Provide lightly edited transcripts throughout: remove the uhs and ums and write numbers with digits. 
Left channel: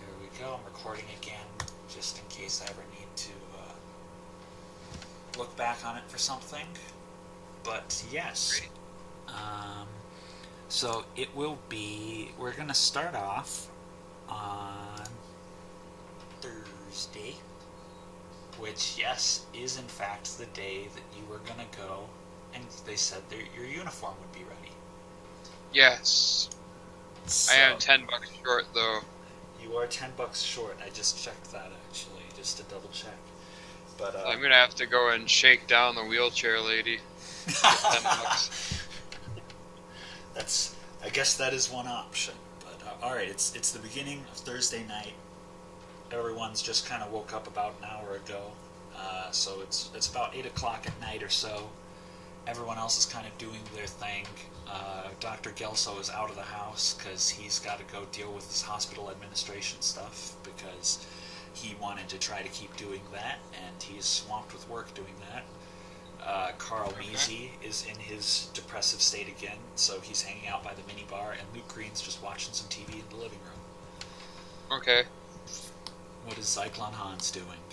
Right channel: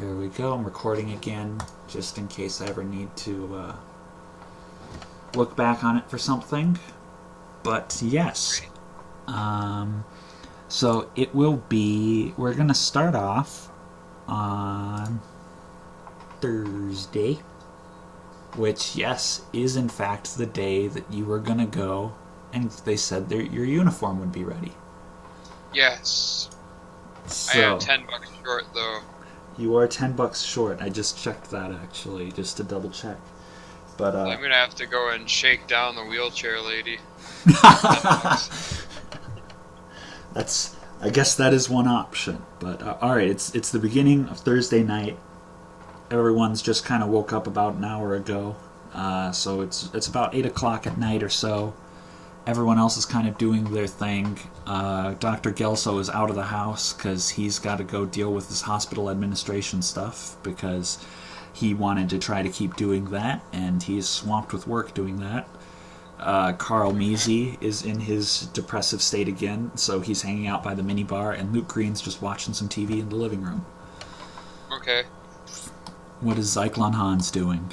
Here we go. I'm recording again, just in case I ever need to look back on it for something. But yes. So it will be... We're going to start off on Thursday, which, yes, is in fact the day that you were going to go, and they said your uniform would be ready. Yes. So, I am $10 short, though. You are $10 short. I just checked that, actually, just to double check. But I'm going to have to go and shake down the wheelchair lady. $10. I guess that is one option. But all right, it's the beginning of Thursday night. Everyone's just kind of woke up about an hour ago, so it's about 8 o'clock at night or so. Everyone else is kind of doing their thing. Dr. Gelso is out of the house because he's got to go deal with his hospital administration stuff because he wanted to try to keep doing that, and he is swamped with work doing that. Carl Measy is in his depressive state again, so he's hanging out by the minibar, and Luke Green's just watching some TV in the living room. Okay. What is Zyklon Hans doing?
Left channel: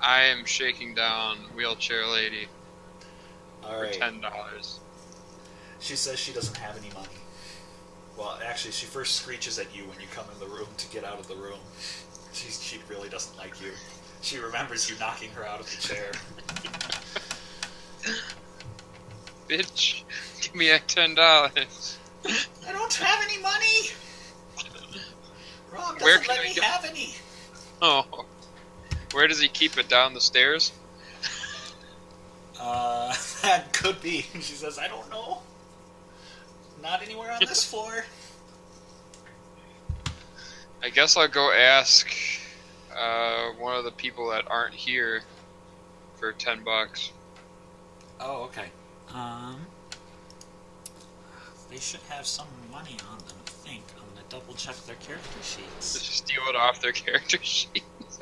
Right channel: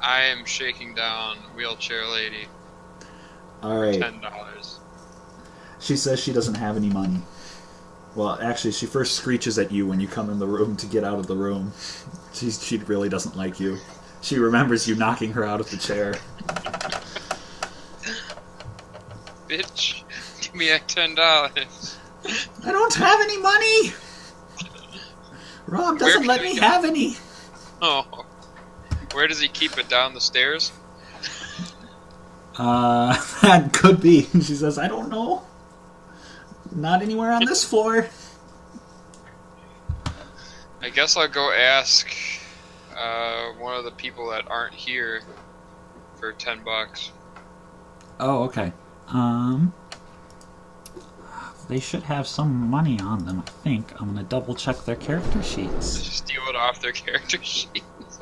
I am shaking down wheelchair lady. All right. For $10. She says she doesn't have any money. Well, actually, she first screeches at you when you come in the room to get out of the room. She really doesn't like you. She remembers you knocking her out of the chair. Bitch, give me that $10. I don't have any money! Rob doesn't let me have any. Oh. Where does he keep it, down the stairs? That could be. She says, I don't know. Not anywhere on this floor. I guess I'll go ask one of the people that aren't here for $10. Oh, okay. They should have some money on them, I think. I'm gonna double check their character sheets. Just steal it off their character sheets.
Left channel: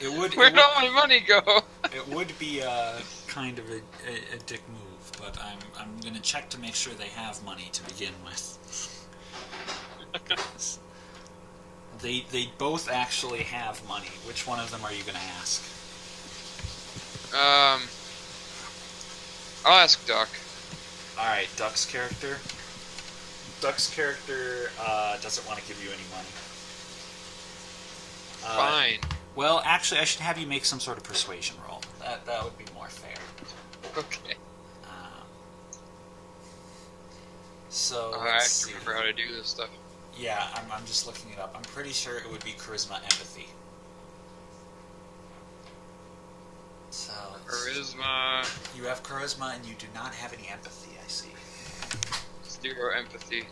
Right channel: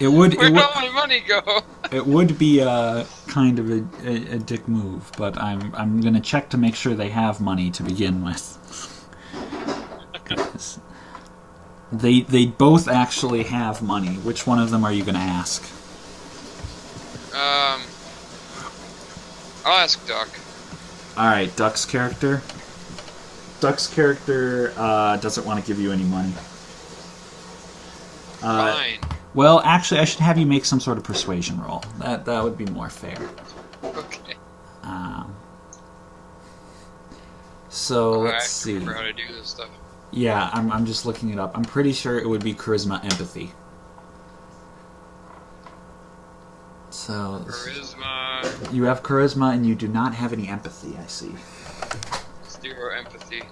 Where'd all my money go? It would be kind of a dick move, but I'm gonna check to make sure they have money to begin with. They both actually have money. Which one of them are you gonna ask? I'll ask Duck. All right, Duck's character. Duck's character doesn't want to give you any money. Fine. Well, actually, I should have you make some sort of persuasion roll. That would be more fair. Okay. So let's see. I remember how to do this stuff. Yeah, I'm just looking it up. I'm pretty sure it would be charisma, empathy. So charisma. You have charisma, and you do not have any empathy. I see. 0 empathy.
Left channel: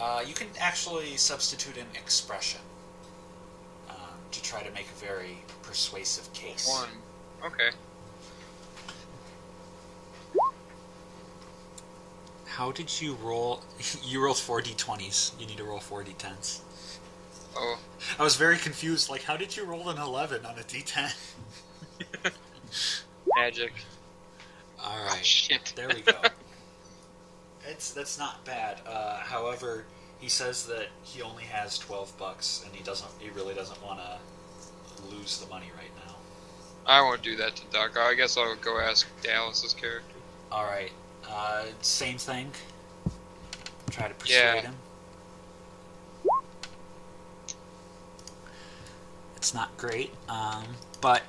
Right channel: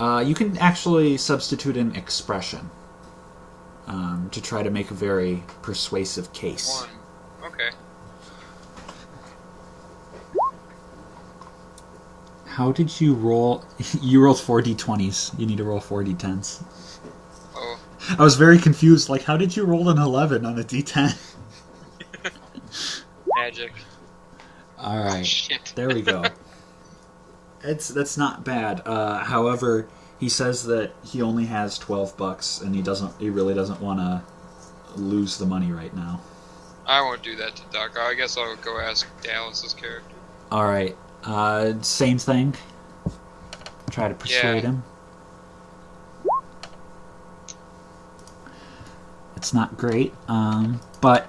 You can actually substitute an expression to try to make a very persuasive case. 1. Okay. How did you roll? You rolled 4 d20s. You need to roll 4 d10s. Oh. I was very confused. Like, how did you roll an 11 on a d10? Magic. All right. Oh, shit. There we go. That's not bad. However, he says that he only has $12, and he really doesn't want to lose the money right now. I won't do that to Duck. I guess I'll go ask Dallas's character. All right. Same thing. Try to persuade him. It's not great, but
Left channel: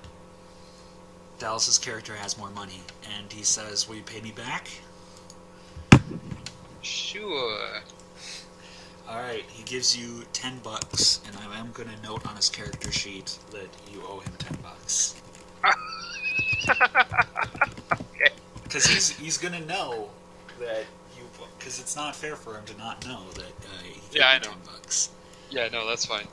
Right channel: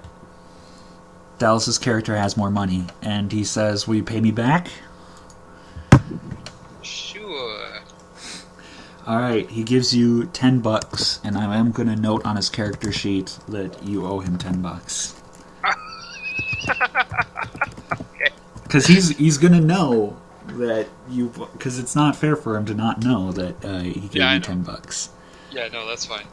Dallas's character has more money, and he says, "Will you pay me back?" Sure. All right. He gives you $10, and I am going to note on his character sheet that you owe him $10. Okay. Because he's going to know that you... Because it's not fair for him to not know that he gave you $10. Yeah, no, that's fine.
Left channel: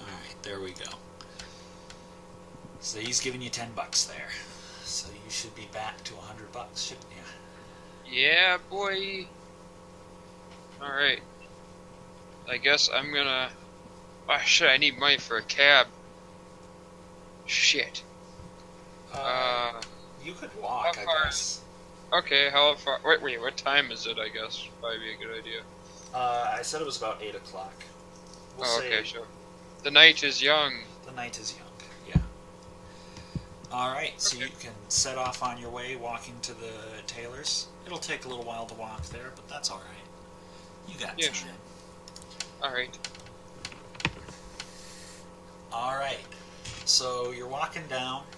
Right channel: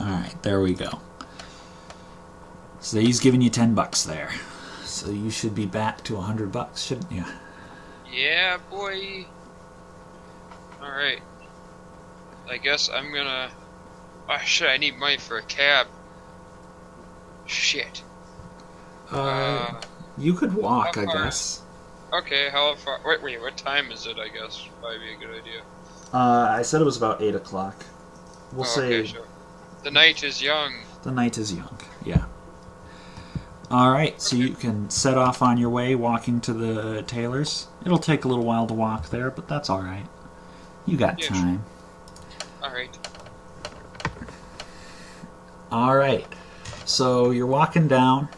Alright, there we go. So he's giving you $10 there. So you should be back to $100, shouldn't you? Yeah, boy. Alright. I guess I'm gonna... Oh, shit, I need money for a cab. Shit. You could walk, I guess. Okay, how far? Wait, what time is it? I guess probably be a good idea. I said it was about 8 o'clock. We'll Oh, okay, say sure. The night is young. the night is young. Yeah. All right, so Okay, you can set off on your way, walking to the tailor's. It'll take a little while to walk there, but that's all right. You got yeah, sure. time. All right. All right. So you're walking down.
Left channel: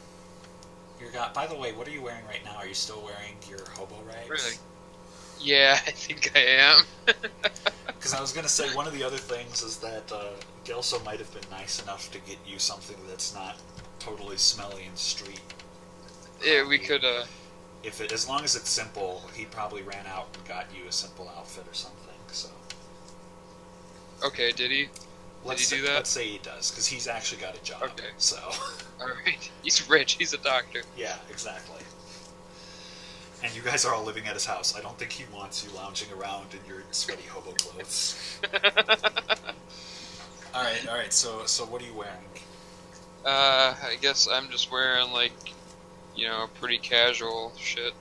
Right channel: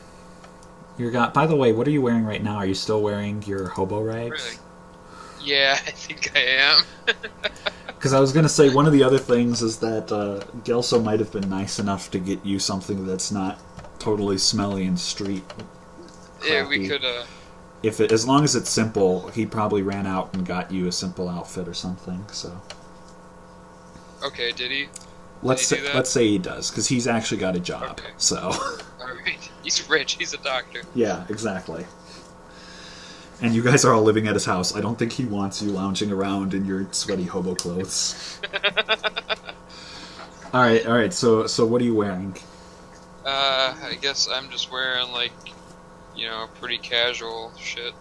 By the way, what are you wearing right now? Are you still wearing your hobo rags? Really? Yeah, I think I am. Because I was going to say, one of the other things is that Gelso might have been nice enough to get you something that's not totally smelly and street. Yeah, we crappy. could. As long as it's simple, he probably ran out and got you a simple outfit or something. So Okay, did he? let's Did he do that? let's say he does, because he's actually got a job. Okay. So All right. He's rich. He's a doctor. yeah, exactly. And you guys are all living at his house. I don't think he wants you lounging around in your sweaty hobo clothes. All right. So what are you wearing? I guess I'm just wearing pretty casual shit,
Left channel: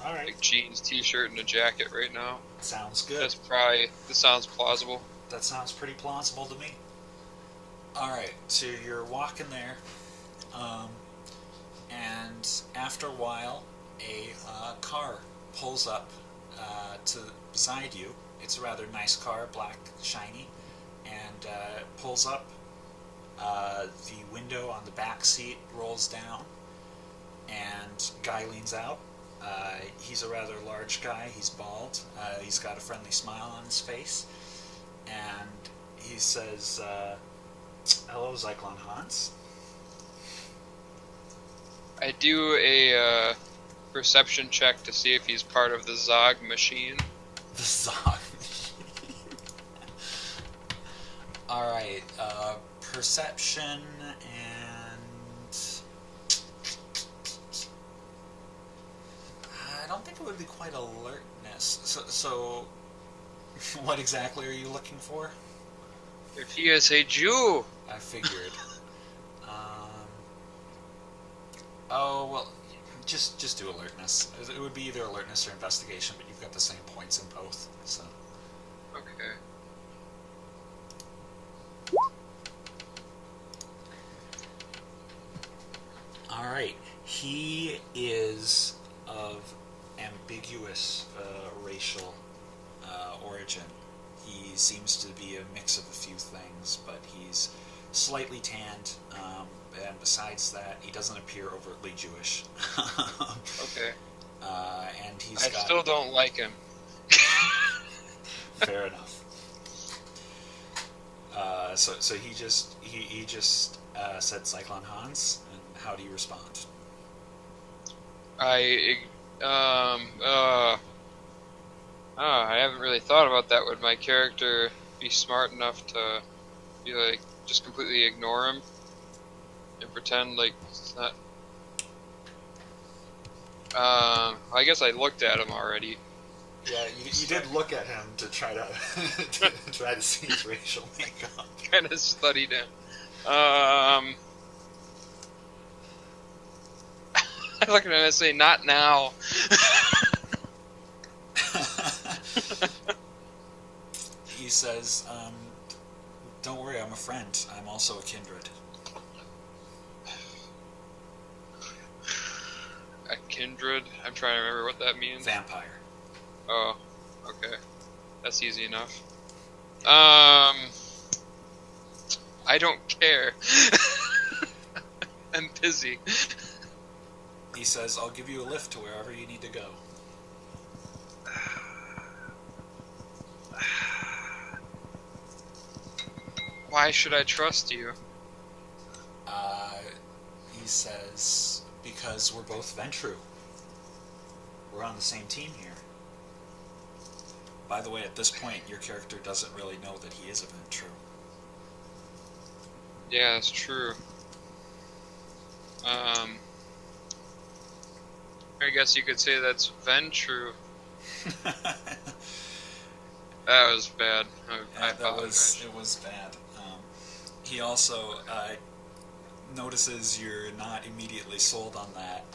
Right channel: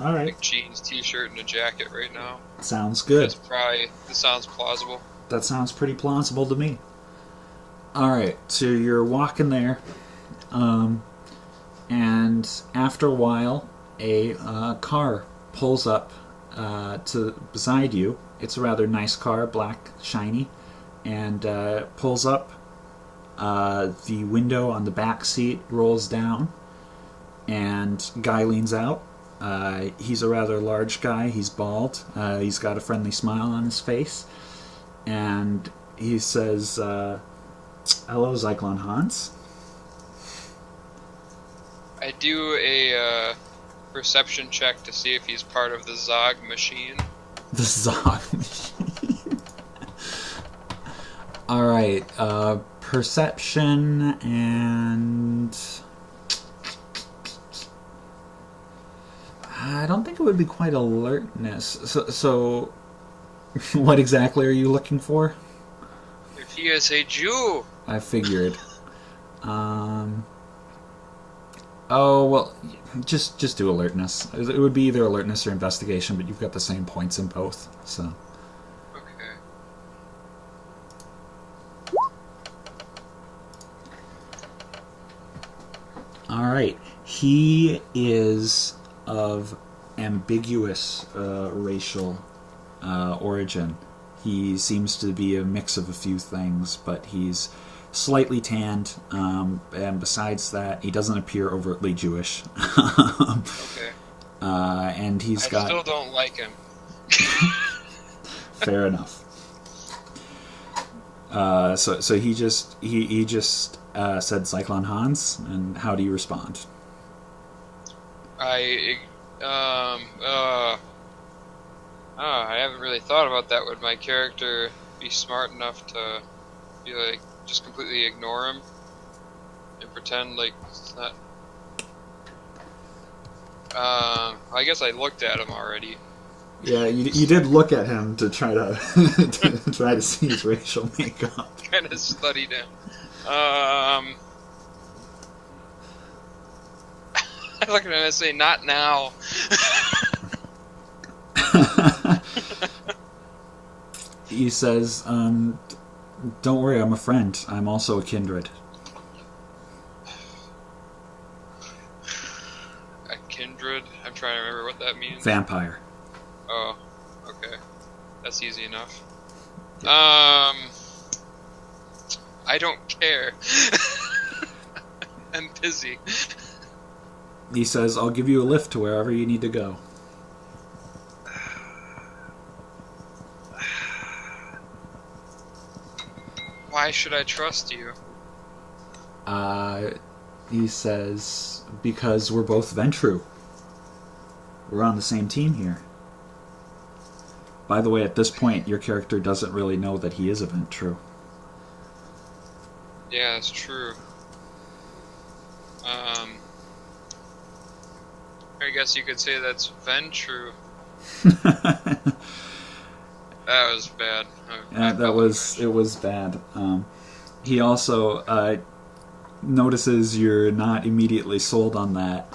All right, like jeans, t-shirt, and a jacket right now. sounds good. This sounds plausible. That sounds pretty plausible to me. All right, so you're walking there, and after a while, a car pulls up to beside you. It's a rather nice car, black, shiny, and pulls up. The window on the back seat rolls down, and guy leans out. He's a rather large guy. He's bald. He's got a friendly smile on his face, and he says, "Hello, Zyklon Hans." I do a perception check to see if he's part of the Zog machine. The Zog machine. All right, perception and I don't think it would be quite alertness. So what exactly are you looking for? If he is a Jew. I figured. Oh well, just do alertness. It would be either alertness or investigation, but you've got the same points in both. So Okay. all right, he is of ambiguous racial origin. He seems to be a mix of a few things, but he's slightly tanned, and besides that, he doesn't appear overtly Jewish. Okay. And he's I got. still don't like him. Fair enough. So he just said Zyklon Hans, and how do you respond? I haven't really thought about that. Would my character be smart enough to be like just completely ignore him and pretend like it's not? I guess I looked at him already. Yeah, you did look at him to try to to try to see his racial makeup. Kind of studied him. I look at him and say, "Not now." He says, "Don't worry, I'm a friend. I'm also a kindred." A kindred. I'm trying to remember what that means. Vampire. Oh, okay. That's easy enough. I don't care. I'm busy. He says, "I'll give you a lift to wherever you need to go." Why should I trust you? He says, "Because we're both Ventru. We're on the same team here." By the way, at this point, your character doesn't really know that he is a Ventru. Yeah, that's true. I guess you could say that's Ventrue. That was bad. It was bad. He also notices you're not immediately sold on that,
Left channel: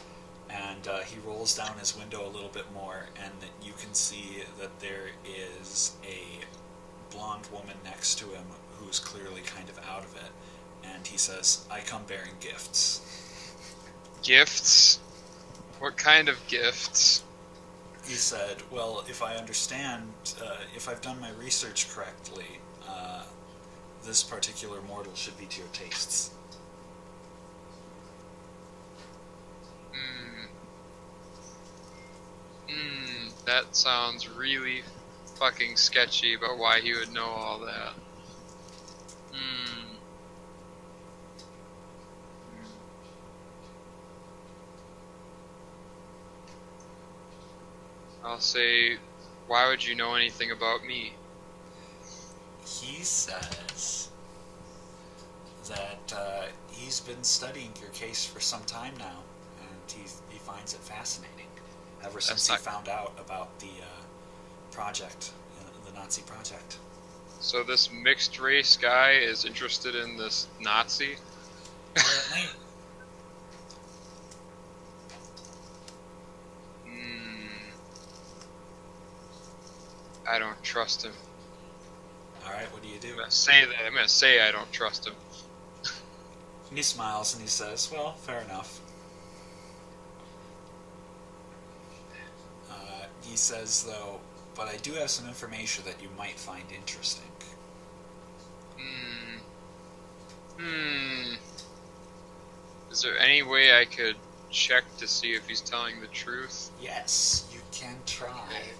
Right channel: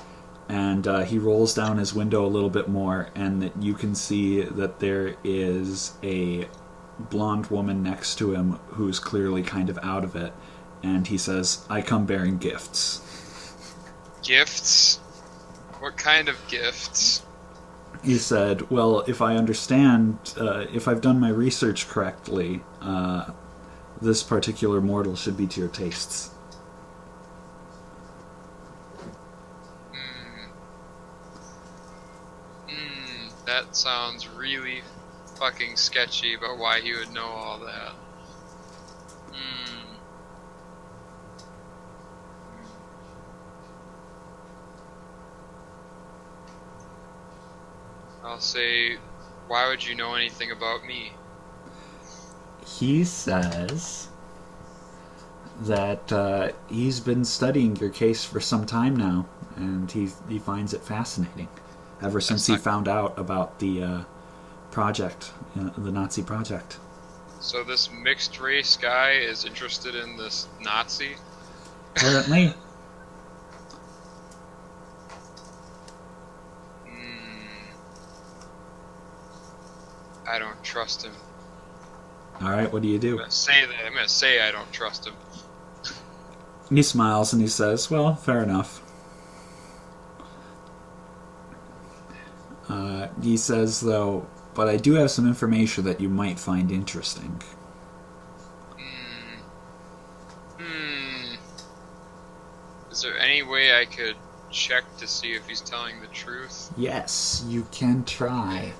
and he rolls down his window a little bit more, and that you can see that there is a blonde woman next to him who's clearly kind of out of it, and he says, "I come bearing gifts." Gifts? What kind of gifts? He said, "Well, if I understand, if I've done my research correctly, this particular mortal should be to your tastes." That sounds really fucking sketchy about why he would know all that. I'll say, why would you know anything about me? He says that he's been studying your case for some time now, and he finds it fascinating ever since he found out about the project, the Nazi project. So this mixed race guy is interested in this Nazi? Apparently. I don't trust him. Alright, what do you do? I'm gonna say that. I'm gonna say I don't trust him. He smiles and he says, "Well, fair enough." He says, though, "But I do have some information that you might find interesting." Is there any way I could check to see if he's telling the truth? Yes, you can try.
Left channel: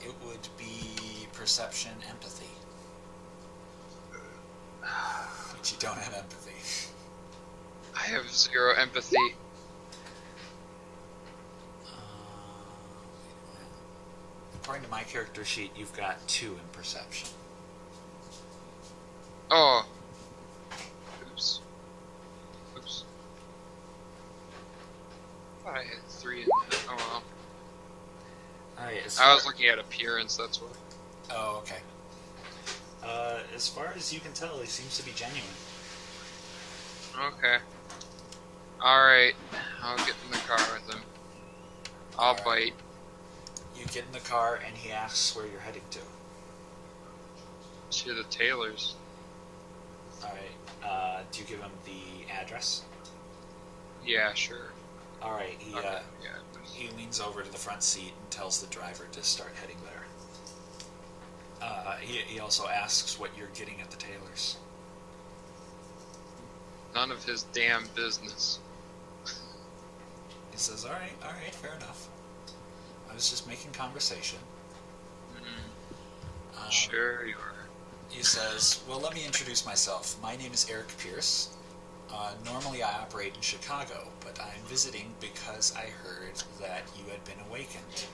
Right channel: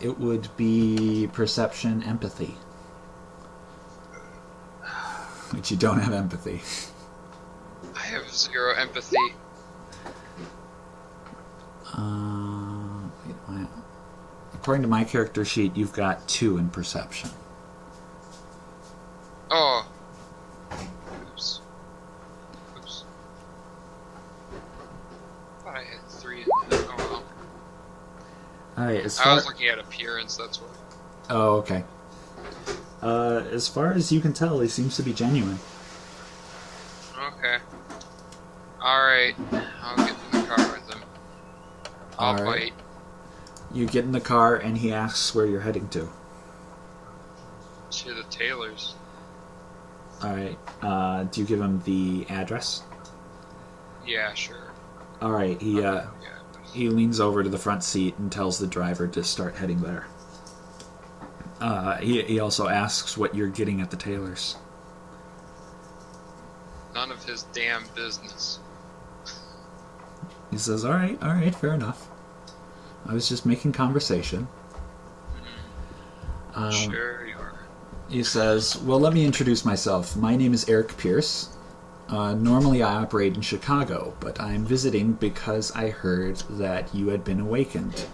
It would be perception, empathy. But you don't have empathy. I have 0 empathy. According to my character sheet, you've got 2 in perception. Oh. Oops. Thought I had 3 in that. Oh well. Alright, I was looking at appearance, that's why. Oh, okay. As far as you can tell, he seems to be genuine. Okay. Alright. I'll get in the car with him. I'll bite. You get in the car and he asks where you're heading to. To the tailor's. Alright. Do you give him the address? Yeah, sure. Alright, he leans over to the front seat and tells the driver to start heading there. He also asks what you're getting at the tailor's. None of his damn business. He says, alright, fair enough. I was just making conversation. Sure you are. He says, "Well, let me introduce myself. My name is Eric Pierce. Normally I operate in Chicago, but I'm visiting because I heard that you had been awakened.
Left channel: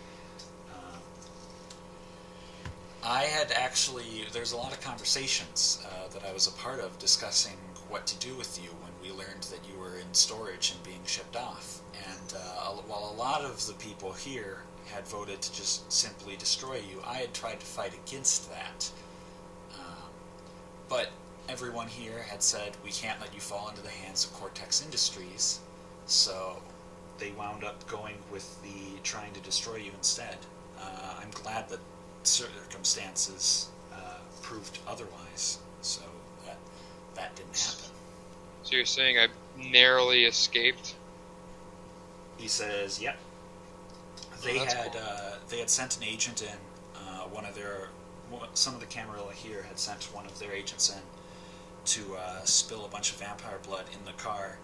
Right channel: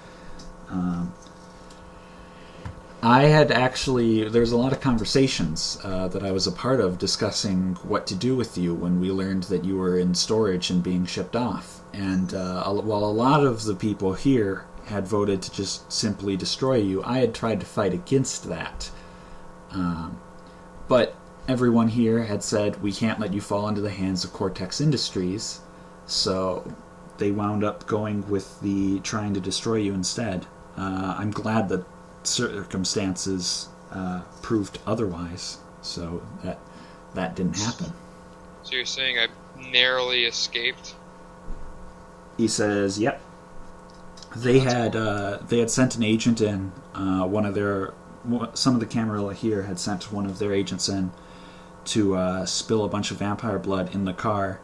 There's a lot of conversations that I was a part of discussing what to do with you when we learned that you were in storage and being shipped off. And while a lot of the people here had voted to just simply destroy you, I had tried to fight against that. But everyone here had said, we can't let you fall into the hands of Cortex Industries, so they wound up going with the trying to destroy you instead. I'm glad that circumstances proved otherwise, so that didn't happen." So you're saying I narrowly escaped? He says, "Yep." They had sent an agent in. Some of the camera here had sent one of their agents in to spill a bunch of vampire blood in the car.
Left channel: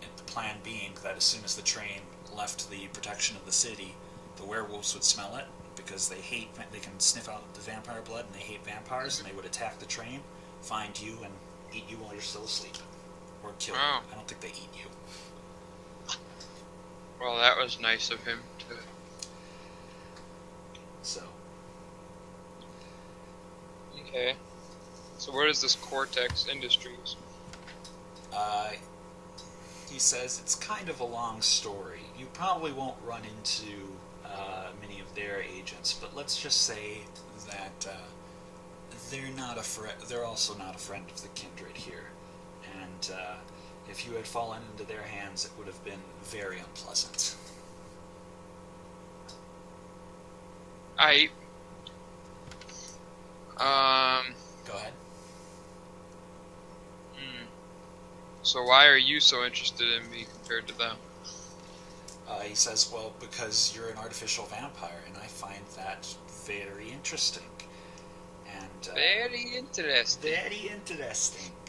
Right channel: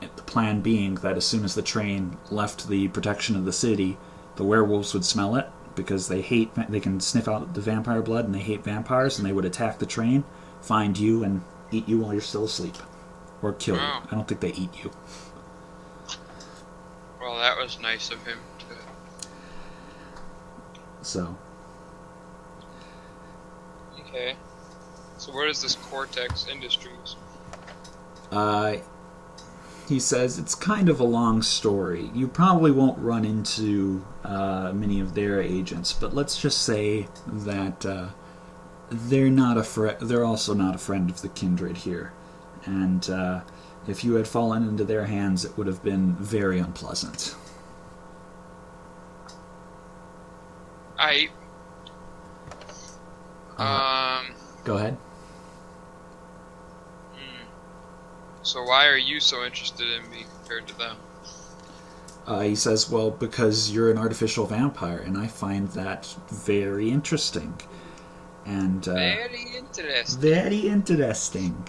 The plan being that as soon as the train left the protection of the city, the werewolves would smell it because they can sniff out the vampire blood and they hate vampires, and they would attack the train, find you, and eat you while you're still asleep, or kill you. I don't think they eat you. Well, that was nice of him to. So. Okay. So what is this Cortex Industries? He says it's kind of a long story. You probably won't run into many of their agents, but let's just say that they're also not a friend of the kindred here. And If you had fallen into their hands, it would have been very unpleasant. I. Go ahead. So why are you so interested in me compared to them? He says, well, because you're an artificial vampire, and I find that very interesting. And Very interesting. Very interesting.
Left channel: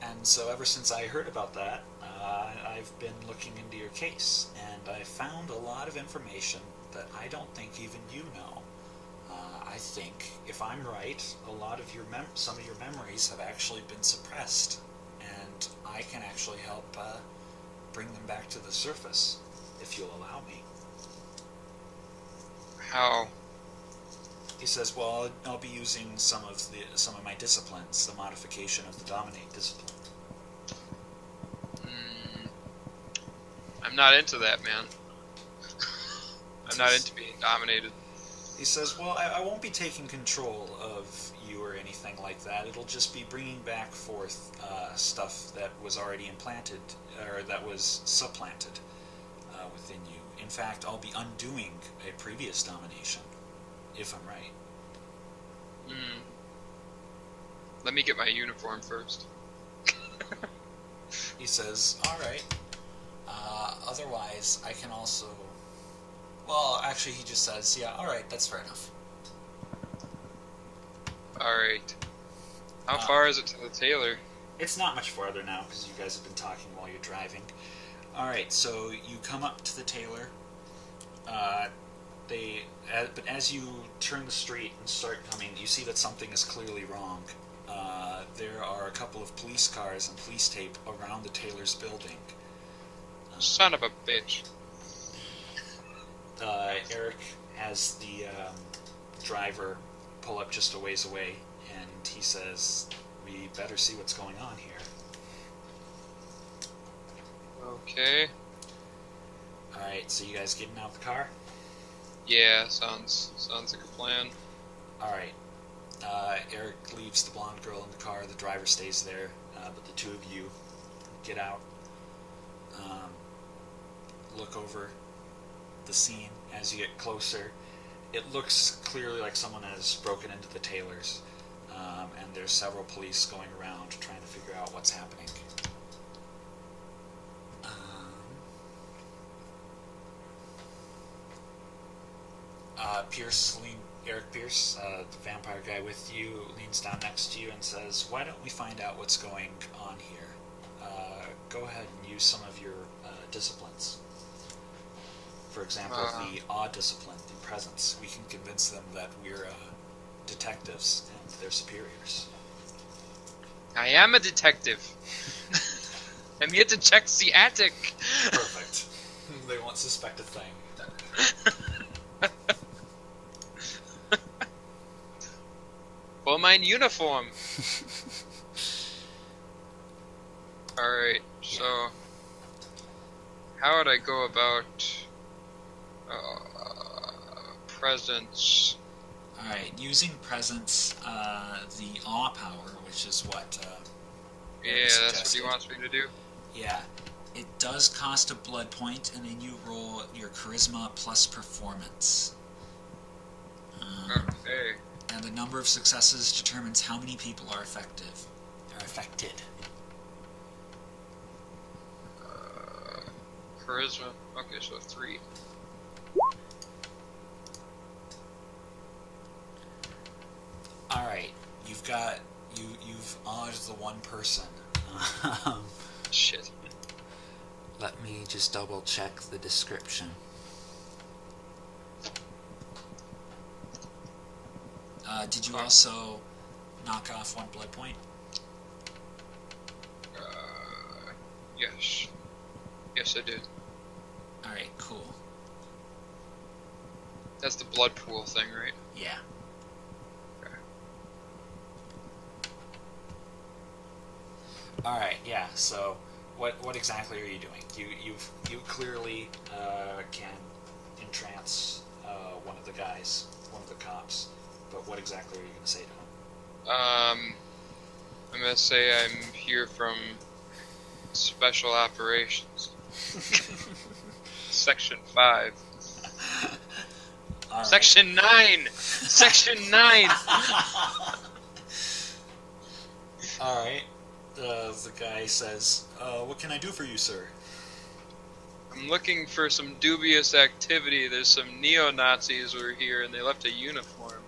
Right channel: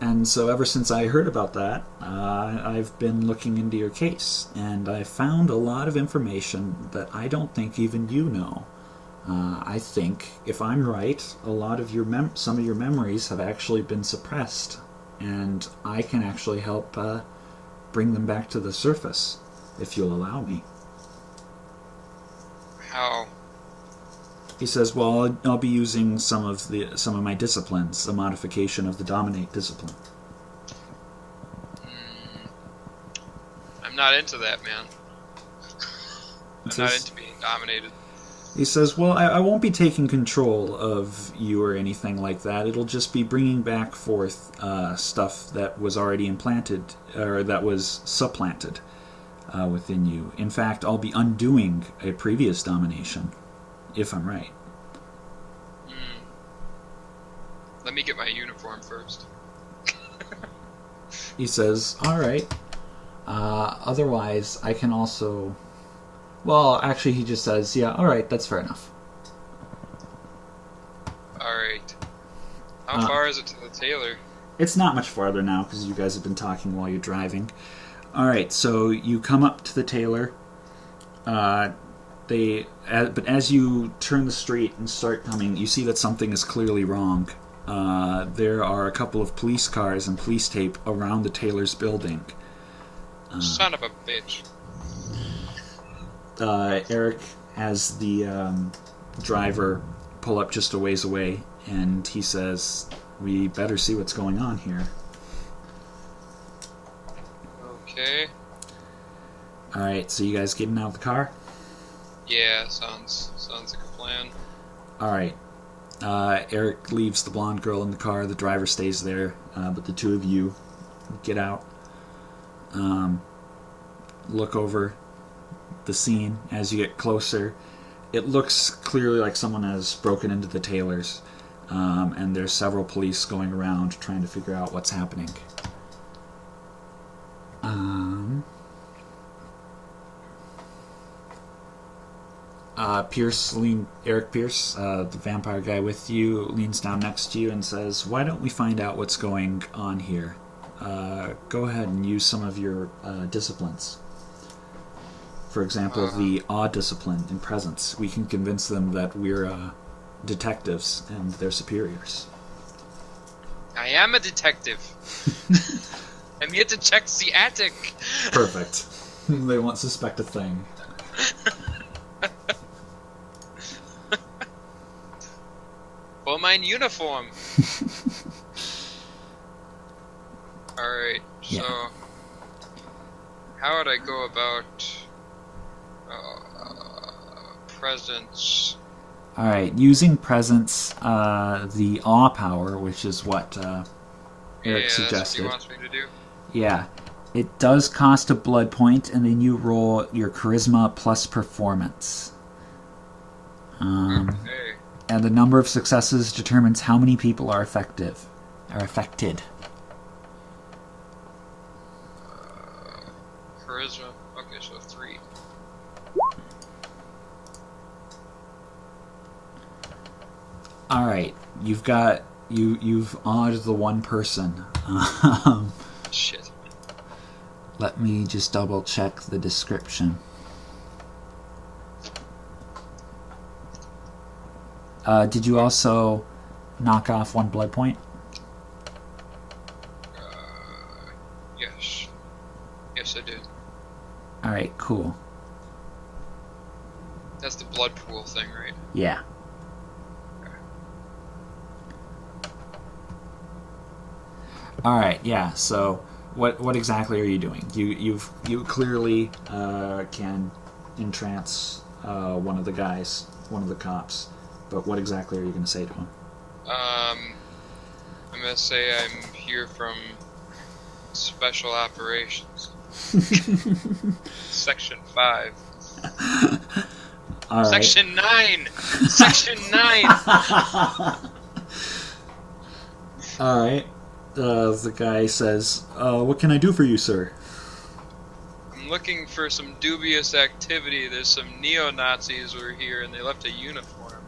And so ever since I heard about that, I've been looking into your case, and I found a lot of information that I don't think even you know. I think, if I'm right, a lot of your some of your memories have actually been suppressed, and I can actually help bring them back to the surface, if you'll allow me. How? He says, well, I'll be using some of my disciplines, a modification of the Dominate discipline. I'm not into that, man. I'm not into being dominated. He says, well, I won't be taking control of you or anything like that. It'll just be bringing back forth stuff that was already implanted, or that was supplanted within you. In fact, I'll be undoing a previous domination, if I'm right. Let me get my uniform first. He says, all right. Otherwise, I can also... Well, actually, he just says, yeah, all right, that's fair enough. All right. How far is it to the tailor? It's not much farther now, because you guys have been talking while you're driving. All right, so you come up to the tailor. But as you turn the street and start coming, you see that something is clearly wrong. There are a couple of police cars and police tape around the tailor's building. Son of a bitch. Eric has the driver pull up just a ways away, and he says, we better see what's going on here. Okay. Alright, so you guys getting out of the car? Yeah, sounds like a plan. Alright. Eric leaves the blonde girl in the car, the driver stays there, but the two of you get out. Look over the scene as you get closer. It looks clearly like someone has broken into the tailor's, and there's several police going around trying to figure out what's happening. Eric Pierce, the vampire guy with you, leans down next to you and says, why don't we find out what's going on here? Go ahead and use some of your disciplines. For example, the awe discipline in presence. We can convince them that we're detectives and they're superiors. I am a detective. I'm here to check the attic. Perfect. They won't suspect a thing. For my uniform. Alright, so... Yeah. How would I go about... presence? Alright, using presence, the awe power, which is what Eric suggested. That's what he wants me to do? Yeah. It does cost a blood point, and then you roll your charisma plus performance. Okay. And the number of successes determines how many people are affected. Charisma. Okay, so 3. All right, you've awed the one person. Shit. Let me just double check the description. Did you also knock off 1 blood point? Yes. Yes, I did. Alright, cool. That's the blood pool thing, right? Yeah. Okay. Alright, yeah, so what exactly are you doing? You clearly can entrance one of the guys, one of the cops. But what exactly are you going to say to him? I'm going to say I'm here from Special Operations. Section 5. All right. Section 9! Section 9! All right. The guy says, "What can I do for you, sir?" I'm looking for some dubious activity. There's some neo-Nazis who are here and they left a uniform.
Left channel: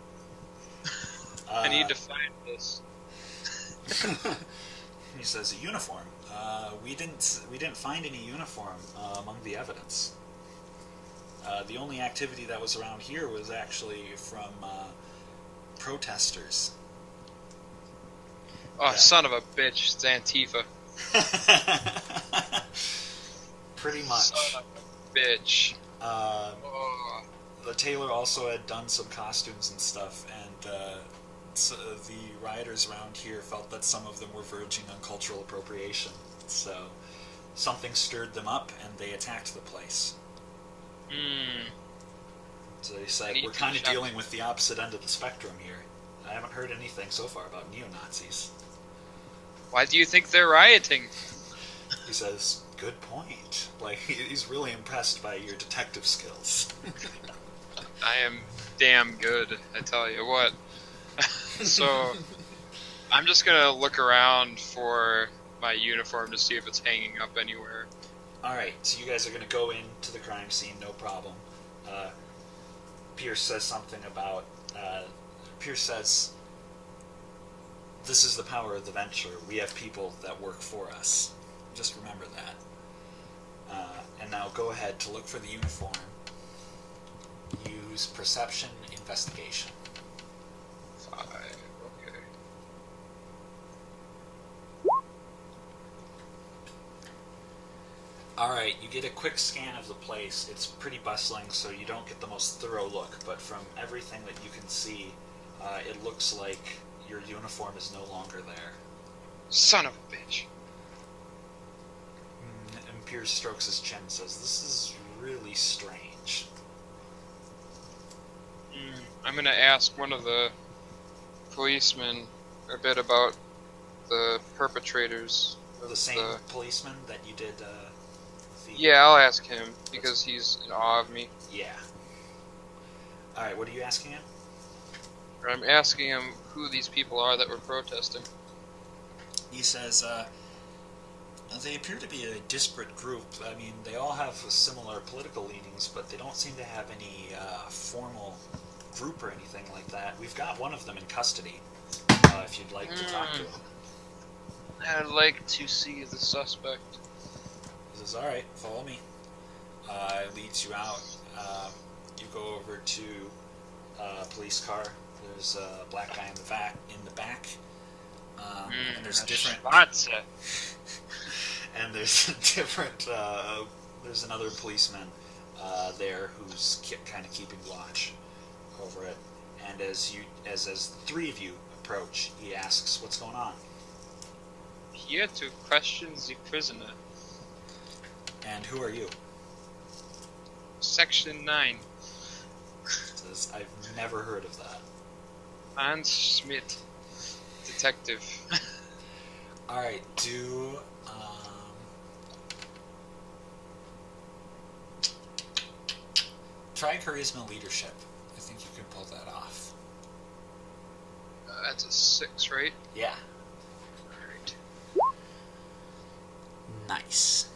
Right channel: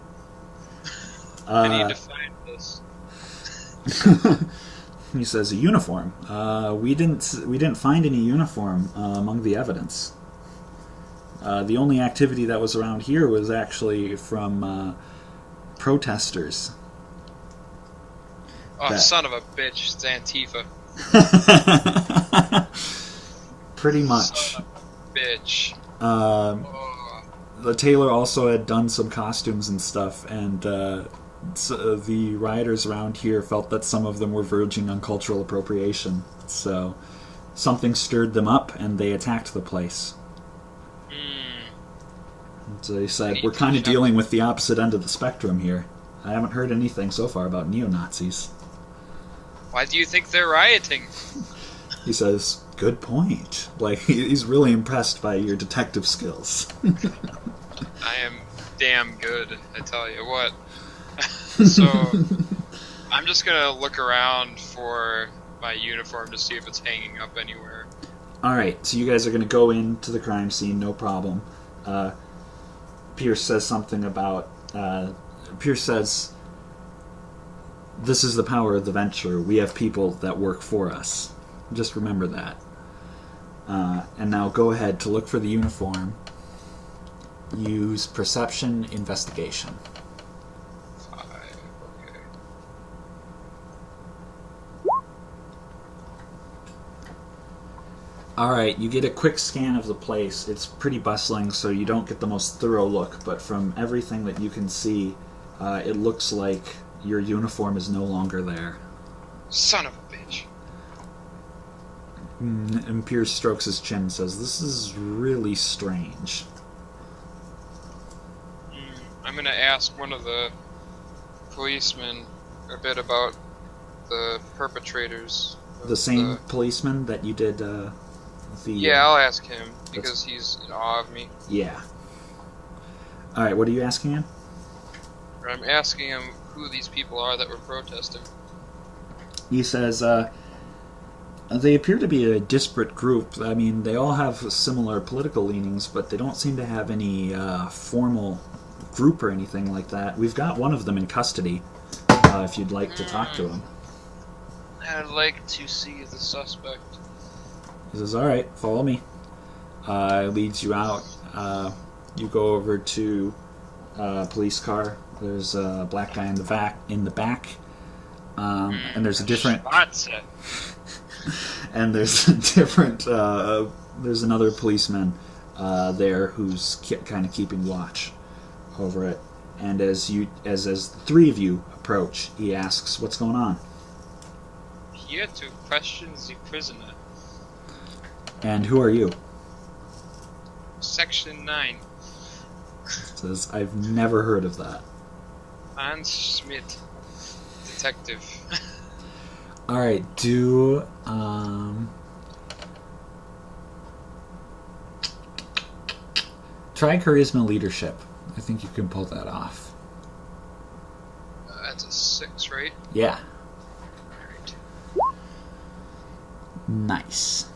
I need to find this. He says, "A uniform. We didn't find any uniform among the evidence. The only activity that was around here was actually from protesters." Oh, son of a bitch. It's Antifa. Pretty much. Son of a bitch. The tailor also had done some costumes and stuff, and so the rioters around here felt that some of them were verging on cultural appropriation. So something stirred them up, and they attacked the place. So they said, "We're kind of dealing with the opposite end of the spectrum here. I haven't heard anything so far about neo-Nazis." Why do you think they're rioting? He says, "Good point." Like, he's really impressed by your detective skills. I am damn good, I tell you what. So, I'm just gonna look around for my uniform to see if it's hanging up anywhere. Alright, so you guys are going to go into the crime scene, no problem. Pierce says something about... Pierce says, "This is the power of the venture. We have people that work for us. Just remember that. And now go ahead to look for the uniform. Use perception investigation." 5, okay. Alright, you get a quick scan of the place. It's pretty bustling, so you don't get the most thorough look, but from everything that you can see, it looks like your uniform is no longer there. Son of a bitch. And Pierce strokes his chin and says, "This is really strange." I'm gonna ask one of the policemen a bit about the perpetrators. The same policeman that you did Yeah, I'll ask him, because he's in awe of me. Yeah. Alright, what are you asking him? I'm asking him who these people are that were protesting. He says, they appear to be a disparate group. I mean, they all have similar political leanings, but they don't seem to have any formal group or anything like that. We've got one of them in custody, if you'd like to talk to him. I'd like to see the suspect. He says, "Alright, follow me." Leads you out. You go over to a police car. There's a black guy in the back. And there's a different... and there's a different... there's another policeman there who's kind of keeping watch over it. And as the three of you approach, he asks, "What's going on?" Here to question the prisoner. "And who are you?" Section 9. Says, "I've never heard of that." Hans Schmidt. Detective. Alright, do... try charisma leadership. I think you can pull that off. That's a 6, right? Yeah. Alright. Nice.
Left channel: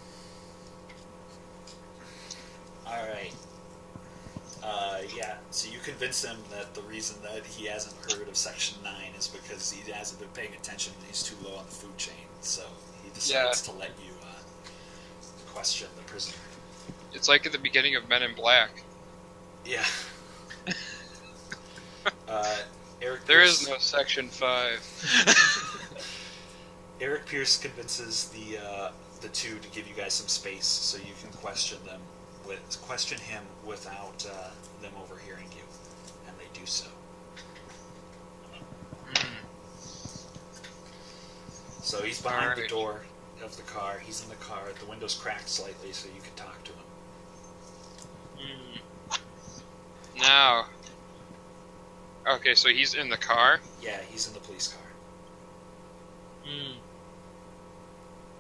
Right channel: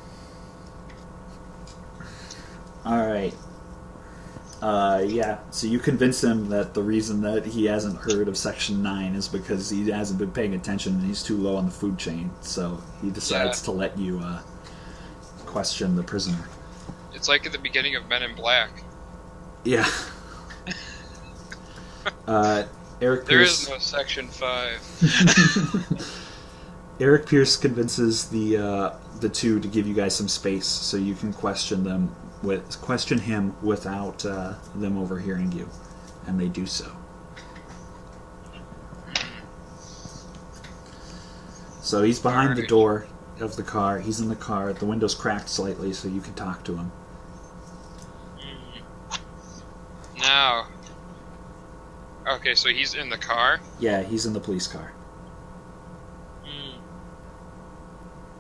Alright. Yeah, so you convince him that the reason that he hasn't heard of Section 9 is because he hasn't been paying attention and he's too low on the food chain, so he decides to let you question the prisoner. It's like at the beginning of Men in Black. Yeah. Eric There Pierce, is no Section 5. Eric Pierce convinces the two to give you guys some space so you can question him without them overhearing you, and they do so. So he's behind the door of the car. He's in the car. The window's cracked slightly, so you can talk to him. Now. Okay, so he's in the car? Yeah, he's in the police car.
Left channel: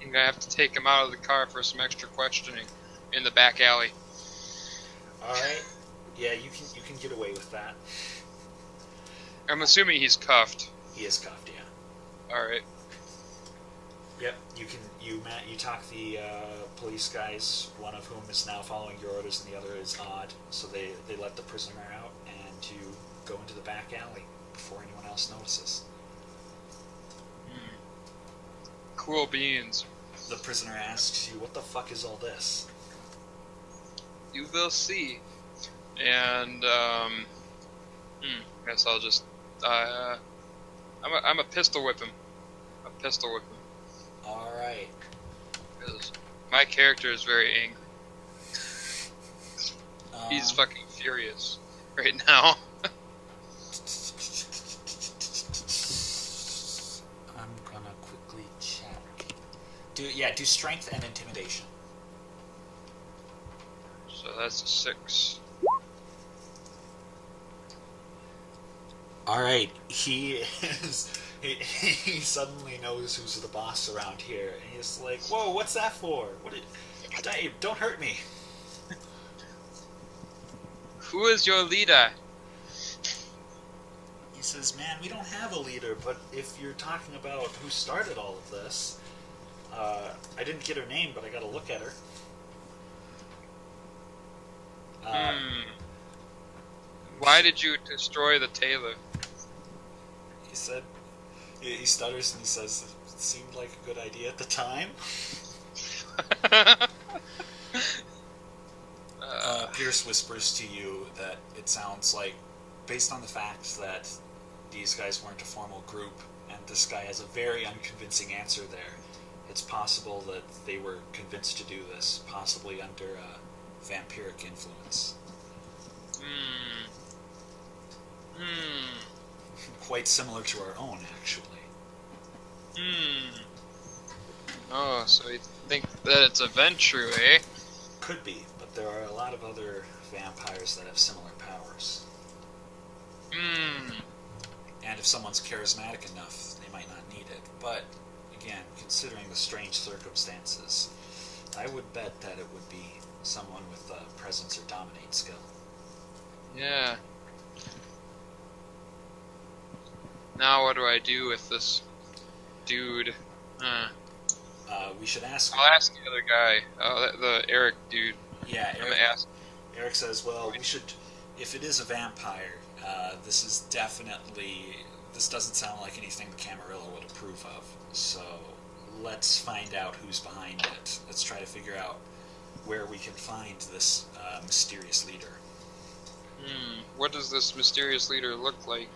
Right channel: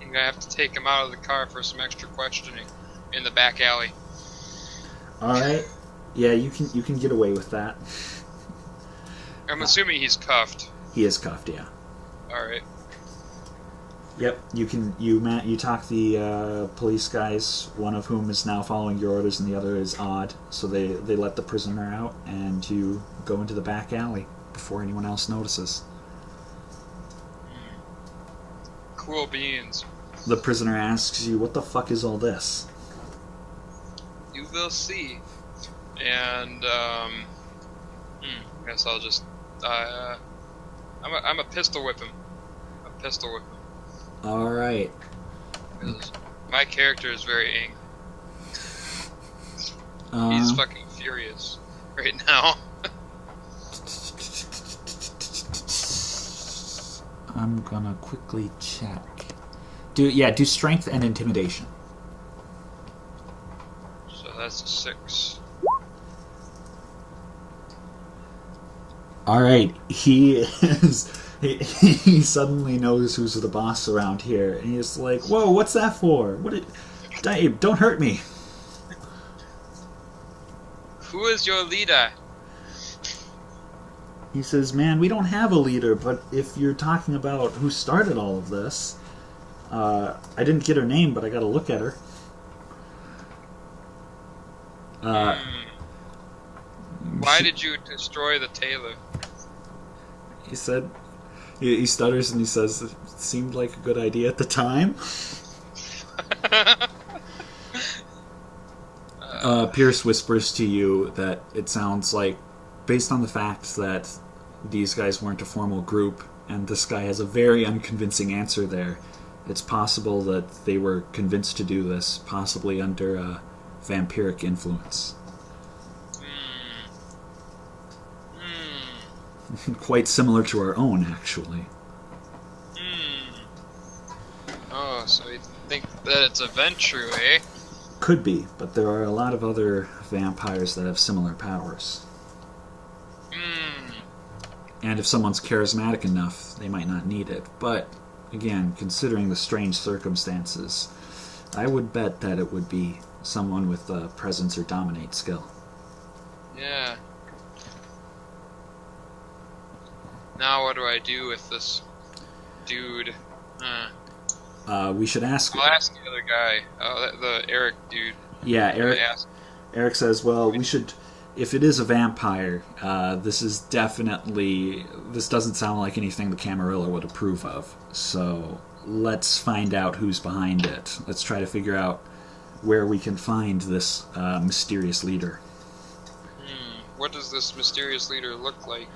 I'm gonna have to take him out of the car for some extra questioning in the back alley. All right. Yeah, you can get away with that. I'm assuming he's cuffed. He is cuffed, yeah. All right. Yep, you talk the police guys, one of whom is now following your orders and the other is odd, so they let the prisoner out and you go into the back alley before anyone else notices. Cool beans. The prisoner asks you, "What the fuck is all this?" You will see. And guess I'll just I'm a pistol whip him. A pistol whip him. All right. 'Cause my character is very angry. He's fucking furious right now. I'm gonna quickly check. Do strength and intimidation. So that's a 6. All right, he he suddenly knows who's the boss around here, and he's like, "Whoa, what's that for? Dave, don't hurt me." Who is your leader? He says, "Man, we don't have a leader, but if you're talking about who started all of this, I didn't get her name, but I got to look at her." Why did you destroy the tailor? He said, he stutters and he says, "It seemed like a good idea at the time." Pierce whispers to you that it sounds like, based on the fact that these guys weren't a formal group, and this guy has a very unconvincing answer there, it's possible that they were convinced to do this, possibly under vampiric influence. Quite similar to our own, actually. Oh, so you think that it's a Ventru, eh? Could be, but there are a lot of other vampires that have similar powers. And if someone's charismatic enough, they might not need it. But, again, considering the strange circumstances, I would bet that it would be someone with presence or dominate skill. Yeah. Now what do I do with this dude? We should ask... I'll ask the other guy. The Eric dude. Yeah, Eric says, well, we should... If it is a vampire, this doesn't sound like anything the Camarilla would approve of. So let's find out who's behind it. Let's try to figure out where we can find this mysterious leader. What does this mysterious leader look like?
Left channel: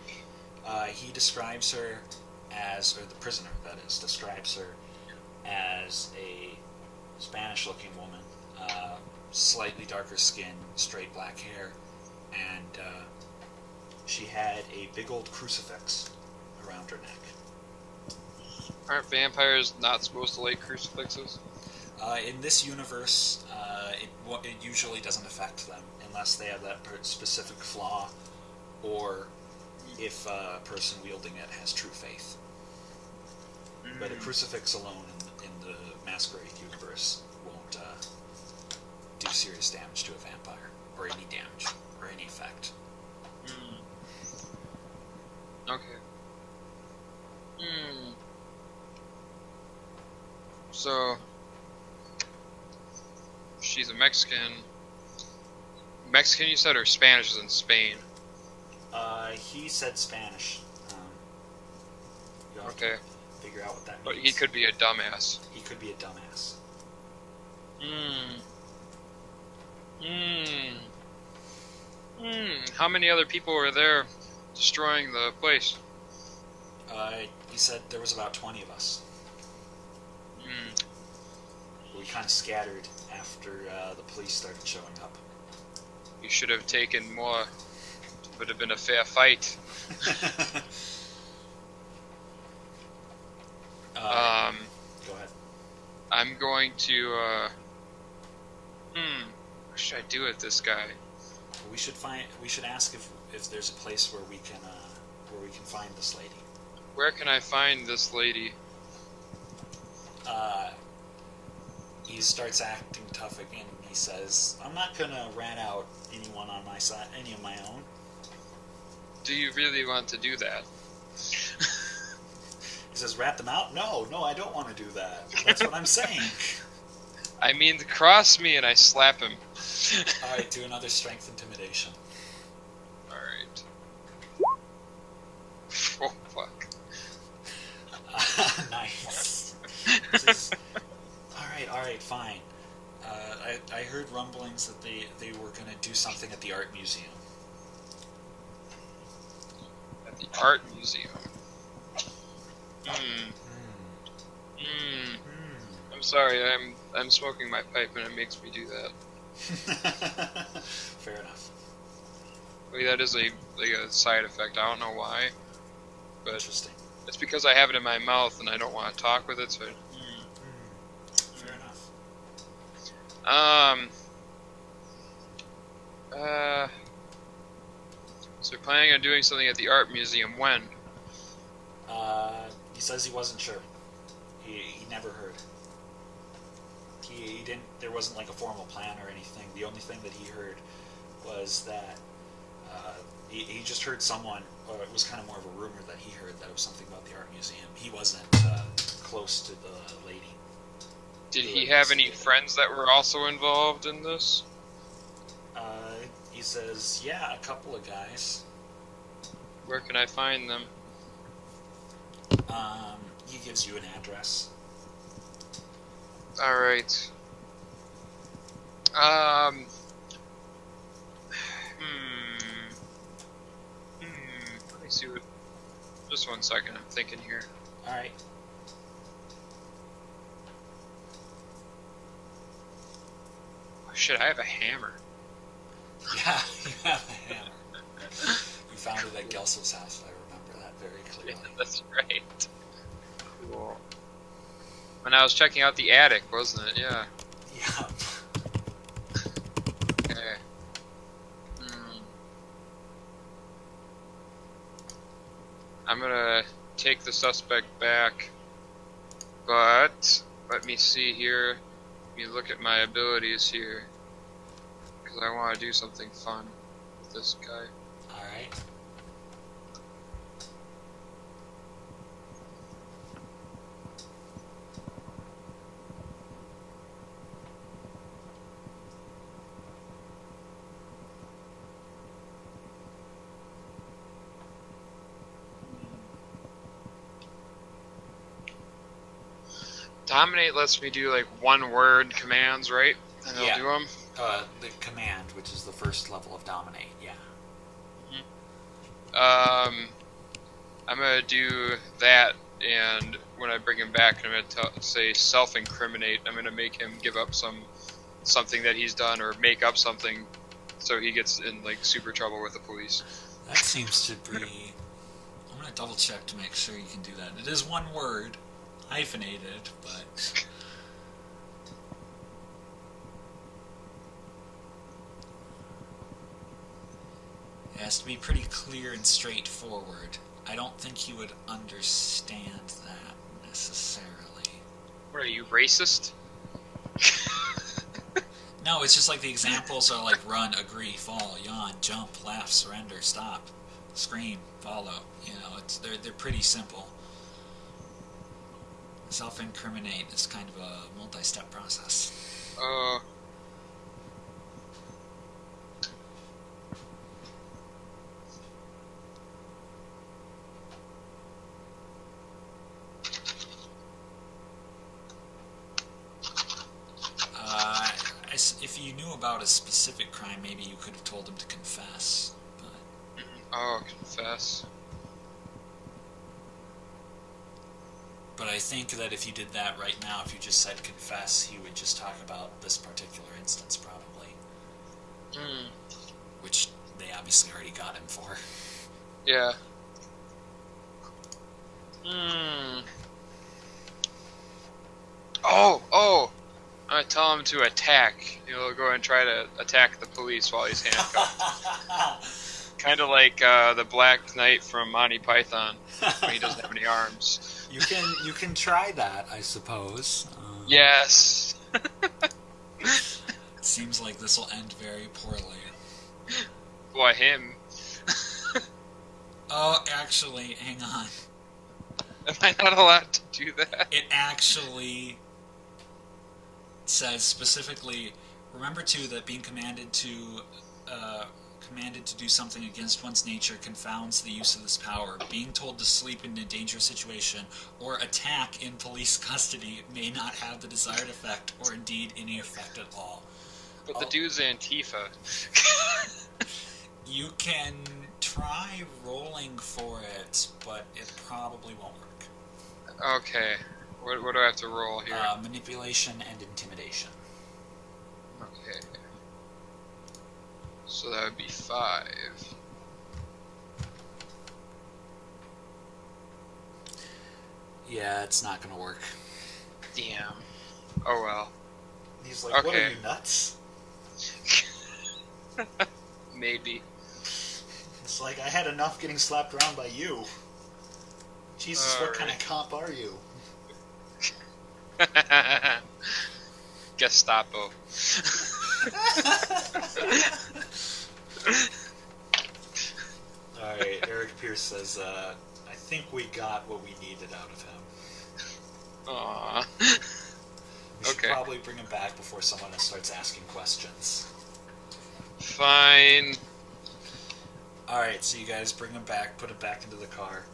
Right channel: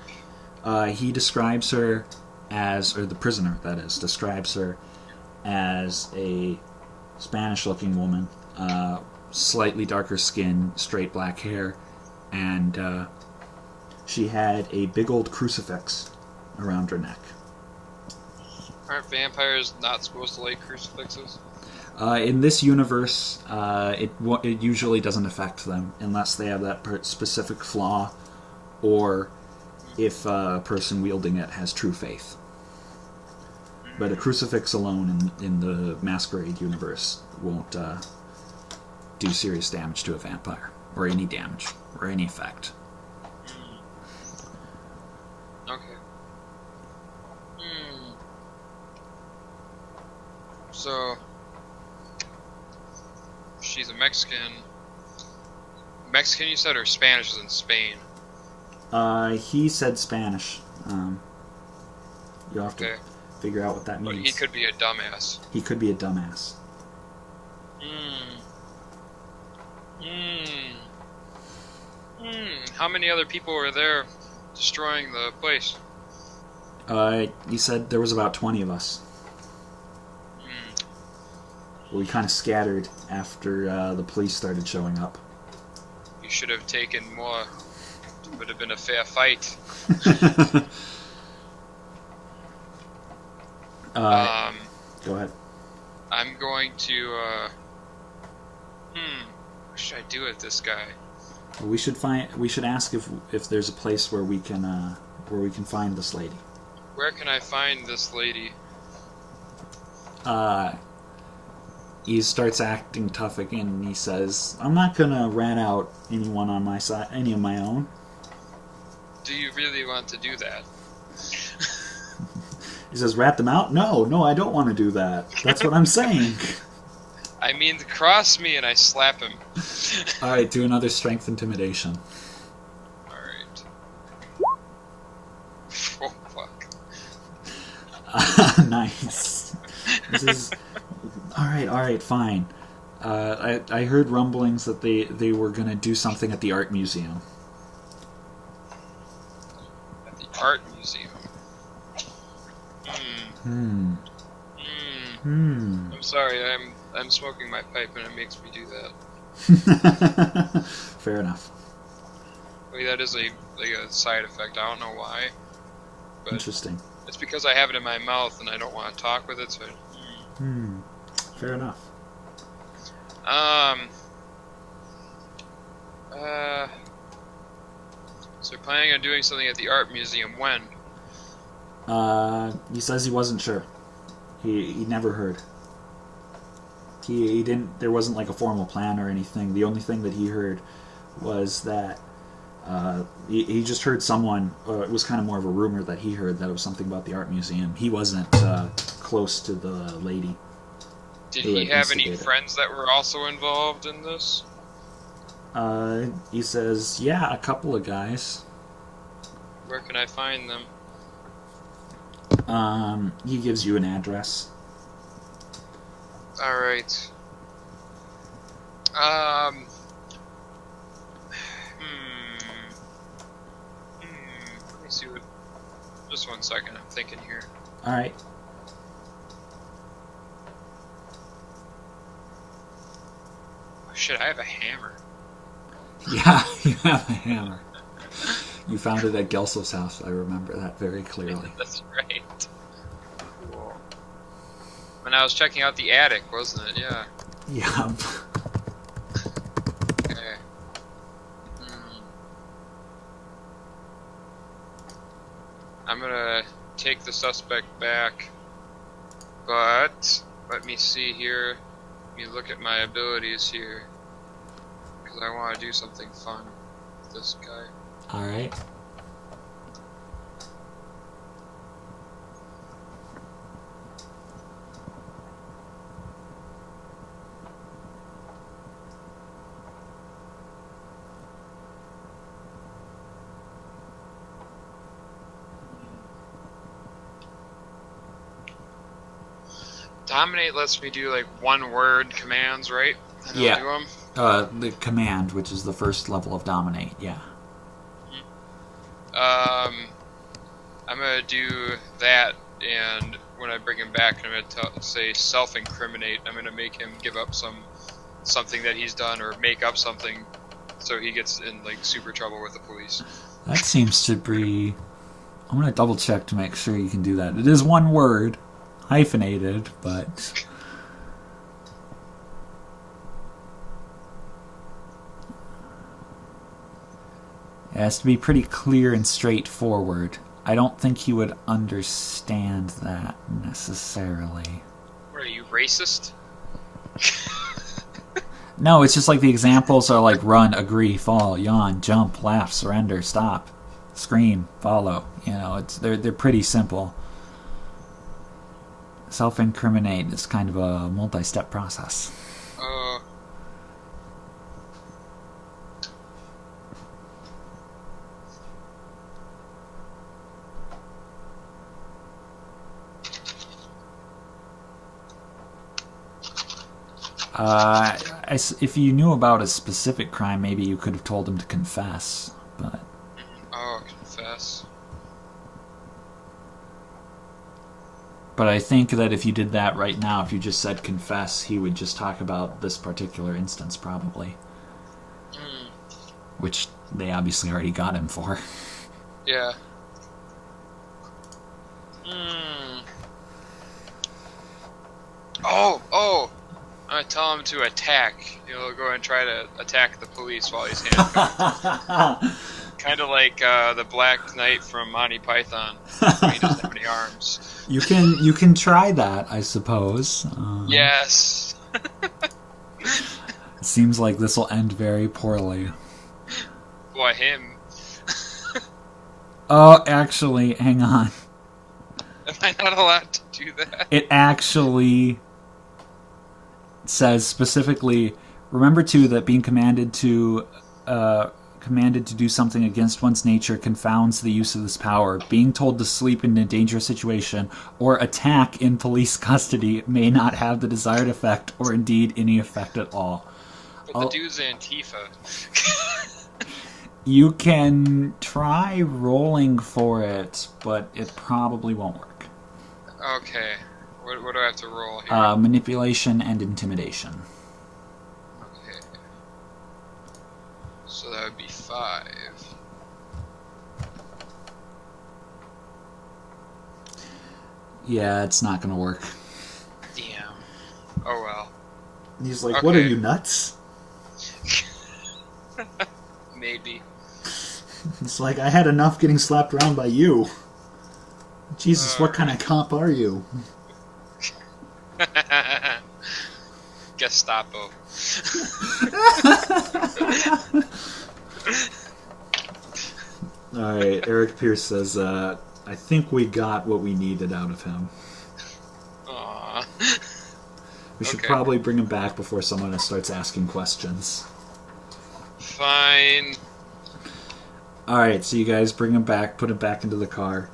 He describes her as, or the prisoner, that is, describes her as a Spanish-looking woman, slightly darker skin, straight black hair, and she had a big old crucifix around her neck. Aren't vampires not supposed to like crucifixes? In this universe, it usually doesn't affect them unless they have that specific flaw, or if a person wielding it has true faith. But a crucifix alone in the Masquerade universe won't do serious damage to a vampire, or any damage, or any effect. Okay. So, she's a Mexican. Mexican, you said, or Spanish is in Spain? He said Spanish. You'll have to figure out what that means. But he could be a dumbass. He could be a dumbass. How many other people were there destroying the place? He said there was about 20 of us. We kind of scattered after the police started showing up. You should have taken more. It would have been a fair fight. Go ahead. I'm going to, what should I do with this guy? Well, we should ask if there's a place where we can find this lady. Where can I find this lady? he starts acting tough again, and he says, "I'm not gonna rat out anyone on my side, any of my own." Do you really want to do that? He says, "Rat them out? No, I don't want to do that. That's what I'm saying." I mean, cross me and I slap him. All right, do another strength intimidation. Alright. Oh, fuck. Nice. This is... All right, fine. I heard rumblings that they were going to do something at the art museum. At the art museum? I'm sorry, I'm smoking my pipe and it makes me do that. Fair enough. Like, that is a side effect. I don't know why. But Interesting. it's because I have it in my mouth and I don't want to talk with it, so... Fair enough. So planning on doing something at the art museum when? He says he wasn't sure. He never heard. He didn't. There wasn't like a formal plan or anything. The only thing that he heard was that he just heard someone. It was kind of more of a rumor that he heard that it was something about the art museum. He wasn't close to the lady. Did he have any friends that were also involved in this? He says, yeah, a couple of guys. Where can I find them? He gives you an address. Alright. Let me see what... Just one second, I'm thinking here. Alright. Oh, shit, I have a hammer. Yeah, you have a hammer. You found it at Gelsow's house. I remember that very clearly. That's right. Cool. When I was checking out the attic, wasn't it? Yeah. Yeah. Okay. I'm gonna take the suspect back, but let me see here. Let me look at my abilities here, because I want to do something fun with this guy. All right. Dominate lets me do like one-word commands, right? And Yeah. I'll do them. The command, which is the first level of dominate. Yeah. I'm gonna do that, and when I bring him back, I'm gonna say self-incriminate. I'm gonna make him give up something that he's done, or make up something, so he gets in like super trouble with the police. That seems to be. I'm gonna double check to make sure you can do that. It is one word, hyphenated, but. It has to be pretty clear and straightforward. I don't think he would understand that necessarily. What are you, racist? No, it's just like the examples are like run, agree, fall, yawn, jump, laugh, surrender, stop, scream, follow. You know, they're pretty simple. Self-incriminate is kind of a multi-step process. If you knew about a specific crime, maybe you could have told him to confess, but... Oh, confess. But I think that if you did that right now, if you just said confess, he would just talk about this particular instance, probably. Which they obviously already got him for. Yeah. Oh! I'm gonna tell him to attack. He'll go and try to attack the police while he's handcuffed. Kind of like the Black Knight from Monty Python. He doesn't have any arms. You can try that, I suppose. Yes. It seems like this will end very poorly. Why him? Oh, actually, hang on. Am I not allowed to do that? It actually says specifically, remember too that being commanded to do something against one's nature confounds the use of this power. Being told to sleep in a dangerous situation or attack in police custody may not have the desired effect or indeed any effect at all. But the dude's Antifa. You can try rolling for it, but it probably won't work. Okay. What do I have to roll here? Manipulation and intimidation. Okay. So that would be 5. Yeah, it's not going to work. Damn. Oh well. He's like, what are you, nuts? Maybe. It's like, I had enough getting slapped around by you. Jesus, what kind of cop are you? Gestapo. Alright, Eric Pierce says, I think we got what we needed out of him. Aww. We should probably bring him back before someone starts asking questions. Fine. Alright, so you guys bring him back, put him back into the car.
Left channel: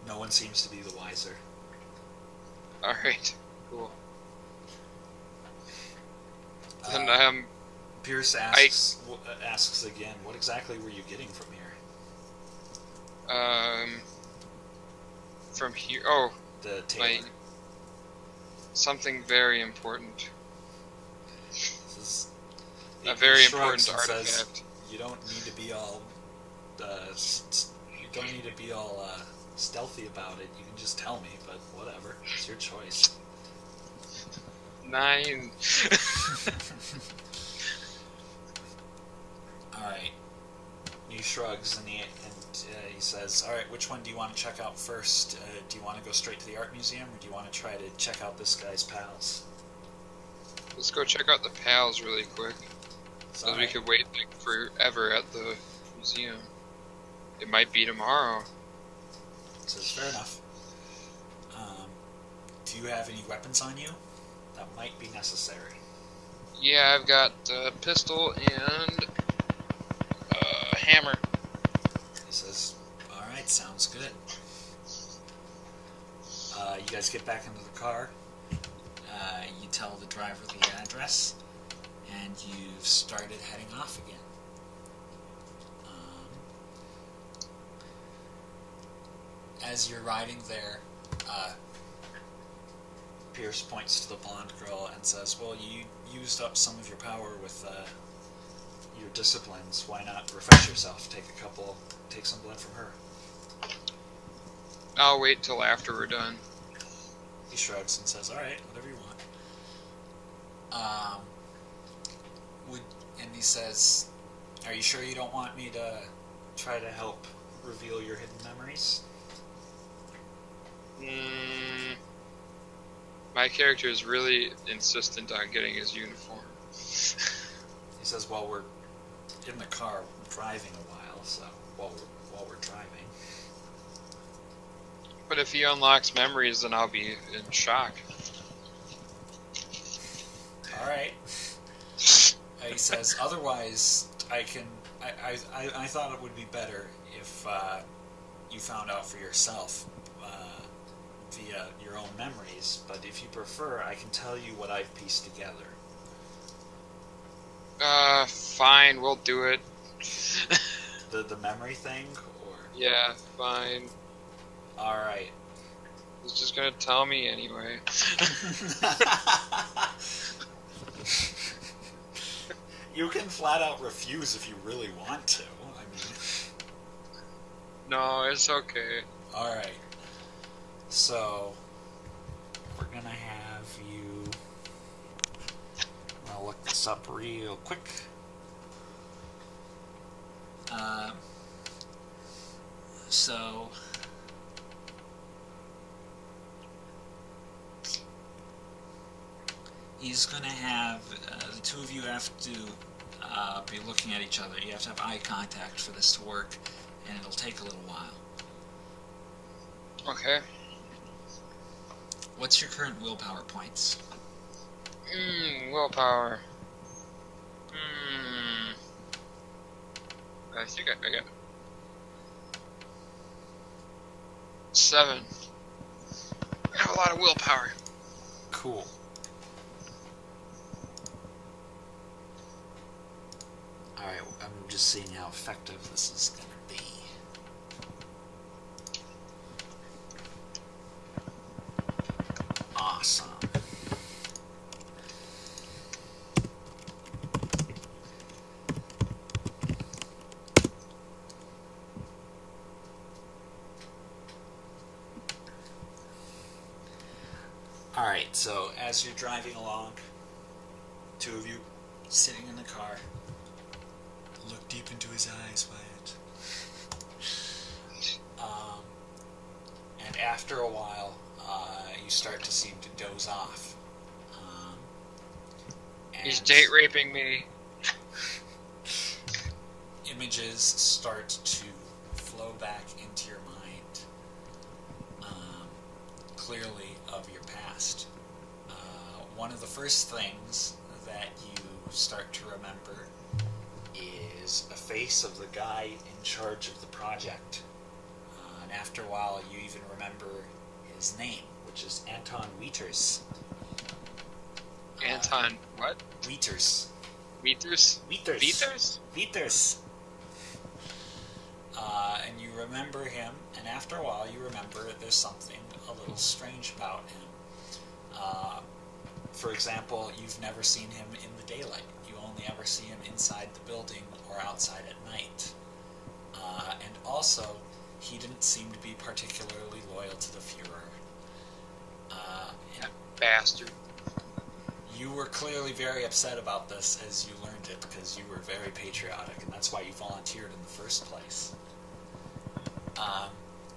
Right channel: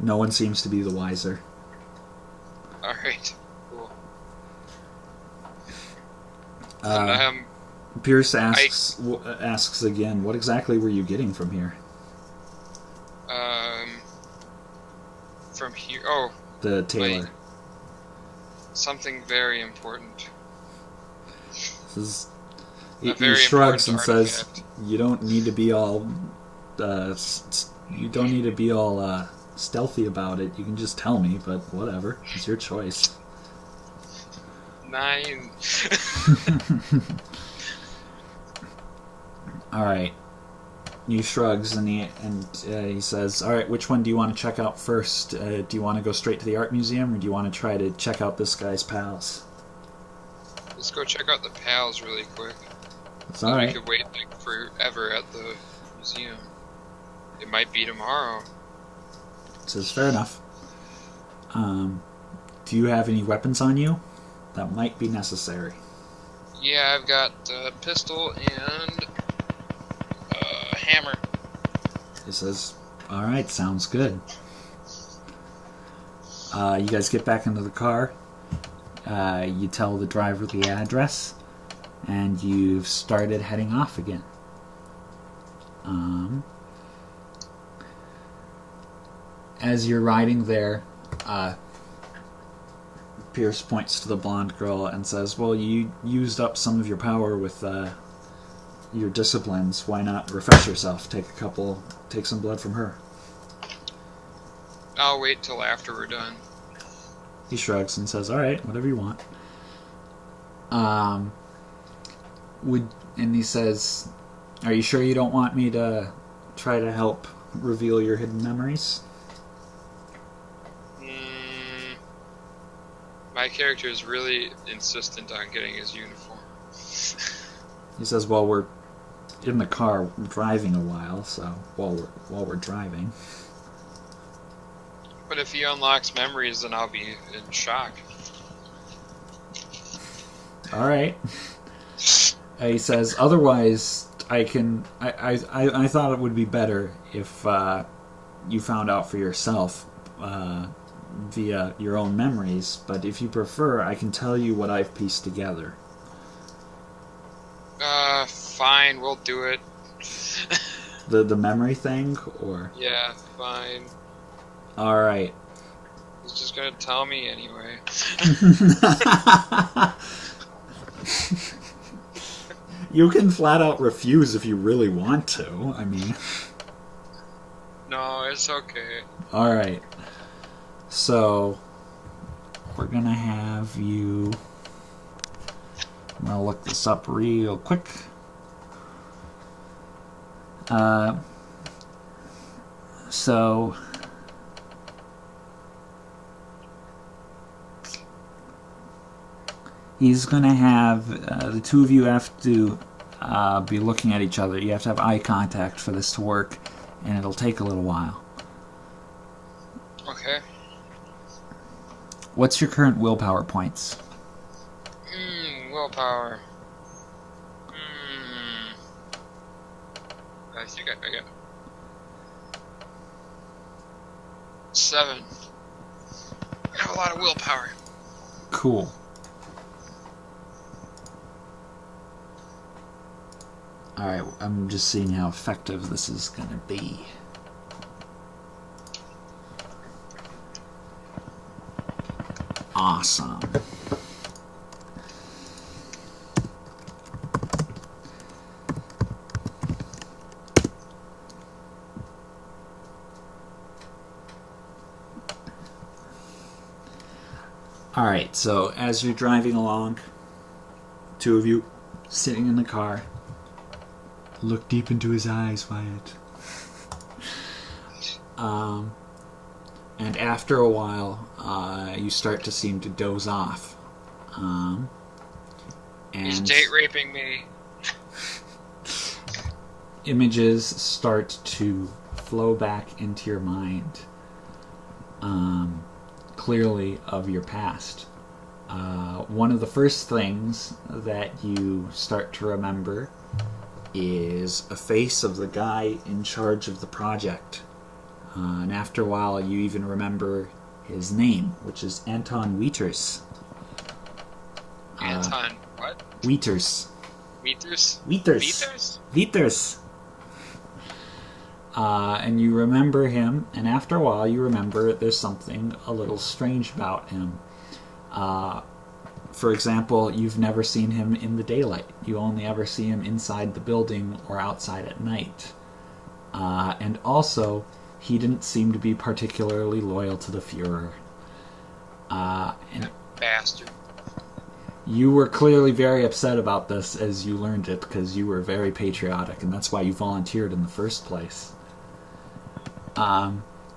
No one seems to be the wiser. Alright. Cool. And, Pierce asks again, what exactly were you getting from here? From here... Oh. The tailor. Something very important. This is... A very shrugs and important says, artifact. "You don't need to be all, stealthy about it. You can just tell me, but whatever. It's your choice." 9. All right. He shrugs and he says, "All right, which one do you want to check out first? Do you want to go straight to the art museum, or do you want to try to check out this guy's pals?" Let's go check out the pals really quick. It's all right. We could wait like forever at the museum. It might be tomorrow. Says, fair enough. Do you have any weapons on you? That might be necessary. Yeah, I've got a pistol and a hammer. He says, all right, sounds good. You guys get back into the car. You tell the driver the address, and you've started heading off again. As you're riding there, Pierce points to the blonde girl and says, well, you used up some of your power with your disciplines. Why not refresh yourself? Take some blood from her. I'll wait till after we're done. He shrugs and says, all right, whatever you want. And he says, are you sure you don't want me to try to help reveal your hidden memories? My character is really insistent on getting his uniform. He says, well, we're in the car driving a while, so while we're driving. But if he unlocks memories, then I'll be in shock. All right. He says, otherwise, I thought it would be better if you found out for yourself via your own memories, but if you prefer, I can tell you what I've pieced together. Fine, we'll do it. The memory thing, or? Yeah, fine. All right. He's just gonna tell me anyway. You can flat out refuse if you really want to. I mean... No, it's okay. All right. So, we're going to have you... I'm going to look this up real quick. So... He's going to have the two of you have to be looking at each other. You have to have eye contact for this to work, and it'll take a little while. Okay. What's your current willpower points? Willpower. I think I got 7. I have a lot of willpower. Cool. Alright, I'm just seeing how effective this is going to be. Awesome. Alright, so as you're driving along, two of you sitting in the car, look deep into his eyes, Wyatt. And after a while, you start to seem to doze off. And He's date raping me. Images start to flow back into your mind, clearly of your past. One of the first things that you start to remember is a face of the guy in charge of the project. And after a while, you even remember his name, which is Anton Wieters. Anton, what? Wieters. Wieters? Wieters. Wieters? Wieters. And you remember him, and after a while, you remember there's something a little strange about him. For example, you've never seen him in the daylight. You only ever see him inside the building or outside at night. And also, he didn't seem to be particularly loyal to the Fuhrer. And Bastard. you were clearly very upset about this as you learned it, because you were very patriotic, and that's why you volunteered in the first place.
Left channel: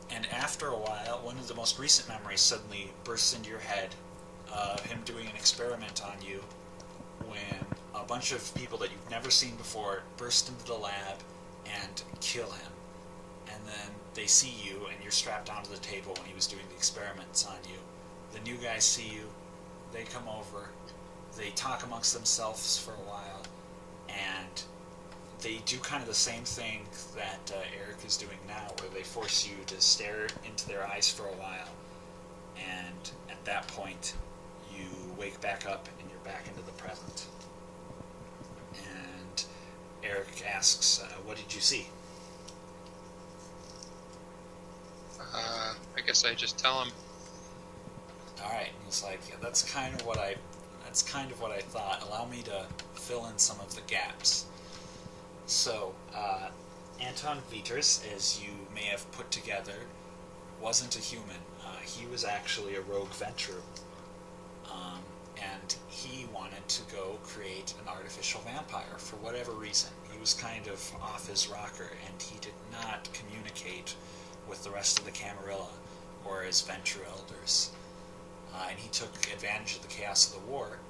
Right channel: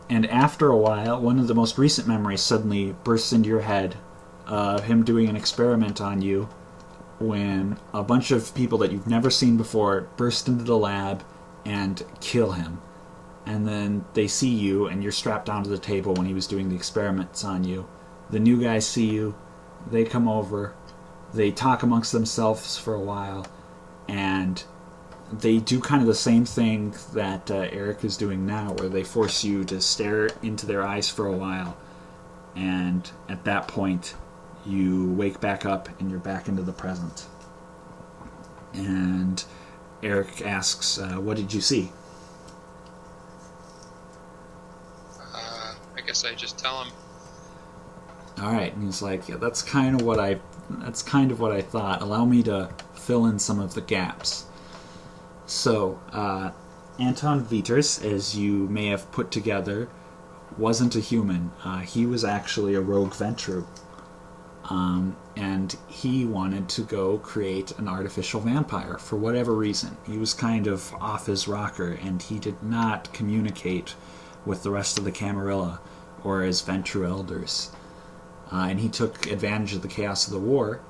And after a while, one of the most recent memories suddenly bursts into your head, him doing an experiment on you, when a bunch of people that you've never seen before burst into the lab and kill him. And then they see you, and you're strapped down to the table when he was doing the experiments on you. The new guys see you, they come over, they talk amongst themselves for a while, and they do kind of the same thing that Eric is doing now, where they force you to stare into their eyes for a while. And at that point, you wake back up and you're back into the present. And Eric asks, what did you see? I guess I just tell him. All right, and he's like, yeah, that's kind of what I thought. Allow me to fill in some of the gaps. So, Anton Wieters, as you may have put together, wasn't a human. He was actually a rogue Ventru. And he wanted to go create an artificial vampire for whatever reason. He was kind of off his rocker, and he did not communicate with the rest of the Camarilla or his Ventru elders. And he took advantage of the chaos of the war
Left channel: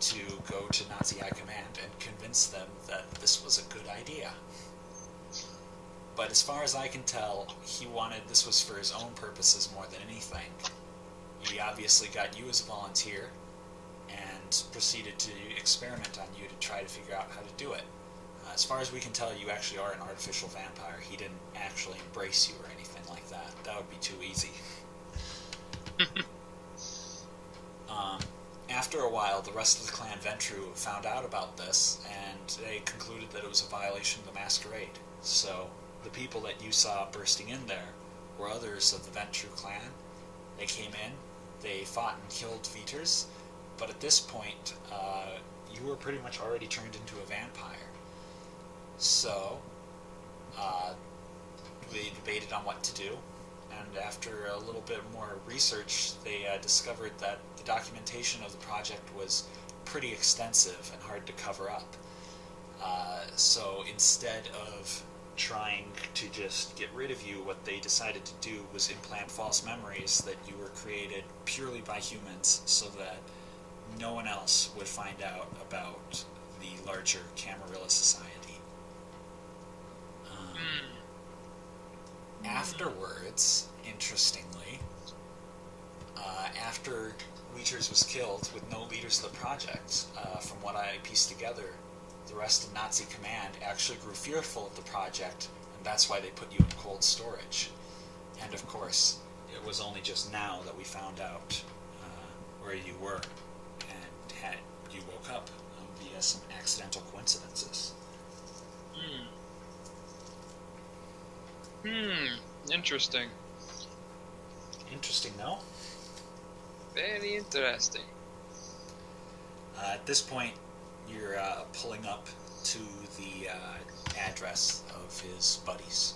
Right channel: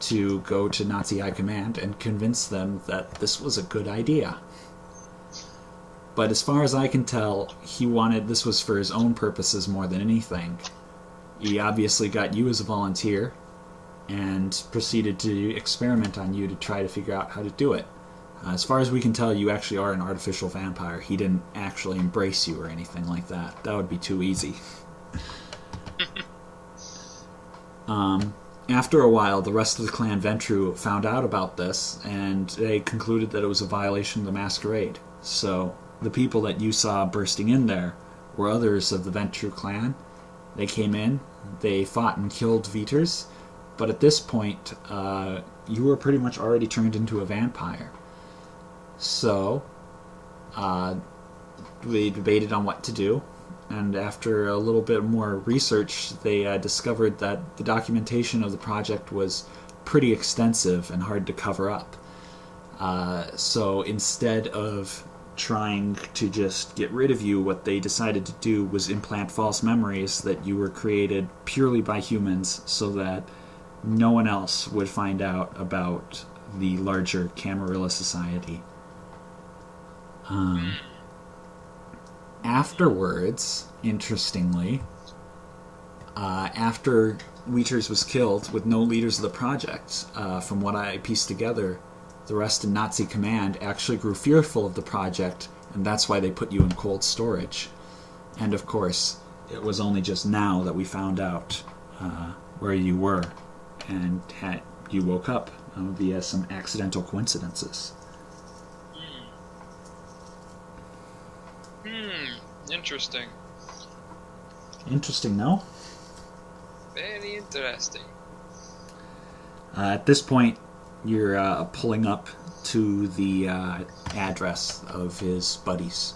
to go to Nazi High Command and convince them that this was a good idea. But as far as I can tell, he wanted this was for his own purposes more than anything. He obviously got you as a volunteer and proceeded to experiment on you to try to figure out how to do it. As far as we can tell, you actually are an artificial vampire. He didn't actually embrace you or anything like that. That would be too easy. After a while, the rest of the clan Ventru found out about this, and they concluded that it was a violation of the masquerade. So the people that you saw bursting in there were others of the Ventru clan. They came in, they fought and killed Wieters, but at this point, you were pretty much already turned into a vampire. So, we debated on what to do, and after a little bit more research, they discovered that the documentation of the project was pretty extensive and hard to cover up. So instead of trying to just get rid of you, what they decided to do was implant false memories that you were created purely by humans, so that no one else would find out about the larger Camarilla Society. Afterwards, interestingly, after Wheaters was killed with no leaders of the project, from what I pieced together, the rest in Nazi command actually grew fearful of the project, and that's why they put you in cold storage. And of course, it was only just now that we found out where you were, and you woke up via some accidental coincidences. Interesting. Interesting, no? Very interesting. At this point, you're pulling up to the address of his buddies.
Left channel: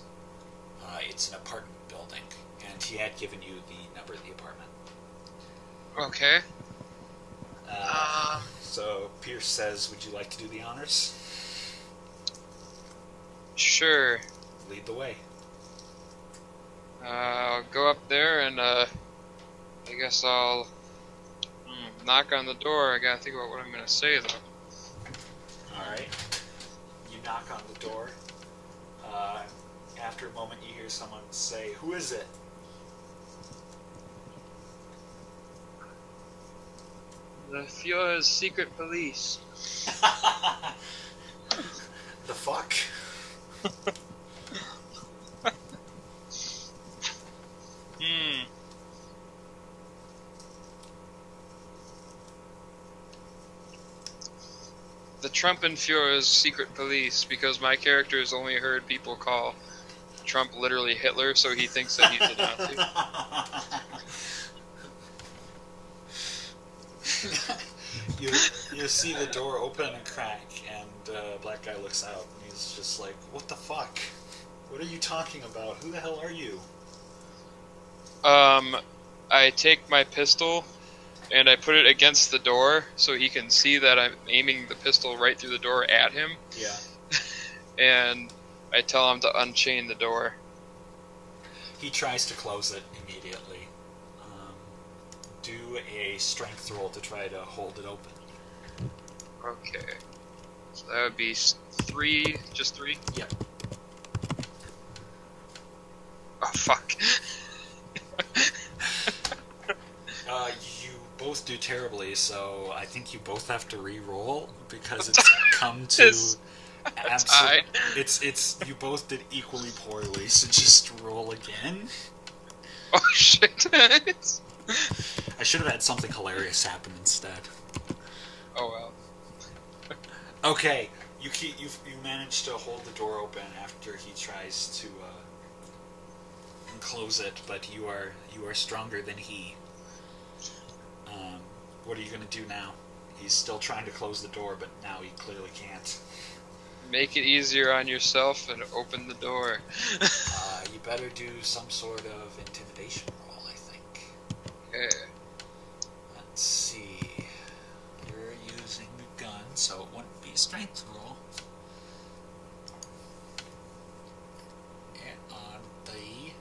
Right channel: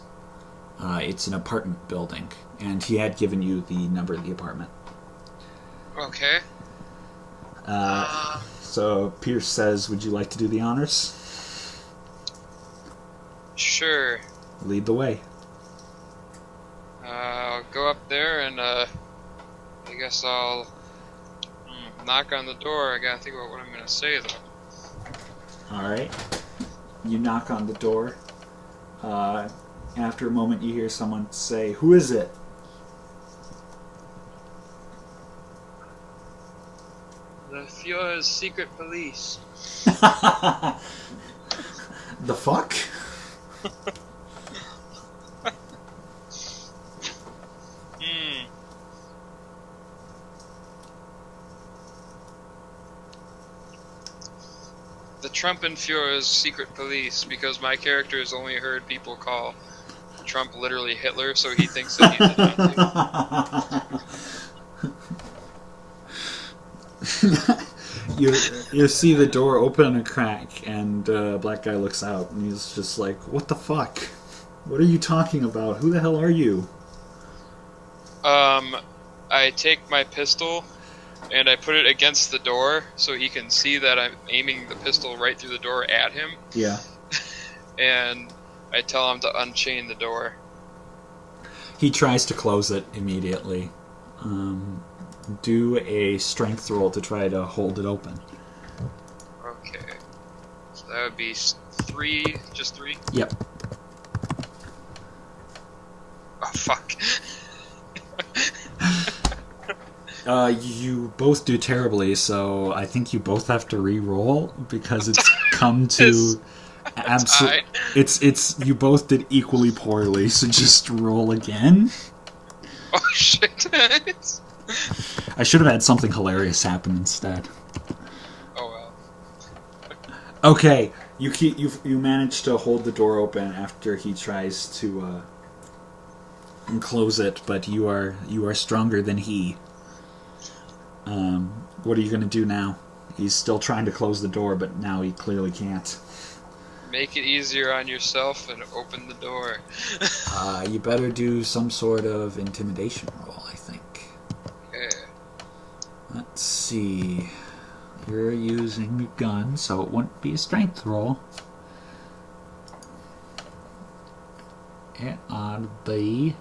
It's an apartment building, and he had given you the number of the apartment. Okay. So Pierce says, would you like to do the honors? Sure. Lead the way. I'll go up there and I guess I'll knock on the door. I gotta think about what I'm gonna say though. Alright. You knock on the door. After a moment you hear someone say, who is it? The Führer's secret police. The fuck? The Trumpenführer's secret police, because my character has only heard people call Trump literally Hitler, so he thinks that he's a Nazi. You see the door open a crack, and a black guy looks out, and he's just like, what the fuck? What are you talking about? Who the hell are you? I take my pistol and I put it against the door so he can see that I'm aiming the pistol right through the door at him. Yeah. And I tell him to unchain the door. He tries to close it immediately. Do a strength roll to try to hold it open. Okay. So that would be 3, just 3? Yep. Oh, fuck. You both do terribly, so I think you both have to re-roll because it's come to absolute. It's you both did equally poorly, so just roll again. Oh shit! I should have had something hilarious happen instead. Oh well. Okay, you manage to hold the door open after he tries to close it, but you are stronger than he. What are you going to do now? He's still trying to close the door, but now he clearly can't. Make it easier on yourself and open the door. You better do some sort of intimidation roll, I think. Okay. Let's see. You're using a gun, so it wouldn't be a strength roll. It ought to be...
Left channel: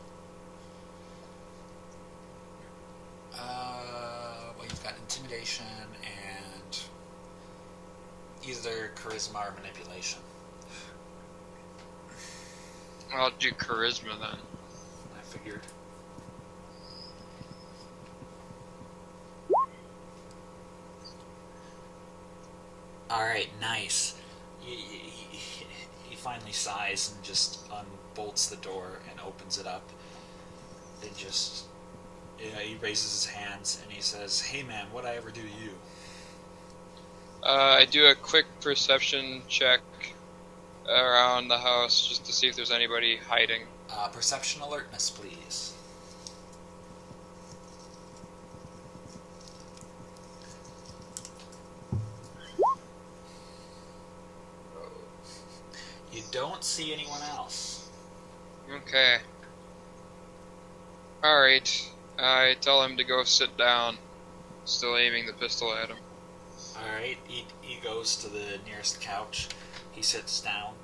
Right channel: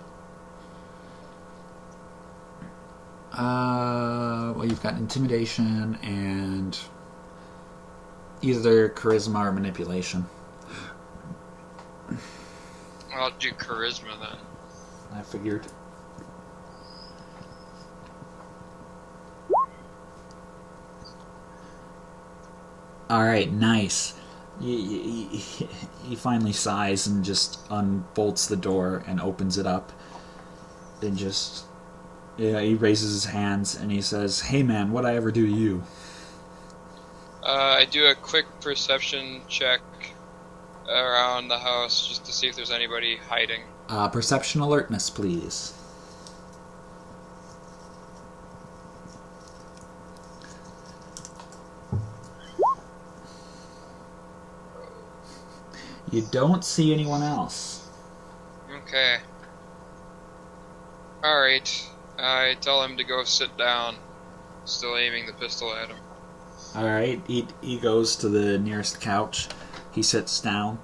well, you've got intimidation and either charisma or manipulation. I'll do charisma then. I figured. Alright, nice. He finally sighs and just unbolts the door and opens it up. And just... Yeah, he raises his hands and he says, "Hey man, what'd I ever do to you?" I do a quick perception check around the house just to see if there's anybody hiding. Perception alertness, please. You don't see anyone else. Okay. Alright. I tell him to go sit down. Still aiming the pistol at him. Alright, he goes to the nearest couch. He sits down.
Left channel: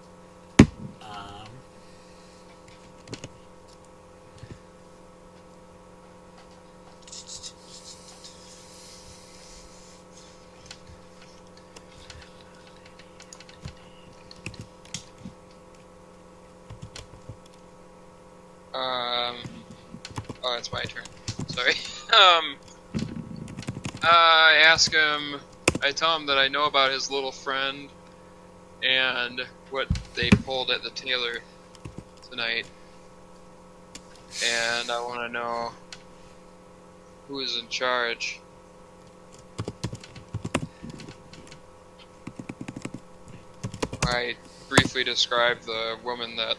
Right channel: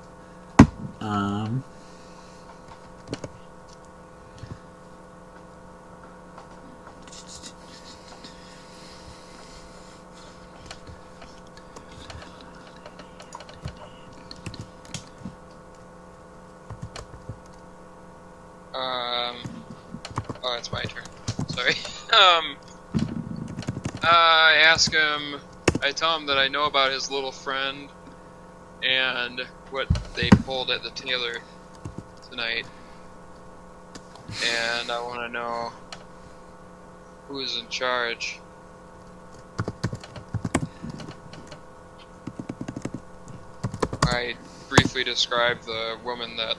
Oh, it's my turn. Sorry. I ask him. I tell him that I know about his little friend and what they pulled at the tailor tonight, and I want to know who is in charge. I briefly describe the woman that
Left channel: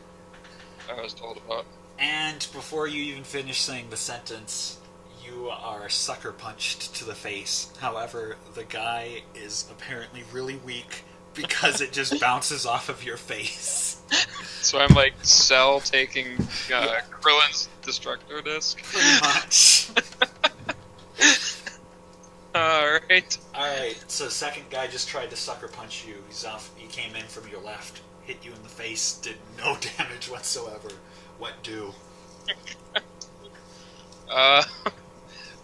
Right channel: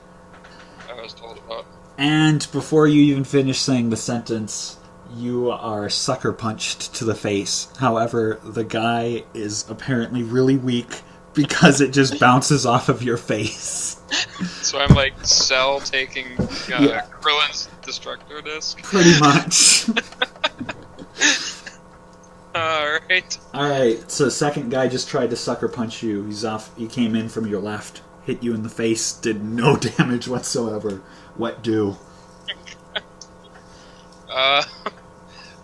I was told about. And before you even finish saying the sentence, you are sucker punched to the face. However, the guy is apparently really weak because it just bounces off of your face. So I'm like Cell taking Krillin's Destructo Disc. Pretty much. Alright. Alright, so second guy just tried to sucker punch you. He's off. He came in from your left, hit you in the face, did no damage whatsoever. What do?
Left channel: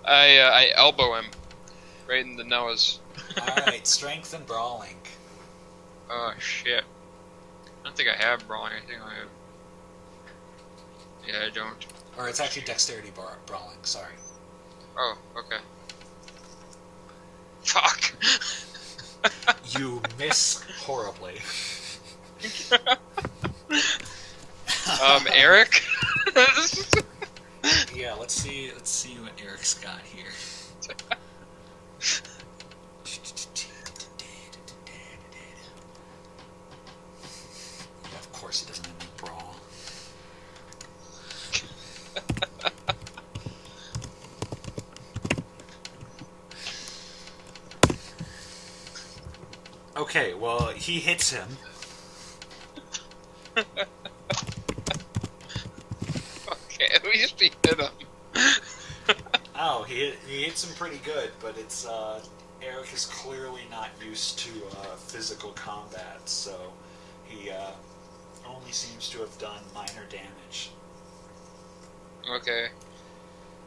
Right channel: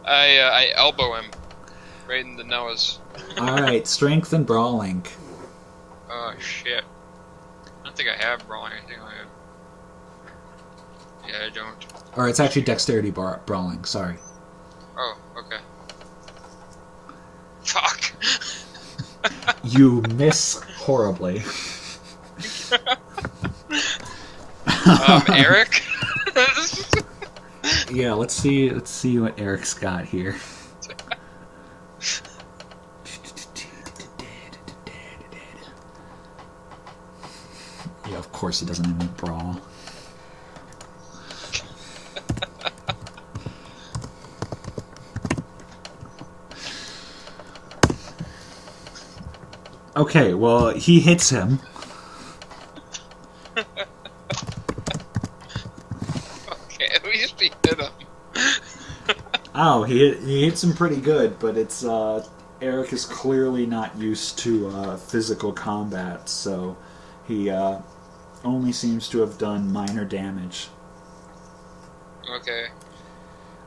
I elbow him right in the nose. Alright, strength and brawling. Oh shit. I don't think I have brawling. I think I have. Yeah, I don't. Or it's actually dexterity brawling, sorry. Oh, okay. Fuck. You miss horribly. Eric? Yeah, let's see what Eric's got here. Yeah, of course he doesn't have any brawl. Okay, well, he hits him. Okay, at least he hit him. Oh, he hits him pretty good, but it's Eric is clearly not used to physical combat, so he only seems to have done minor damage. Okay.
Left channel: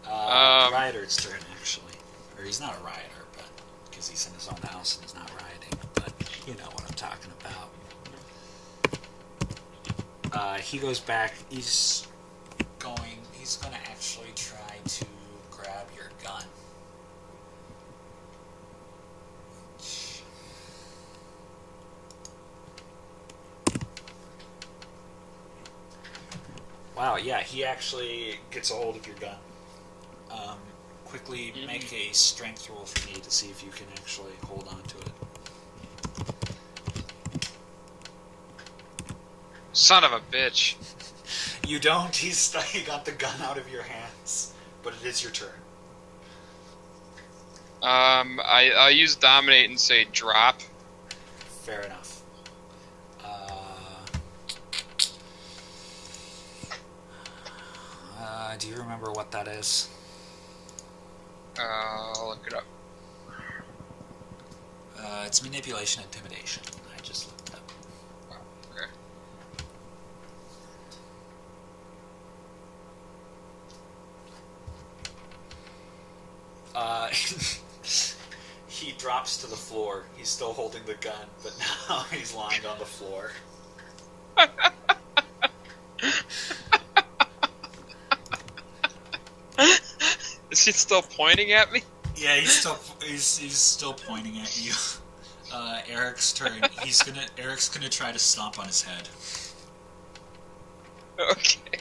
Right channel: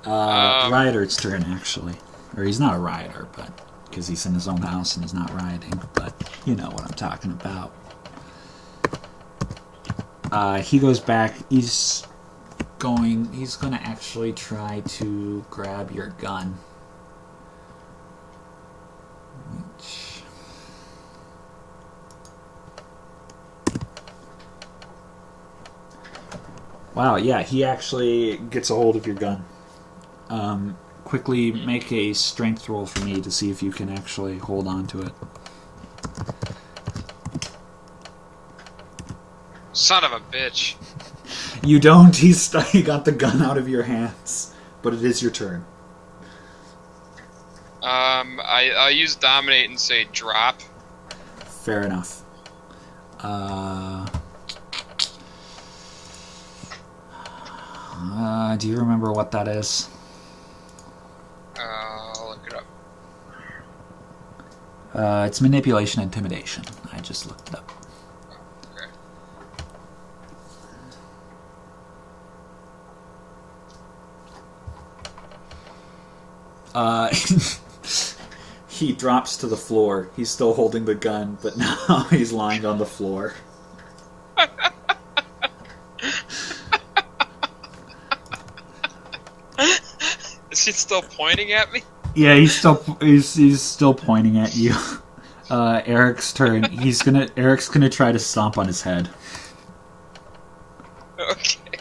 Rioter's turn, actually. Or he's not a rioter, but because he's in his own house and he's not rioting, but you know what I'm talking about. He goes back. He's going to actually try to grab your gun. Which... Wow, yeah, he actually gets a hold of your gun. Quickly make a strength roll for me to see if you can actually hold on to it. Son of a bitch. You don't. He got the gun out of your hands. But it is your turn. I'll use Dominate and say drop. Fair enough. Do you remember what that is? I'll look it up. It's manipulation and intimidation. I just looked it up. He drops to the floor. He's still holding the gun, but now he's lying on the floor. Is he still pointing at me? Yeah, he's still pointing at you. Eric's turn. Eric's gonna try to stomp on his head. Okay.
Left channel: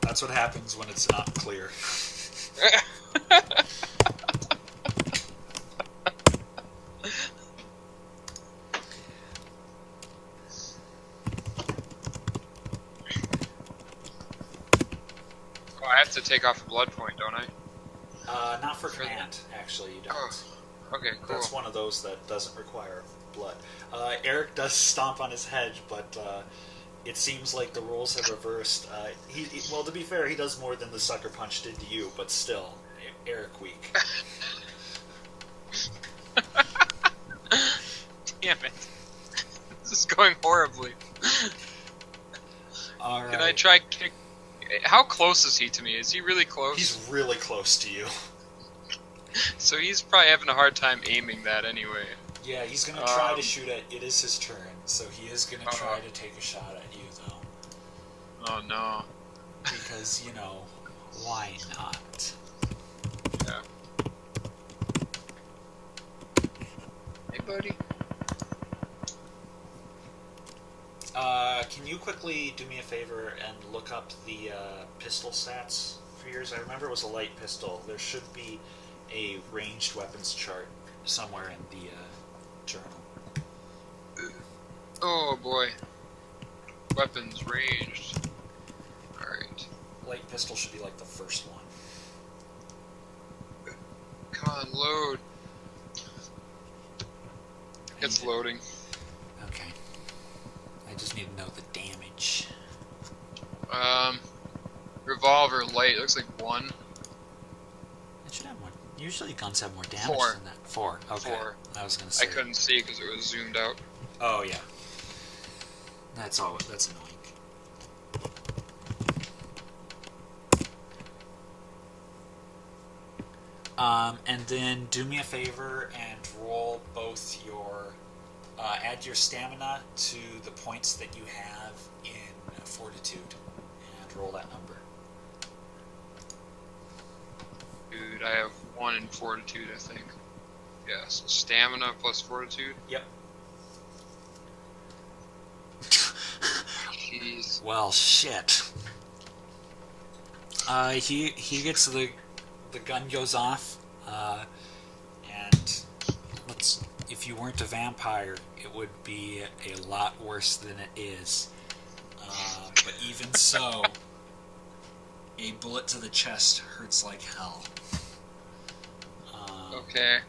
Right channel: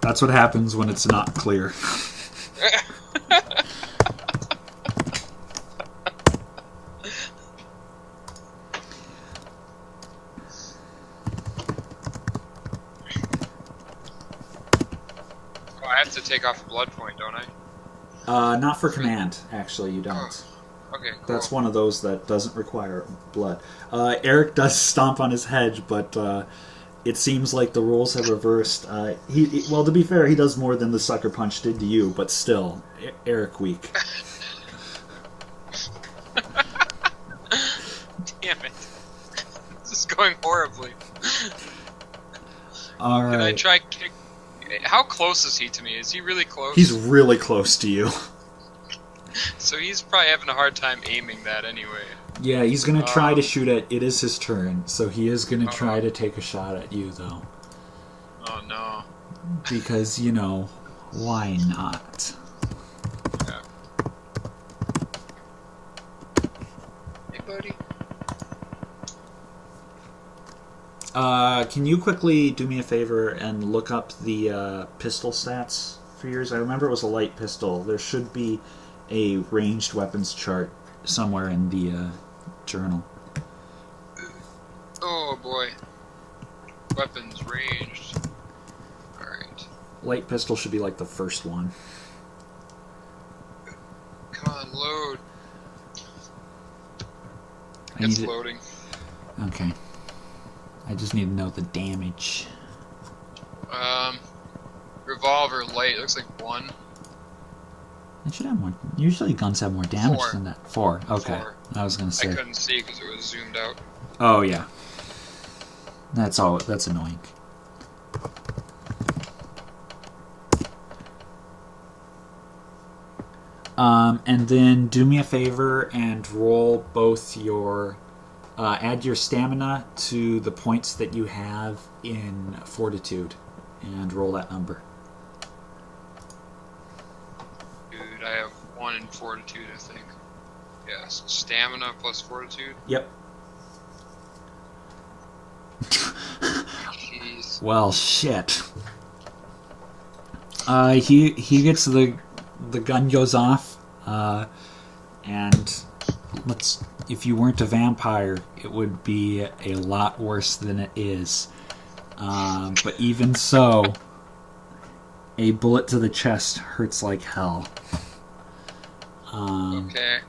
That's what happens when it's not clear. I have to take off a blood point, don't I? Not for command, actually, you don't. Oh, okay, cool. That's one of those that doesn't require blood. Eric does stomp on his head, but it seems like the rules have reversed. Well, to be fair, he does more than the sucker punch did to you, but still, Eric weak. Damn it. This is going horribly. All right. Can I try kick... How close is he to me? Is he really close? He's really close to you. So he's probably having a hard time aiming that anyway. Yeah, he's going to try to shoot at... It is his turn, so he is going to try to take a shot at you, though. Oh, no. Because, you know, Why not? Yeah. Hey, buddy. Can you quickly do me a favor and look up the pistol stats for yours? I remember it was a light pistol. There should be a ranged weapons chart somewhere in the journal. Oh boy. Weapons ranged. Alright. Light pistol should be like the first one. Come on, load. It's loading. Okay. I just need to know the damage. Revolver light. Looks like 1. It should have more. Usually guns have more damage 4. than that. 4. Okay. 4. I was gonna say. I couldn't see because it was zoomed out. Oh yeah. That's all. That's annoying. And then do me a favor and roll both your. Add your stamina to the points that you have in fortitude, and roll that number. Dude, I have 1 in fortitude, I think. Yeah, so stamina plus fortitude. Yep. Jeez. Well, shit. He gets the gun goes off, and if you weren't a vampire, it would be a lot worse than it is. But even so, a bullet to the chest hurts like hell. Okay.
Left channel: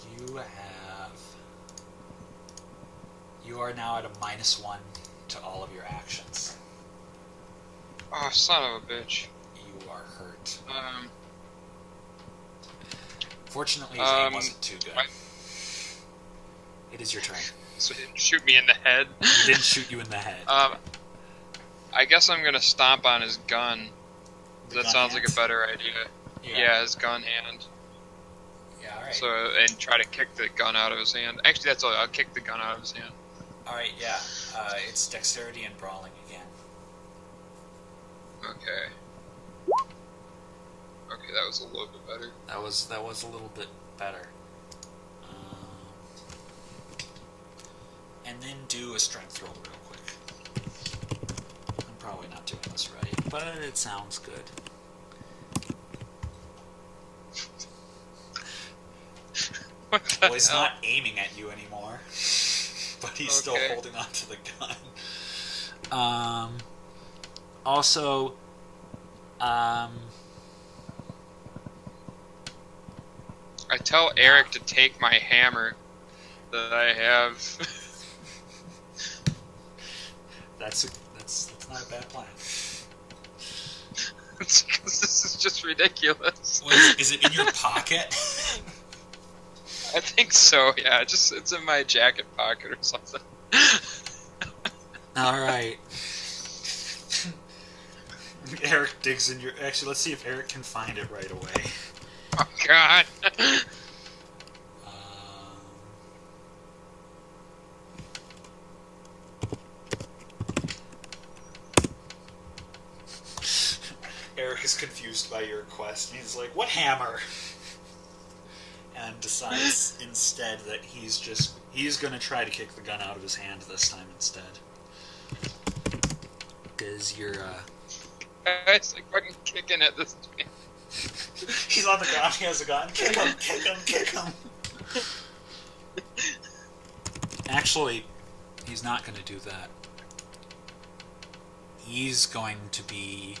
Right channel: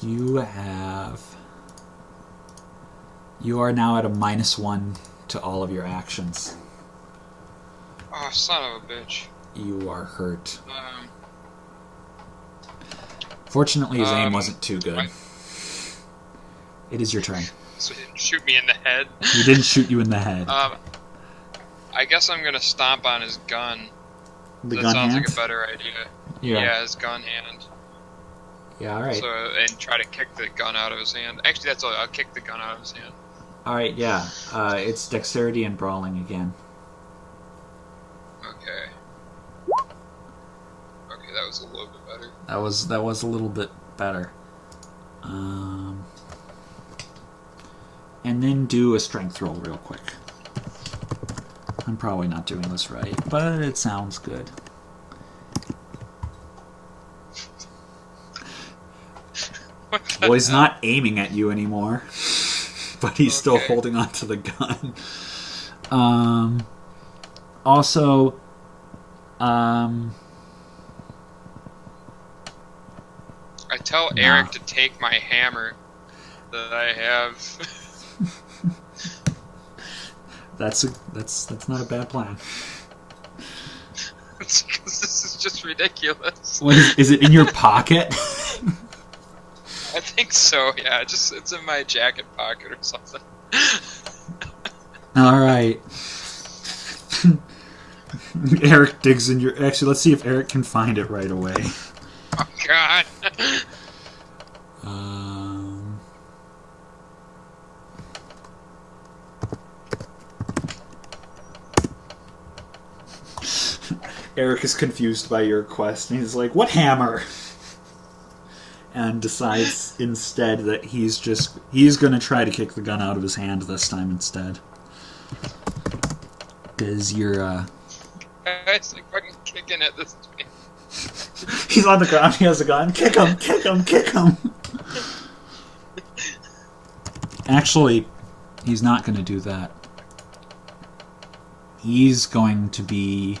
You are now at a -1 to all of your actions. Oh, son of a bitch. You are hurt. Fortunately, his aim wasn't too good. It is your turn. So he didn't shoot me in the head? He didn't shoot you in the head. I guess I'm gonna stomp on his gun. The that gun sounds hand? like a better idea. Yeah, his gun hand. Yeah, alright. So, and try to kick the gun out of his hand. Actually, that's all. I'll kick the gun out of his hand. Alright, yeah. It's dexterity and brawling again. Okay. Okay, that was a little bit better. That was a little bit better. And then do a strength roll real quick. I'm probably not doing this right, but it sounds good. Well, he's not aiming at you anymore, but he's still holding on to the gun. Also, I tell Eric to take my hammer that I have. That's not a bad plan. It's because this is just ridiculous. Is it in your pocket? I think so. Yeah, it's in my jacket pocket or something. All right. Eric digs in your. Actually, let's see if Eric can find it right away. Oh God. Eric is confused by your quest, and he's like, "What hammer?" And decides instead that he's going to try to kick the gun out of his hand this time instead. Because you're, It's like fucking kicking at this man. He's on the ground, he has a gun. Kick him, kick him, kick him! Actually, he's not going to do that. He's going to be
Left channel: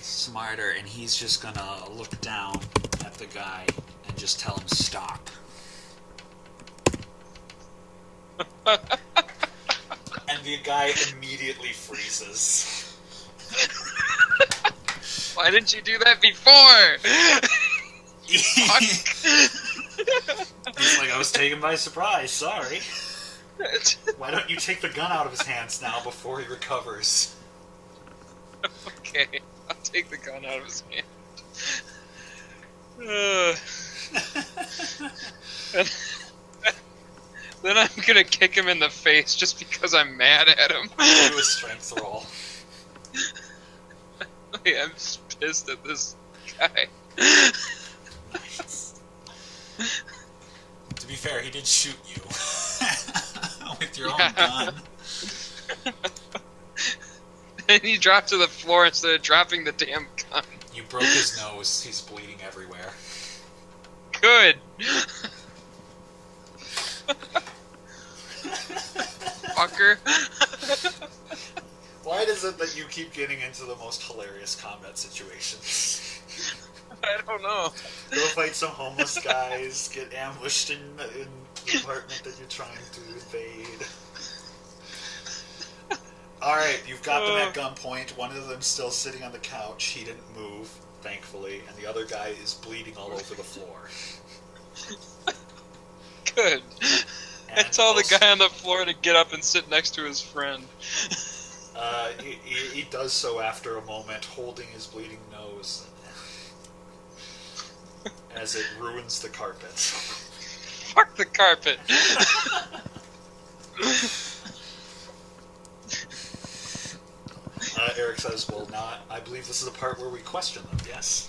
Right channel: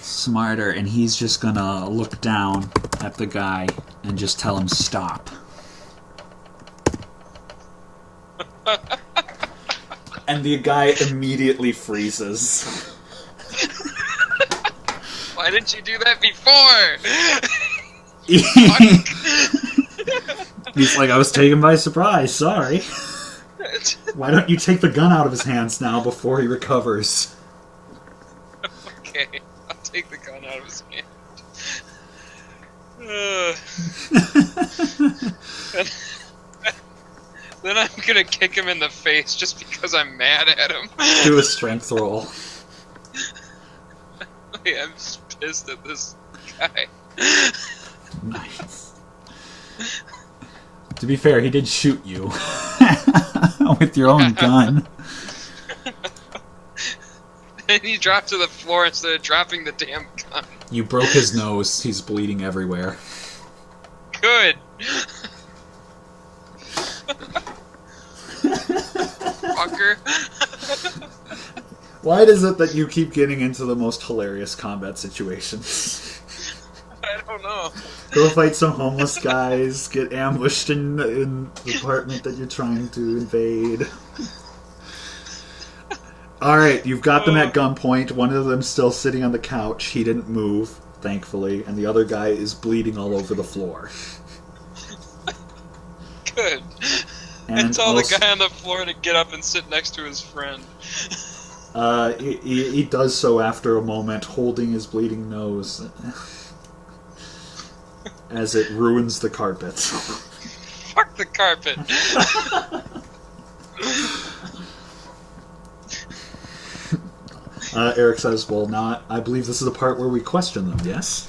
smarter, and he's just gonna look down at the guy and just tell him stop. And the guy immediately freezes. Why didn't you do that before? He's like, I was taken by surprise, sorry. Why don't you take the gun out of his hands now before he recovers? Okay. I'll take the gun out of his hand. Then I'm gonna kick him in the face just because I'm mad at him. Do a strength roll. I'm just pissed at this guy. Nice. To be fair, he did shoot you with your own gun. And he dropped to the floor instead of dropping the damn gun. You broke his nose. He's bleeding everywhere. Good. Fucker. Why is it that you keep getting into the most hilarious combat situations? I don't know. Go fight some homeless guys, get ambushed in the apartment that you're trying to invade. Alright, you've got them at gunpoint. One of them's still sitting on the couch. He didn't move, thankfully, and the other guy is bleeding all over the floor. Good. And tell the guy on the floor to get up and sit next to his friend. He does so after a moment, holding his bleeding nose as it ruins the carpet. Fuck the carpet. Eric says, well, now I believe this is the part where we question them, yes?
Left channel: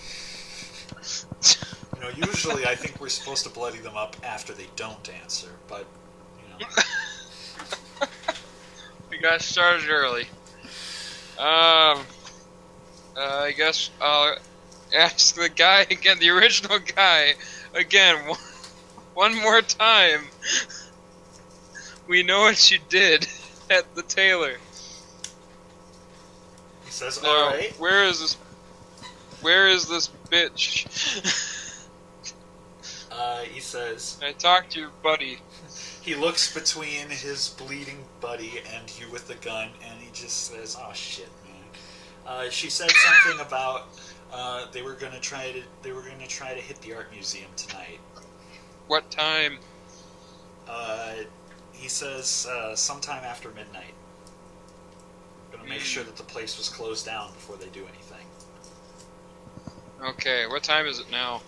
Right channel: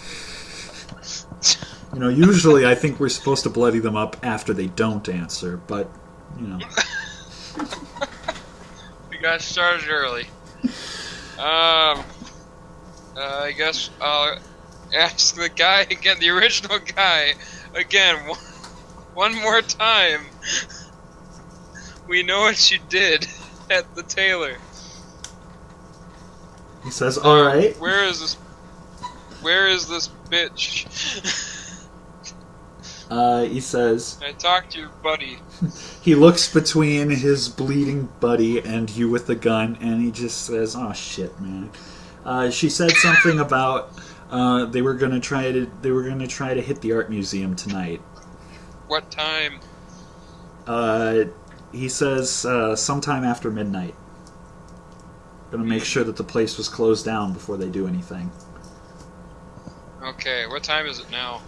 You know, usually I think we're supposed to bloody them up after they don't answer, but, you know. We got started early. I guess I'll ask the guy again, the original guy, again, one more time. We know what you did at the tailor. He says, alright. Where is this bitch? He says... I talked to your buddy. He looks between his bleeding buddy and you with the gun, and he just says, oh shit, man. She said something about they were gonna try to hit the art museum tonight. What time? He says sometime after midnight. Gonna make sure that the place was closed down before they do anything. Okay, what time is it now?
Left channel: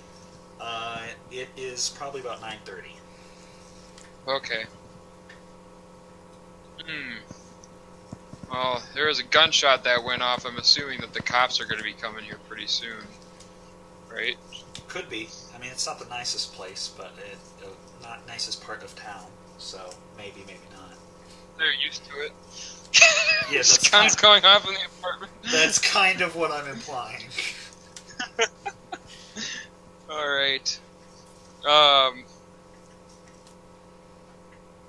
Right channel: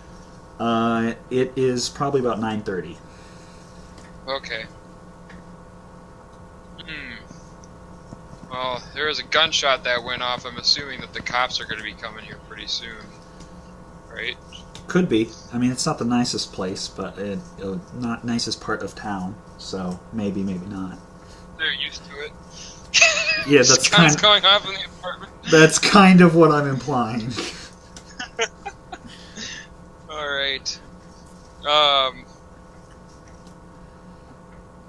It is probably about 9:30. Okay. Well, there was a gunshot that went off. I'm assuming that the cops are going to be coming here pretty soon. Right? Could be. I mean, it's not the nicest place, but not nicest part of town. So maybe, maybe not. They're used to it. Yeah, that's guns going off in the apartment. That's kind of what I'm implying. All right.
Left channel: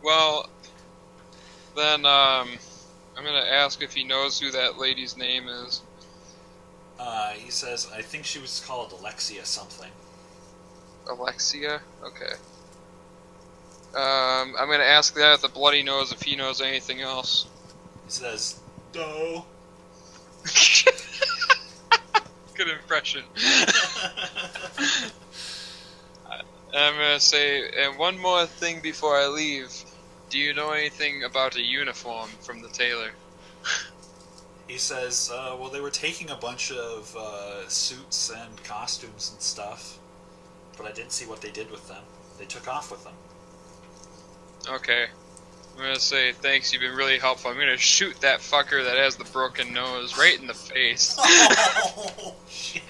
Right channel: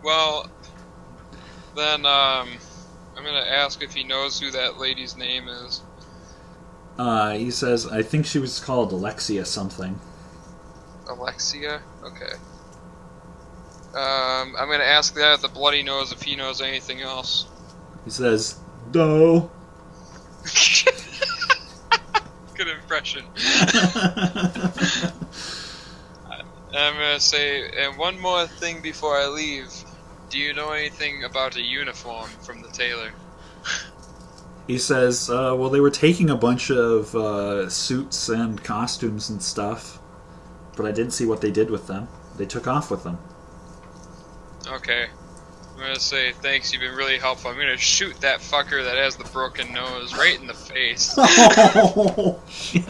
Well, then I'm gonna ask if he knows who that lady's name is. He says, I think she was called Alexia something. Alexia? Okay. I'm gonna ask that at the bloody nose if he knows anything else. He says, no. Good impression. I'm gonna say, and one more thing before I leave. Do you know anything about a uniform from the tailor? He says, well, they were taking a bunch of suits and costumes and stuff, but I didn't see what they did with them. They took off with them. Okay. I'm gonna say, thanks, you've been really helpful. I'm gonna shoot that fucker that has the broken nose right in the face. Oh, shit.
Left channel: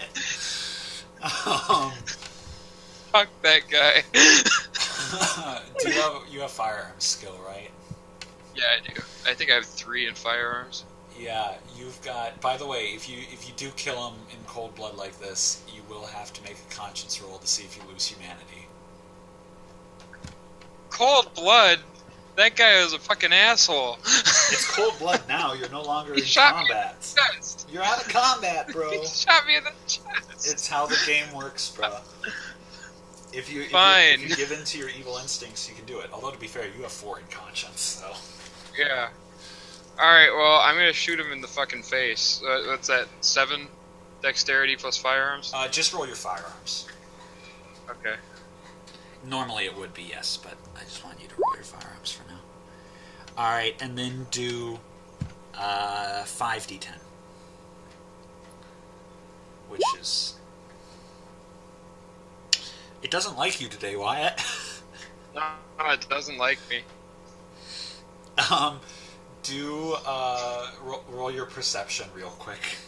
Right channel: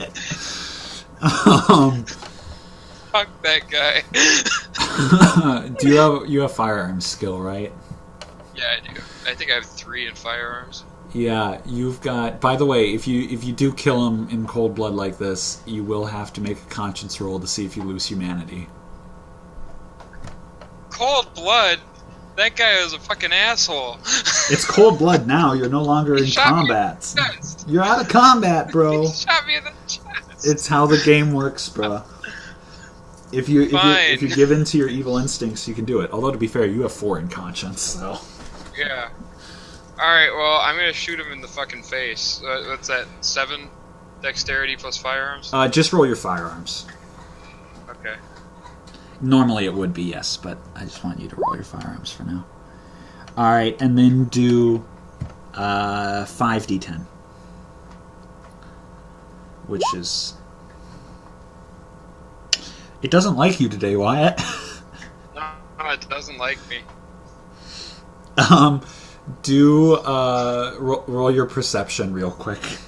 Fuck that guy. Do you have firearms skill, right? Yeah, I do. I think I have 3 in firearms. Yeah, you've got... By the way, if you do kill him in cold blood like this, you will have to make a conscience roll to see if you lose humanity. Cold blood? That guy is a fucking asshole. It's cold blood now. You're no longer in combat. You're out of combat, bro. He shot me in the chest. It's how the game works, bro. If you give in to your evil instincts, you can do it. Although, to be fair, you have 4 in conscience, so... Yeah. Alright, well, I'm gonna shoot him in the fucking face. What's that, 7 dexterity plus firearms? Just roll your firearms. Okay. Normally it would be, yes, but I just want you to roll your firearms for now. Alright, and then do 5d10. Which is... It doesn't like you today, Wyatt. No, it doesn't like me. Do roll your perception real quick.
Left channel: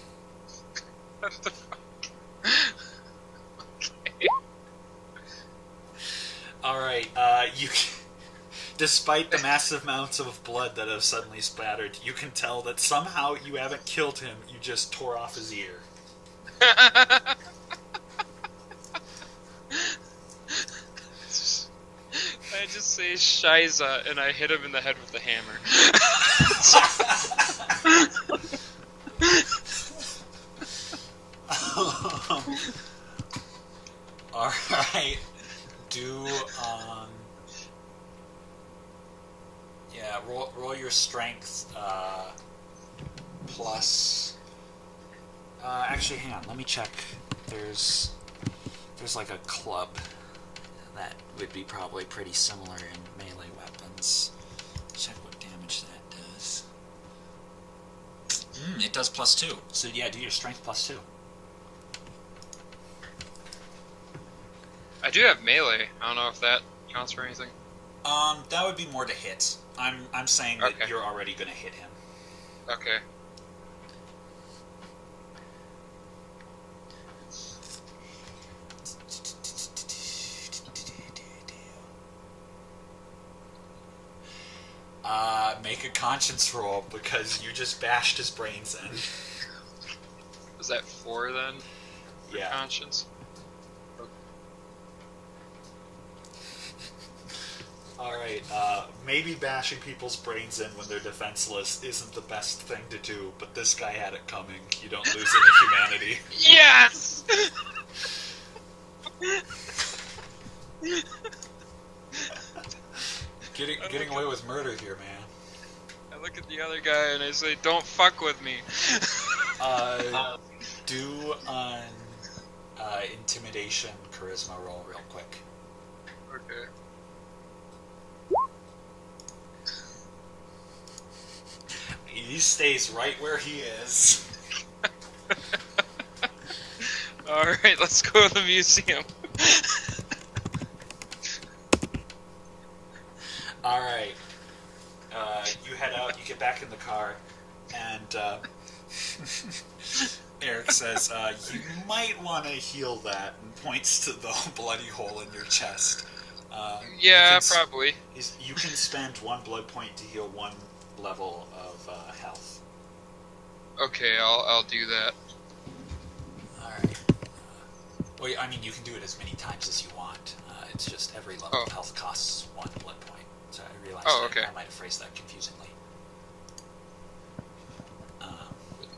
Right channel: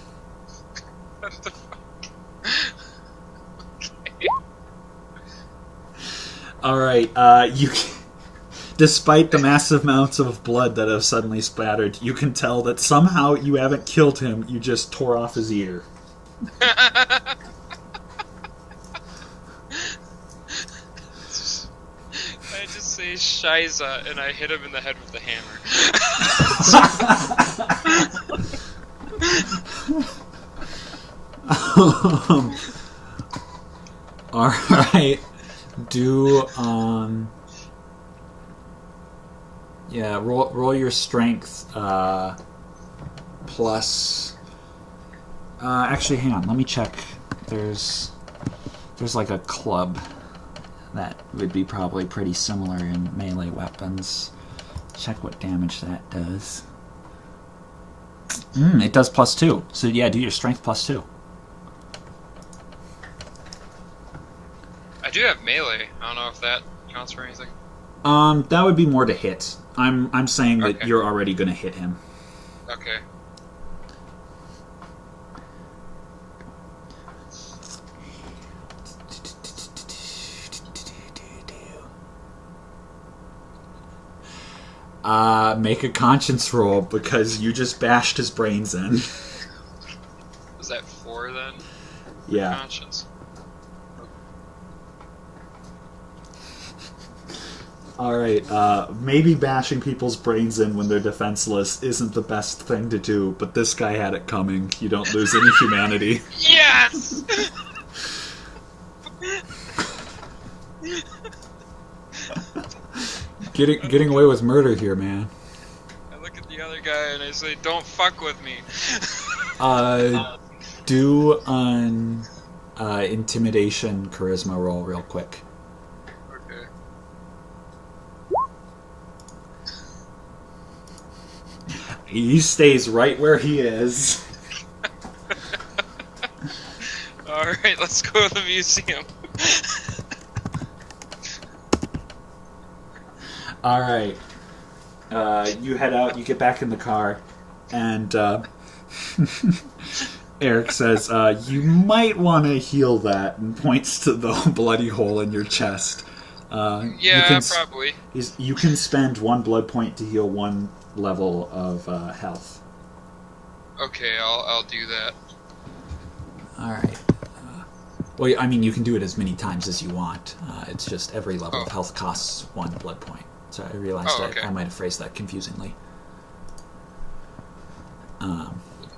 What the fuck? Okay. All right. Despite the massive amounts of blood that have suddenly splattered, you can tell that somehow you haven't killed him. You just tore off his ear. I just say Shiza and I hit him in the head with the hammer. All right. Do yeah, roll your strength plus. Actually, hang on. Let me check. There's like a club that would be probably pretty similar in melee weapons. Check what damage that does. It does +2. So yeah, do your strength +2. I do have melee. I don't know if that counts for anything. That would be more to hit. I'm saying that Okay. you're already gonna hit him. Okay. Make a conscience roll because you just bashed his brains in. Is that 4 then? Yeah. Conscience? Alright, maybe bashing people's brains in when they're defenseless isn't the best thing to do, but this guy had it coming. You don't lose any humanity. Yes! Getting away with murder here, man. I look at the other guy and I say, don't fuck with me. Do an intimidation charisma roll real quick. Okay. He stays right where he is. Alright, let's go to the museum. Alright. You head out, you get back in the car, and Eric says, you might want to heal that, and points to the bloody hole in your chest. Yeah, probably. You can spend 1 blood point to heal 1 level of health. Okay, I'll do that. Alright. Well, I mean, you can do it as many times as you want. It's just every level of health costs 1 blood point. So I realized I might have phrased that confusingly.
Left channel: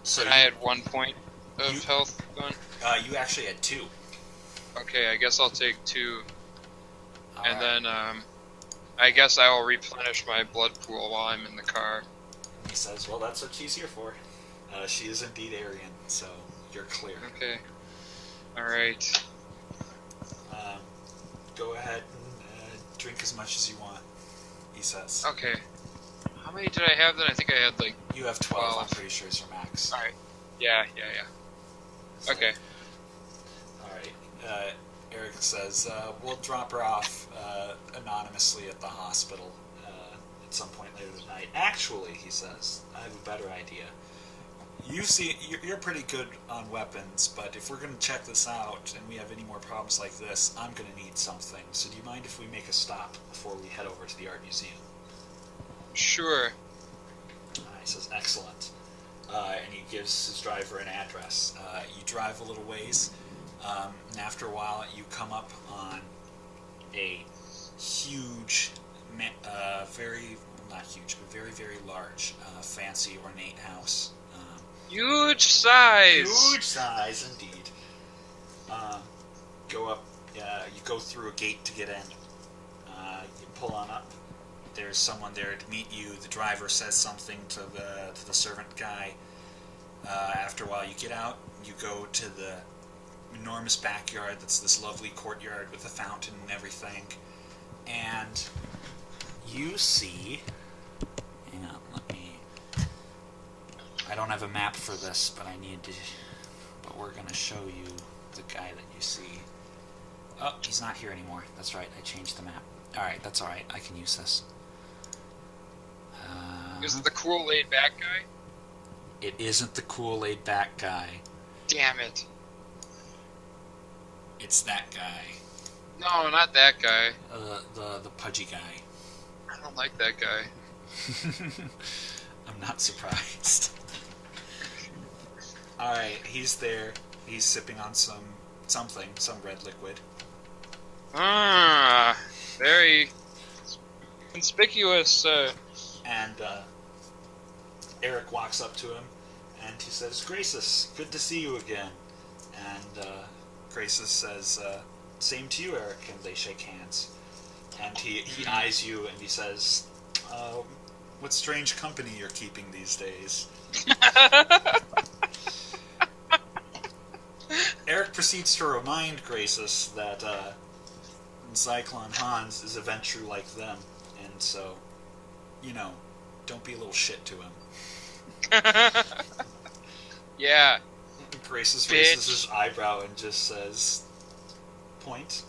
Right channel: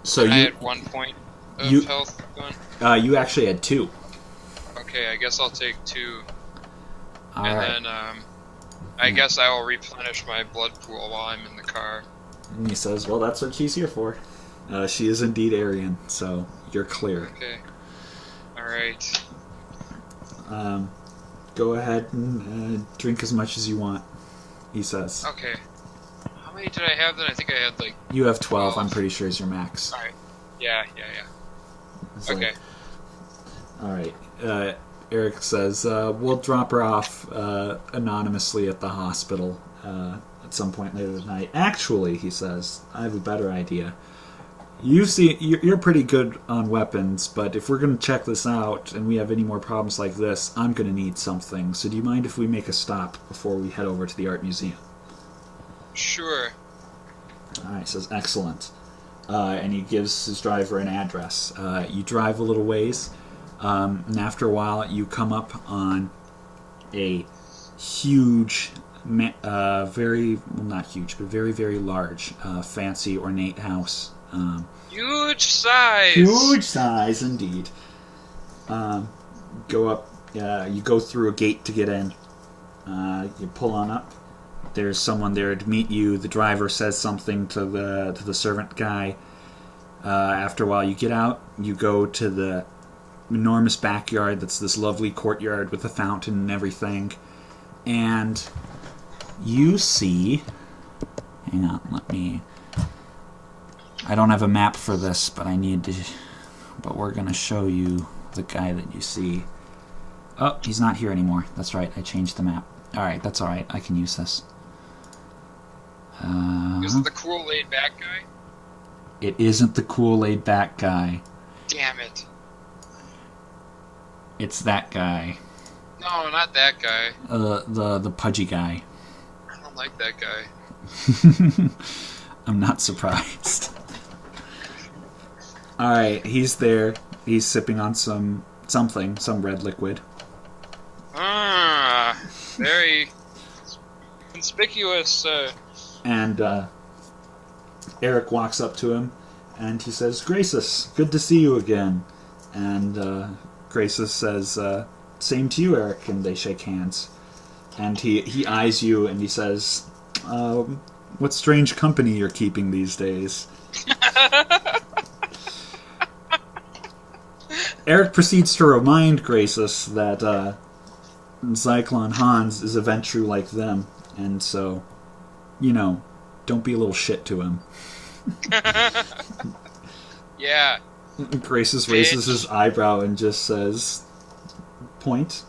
So I had 1 point of health gone? You actually had 2. Okay, I guess I'll take 2. All and right. then, I guess I will replenish my blood pool while I'm in the car. And he says, well, that's what she's here for. She is indeed Aryan, so you're clear. Okay. Alright. Go ahead and drink as much as you want, he says. Okay. How many did I have then? I think I had like... You have 12, 12. I'm pretty sure is your max. Alright. Yeah. So, Okay. Alright. Eric says, we'll drop her off anonymously at the hospital at some point later tonight. Actually, he says, I have a better idea. You're pretty good on weapons, but if we're going to check this out and we have any more problems like this, I'm going to need something. So do you mind if we make a stop before we head over to the art museum? Sure. Alright, he says, excellent. And he gives his driver an address. You drive a little ways, and after a while you come up on a huge, very, well, not huge, but very, very large, fancy, ornate house. Huge size! Huge size, indeed. Go up, you go through a gate to get in. You pull on up. There's someone there to meet you. The driver says something to the servant guy. After a while, you get out. You go to the enormous backyard that's this lovely courtyard with a fountain and everything. And you see... Hang on, let me... I don't have a map for this, but I need to... But we're going to show you the guy that you see. Oh, he's not here anymore. That's right, I changed the map. Alright, that's alright. I can use this. Is it the cool laid back guy? It isn't the cool laid back guy. Damn it. It's that guy. No, not that guy. The pudgy guy. I don't like that guy. I'm not surprised. Alright, he's there. He's sipping on some red liquid. Ah, very conspicuous. And Eric walks up to him and he says, Graces, good to see you again. And Graces says, same to you, Eric, and they shake hands. And he eyes you and he says, what strange company you're keeping these days. Eric proceeds to remind Graces that Zyklon Hans is a Ventru like them, and so, don't be a little shit to him. Yeah. Graces raises his eyebrow and just says, point,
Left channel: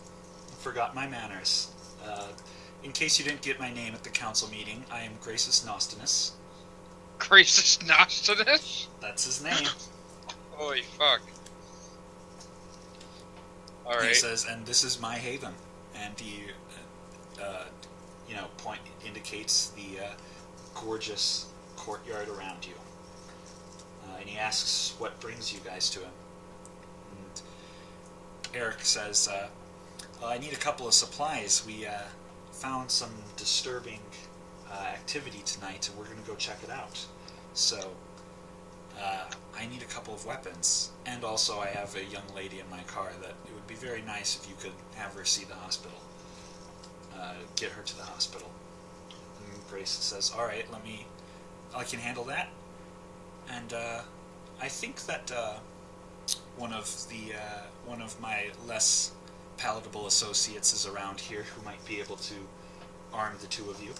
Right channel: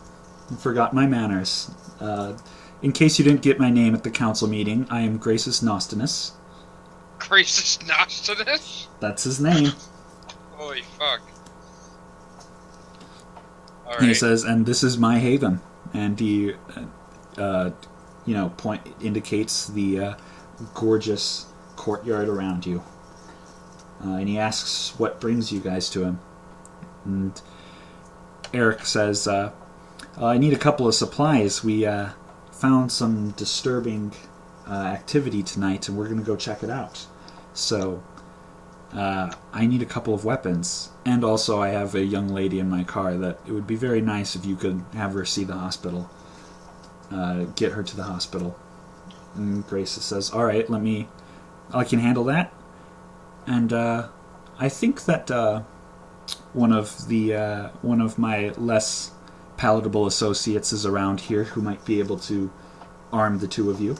forgot my manners. In case you didn't get my name at the council meeting, I am Graces Nostinus. Graces Nostinus? That's his name. Holy fuck. All He says, and this is my haven. And he, indicates the gorgeous courtyard around you. And he asks what brings you guys to him. And Eric says, I need a couple of supplies. We found some disturbing activity tonight, and we're going to go check it out. So, I need a couple of weapons. And also I have a young lady in my car that it would be very nice if you could have her see the hospital. Get her to the hospital. And Grace says, alright, I can handle that. And I think that one of my less palatable associates is around here who might be able to arm the two of you.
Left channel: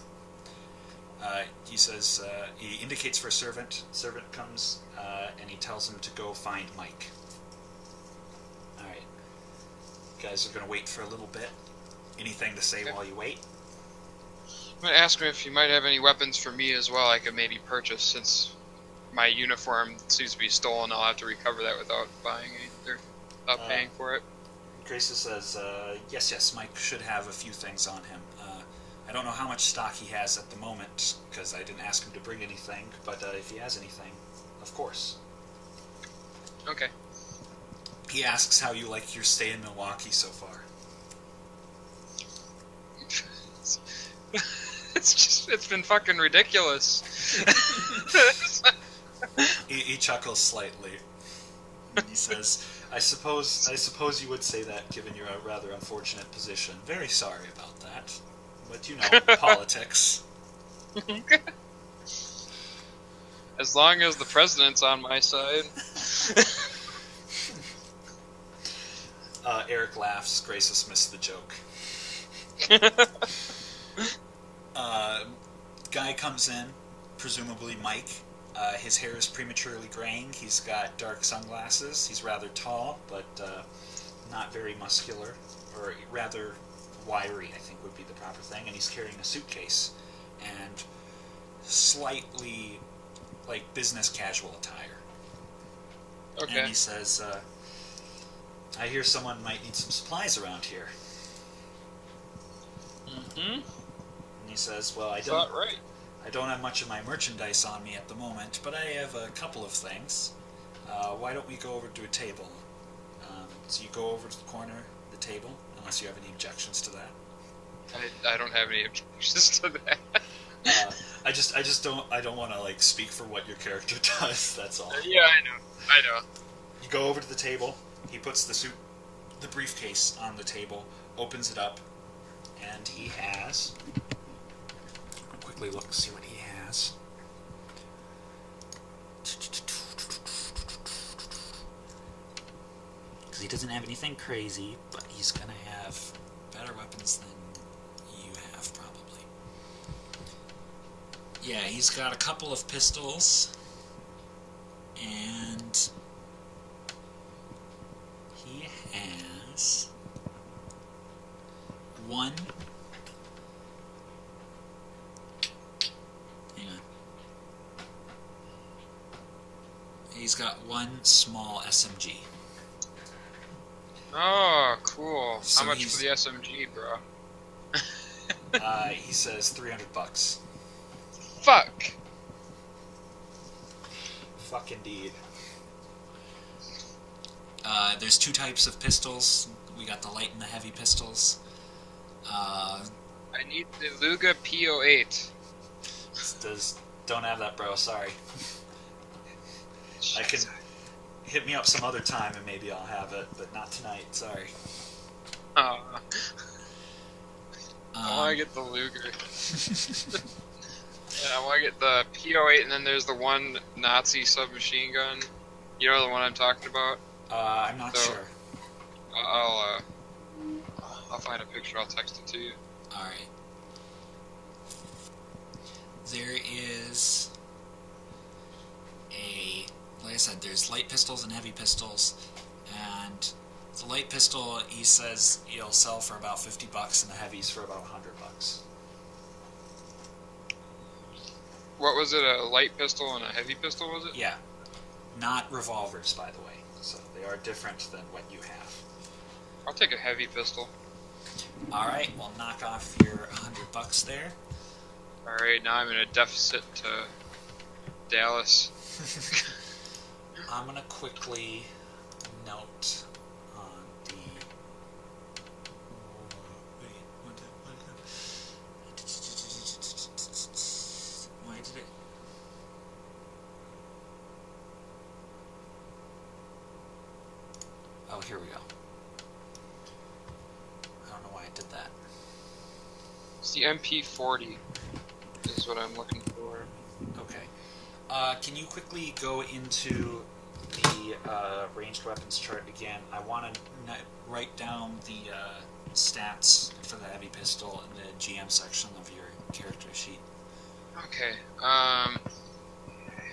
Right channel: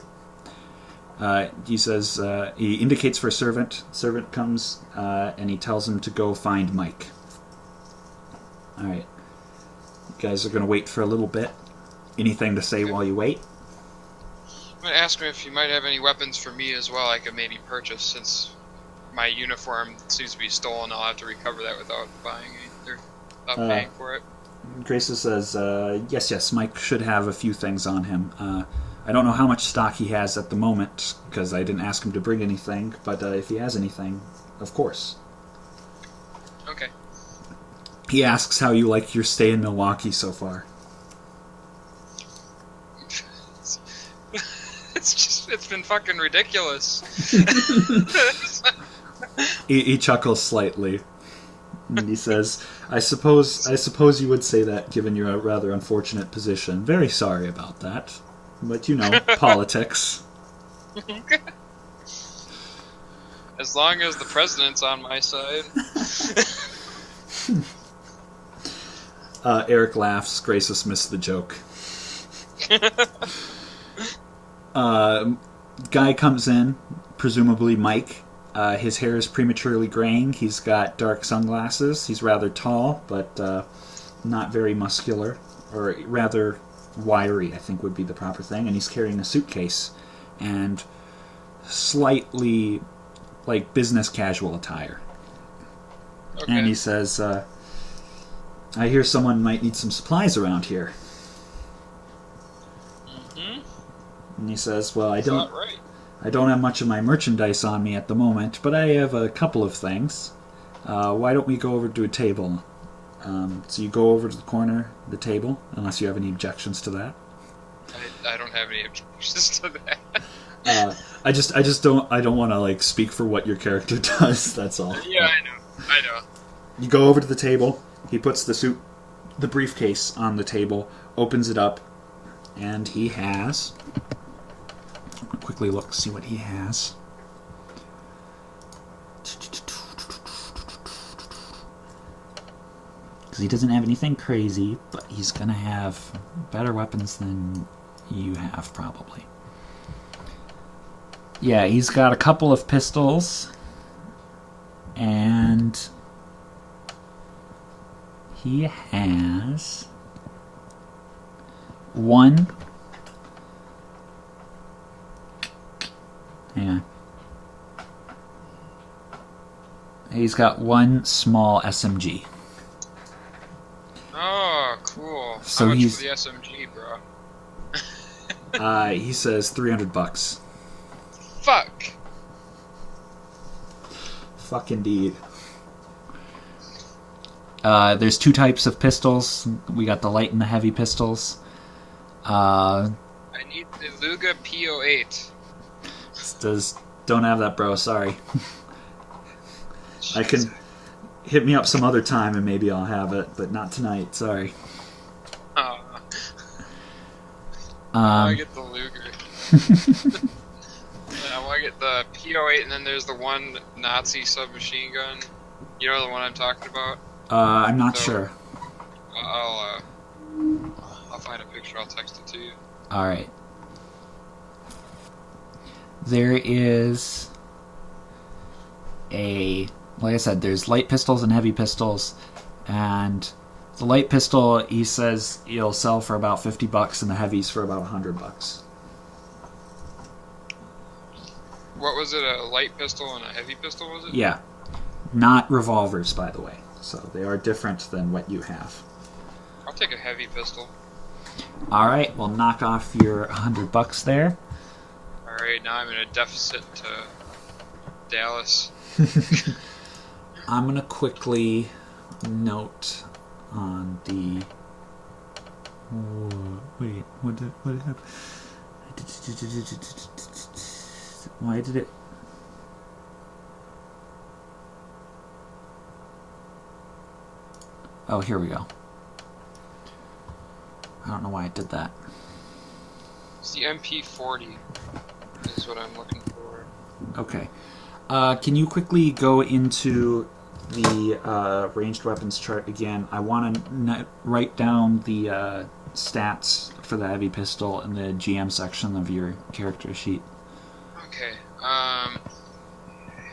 He says, he indicates for a servant. Servant comes, and he tells him to go find Mike. Alright. You guys are going to wait for a little bit. Anything to say while you wait? I'm going to ask him if he might have any weapons for me as well I could maybe purchase, since my uniform seems to be stolen. I'll have to recover that without buying any, or without paying for it. Grace says, yes, Mike should have a few things on him. I don't know how much stock he has at the moment, because I didn't ask him to bring anything, but if he has anything, of course. Okay. He asks how you like your stay in Milwaukee so far. It's been fucking ridiculous. He chuckles slightly. And he says, I suppose you would say that given your rather unfortunate position. Very sorry about that. But politics. As long as the president's on my side. Eric laughs. Graces missed the joke. Guy comes in, presumably Mike. His hair is prematurely graying. He's got dark sunglasses. He's rather tall, but not very muscular, or rather wiry, I think would be the proper thing. And he's carrying a suitcase and slightly like business casual attire. Okay. And he says, I hear someone might need some supplies around here. Mm-hmm. And he says, well, I don't have much of my merchandise on me at the moment, but I have a couple of things. Why don't we go over to a table? So you go over to the corner of the table, unless you have any objections to that. I don't have any objections to that. I don't want to speak for what your character does. That's all. Yeah, I know. You go over to the table. He puts the briefcase on the table, opens it up, and he has. I'll quickly look, see what he has. Because he doesn't have anything crazy, but he's gonna have better weapons than you have, probably. Yeah, he's got a couple of pistols, and he has one Hang on. He's got one small SMG. Oh, cool. So How much he's- for the SMG, bro? He says $300. Fuck. Fuck indeed. There's two types of pistols. We got the light and the heavy pistols. I need the Luga P08. Don't have that, bro. Sorry. I can hit me up some other time and maybe I'll have it, but not tonight. Sorry. I want to get the Luger. Yeah, I want to get the P08, and then there's the one Nazi submachine gun. You know the one I'm talking about? I'm not sure. I'll find a picture. I'll text it to you. All right. There is like I said, there's light pistols and heavy pistols, and the light pistol, he says, you'll sell for about $50, and the heavies for about $100. What was it? A light pistol and a heavy pistol? Was it? Yeah, not revolvers, by the way. So they are different than what you have. I'll take a heavy pistol. All right, we'll knock off your $100 there. All right, now I'm in a deficit to Dallas. I'm gonna quickly note on the. Wait, what did happen? Why did it? Oh, here we go. I don't know why I did that. It's the MP40 is what I'm looking for. Okay. Can you quickly go into the ranged weapons chart again? I want to write down the stats for the heavy pistol in the GM section of your character sheet. Okay.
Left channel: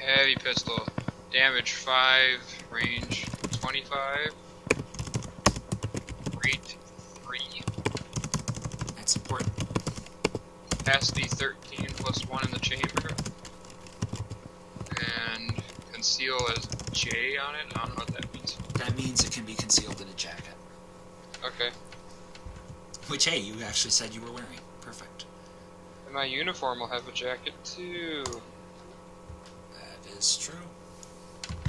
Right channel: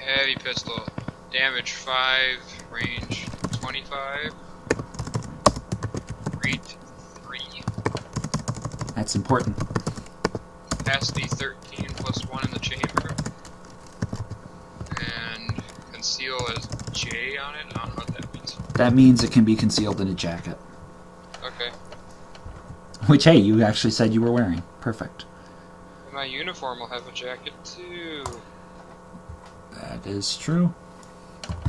Heavy pistol. Damage 5, range 25. Rate 3. That's important. Capacity 13 plus 1 in the chamber. And conceal as J on it. I don't know what that means. That means it can be concealed in a jacket. Okay. Which, hey, you actually said you were wearing. Perfect. And my uniform will have a jacket too. That is true.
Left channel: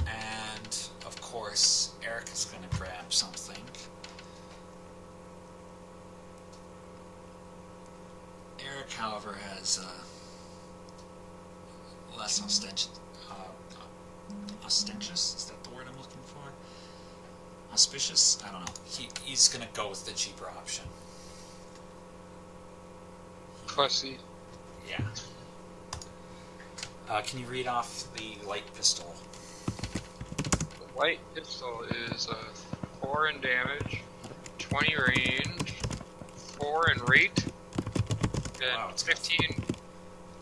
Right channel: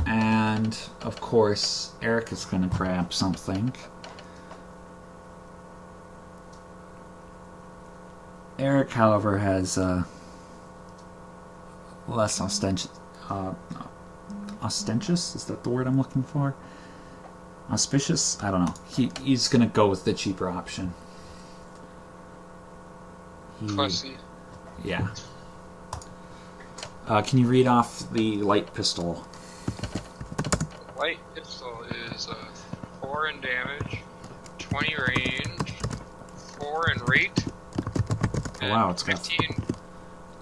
And, of course, Eric is going to grab something. Eric, however, has less ostentious. Ostentious? Is that the word I'm looking for? Auspicious? I don't know. He's going to go with the cheaper option. Pussy. Yeah. Can you read off the light pistol? The light pistol is 4 in damage, 20 range, 4 in rate, and Wow, it's got 15.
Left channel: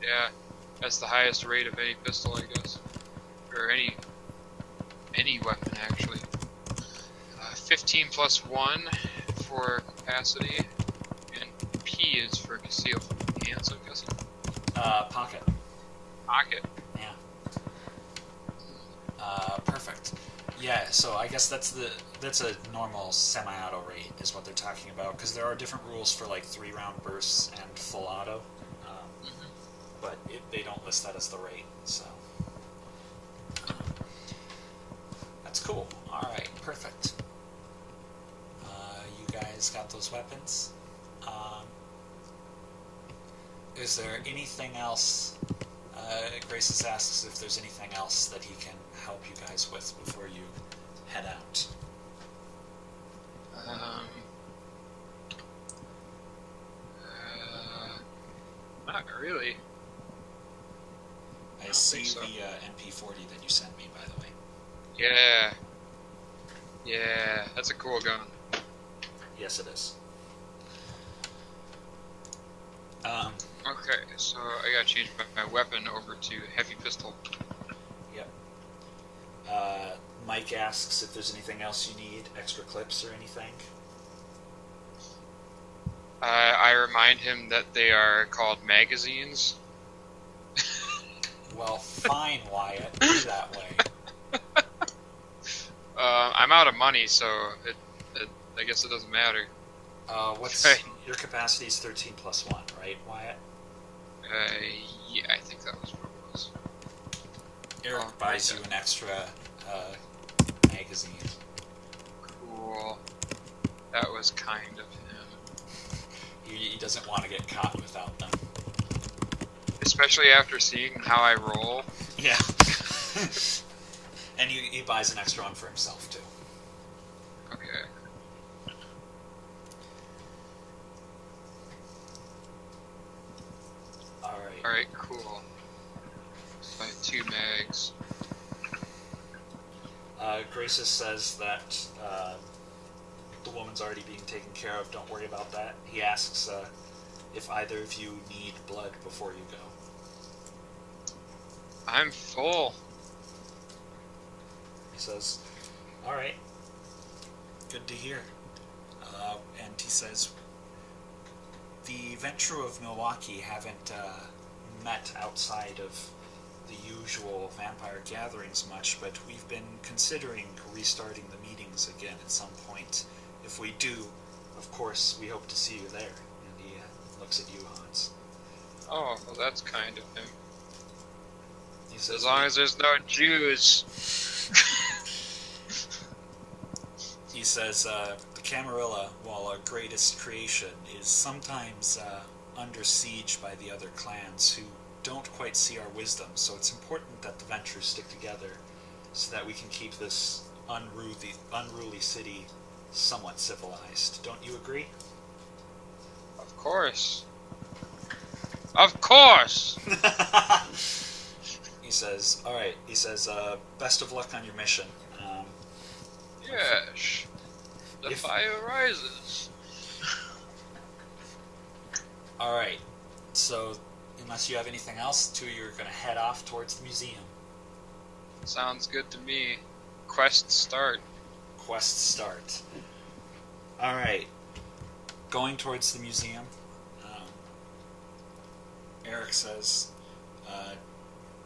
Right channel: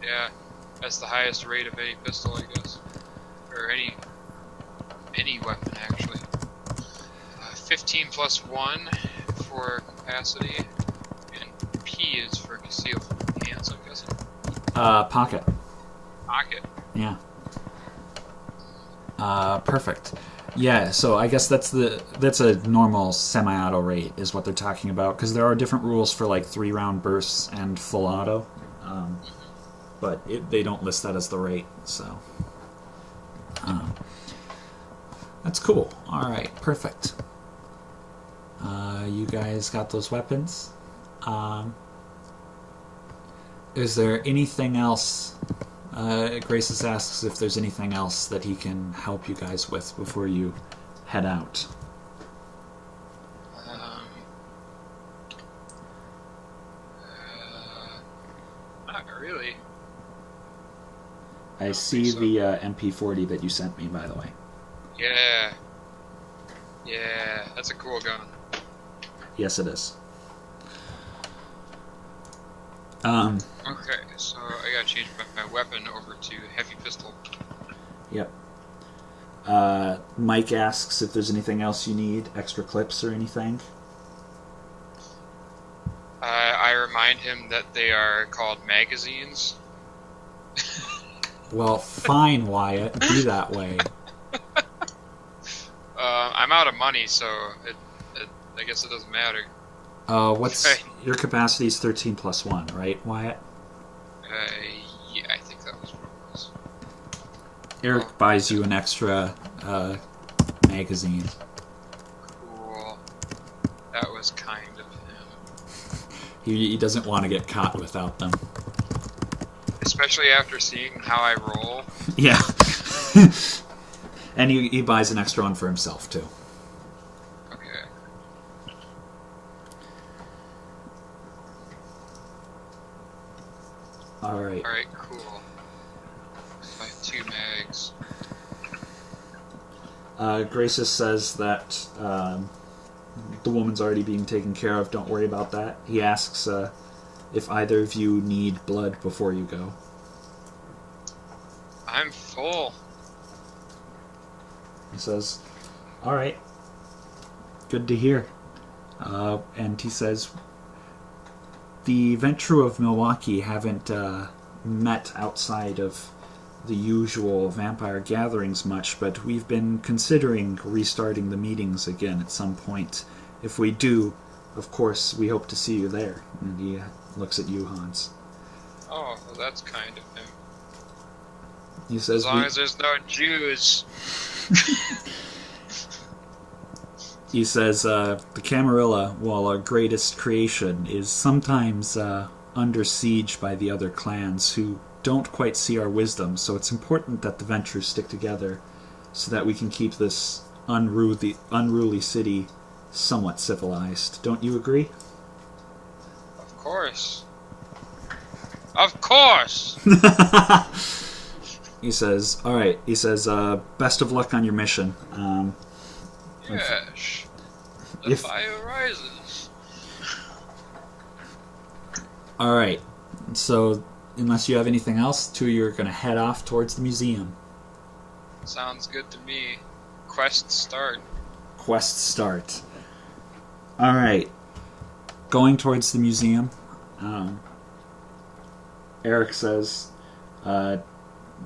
Yeah, that's the highest rate of any pistol, I guess, or any weapon actually. 15 plus 1 for capacity, and P is for conceal from pants, I'm guessing. Pocket. Pocket. Yeah. Perfect. Yeah, so I guess that's a normal semi-auto rate is what they're talking about, because there are different rules for like 3-round bursts and full auto, but they don't list that as the rate. So that's cool. All right, perfect. You guys got those weapons. Is there anything else? Graces asks if there's anything else that he can help you guys with before you head out. Not really. I see so. the MP40 that you sent me, by the way. Yeah. Yeah, that's a cool gun. Yes, it is. Okay, so I gotta change my weapon over to heavy pistol. Yep. Mike asks if there's anything else you need, extra clips or anything. I remind him that they are called magazines. Well, fine, Wyatt. Be that way. I'm out of money, so I guess it doesn't matter. What's Right. your capacity is 13 plus 1, right, Wyatt? Yeah, I think that was what it was. Eric Oh, buys yeah. you an extra magazine. Cool. That was kind of him. He doesn't want to get caught without them. Especially after seeing how I roll. Yeah. And he buys an extra one for himself, too. Okay. Alright. Alright, cool. So I have 2 mags. Graces says that the woman's already being taken care of. Don't worry about that. He asks if either of you need blood before you go. I'm full. He says, alright. Good to hear. And he says, the Venture of Milwaukee haven't met outside of the usual vampire gatherings much, but we've been considering restarting the meetings again at some point. If we do, of course, we hope to see you there. And he looks at you, Hans. Oh, well, that's kind of him. He says, As long as there's no Jews. he says, the Camarilla, while our greatest creation, is sometimes under siege by the other clans who don't quite see our wisdom, so it's important that the Ventures stick together so that we can keep this unruly city somewhat civilized. Don't you agree? Of course. Of course! He says, alright, he says, best of luck on your mission. Yes. The fire rises. Alright, so unless you have anything else, two of you are going to head off towards the museum. Sounds good to me. Quest start. Quest start. Alright, going towards the museum, Eric says,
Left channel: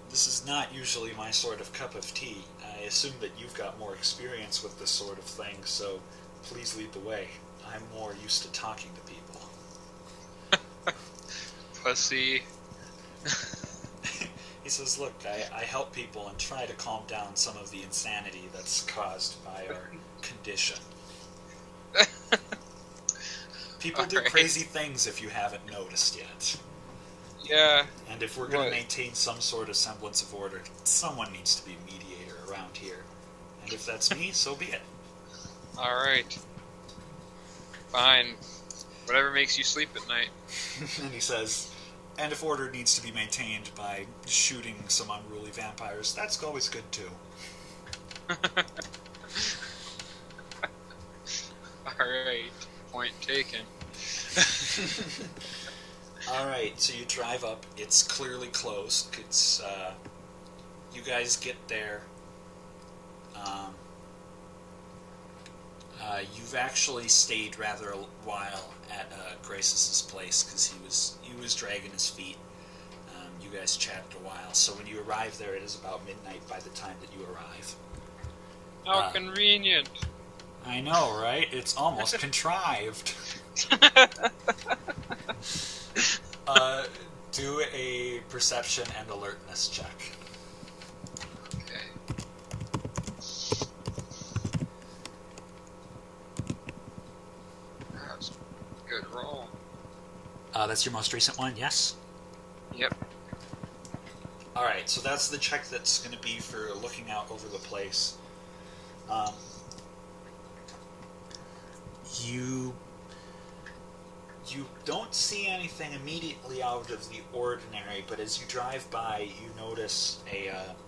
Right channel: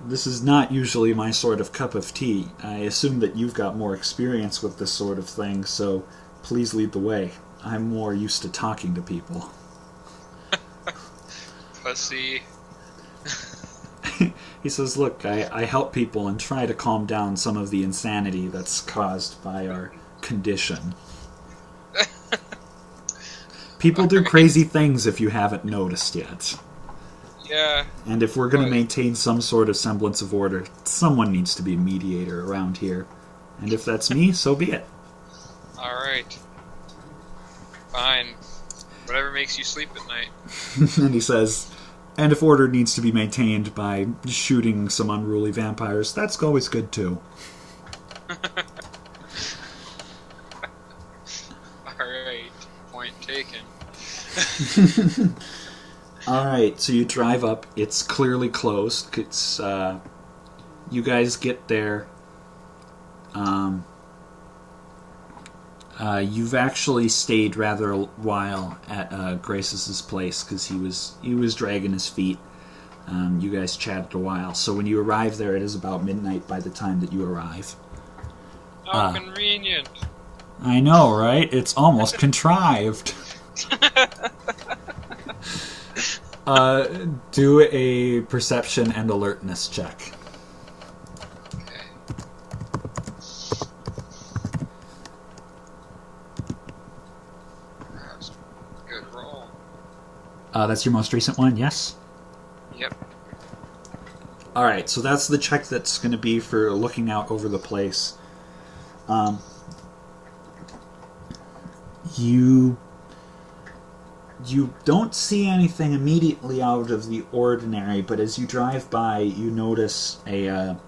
this is not usually my sort of cup of tea. I assume that you've got more experience with this sort of thing, so please lead the way. I'm more used to talking to people. Pussy. He says, look, I help people and try to calm down some of the insanity that's caused by our condition. People do crazy things if you haven't noticed yet. Yeah. And if we're going to maintain some sort of semblance of order, someone needs to be a mediator around here. And if that's me, so be it. Alright. Fine. Whatever makes you sleep at night. And he says, and if order needs to be maintained by shooting some unruly vampires, that's always good too. Alright. Point taken. Alright, so you drive up. It's clearly closed. It's, you guys get there. You've actually stayed rather a while at Grace's place because he was dragging his feet. You guys chatted a while. So when you arrive there, it is about midnight by the time that you arrive. How convenient. I know, right? It's almost contrived. Do a perception and alertness check. Okay. That's a good roll. That's your most recent one, yes? Yep. Alright, so that's the check that's going to be for looking out over the place. You don't see anything immediately out of the ordinary, but as you drive by, you notice one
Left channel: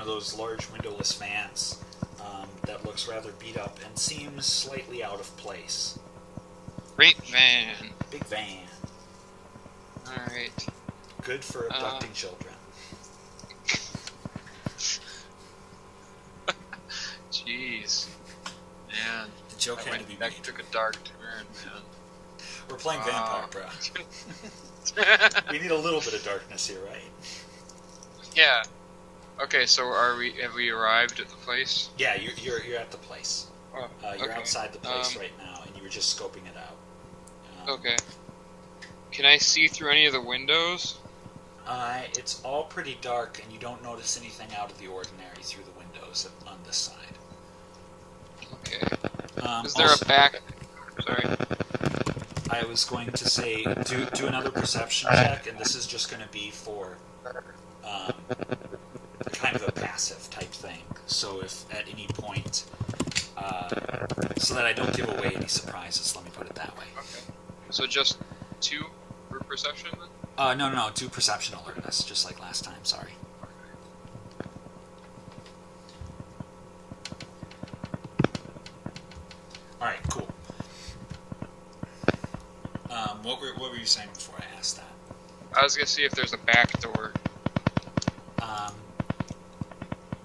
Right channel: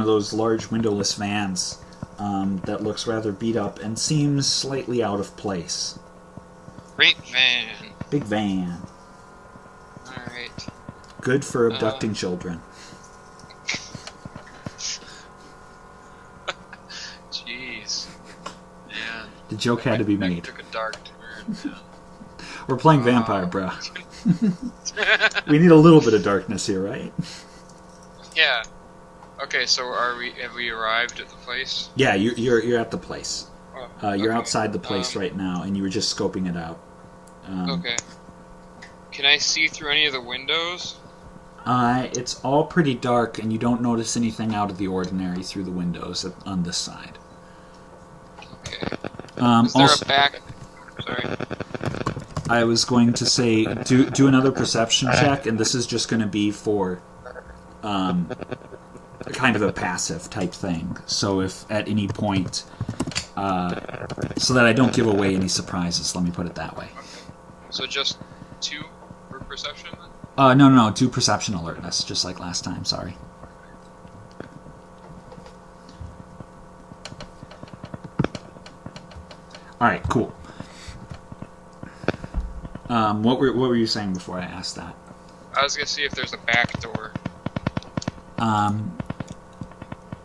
of those large windowless vans that looks rather beat up and seems slightly out of place. Great van. Big van. Alright. Good for abducting children. Jeez. Man. The joke had to be made. That took a dark turn, man. We're playing vampire, bro. We need a little bit of darkness here, right? Yeah. Okay, so have we arrived at the place? Yeah, you're at the place. You're Okay. outside the place right now, and you were just scoping it out. Okay. Can I see through any of the windows? It's all pretty dark, and you don't notice anything out of the ordinary through the windows on this side. Okay. Is there a back? Sorry. I was going to say, do another perception check, and this is just going to be for kind of a passive type thing. So if at any point, so that I don't give away any surprises, let me put it that way. Okay. So just 2 for perception then? No, do perception alertness, just like last time, sorry. Alright, cool. What were you saying before I asked that? I was gonna see if there's a back door.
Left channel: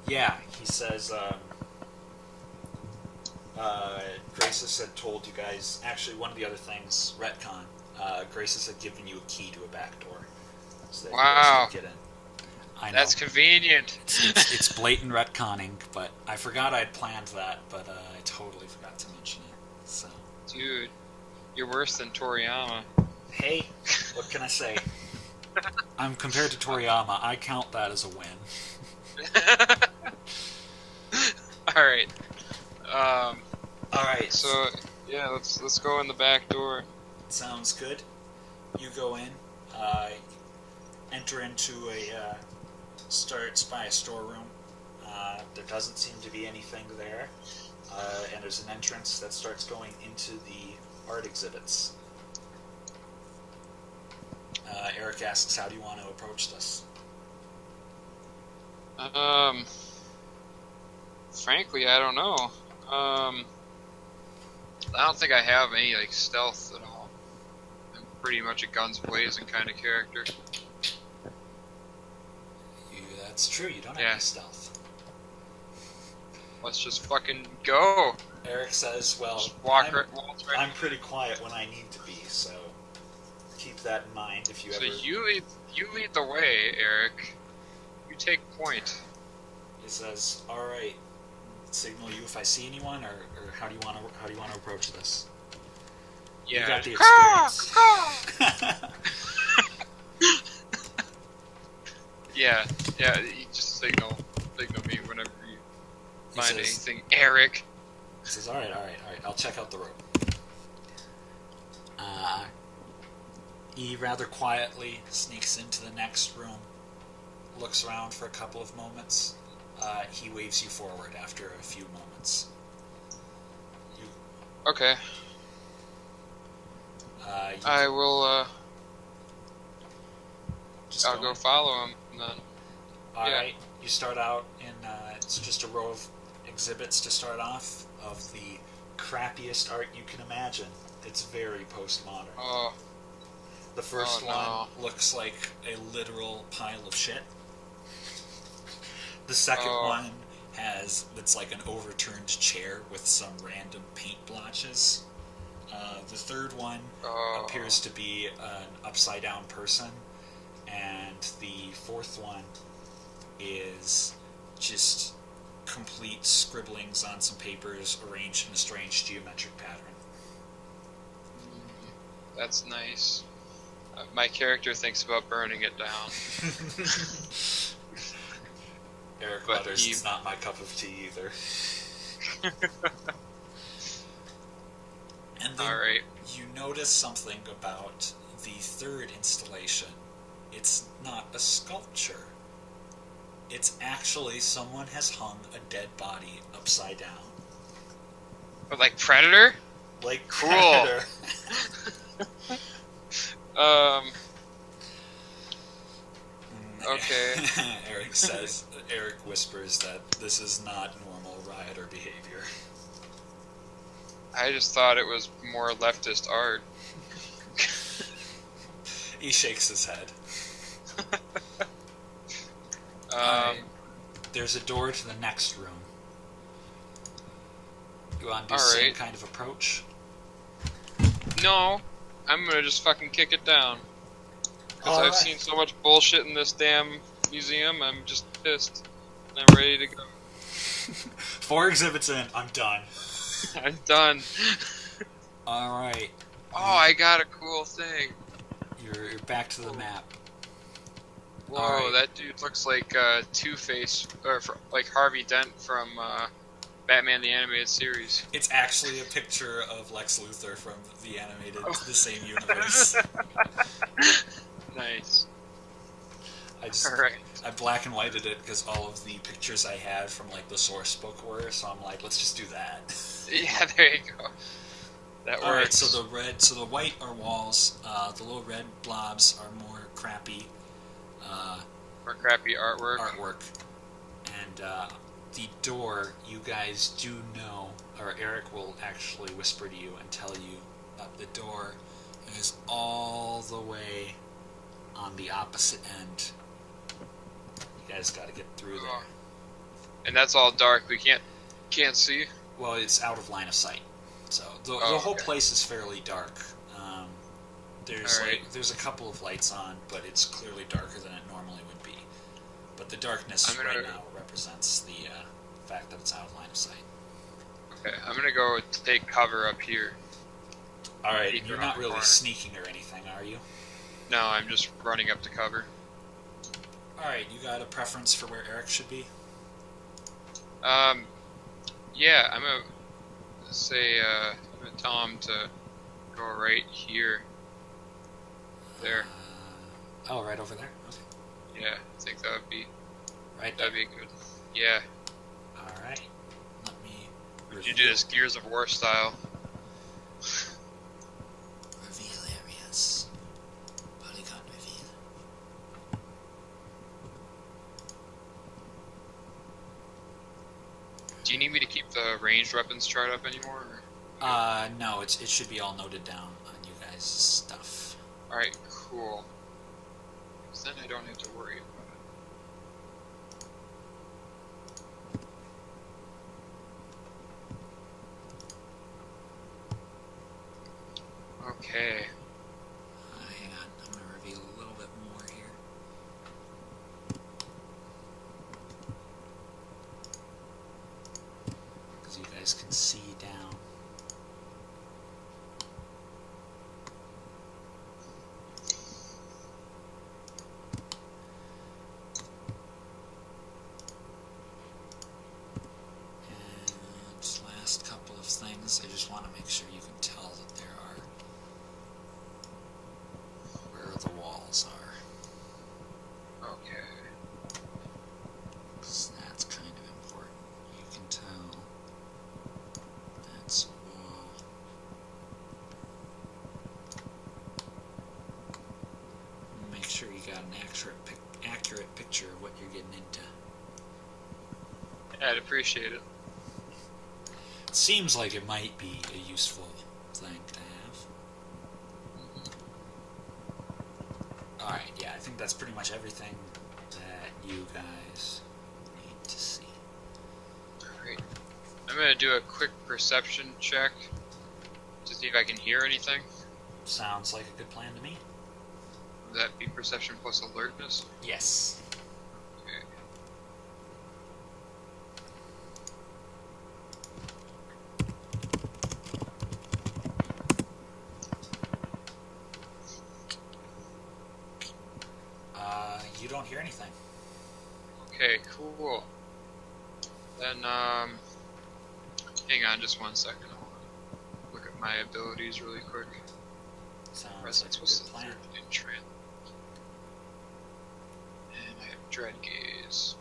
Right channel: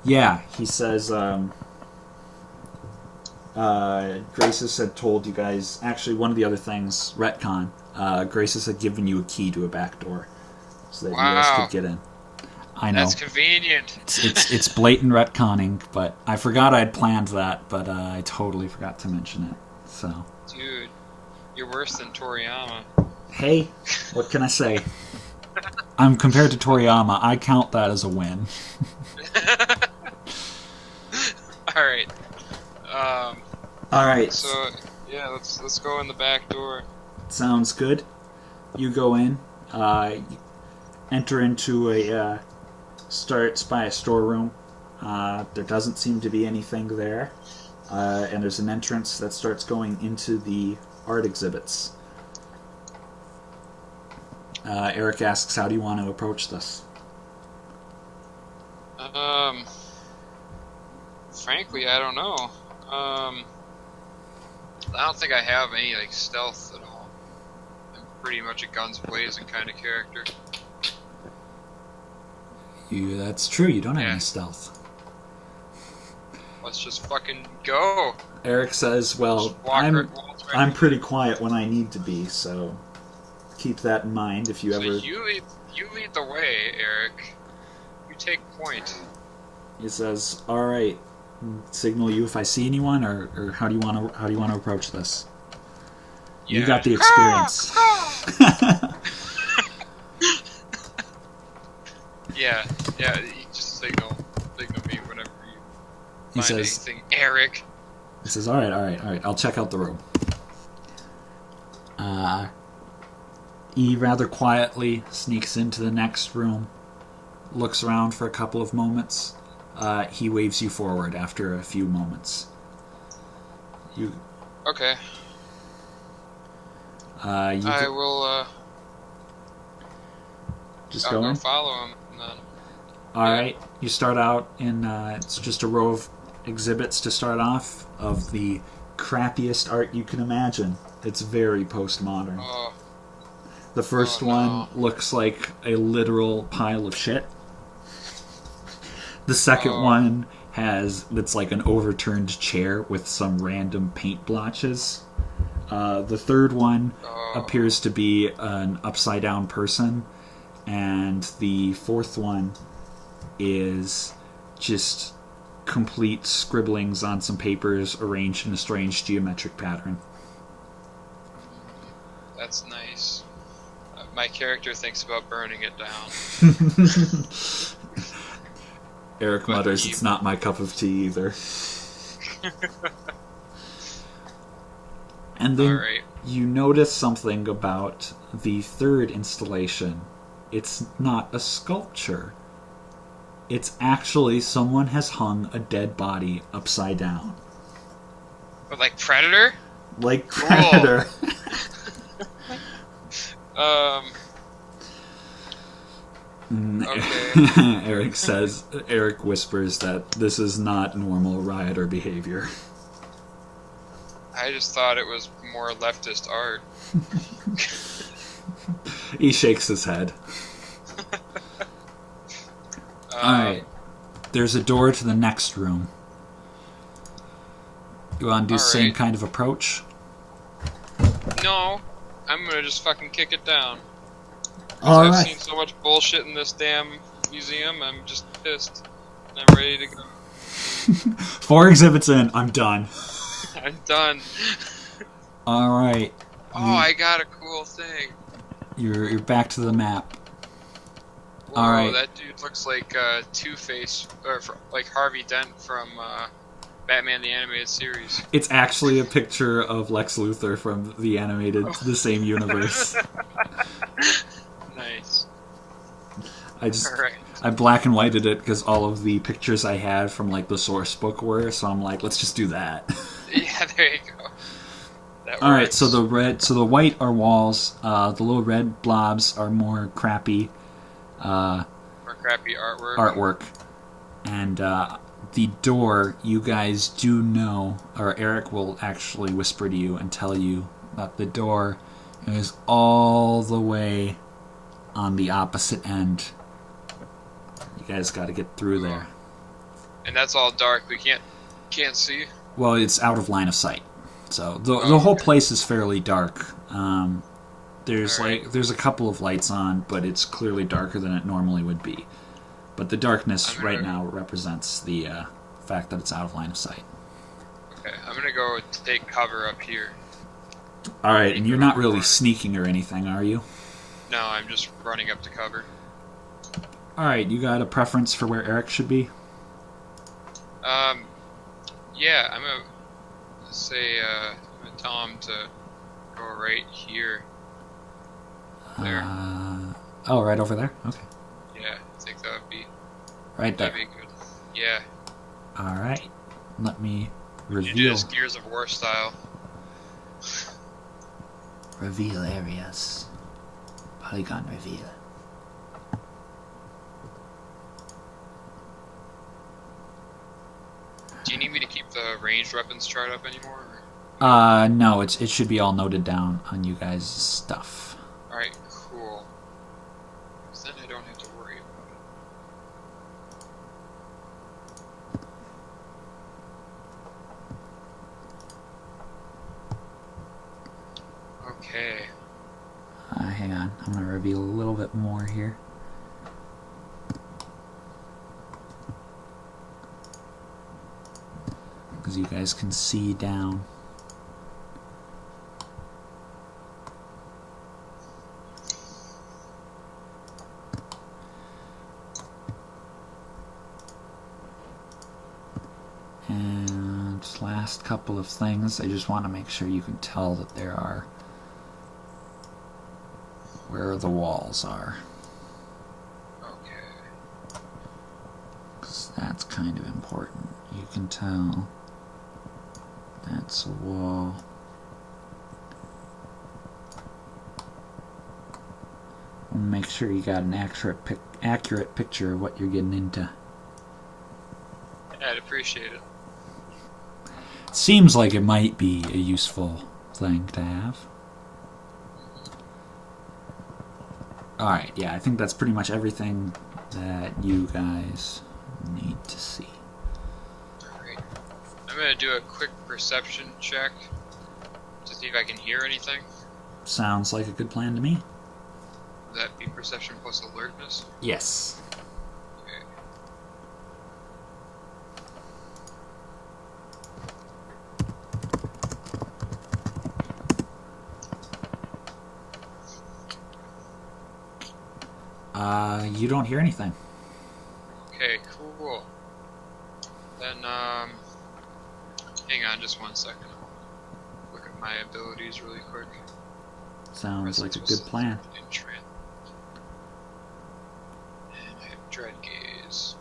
Yeah, he says, Graces had told you guys, actually one of the other things, retcon, Graces had given you a key to a back door, so that you guys could get in. I know. That's convenient. It's blatant retconning, but I forgot I'd planned that, but I totally forgot to mention it, so. Dude, you're worse than Toriyama. Hey, what can I say? I'm compared to Toriyama, I count that as a win. Alright. Alright. So, yeah, let's go in the back door. Sounds good. You go in, you enter into starts by a storeroom. There doesn't seem to be anything there. And there's an entrance that starts going into the art exhibits. Eric asks, how do you want to approach this? Frankly, I don't know. I don't think I have any, stealth at all. I'm pretty much a guns blazing kind of character. That's true, you don't have any stealth. Let's just fucking go. Eric says, well, I'm pretty quiet when I need to be, so keep that in mind if you ever... So you lead the way, Eric. You take point. He says, alright, signal you if I see anyone, or how do you want to approach this? Yeah. You got the experience. Yeah, you just signal me whenever you find says, anything, Eric. He says, alright, I'll check out the room. He rather quietly sneaks into the next room, looks around for a couple of moments. He waves you forward after a few moments. Okay. I will, I'll go follow him, then. Alright, you start out in, it's just a row of exhibits to start off, of the crappiest art you can imagine. It's very postmodern. Oh. The first one looks like a literal pile of shit. The second one it's like an overturned chair with some random paint blotches. The third one appears to be an upside down person. And the fourth one is just complete scribblings on some papers arranged in a strange geometric pattern. That's nice. My character thinks about burning it down. Eric mutters, it's not my cup of tea either. And then you notice something about the third installation. It's not a sculpture. It's actually someone has hung a dead body upside down. But like Predator? Like Predator. Okay. Eric whispers that this is not normal rioter behavior. I just thought it was more leftist art. He shakes his head. Alright. There's a door to the next room. You want to do the same kind of approach? No. I'm gonna just fucking kick it down. Because All I've right. seen so much bullshit in this damn museum, I'm just pissed. I'm ready to go. 4 exhibits in, I'm done. I'm done. All right. Oh, I got a cool thing. You're back to the map. Whoa, All right. that dude looks like Two-Face, or like Harvey Dent from Batman the Animated Series. It's actually a picture of Lex Luthor from the animated, the same universe. Nice. I black and whited it because all of the pictures I had from like the source book were, so I'm like, let's just do that. Yeah, there you go. That works. All right, so the white are walls. The little red blobs are more crappy More crappy artwork, and the door, you guys do know, or Eric will actually whisper to you and tell you that the door is all the way on the opposite end. You guys got to get through there. And that's all dark. We can't see. Well, it's out of line of sight, so the whole place is fairly dark. There's there's a couple of lights on, but it's clearly darker than it normally would be. But the darkness right now represents the fact that it's out of line of sight. Okay, I'm gonna go take cover up here. All right, and you're not really sneaking or anything, are you? No, I'm just running up to cover. All right, you got a preference for where Eric should be? Yeah, I'm gonna say I'm gonna tell him to go right here. There. Right over there. Okay. Yeah, I think that would be right there. That'd be good. Yeah. All right. Let me reveal. You do this Gears of War style. Reveal areas. Polygon reveal. Do you need me to keep the ranged weapons chart up anymore? Or? No, it should be all noted down on you guys' stuff. Alright, cool. Because then I don't have to worry about it. Okay. Hang on, I'm going to reveal a little bit more here. Because you guys can see down. And last couple of things, I just want to make sure you can tell that there are where the walls are. Okay. Because that's kind of important. You can tell that's a wall. And make sure you got an accurate picture of what you're getting into. I'd appreciate it. Seems like it might be a useful thing to have. Alright, yeah, I think that's pretty much everything that you guys need to see. Alright. I'm going to do a quick perception check to see if I can hear anything. Sounds like a good plan to me. Would that be perception plus alertness? Yes. You don't hear anything. Okay, cool. Then, hang on just 1 second. I want to look at my abilities really quick. Sounds like a good plan. And I have Dread Gaze.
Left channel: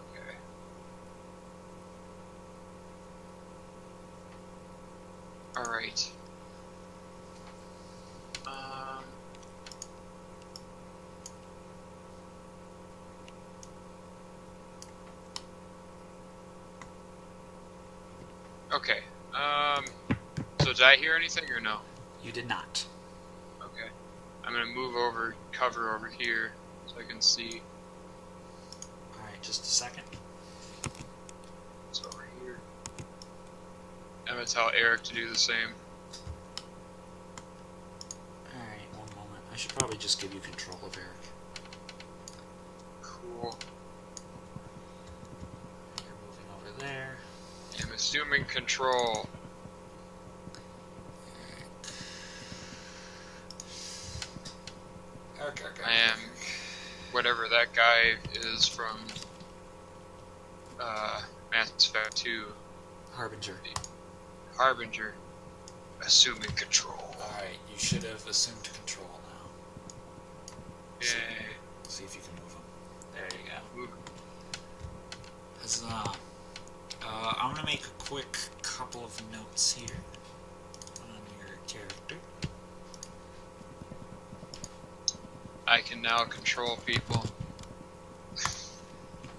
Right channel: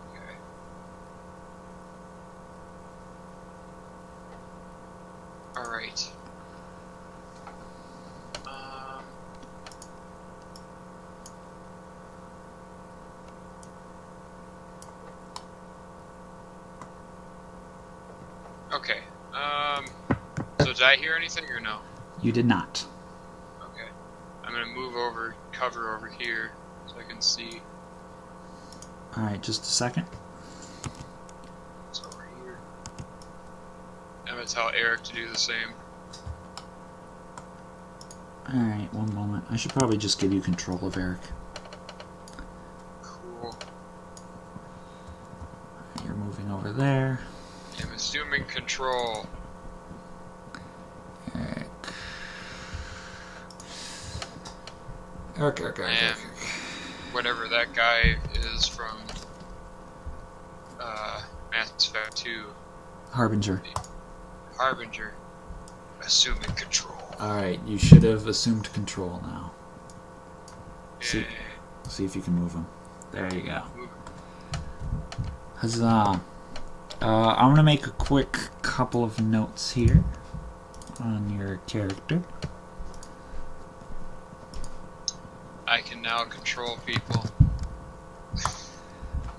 Okay. Alright. Okay. So did I hear anything or no? You did not. Okay. I'm gonna move cover over here so I can see. Alright, just a second. It's over I'm gonna tell Eric to do the same. Alright, one moment. I should probably just give you control of Eric. Cool. You're moving over there. I'm assuming control. Eric. Eric. I am whatever that guy is from Mass Effect 2. Harbinger. Harbinger. Assuming control. Alright, you should have assumed control now. Yay. See if you can move him. There you go. Move. Huzzah. I'm going to make a quick couple of notes here on your character. I can now control people.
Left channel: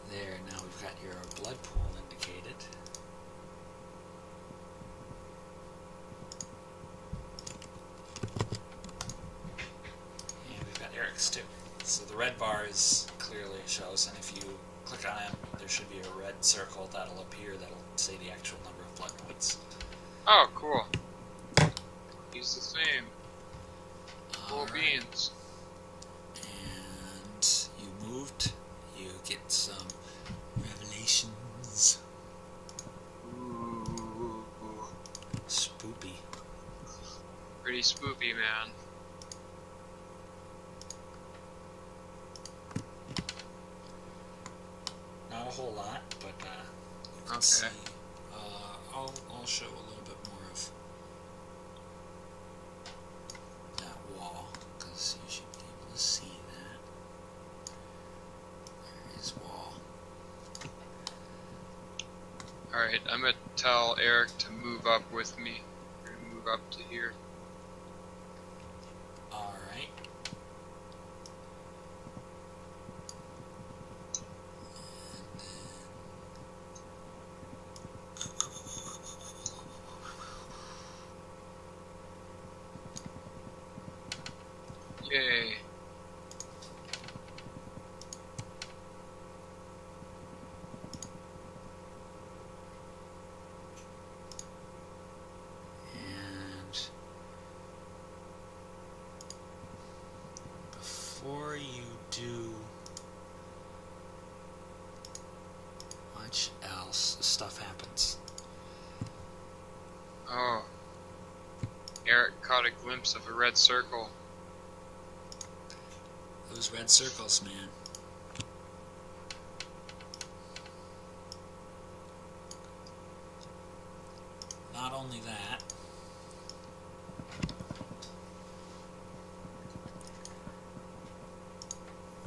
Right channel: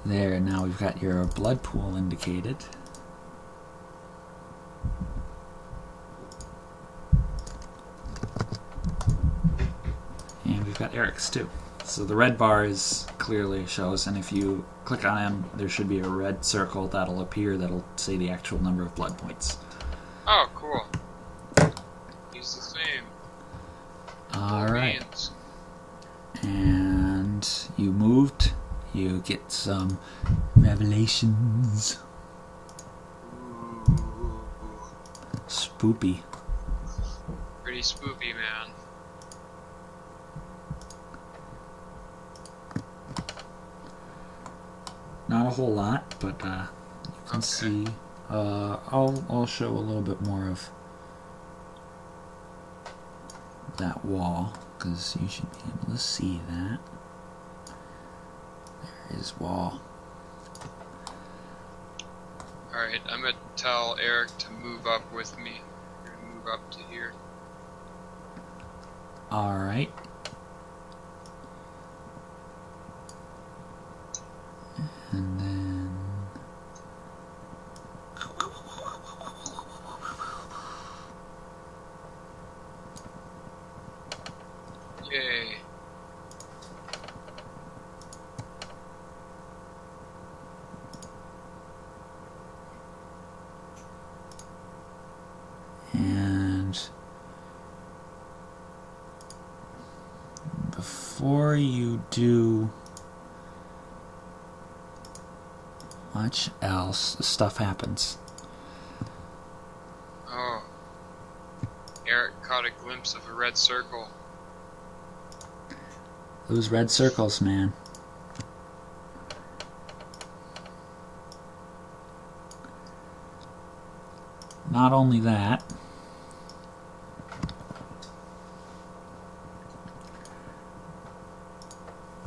There, now we've got your blood pool indicated. And we've got Eric's too. So the red bar is clearly shows, and if you click on him, there should be a red circle that'll appear that'll say the actual number of blood points. Oh, cool. He's the same. Alright. Beans. And you moved. You get some revelations. Ooh. Spoopy. Pretty spoopy, man. Not a whole lot, but you can see. I'll show a little bit more of that wall, because you should be able to see that. There is wall. Alright, I'm gonna tell Eric to move up with me. We're gonna move up to here. Alright. And then... Yay. And before you do much else, stuff happens. Oh. Eric caught a glimpse of a red circle. Those red circles, man. Not only that,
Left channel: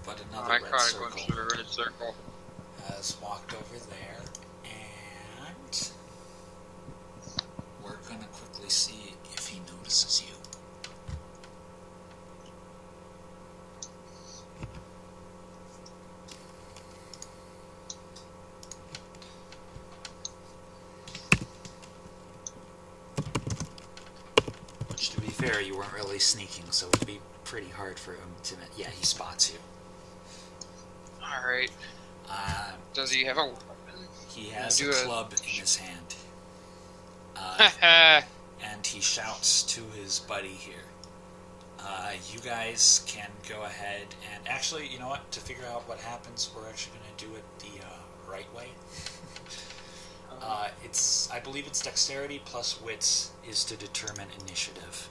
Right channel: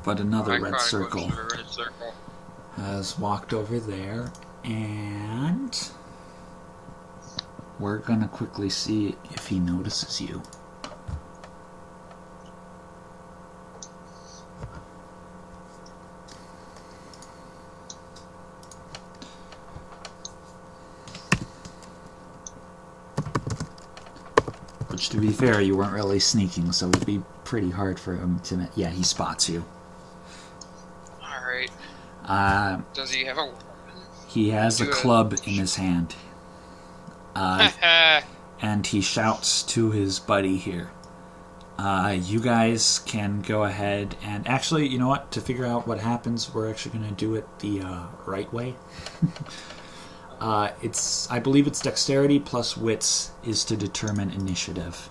but another red caught circle a glimpse of a red circle. has walked over there, and we're gonna quickly see if he notices you. Which, to be fair, you weren't really sneaking, so it'd be pretty hard for him to... Yeah, he spots you. Alright. Does he have a weapon? He has a club in his hand. And he shouts to his buddy here. You guys can go ahead and... Actually, you know what? To figure out what happens, we're actually going to do it the right way. I believe it's dexterity plus wits is to determine initiative.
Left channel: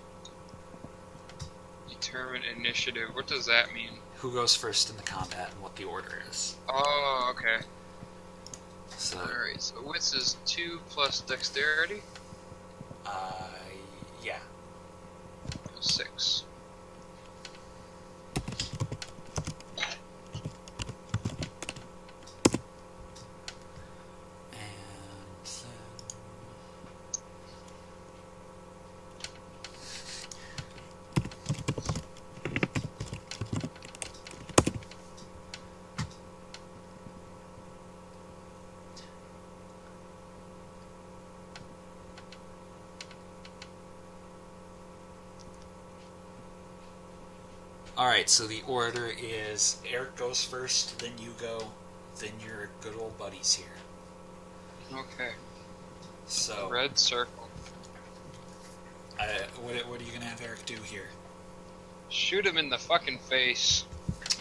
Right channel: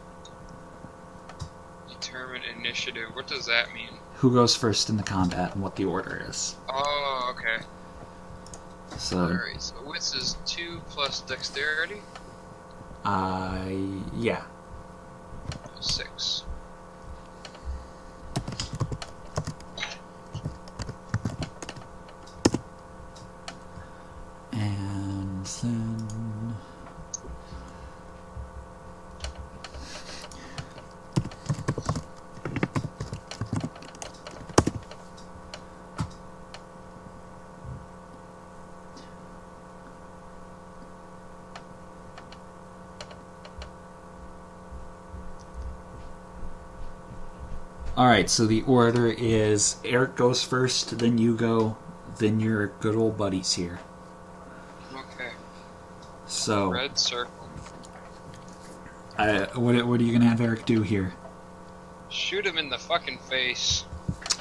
Determine initiative. What does that mean? Who goes first in the combat and what the order is. Oh, okay. So, Alright, so wits is 2 plus dexterity? yeah. 6. And then... Alright, so the order is Eric goes first, then you go, then your good old buddies here. Okay. So, Red circle. what are you gonna have Eric do here? Shoot him in the fucking face.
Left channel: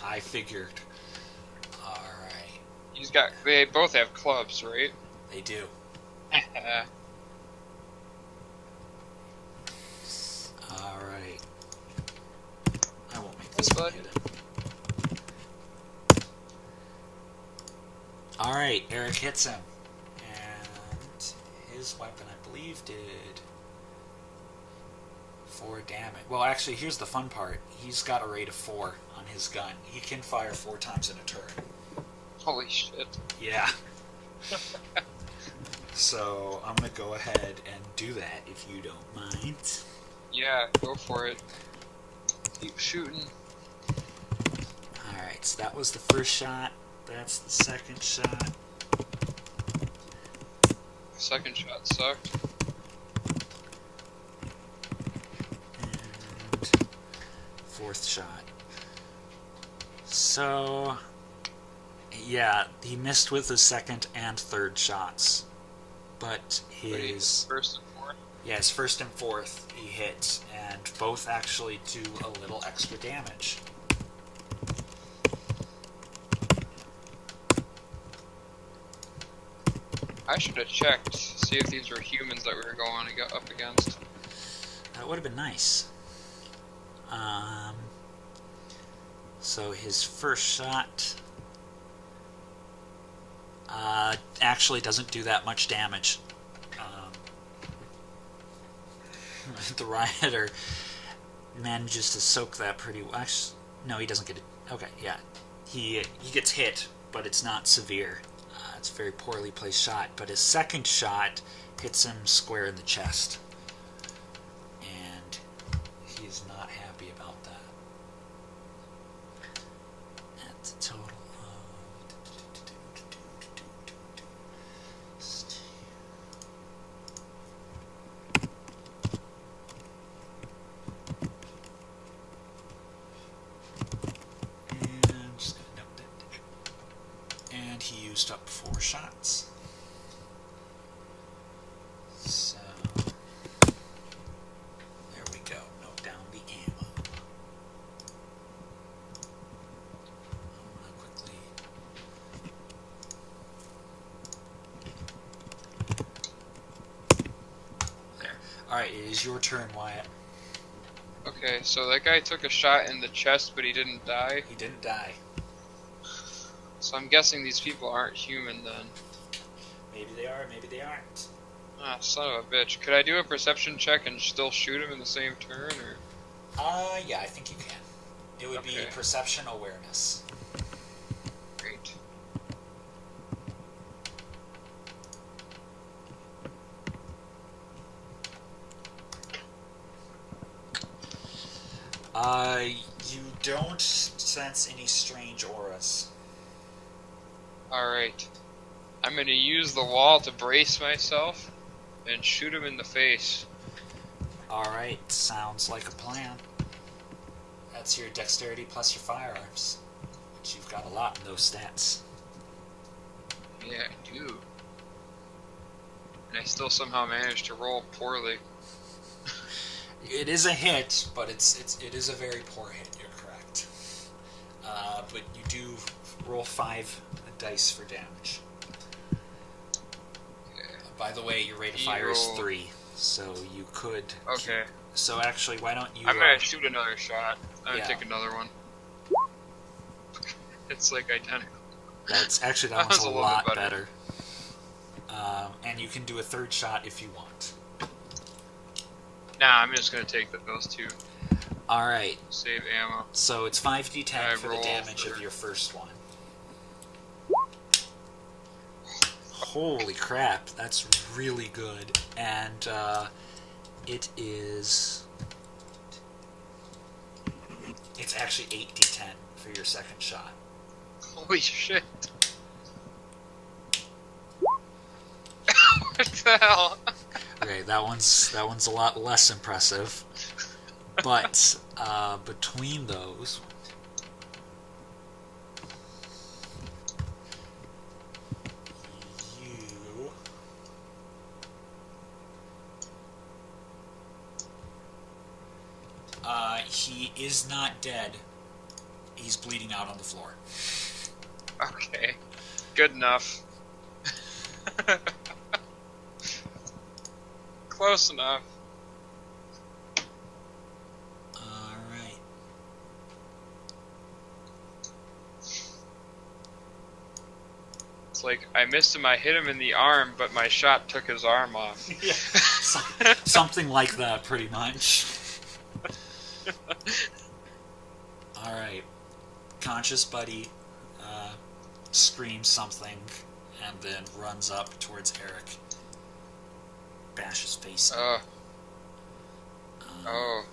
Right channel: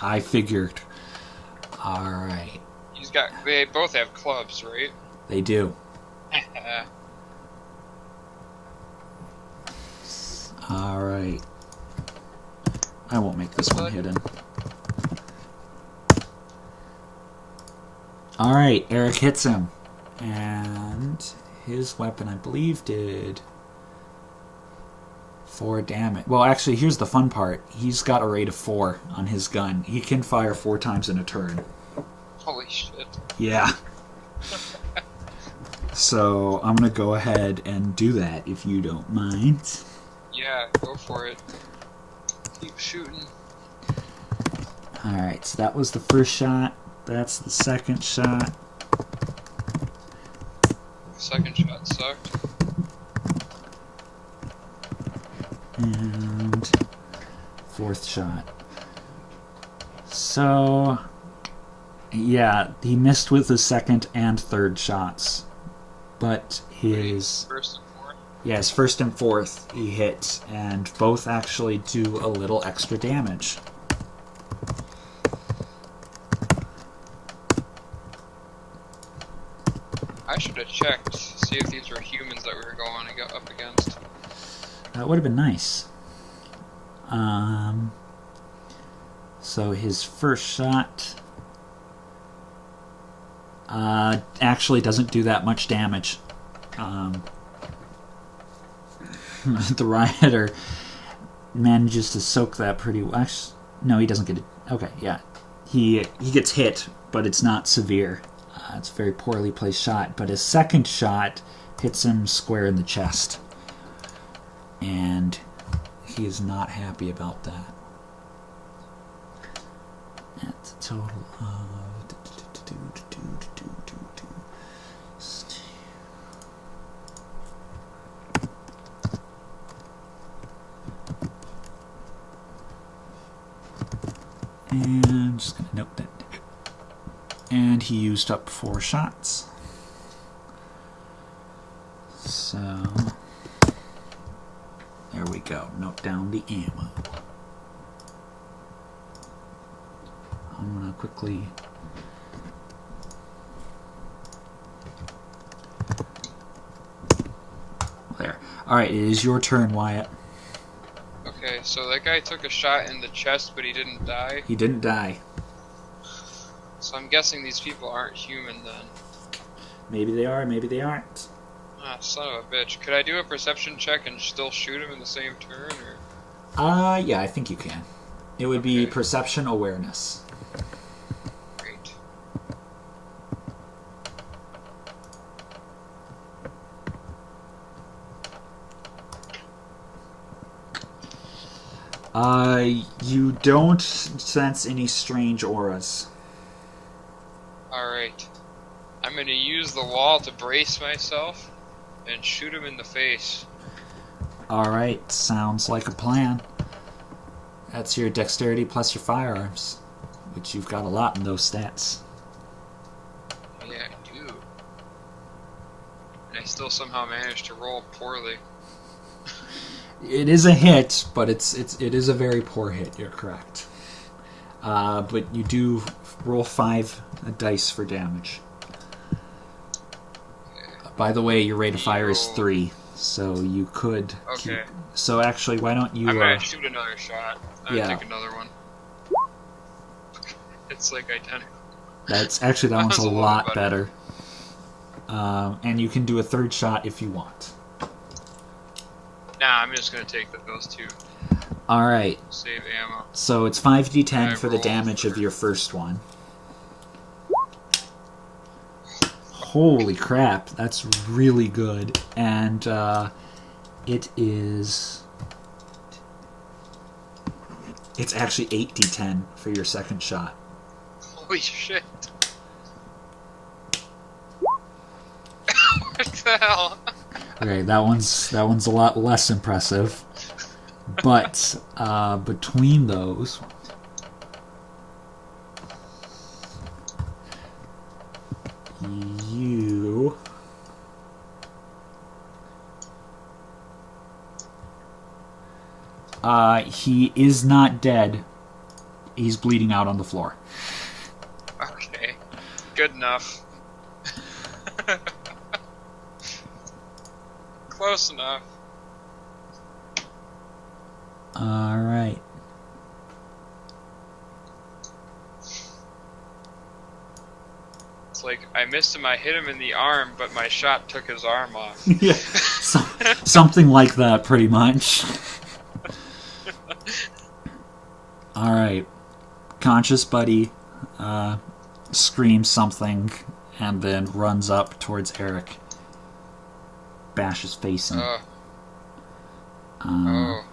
I figured. All right, They both have clubs, right? they do. All right. I won't make this one hidden. All right, Eric hits him, and his weapon, I believe, did 4 damage. Well, actually, here's the fun part. He's got a rate of 4 on his gun. He can fire 4 times in a turn. Holy shit. Yeah. So I'm going to go ahead and do that, if you don't mind. Yeah, go for it. Keep shooting. Alright, so that was the first shot. That's the second shot. Second shot sucked. And fourth shot. So, yeah, he missed with his second and third shots. But his... First and fourth? Yeah, his first and fourth he hit, and both actually do a little extra damage. I should have checked, see if these were humans that we were going up against. That would have been nice. So his first shot actually doesn't do that much damage. The rioter manages to soak that pretty well. Actually, no, he doesn't get it. Okay, yeah. He gets hit, but it's not severe. It's a very poorly placed shot. But his second shot hits him square in the chest. And he is not happy about that. That's a total of... And I'm just going to note that. And he used up 4 shots. So, there we go. Note down the ammo. I'm going to quickly... There. Alright, it is your turn, Wyatt. Okay, so that guy took a shot in the chest, but he didn't die. He didn't die. So I'm guessing these people aren't human then. Maybe they are, maybe they aren't. Ah, son of a bitch. Could I do a perception check and still shoot him in the same turn, or? Yeah, I think you can. It would be perception awareness. Great. You don't sense any strange auras. Alright. I'm gonna use the wall to brace myself and shoot him in the face. Alright, sounds like a plan. That's your dexterity plus your firearms, which you've got a lot in those stats. Yeah, I do. And I still somehow managed to roll poorly. It is a hit, but it is a very poor hit, you're correct. But you do roll 5 dice for damage. Okay. By the way, your rate of fire is 3, so you could... Okay. So actually, why don't you... I'm gonna shoot another shot. I'm yeah. gonna take another one. It's like identical. That's actually, that one's a little lot bit better. And you can do a third shot if you want. Nah, I'm just gonna take those 2. Alright. Save ammo. So it's 5d10 I for the roll damage for- of your first one. Holy crap, that's really good. And it is... It's actually 8d10 for your second shot. Holy shit. What the hell? Okay, that one's a lot less impressive. But between those, you He is not dead. He's bleeding out on the floor. Okay. Good enough. Close enough. Alright. It's like, I missed him, I hit him in the arm, but my shot took his arm off. Yeah, something like that, pretty much. Alright. Conscious Buddy screams something and then runs up towards Eric. Bash his face in. Oh. Alright.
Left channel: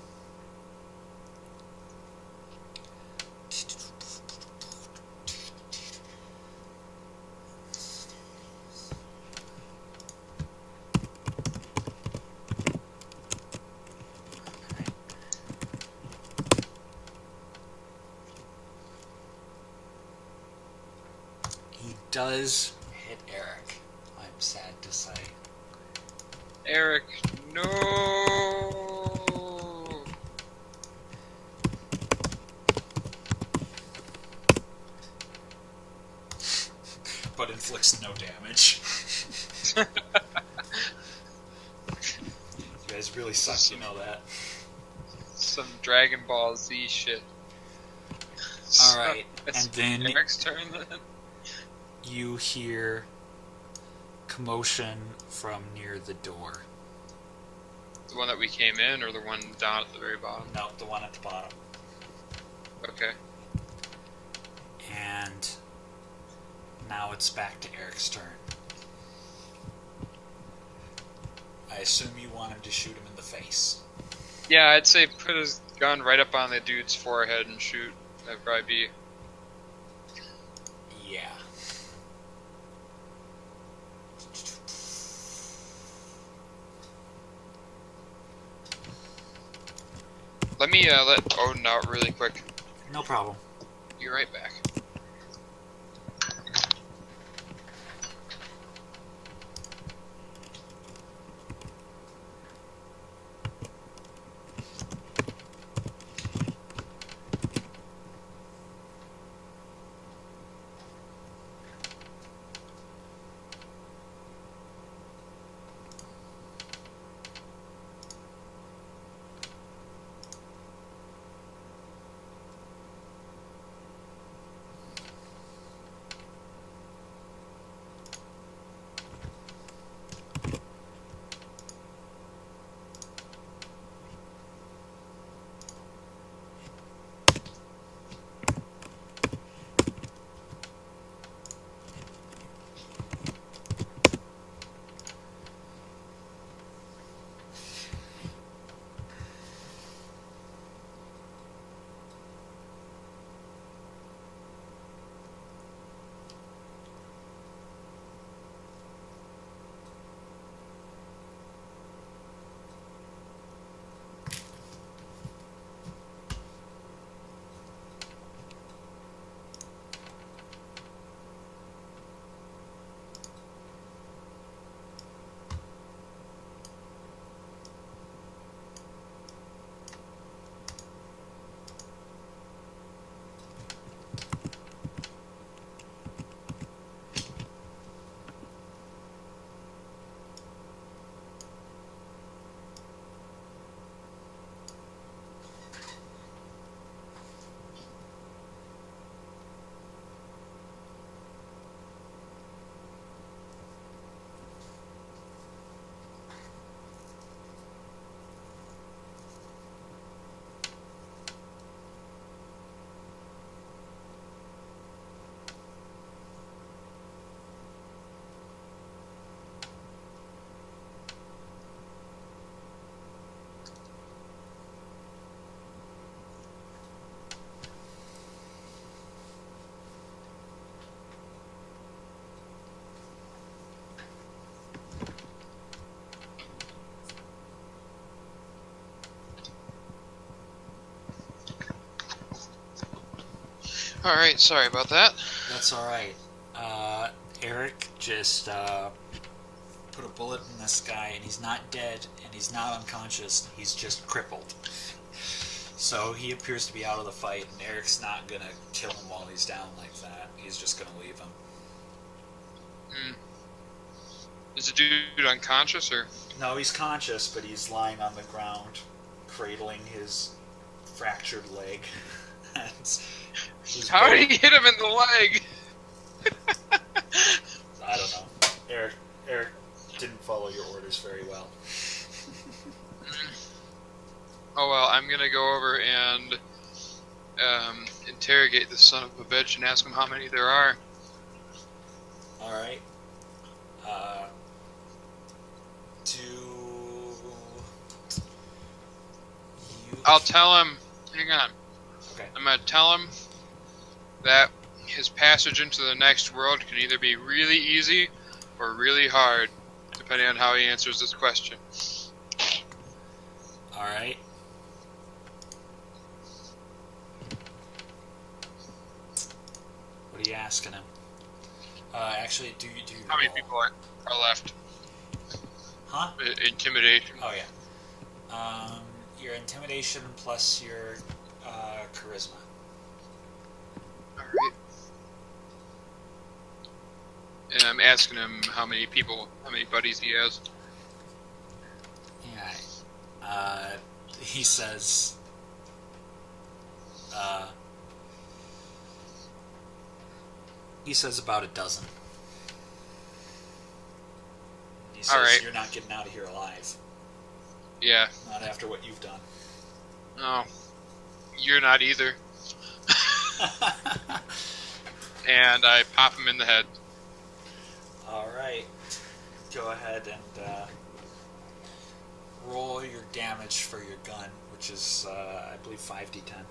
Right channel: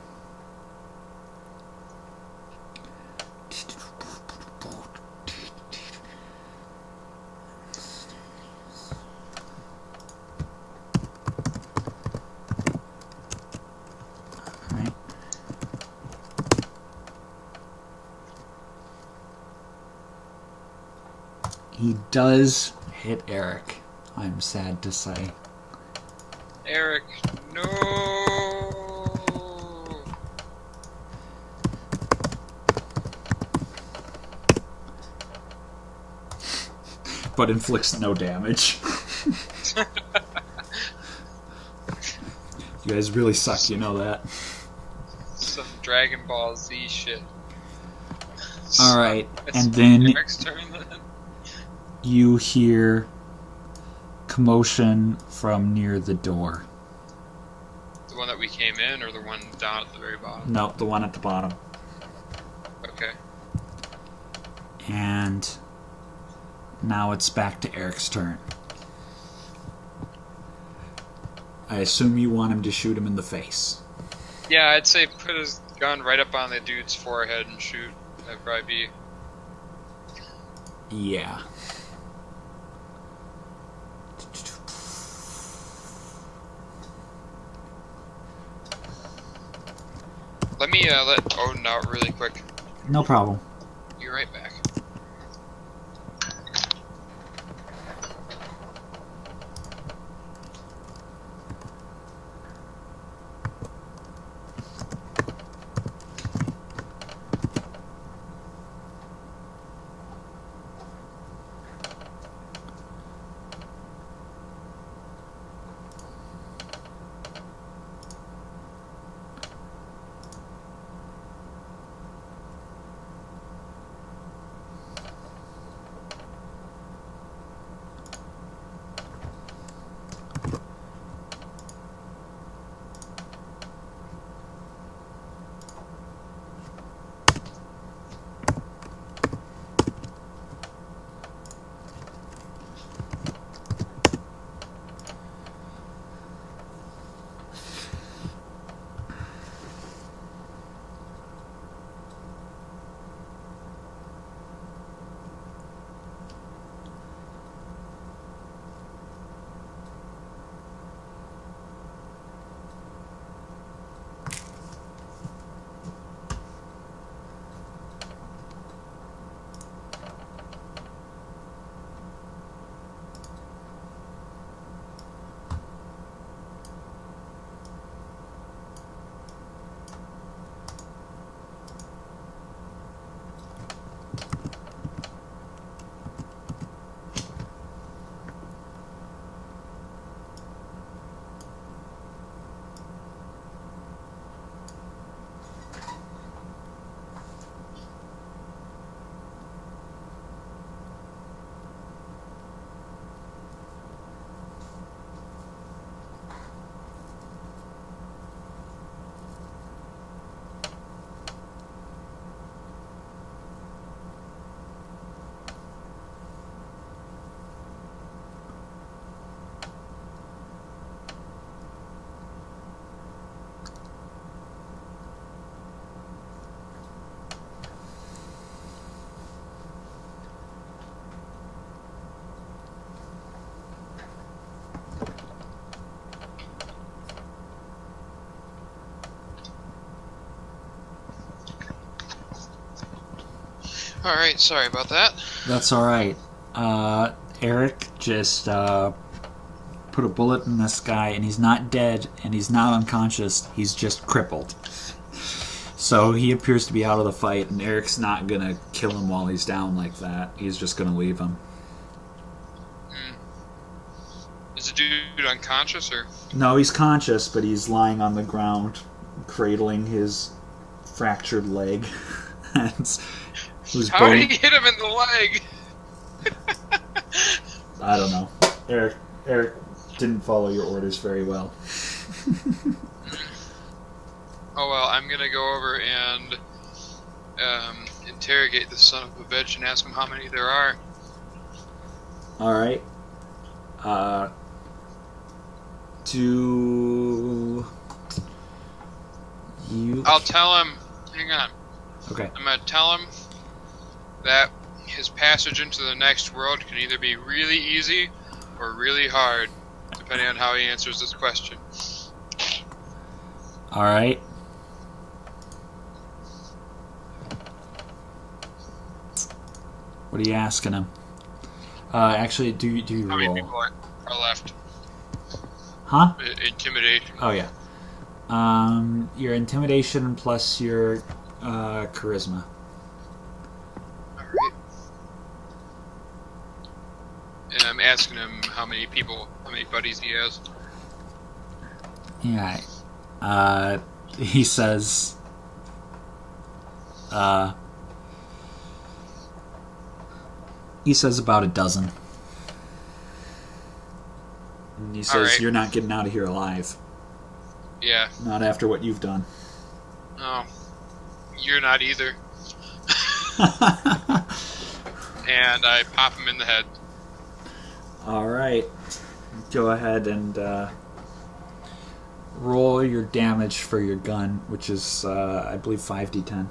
He does hit Eric, I'm sad to say. Eric, no! But inflicts no damage. You guys really suck, you know that. Some Dragon Ball Z shit. Alright, It's and then Eric's turn then? you hear commotion from near the door. The one that we came in, or the one down at the very bottom? No, the one at the bottom. Okay. And now it's back to Eric's turn. I assume you want him to shoot him in the face. Yeah, I'd say put his gun right up on the dude's forehead and shoot. That'd probably be... Yeah. Let me let Odin out really quick. No problem. Be right back. Alright, sorry about that. That's alright. Eric just put a bullet in this guy, and he's not dead, and he's not unconscious. He's just crippled. So he appears to be out of the fight, and Eric's not gonna kill him while he's down like that. He's just gonna leave him. Is the dude unconscious or? No, he's conscious, but he's lying on the ground, cradling his fractured leg. How did he hit him in the leg? I don't know. Eric didn't follow your orders very well. Oh well, I'm gonna go over and interrogate the son of a bitch and ask him how many there are. All right. Do you? I'll tell him. Hang on. Okay. I'm gonna tell him that his passage into the next world can either be really easy or really hard, depending on how he answers this question. All right. What are you asking him? Actually, do you How many roll? people are left? Huh? Intimidation. Oh yeah. Your intimidation plus your charisma. Alright. And I'm asking him how many buddies he has. Yeah. He says. He says about a dozen. And he says, Alright. You're not getting out of here alive. Yeah. Not after what you've done. No. You're not either. And I pop him in the head. Alright. Go ahead and roll your damage for your gun, which is, I believe, 5d10.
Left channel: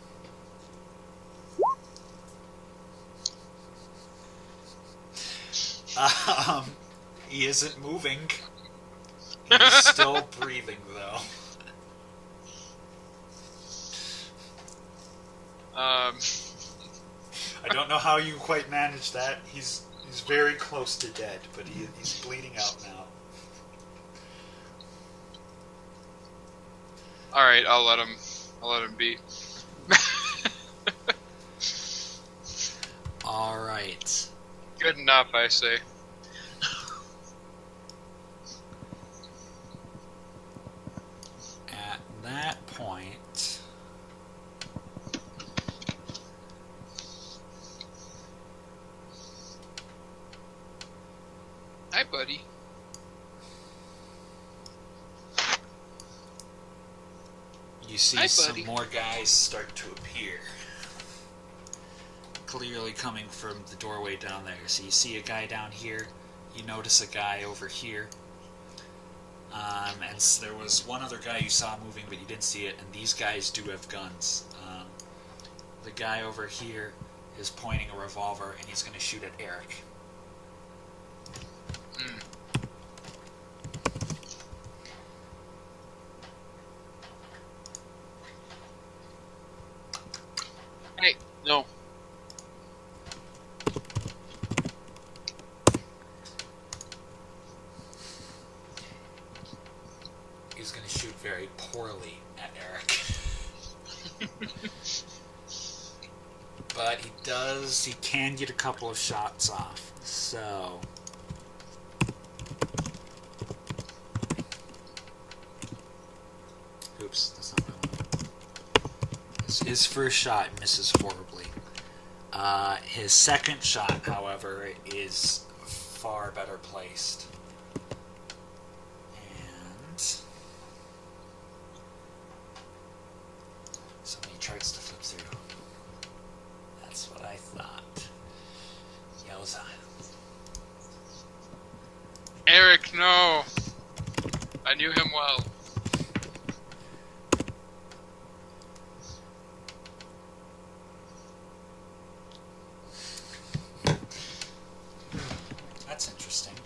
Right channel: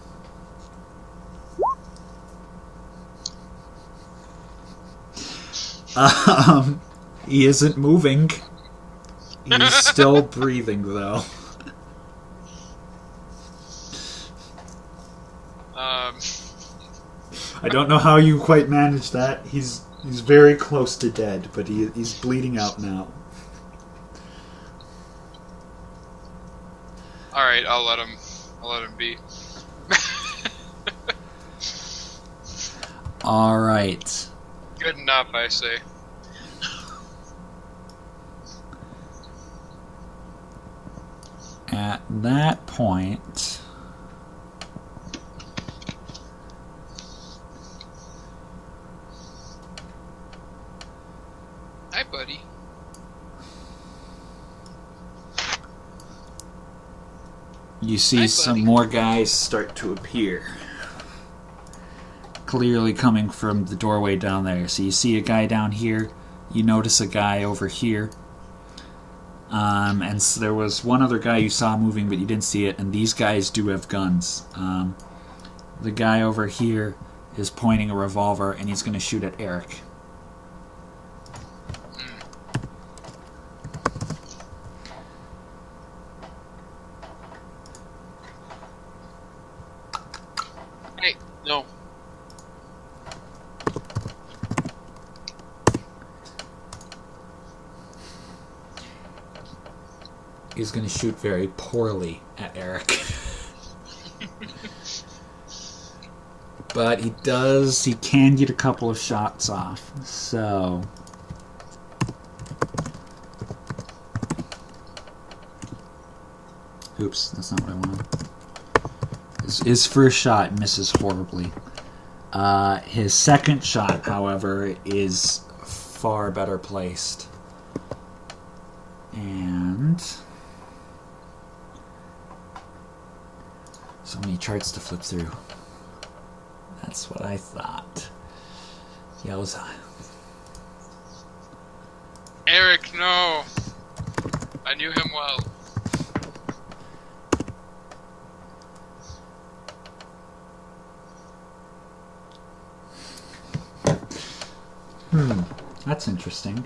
He isn't moving. He's still breathing, though. I don't know how you quite managed that. He's very close to dead, but he's bleeding out now. All right, I'll let him be. All right. Good enough, I say. At that point, Hi, buddy. you see Hi, some buddy. more guys start to appear. Clearly coming from the doorway down there. So you see a guy down here. You notice a guy over here. And so there was one other guy you saw moving, but you didn't see it. And these guys do have guns. The guy over here is pointing a revolver, and he's going to shoot at Eric. Hey, no. He's going to shoot very poorly at Eric. But he can get a couple of shots off. So oops, that's not what I wanted. His first shot misses horribly. His second shot, however, is far better placed. And so many charts to flip through. That's what I thought. Yowza. Eric, no. I knew him well. That's interesting.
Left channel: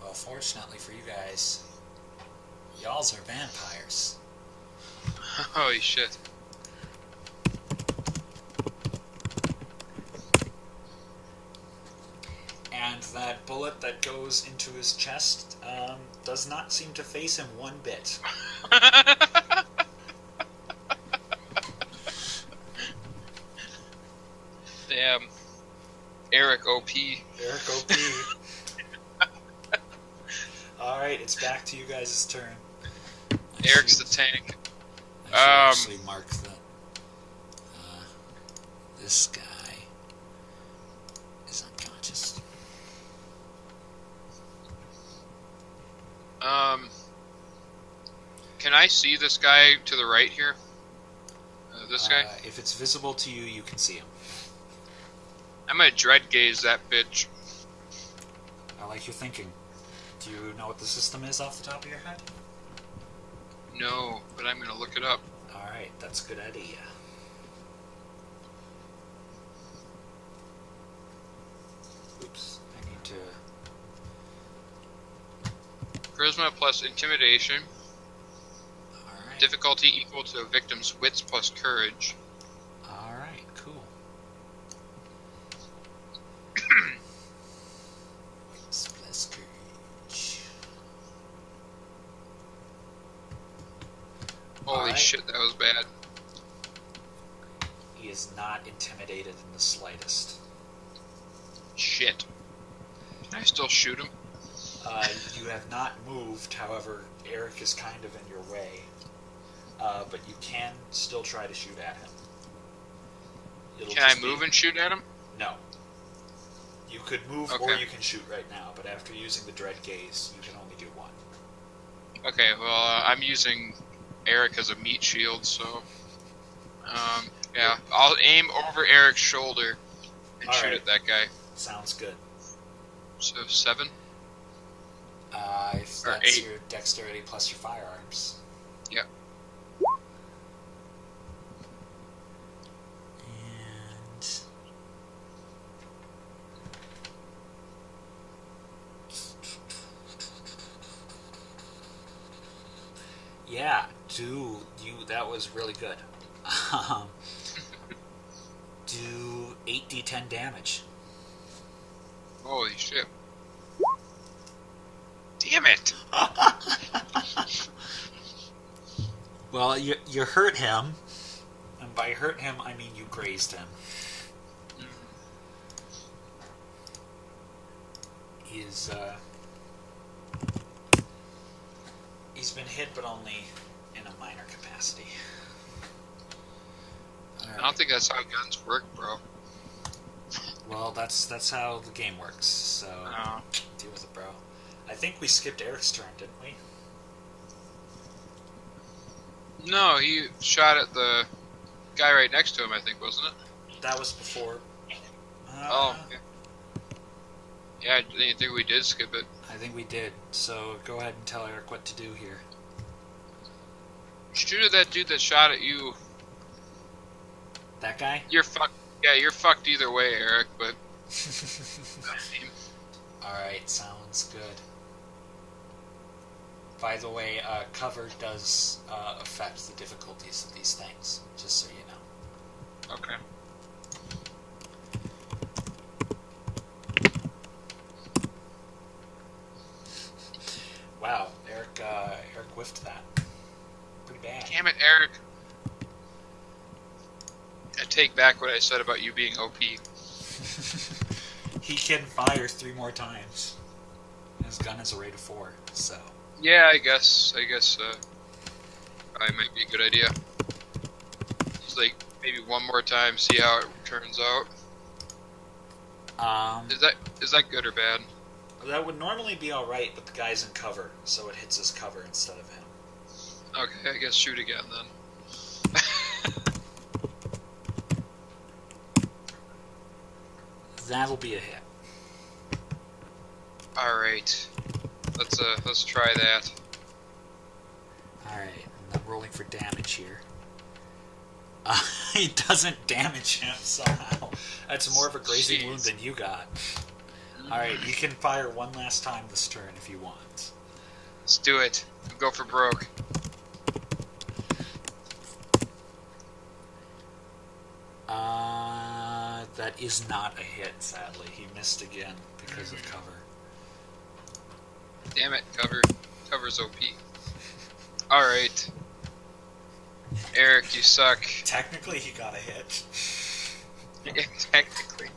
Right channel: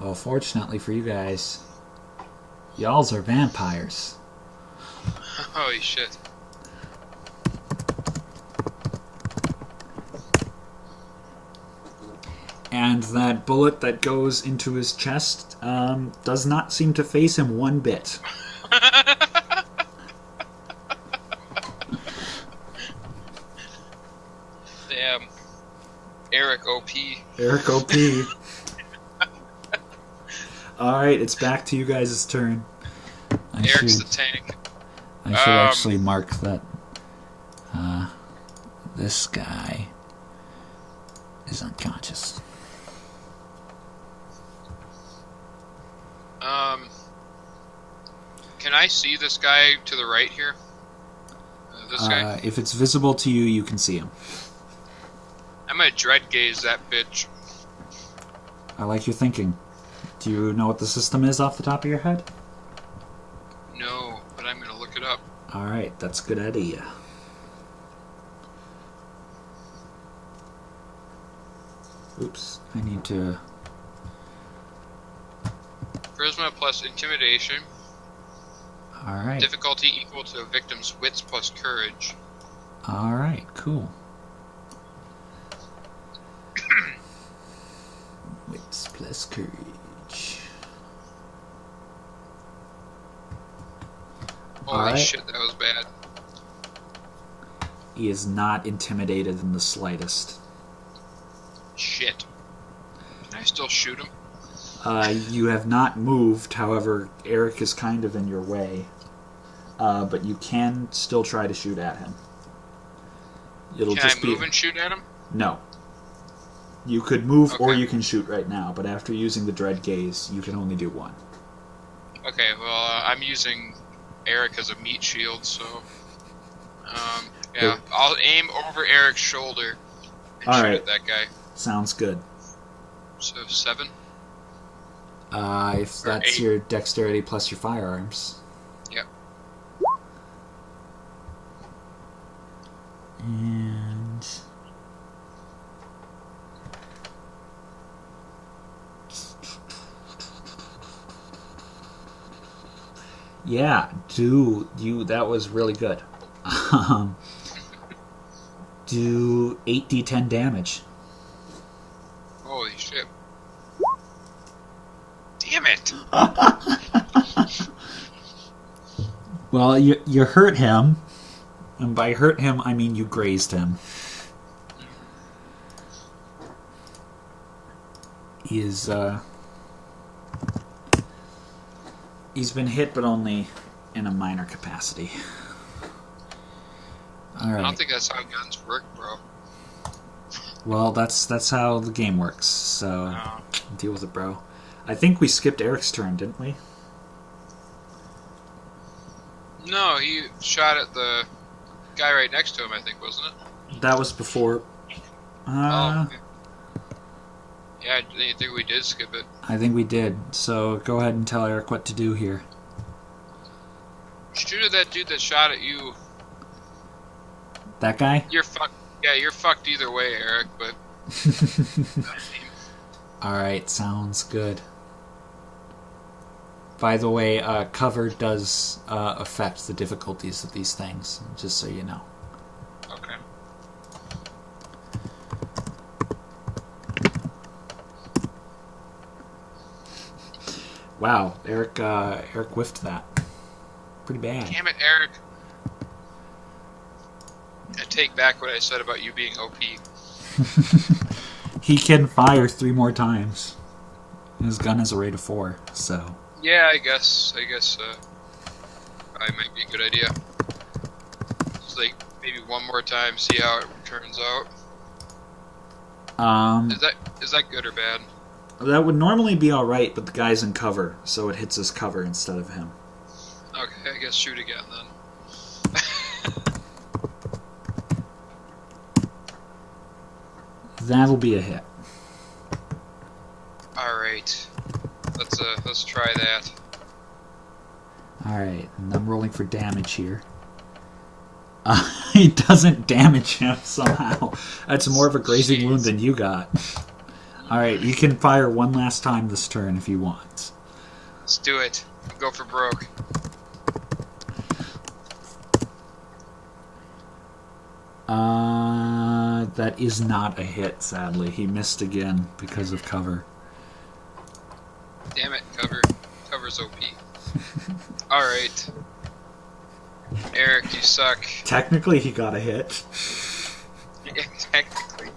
Well, fortunately for you guys, y'alls are vampires. Holy shit. And that bullet that goes into his chest does not seem to phase him one bit. Damn. Eric OP. Eric OP. Alright, it's back to you guys' turn. Eric's the tank. I should actually mark that this guy is unconscious. Can I see this guy to the right here? This guy? If it's visible to you, you can see him. I'm gonna dread gaze that bitch. I like your thinking. Do you know what the system is off the top of your head? No, but I'm gonna look it up. Alright, that's a good idea. Oops, I need to... Charisma plus intimidation. Alright. Difficulty equal to a victim's wits plus courage. Alright, cool. Wits plus courage. Holy Alright. shit, that was bad. He is not intimidated in the slightest. Shit. Can I still shoot him? You have not moved, however, Eric is kind of in your way. But you can still try to shoot at him. Can I move and shoot at him? No. You could move or Okay. you can shoot right now, but after using the Dread Gaze, you can only do one. Okay, well, I'm using Eric as a meat shield, so... yeah, I'll aim over Eric's shoulder and shoot Alright. at that guy. Sounds good. So, 7? If Or that's 8. your dexterity plus your firearms. Yep. And... yeah, that was really good. Do 8d10 damage. Holy shit. Damn it! Well, you hurt him, and by hurt him, I mean you grazed him. He's been hit, but only in a minor capacity. All right. I don't think that's how guns work, bro. Well, that's how the game works. So Oh. deal with it, bro. I think we skipped Eric's turn, didn't we? No, he shot at the guy right next to him, I think, wasn't it? That was before. Oh, okay. Yeah, I didn't think we did skip it. I think we did. So go ahead and tell Eric what to do here. Shoot at that dude that shot at you. That guy? You're fucked. Yeah, you're fucked either way, Eric, but... Alright, sounds good. By the way, cover does affect the difficulties of these things, just so you know. Okay. Wow, Eric whiffed that. Pretty bad. Damn it, Eric. I take back what I said about you being OP. He can fire 3 more times. His gun has a rate of 4, so... Yeah, I guess, probably might be a good idea. Just like, maybe one more time, see how it turns out. Is that good or bad? That would normally be alright, but the guy's in cover, so it hits his cover instead of him. Okay, I guess shoot again then. That'll be a hit. Alright. Let's try that. Alright, and I'm rolling for damage here. He doesn't damage him somehow. That's more of a grazing wound than you got. Alright, you can fire one last time this turn if you want. Let's do it. Go for broke. That is not a hit, sadly. He missed again because of cover. Damn it, cover. Cover's OP. Alright. Eric, you suck. Technically, he got a hit. Technically.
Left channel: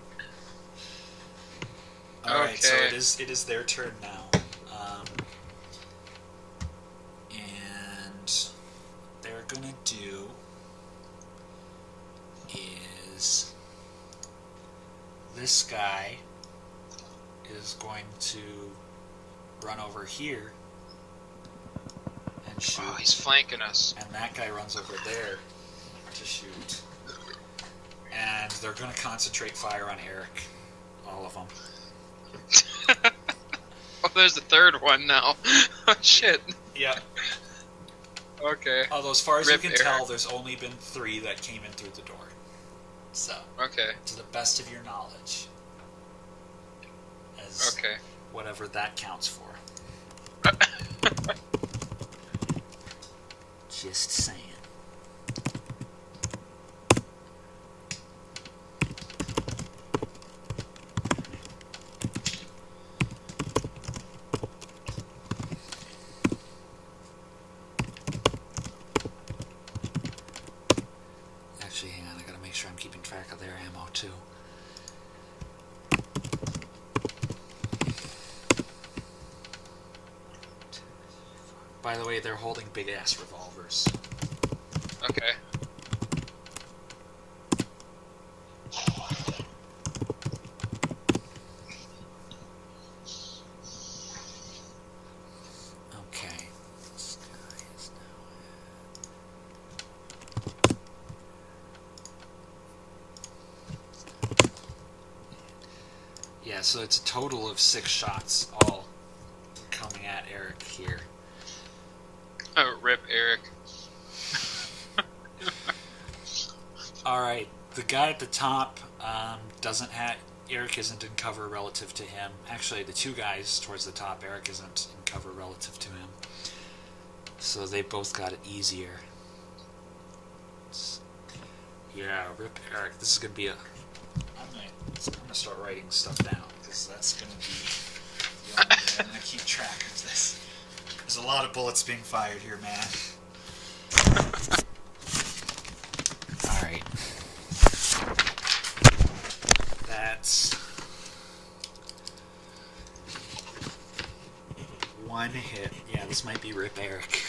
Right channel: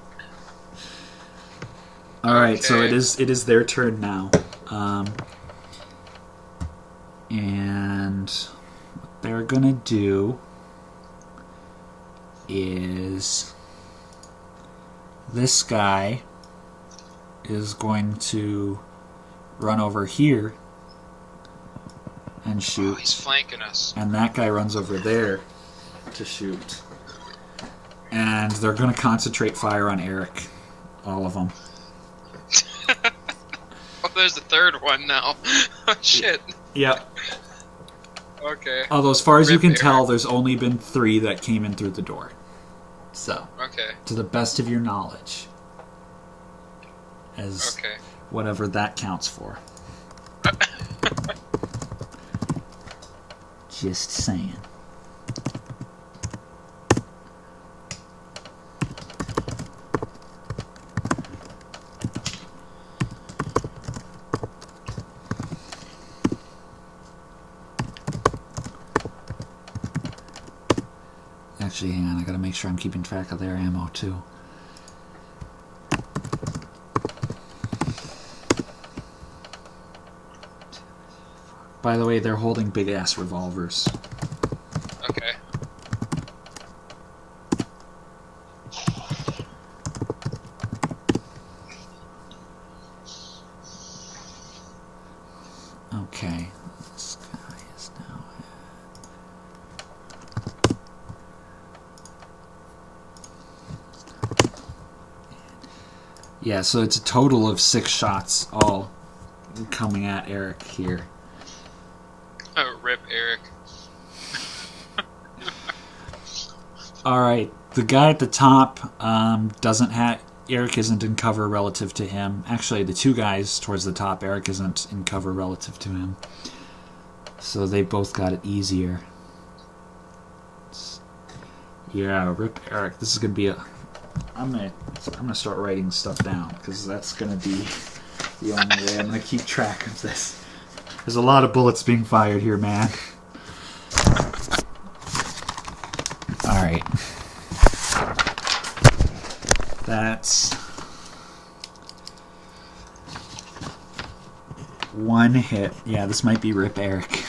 All right, so Okay. it is their turn now, and what they're gonna do is this guy is going to run over here and Oh, shoot, he's flanking us. and that guy runs over there to shoot, and they're gonna concentrate fire on Eric, all of them. Oh, there's the third one now. Oh, shit. Yep. Okay. Although, as far as you Rip can Eric. tell, there's only been 3 that came in through the door. So, Okay. to the best of your knowledge, as Okay. whatever that counts for. Just saying. Actually, hang on, I gotta make sure I'm keeping track of their ammo too. By the way, they're holding big ass revolvers. Okay. Okay, this guy is now yeah, so it's a total of 6 shots all coming at Eric here. Oh, rip Eric. Alright, the guy at the top doesn't have... Eric isn't in cover relative to him. Actually, the 2 guys towards the top, Eric isn't in cover relative to him. So they both got it easier. Yeah, rip Eric. This is gonna be a... I'm gonna start writing stuff down, because that's gonna be the only way I'm gonna keep track of this. There's a lot of bullets being fired here, man. Alright. That's 1 hit. Yeah, this might be Rip Eric.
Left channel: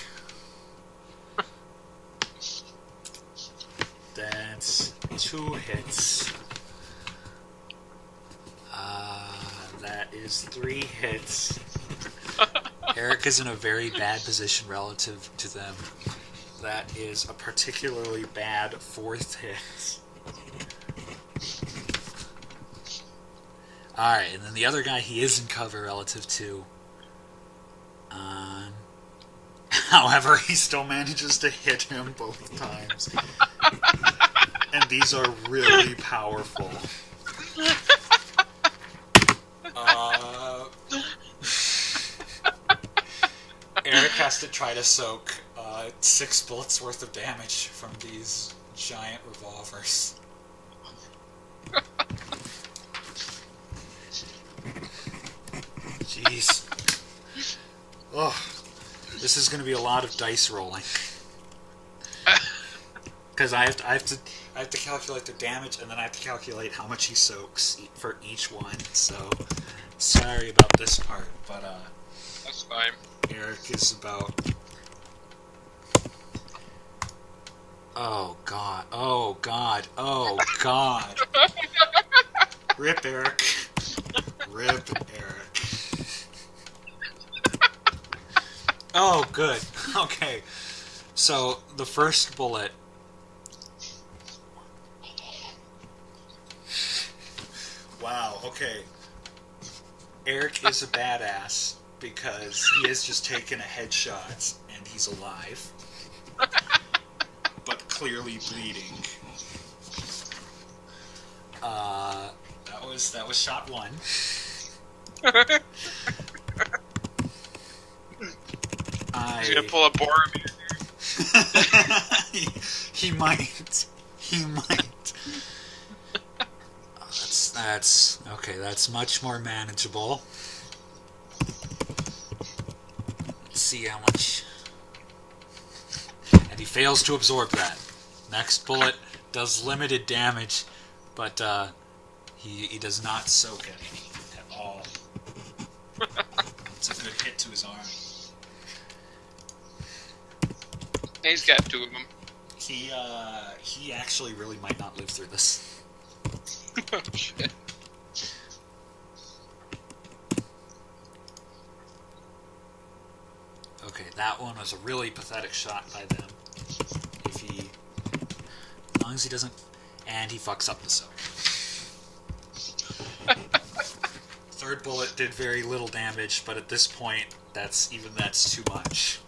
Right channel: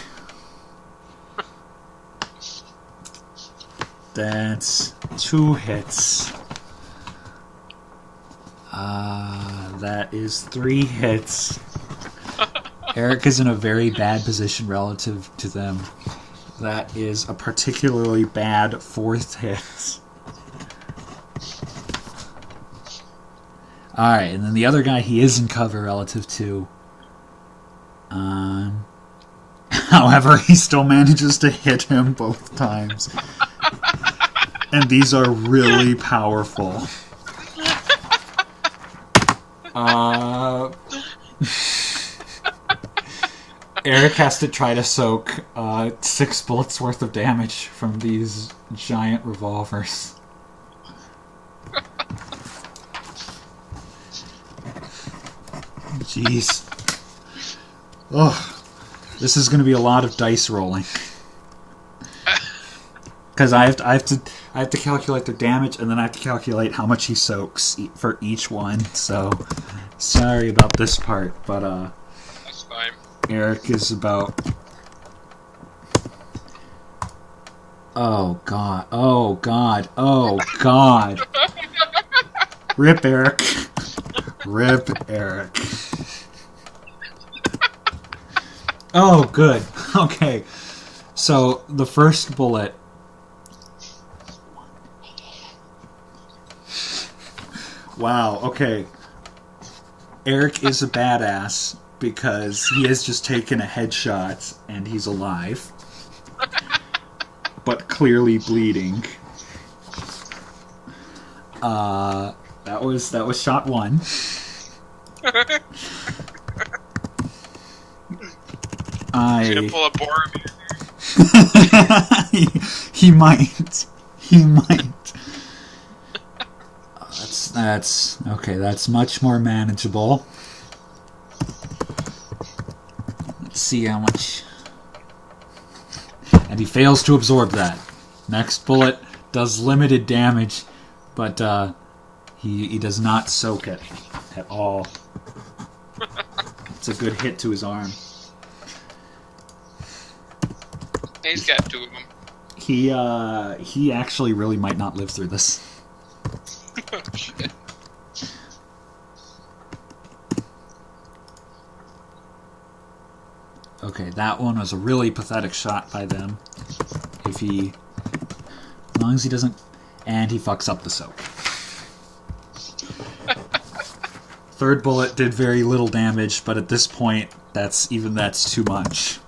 That's 2 hits. That is 3 hits. Eric is in a very bad position relative to them. That is a particularly bad 4th hit. Alright, and then the other guy he is in cover relative to. However, he still manages to hit him both times. And these are really powerful. Eric has to try to soak 6 bullets worth of damage from these giant revolvers. Jeez. Oh, this is going to be a lot of dice rolling. Because I have to calculate their damage, and then I have to calculate how much he soaks for each one. So, sorry about this part, but That's fine. Eric is about... Oh god, oh god, oh god. Rip Eric. Rip Eric. Oh, good. Okay. So, the first bullet... Wow, okay. Eric is a badass because he has just taken a headshot and he's alive. But clearly bleeding. That was shot 1. He's gonna pull a Boromir. he might. He might. That's okay. That's much more manageable. Let's see how much. And he fails to absorb that. Next bullet does limited damage, but he does not soak it at all. It's a good hit to his arm. He's got 2 of them. He actually really might not live through this. Oh, shit. Okay, that one was a really pathetic shot by them. As long as he doesn't, and he fucks up the soak. Third bullet did very little damage, but at this point, that's too much.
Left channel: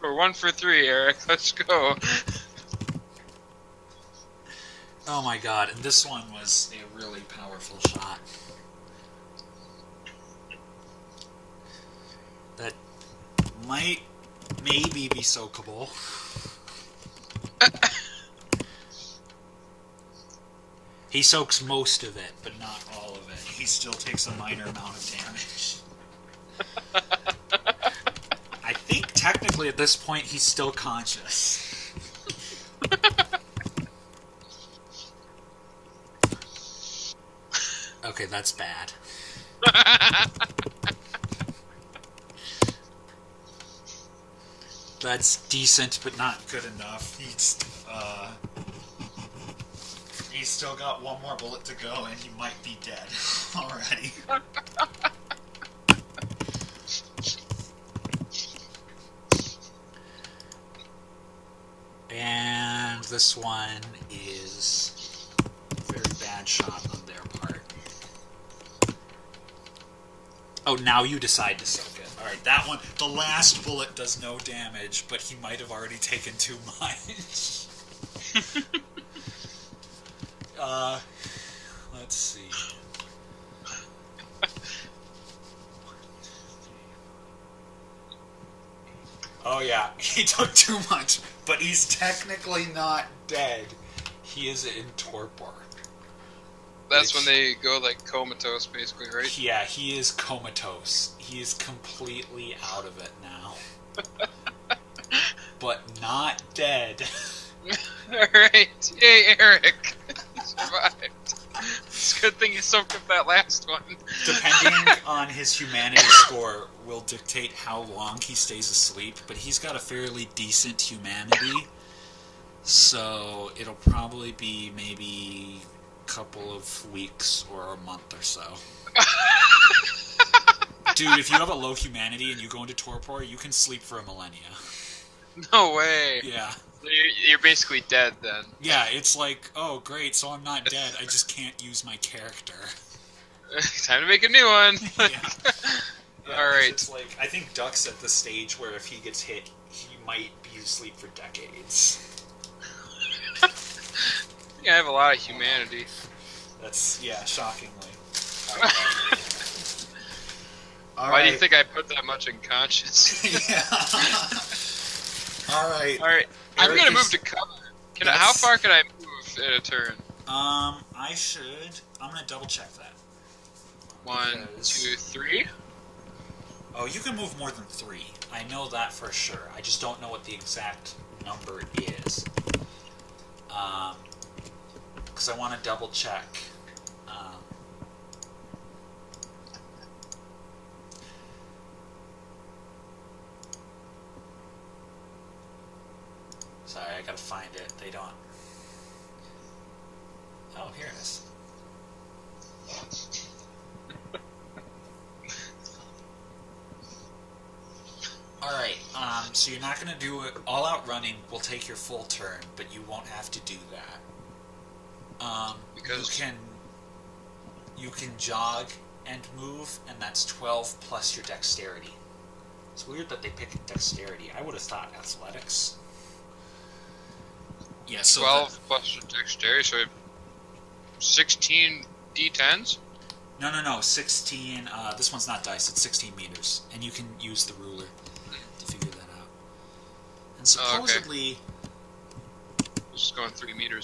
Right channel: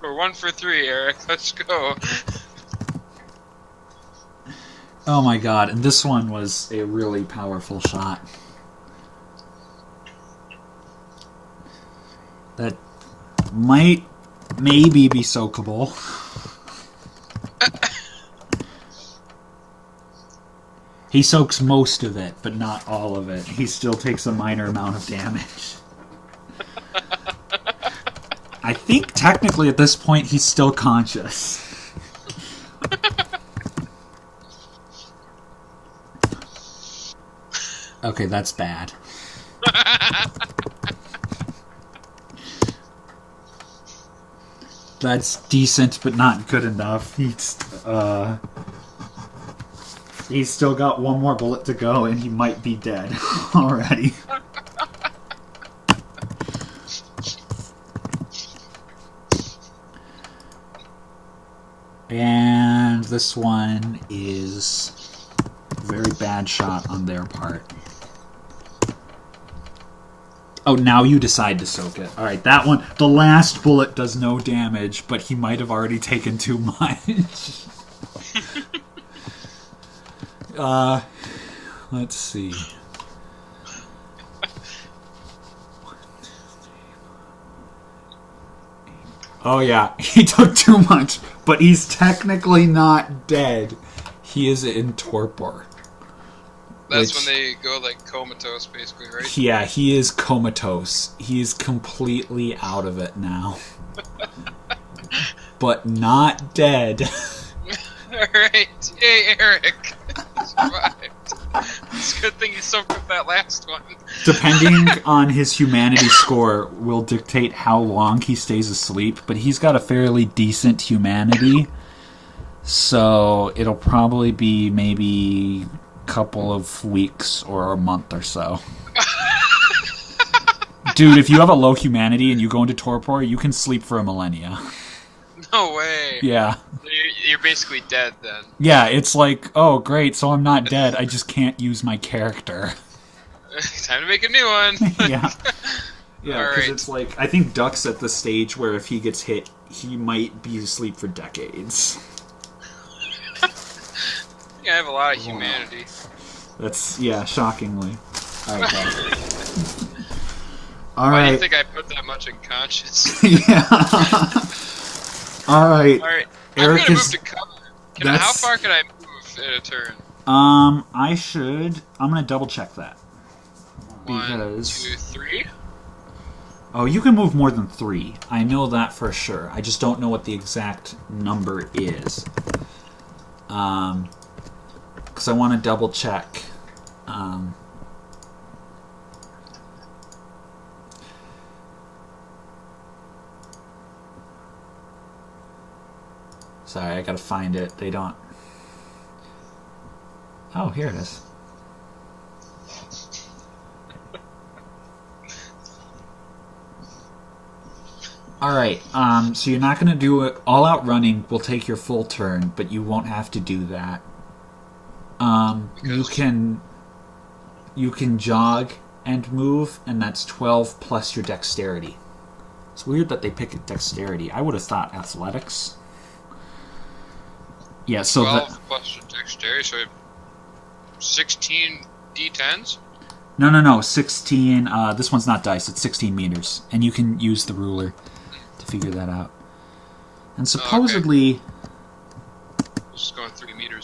We're 1 for 3, Eric. Let's go. Oh my god, and this one was a really powerful shot. That might maybe be soakable. He soaks most of it, but not all of it. He still takes a minor amount of damage. I think technically at this point he's still conscious. Okay, that's bad. That's decent, but not good enough. He's still got 1 more bullet to go, and he might be dead already. And this one is a very bad shot on their part. Oh, now you decide to soak it. Alright, that one, the last bullet does no damage, but he might have already taken too much. Let's see. Oh yeah, he took too much, but he's technically not dead. He is in torpor. That's when they go, like, comatose, basically, right? Yeah, he is comatose. He is completely out of it now. But not dead. Alright. Yay, Eric. You survived. It's a good thing you soaked up that last one. Depending on his humanity score will dictate how long he stays asleep, but he's got a fairly decent humanity. So it'll probably be maybe couple of weeks or a month or so. Dude, if you have a low humanity and you go into torpor, you can sleep for a millennia. No way. Yeah. You're basically dead then. Yeah, it's like, oh great, so I'm not dead, I just can't use my character. Time to make a new one. Yeah. Yeah, All right. it's like, I think Duck's at the stage where if he gets hit, he might be asleep for decades. I think I have a lot of humanity. That's, yeah, shockingly. Okay. Why do you think I put that much in conscious? Yeah. Alright. Alright. I'm gonna move to cover. How far can I move in a turn? I'm gonna double check that. 1, 2, 3? Oh, you can move more than 3. I know that for sure. I just don't know what the exact number is. Because I want to double check. Sorry, I gotta find it. They don't... Oh, here it is. Alright, so you're not going to do it. All-out running will take your full turn, but you won't have to do that. You can jog and move, and that's 12 plus your dexterity. It's weird that they pick dexterity. I would have thought athletics. Yeah, so 12 plus your dexterity, so 16 d10s? No, 16, this one's not dice, it's 16 meters, and you can use the ruler to figure that out. And supposedly... Just going 3 meters.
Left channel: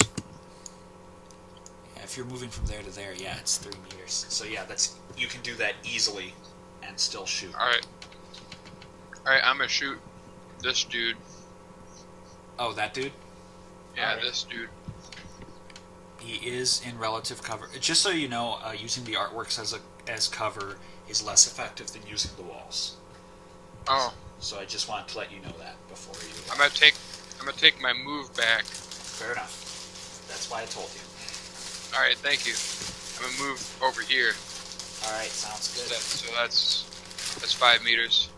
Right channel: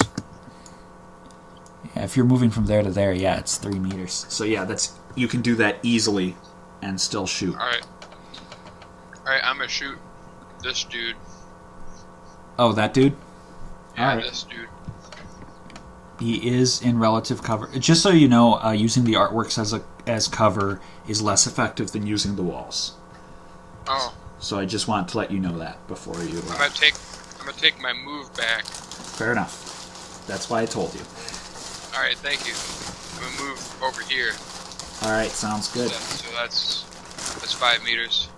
Yeah, if you're moving from there to there, yeah, it's 3 meters. So yeah, you can do that easily and still shoot. Alright, I'm gonna shoot this dude. Oh, that dude? Yeah, Alright. this dude. He is in relative cover. Just so you know, using the artworks as cover is less effective than using the walls. Oh. So I just wanted to let you know that before you. I'm gonna take my move back. Fair enough. That's why I told you. All right, thank you. I'm gonna move over here. All right, sounds good. So that's 5 meters.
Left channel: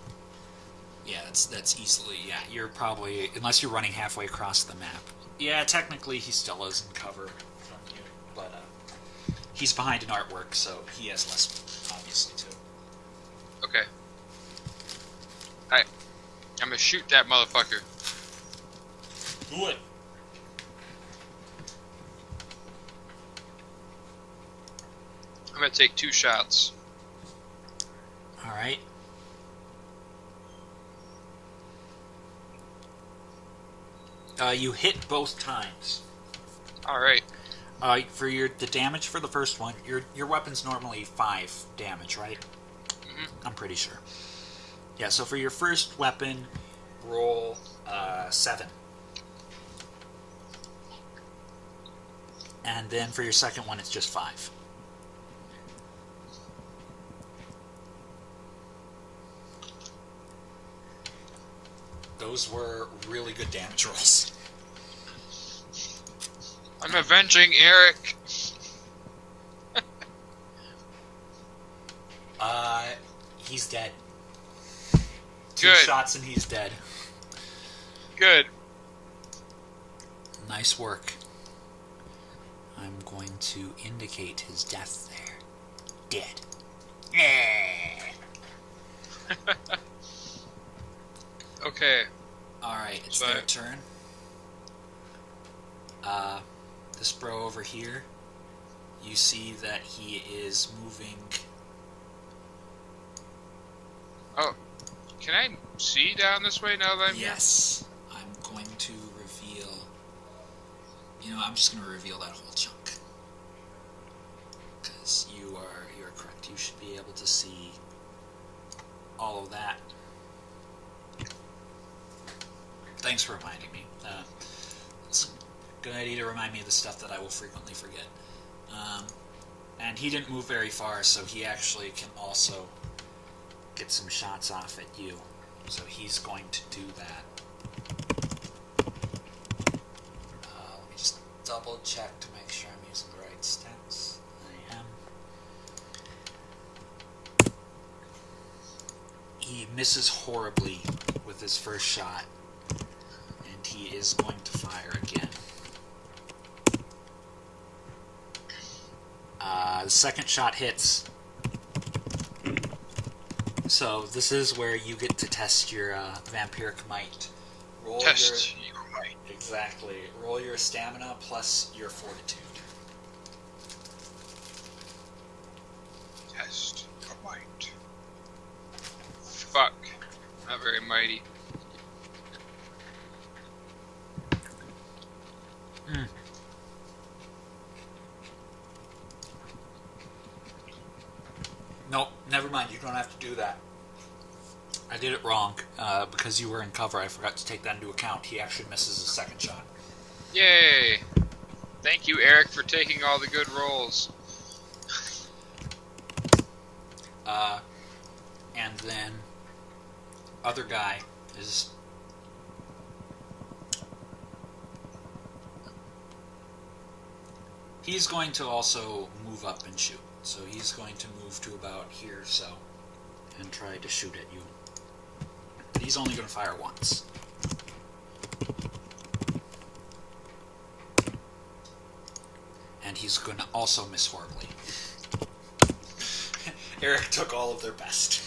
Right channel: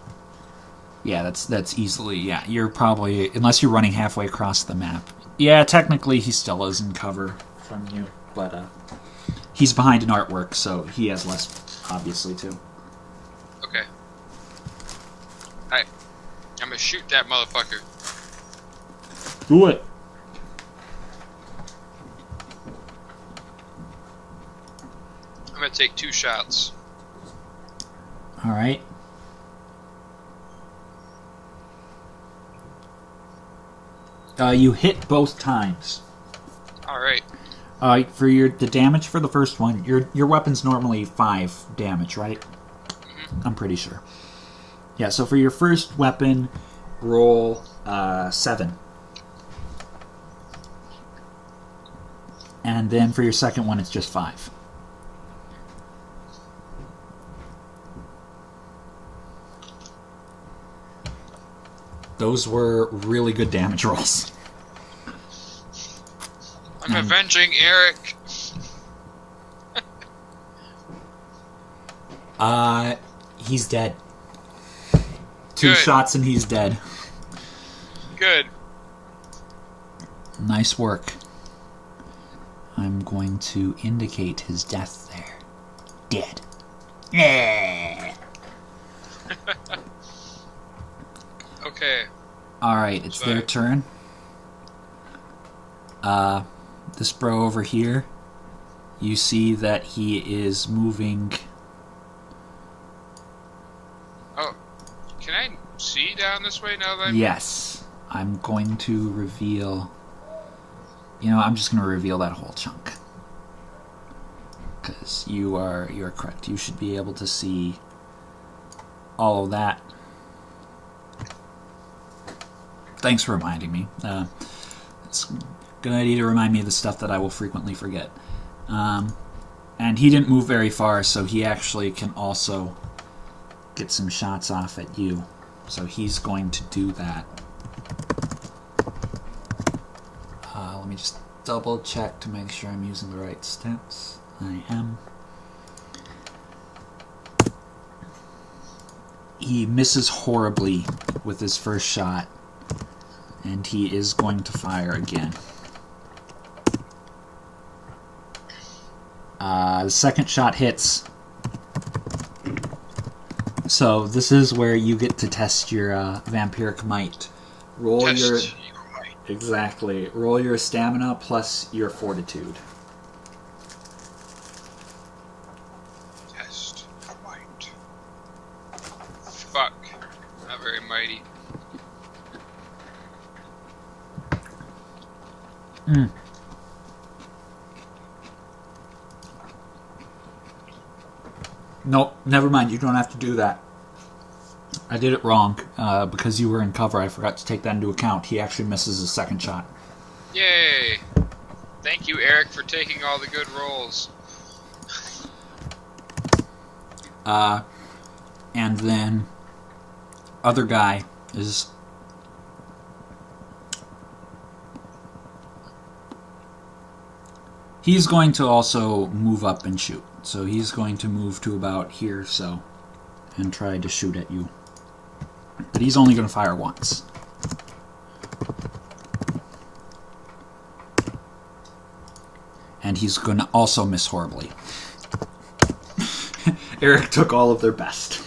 Yeah, that's easily. Yeah, you're probably, unless you're running halfway across the map. Yeah, technically he still is in cover from you, but he's behind an artwork, so he has less, obviously, too. Okay. Alright. I'm gonna shoot that motherfucker. Do it. I'm gonna take 2 shots. All right. You hit both times. All right. For the damage for the first one, your weapon's normally 5 damage, right? Mm-hmm. I'm pretty sure. Yeah. So for your first weapon, roll 7, and then for your second one, it's just 5. Those were really good damage rolls. I'm avenging Eric. He's dead. 2 Good. shots and he's dead. Good. Nice work. I'm going to indicate his death there. Dead. Yeah. Okay. Alright, it's their turn. This bro over here, you see that he is moving. Oh, can I see down this way now that I'm... Yes. I'm going to reveal... I'm just going to reveal that whole chunk. Because you are correct. You should be able to see all of that. Thanks for reminding me. It's a good idea to remind me of the stuff that I will frequently forget. And he didn't move very far, so he actually can also get some shots off at you. So he's going to do that. Let me just double check to make sure I'm using the right stats. I am. He misses horribly with his first shot, and he is going to fire again. The second shot hits. So this is where you get to test your vampiric might. Roll Test your your might. Exactly. Roll your stamina plus your fortitude. Test your might. Fuck. Not very mighty. Nope, never mind. You don't have to do that. I did it wrong because you were in cover. I forgot to take that into account. He actually misses his second shot. Yay! Thank you, Eric, for taking all the good rolls. And then other guy is... He's going to also move up and shoot. So he's going to move to about here, so, and try to shoot at you. But he's only going to fire once. And he's going to also miss horribly. Eric took all of their best.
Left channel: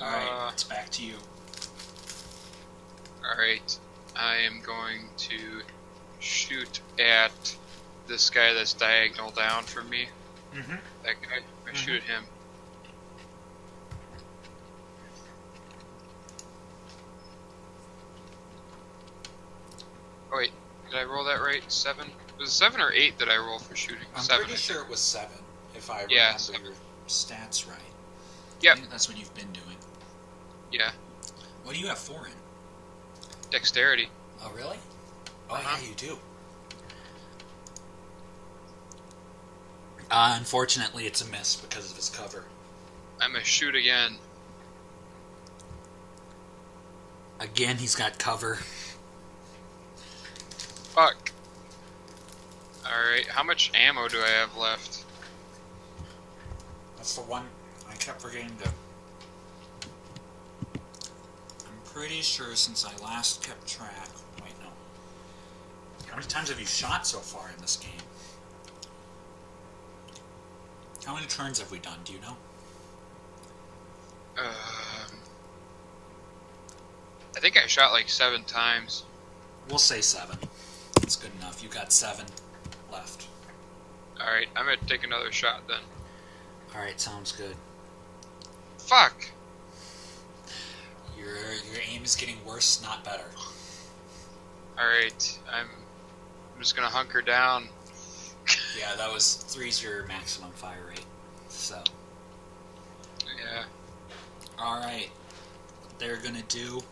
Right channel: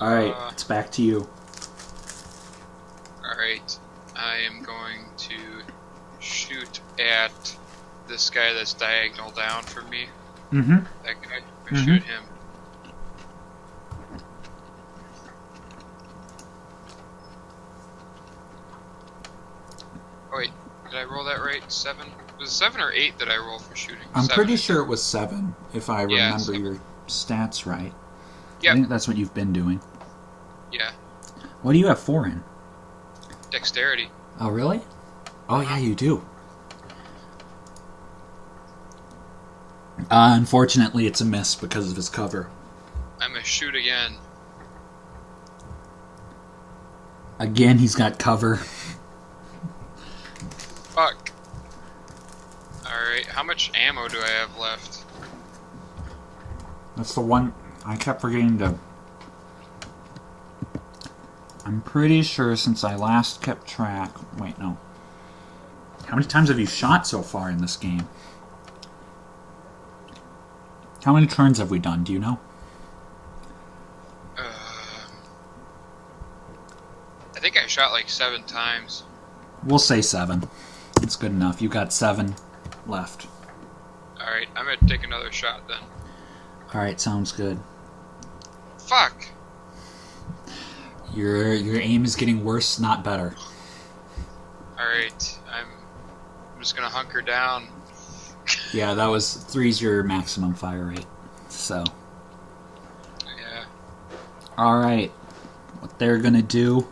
Alright, it's back to you. Alright. I am going to shoot at this guy that's diagonal down from me. Mm-hmm. That guy. I'm gonna shoot him. Oh wait, did I roll that right? 7? Was it 7 or 8 that I roll for shooting? I'm 7, pretty sure it was 7, if I remember your stats right. Yep. I think that's what you've been doing. Yeah. What do you have 4 in? Dexterity. Oh, really? Oh, yeah, you do. Unfortunately, it's a miss because of his cover. I'm gonna shoot again. Again, he's got cover. Fuck. Alright, how much ammo do I have left? That's the one I kept forgetting to... I'm pretty sure since I last kept track... Wait, no. How many times have you shot so far in this game? How many turns have we done? Do you know? I think I shot like 7 times. We'll say 7. It's good enough. You got 7 left. Alright, I'm gonna take another shot then. Alright, sounds good. Fuck! Your aim is getting worse, not better. Alright, I'm just gonna hunker down. Yeah, that was 3's your maximum fire rate. So. Yeah. Alright. What they're gonna do...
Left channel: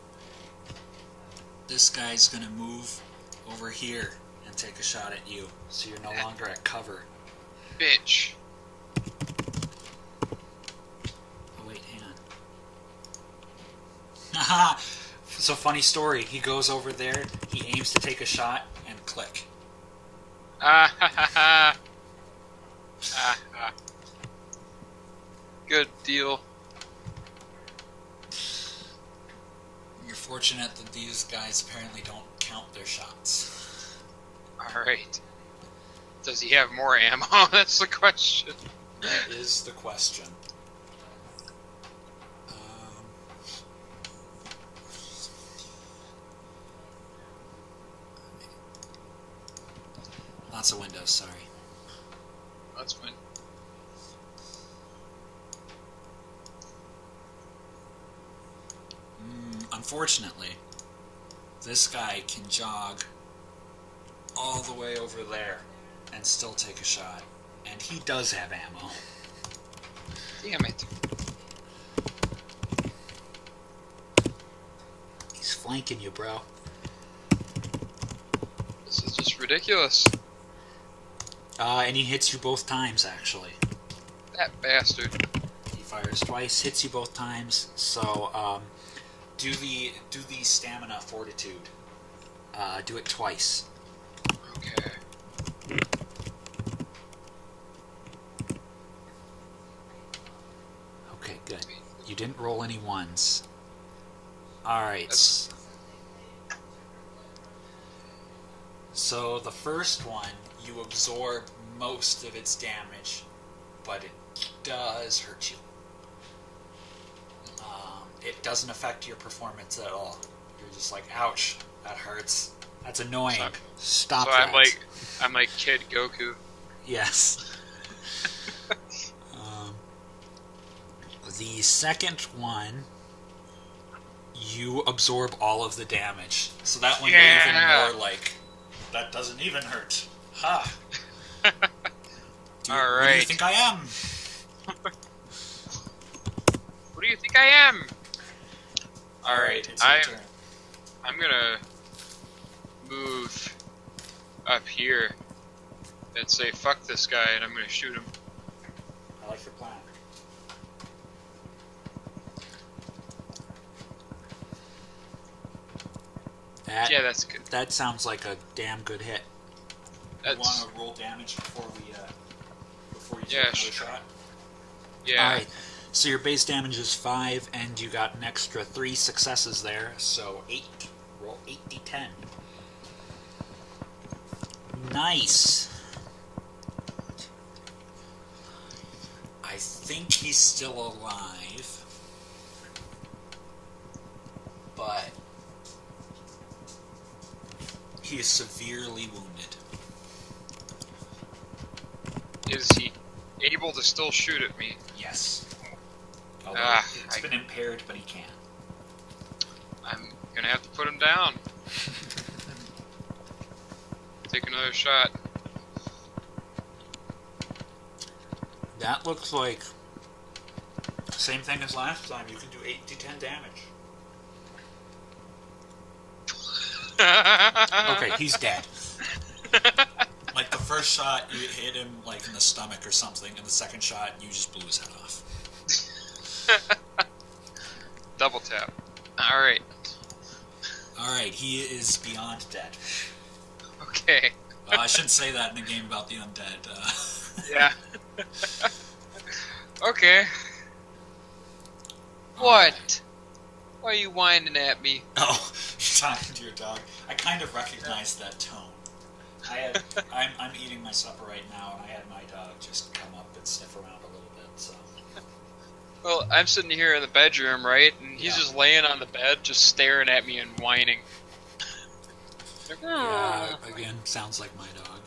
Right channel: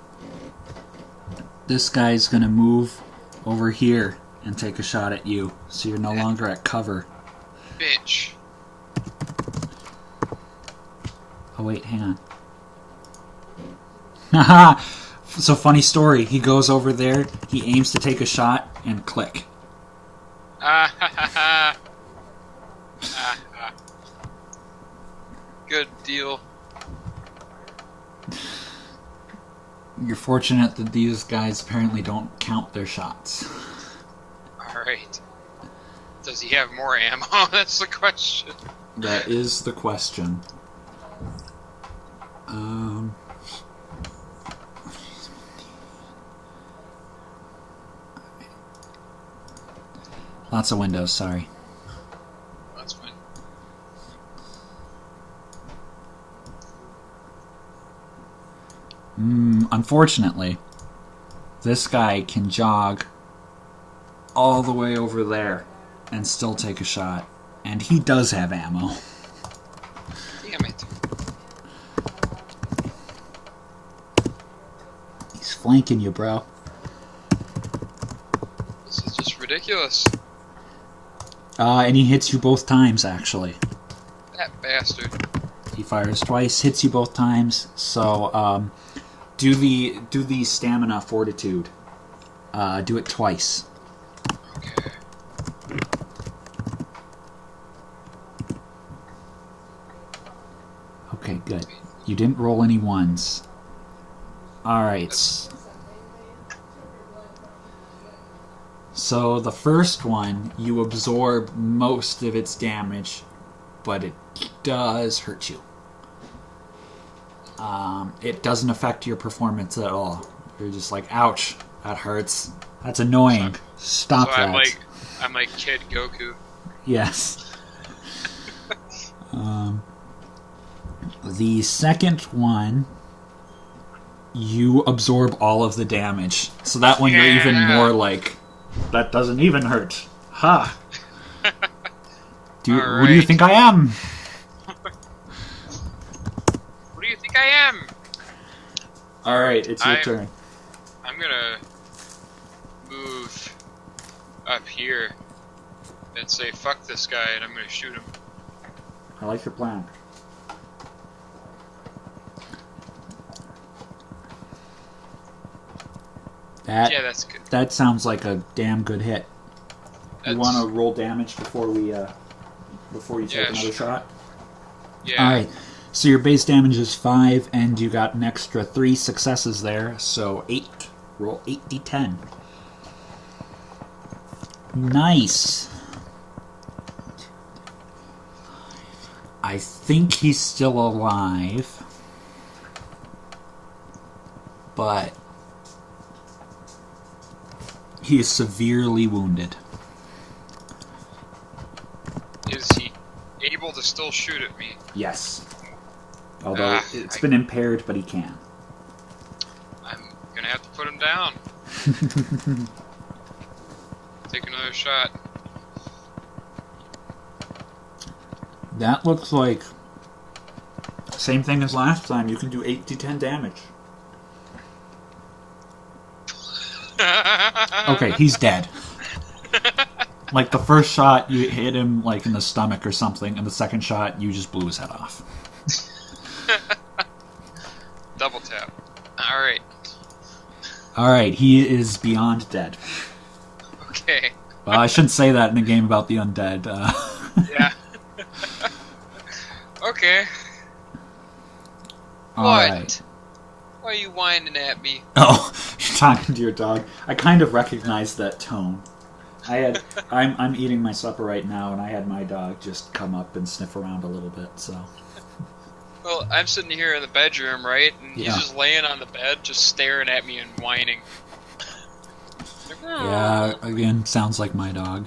This guy's gonna move over here and take a shot at you, so you're no longer at cover. Bitch. Oh wait, hang on. Haha! So funny story. He goes over there, he aims to take a shot, and click. Ah ha ha ha. Ah ha. Good deal. You're fortunate that these guys apparently don't count their shots. Alright. Does he have more ammo? That's the question. That is the question. Lots of windows, sorry. That's fine. Unfortunately, this guy can jog all the way over there and still take a shot. And he does have ammo. Damn it. He's flanking you, bro. This is just ridiculous. And he hits you both times, actually. That bastard. He fires twice, hits you both times. So, do the stamina fortitude. Do it twice. Okay. Okay, good. You didn't roll any ones. Alright. So the first one, you absorb most of its damage, but it does hurt you. It doesn't affect your performance at all. You're just like, ouch, that hurts. That's annoying. Stop so that. I'm like Kid Goku. Yes. The second one, you absorb all of the damage. So that one you're even more like, that doesn't even hurt. Ha! Who do you think I am? Who do you think I am? Alright, it's your turn. I'm gonna move up here and say fuck this guy, and I'm gonna shoot him. I like your plan. Yeah, that's good. That sounds like a damn good hit. That's... You want to roll damage before you take another shot? Yeah. Alright, so your base damage is 5, and you got an extra 3 successes there, so 8. Roll 8d10. Nice. I think he's still alive, but he is severely wounded. Is he able to still shoot at me? Yes. Although it's been impaired, but he can. I'm gonna have to put him down. Take another shot. That looks like same thing as last time. You can do 8d10 damage. Okay, he's dead. Like the first shot, you hit him like in the stomach or something, and the second shot, you just blew his head off. Double tap. All right. All right, he is beyond dead. Okay. Well, I shouldn't say that in a game about the undead. Yeah. Okay. All What? right. Why are you whining at me? Oh, you're talking to your dog. I kind of recognized that tone. I'm eating my supper right now, and I had my dog just come up and sniff around a little bit. So. Well, I'm sitting here in the bedroom, right? And Yeah. he's just laying on the bed, just staring at me and whining. Yeah, again, sounds like my dog.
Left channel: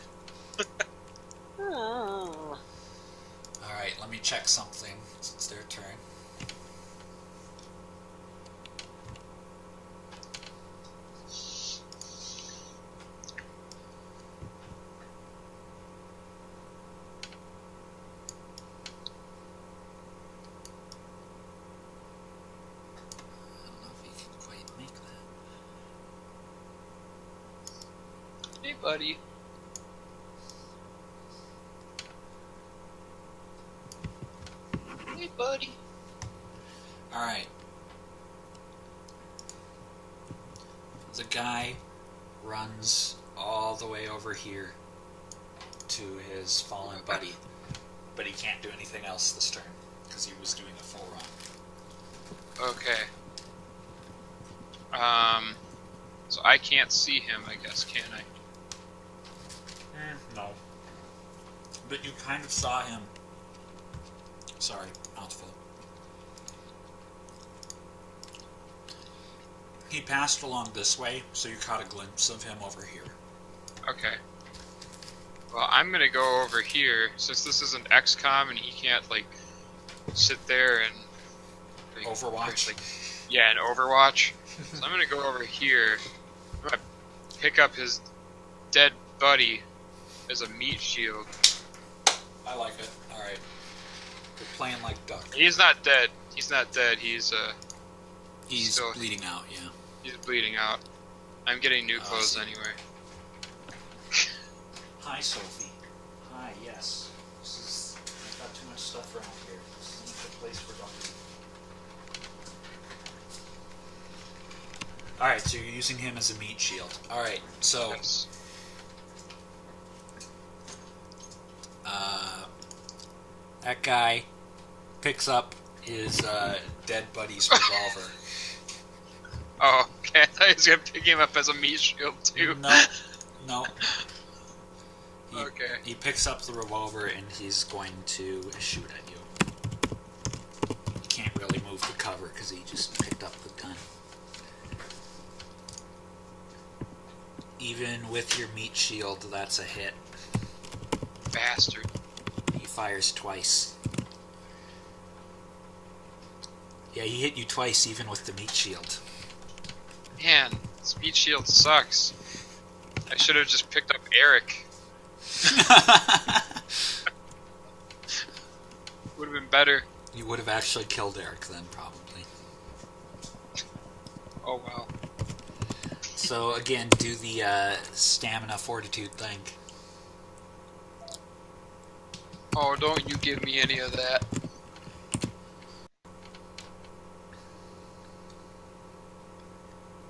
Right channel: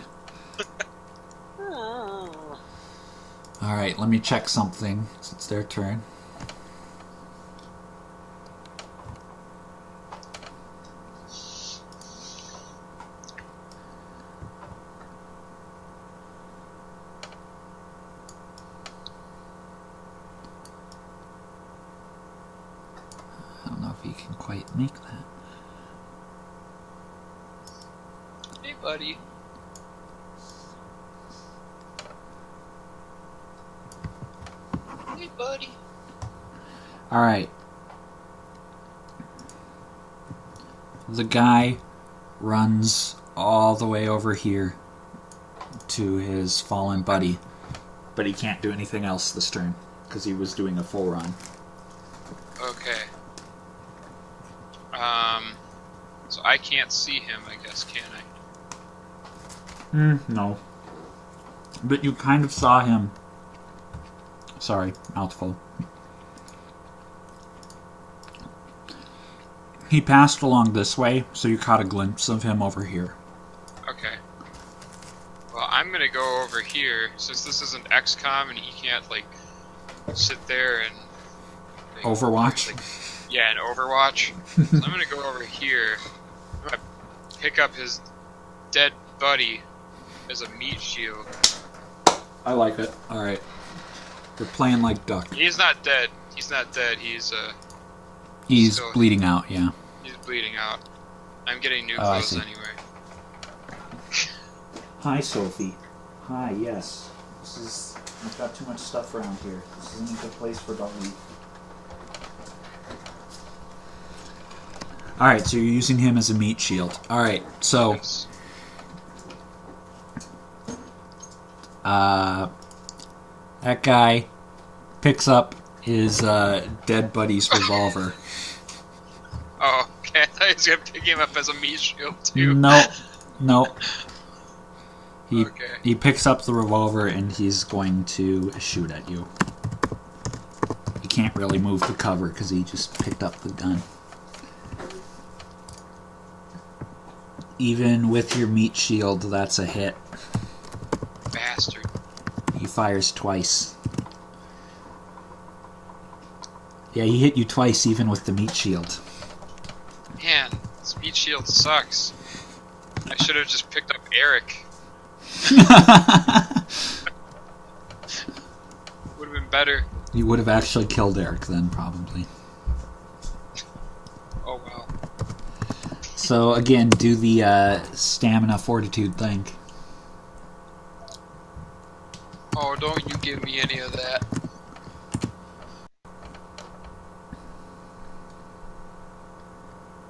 Alright, let me check something. It's their turn. I don't know if he can quite make that. Hey, buddy. Hey, buddy. Alright. The guy runs all the way over here to his fallen buddy. But he can't do anything else this turn, because he was doing a full run. Okay. So I can't see him, I guess, can I? No. But you kind of saw him. Sorry, mouthful. He passed along this way, so you caught a glimpse of him over here. Okay. Well, I'm gonna go over here, since this isn't XCOM and he can't, like, sit there and... like, Overwatch? like, yeah, and Overwatch. So I'm gonna go over here. I'm gonna pick up his dead buddy as a meat shield. I like it. Alright. You're playing like duck. He's not dead. He's not dead. He's still bleeding out, yeah. He's bleeding out. I'm getting new I clothes see. anyway. Hi, Sophie. Hi, yes. I've got too much stuff around here. This isn't a good place for doggy. Alright, so you're using him as a meat shield. Alright, so... Yes. That guy picks up his dead buddy's revolver. Oh, okay. I thought he was gonna pick him up as a meat shield too. No. Okay. He picks up the revolver and he's going to shoot at you. He can't really move the cover because he just picked up the gun. Even with your meat shield, that's a hit. Bastard. He fires twice. Yeah, he hit you twice even with the meat shield. Man, this meat shield sucks. I should have just picked up Eric. Would have been better. You would have actually killed Eric then, probably. Oh well. So, again, do the stamina fortitude thing. Oh, don't you give me any of that.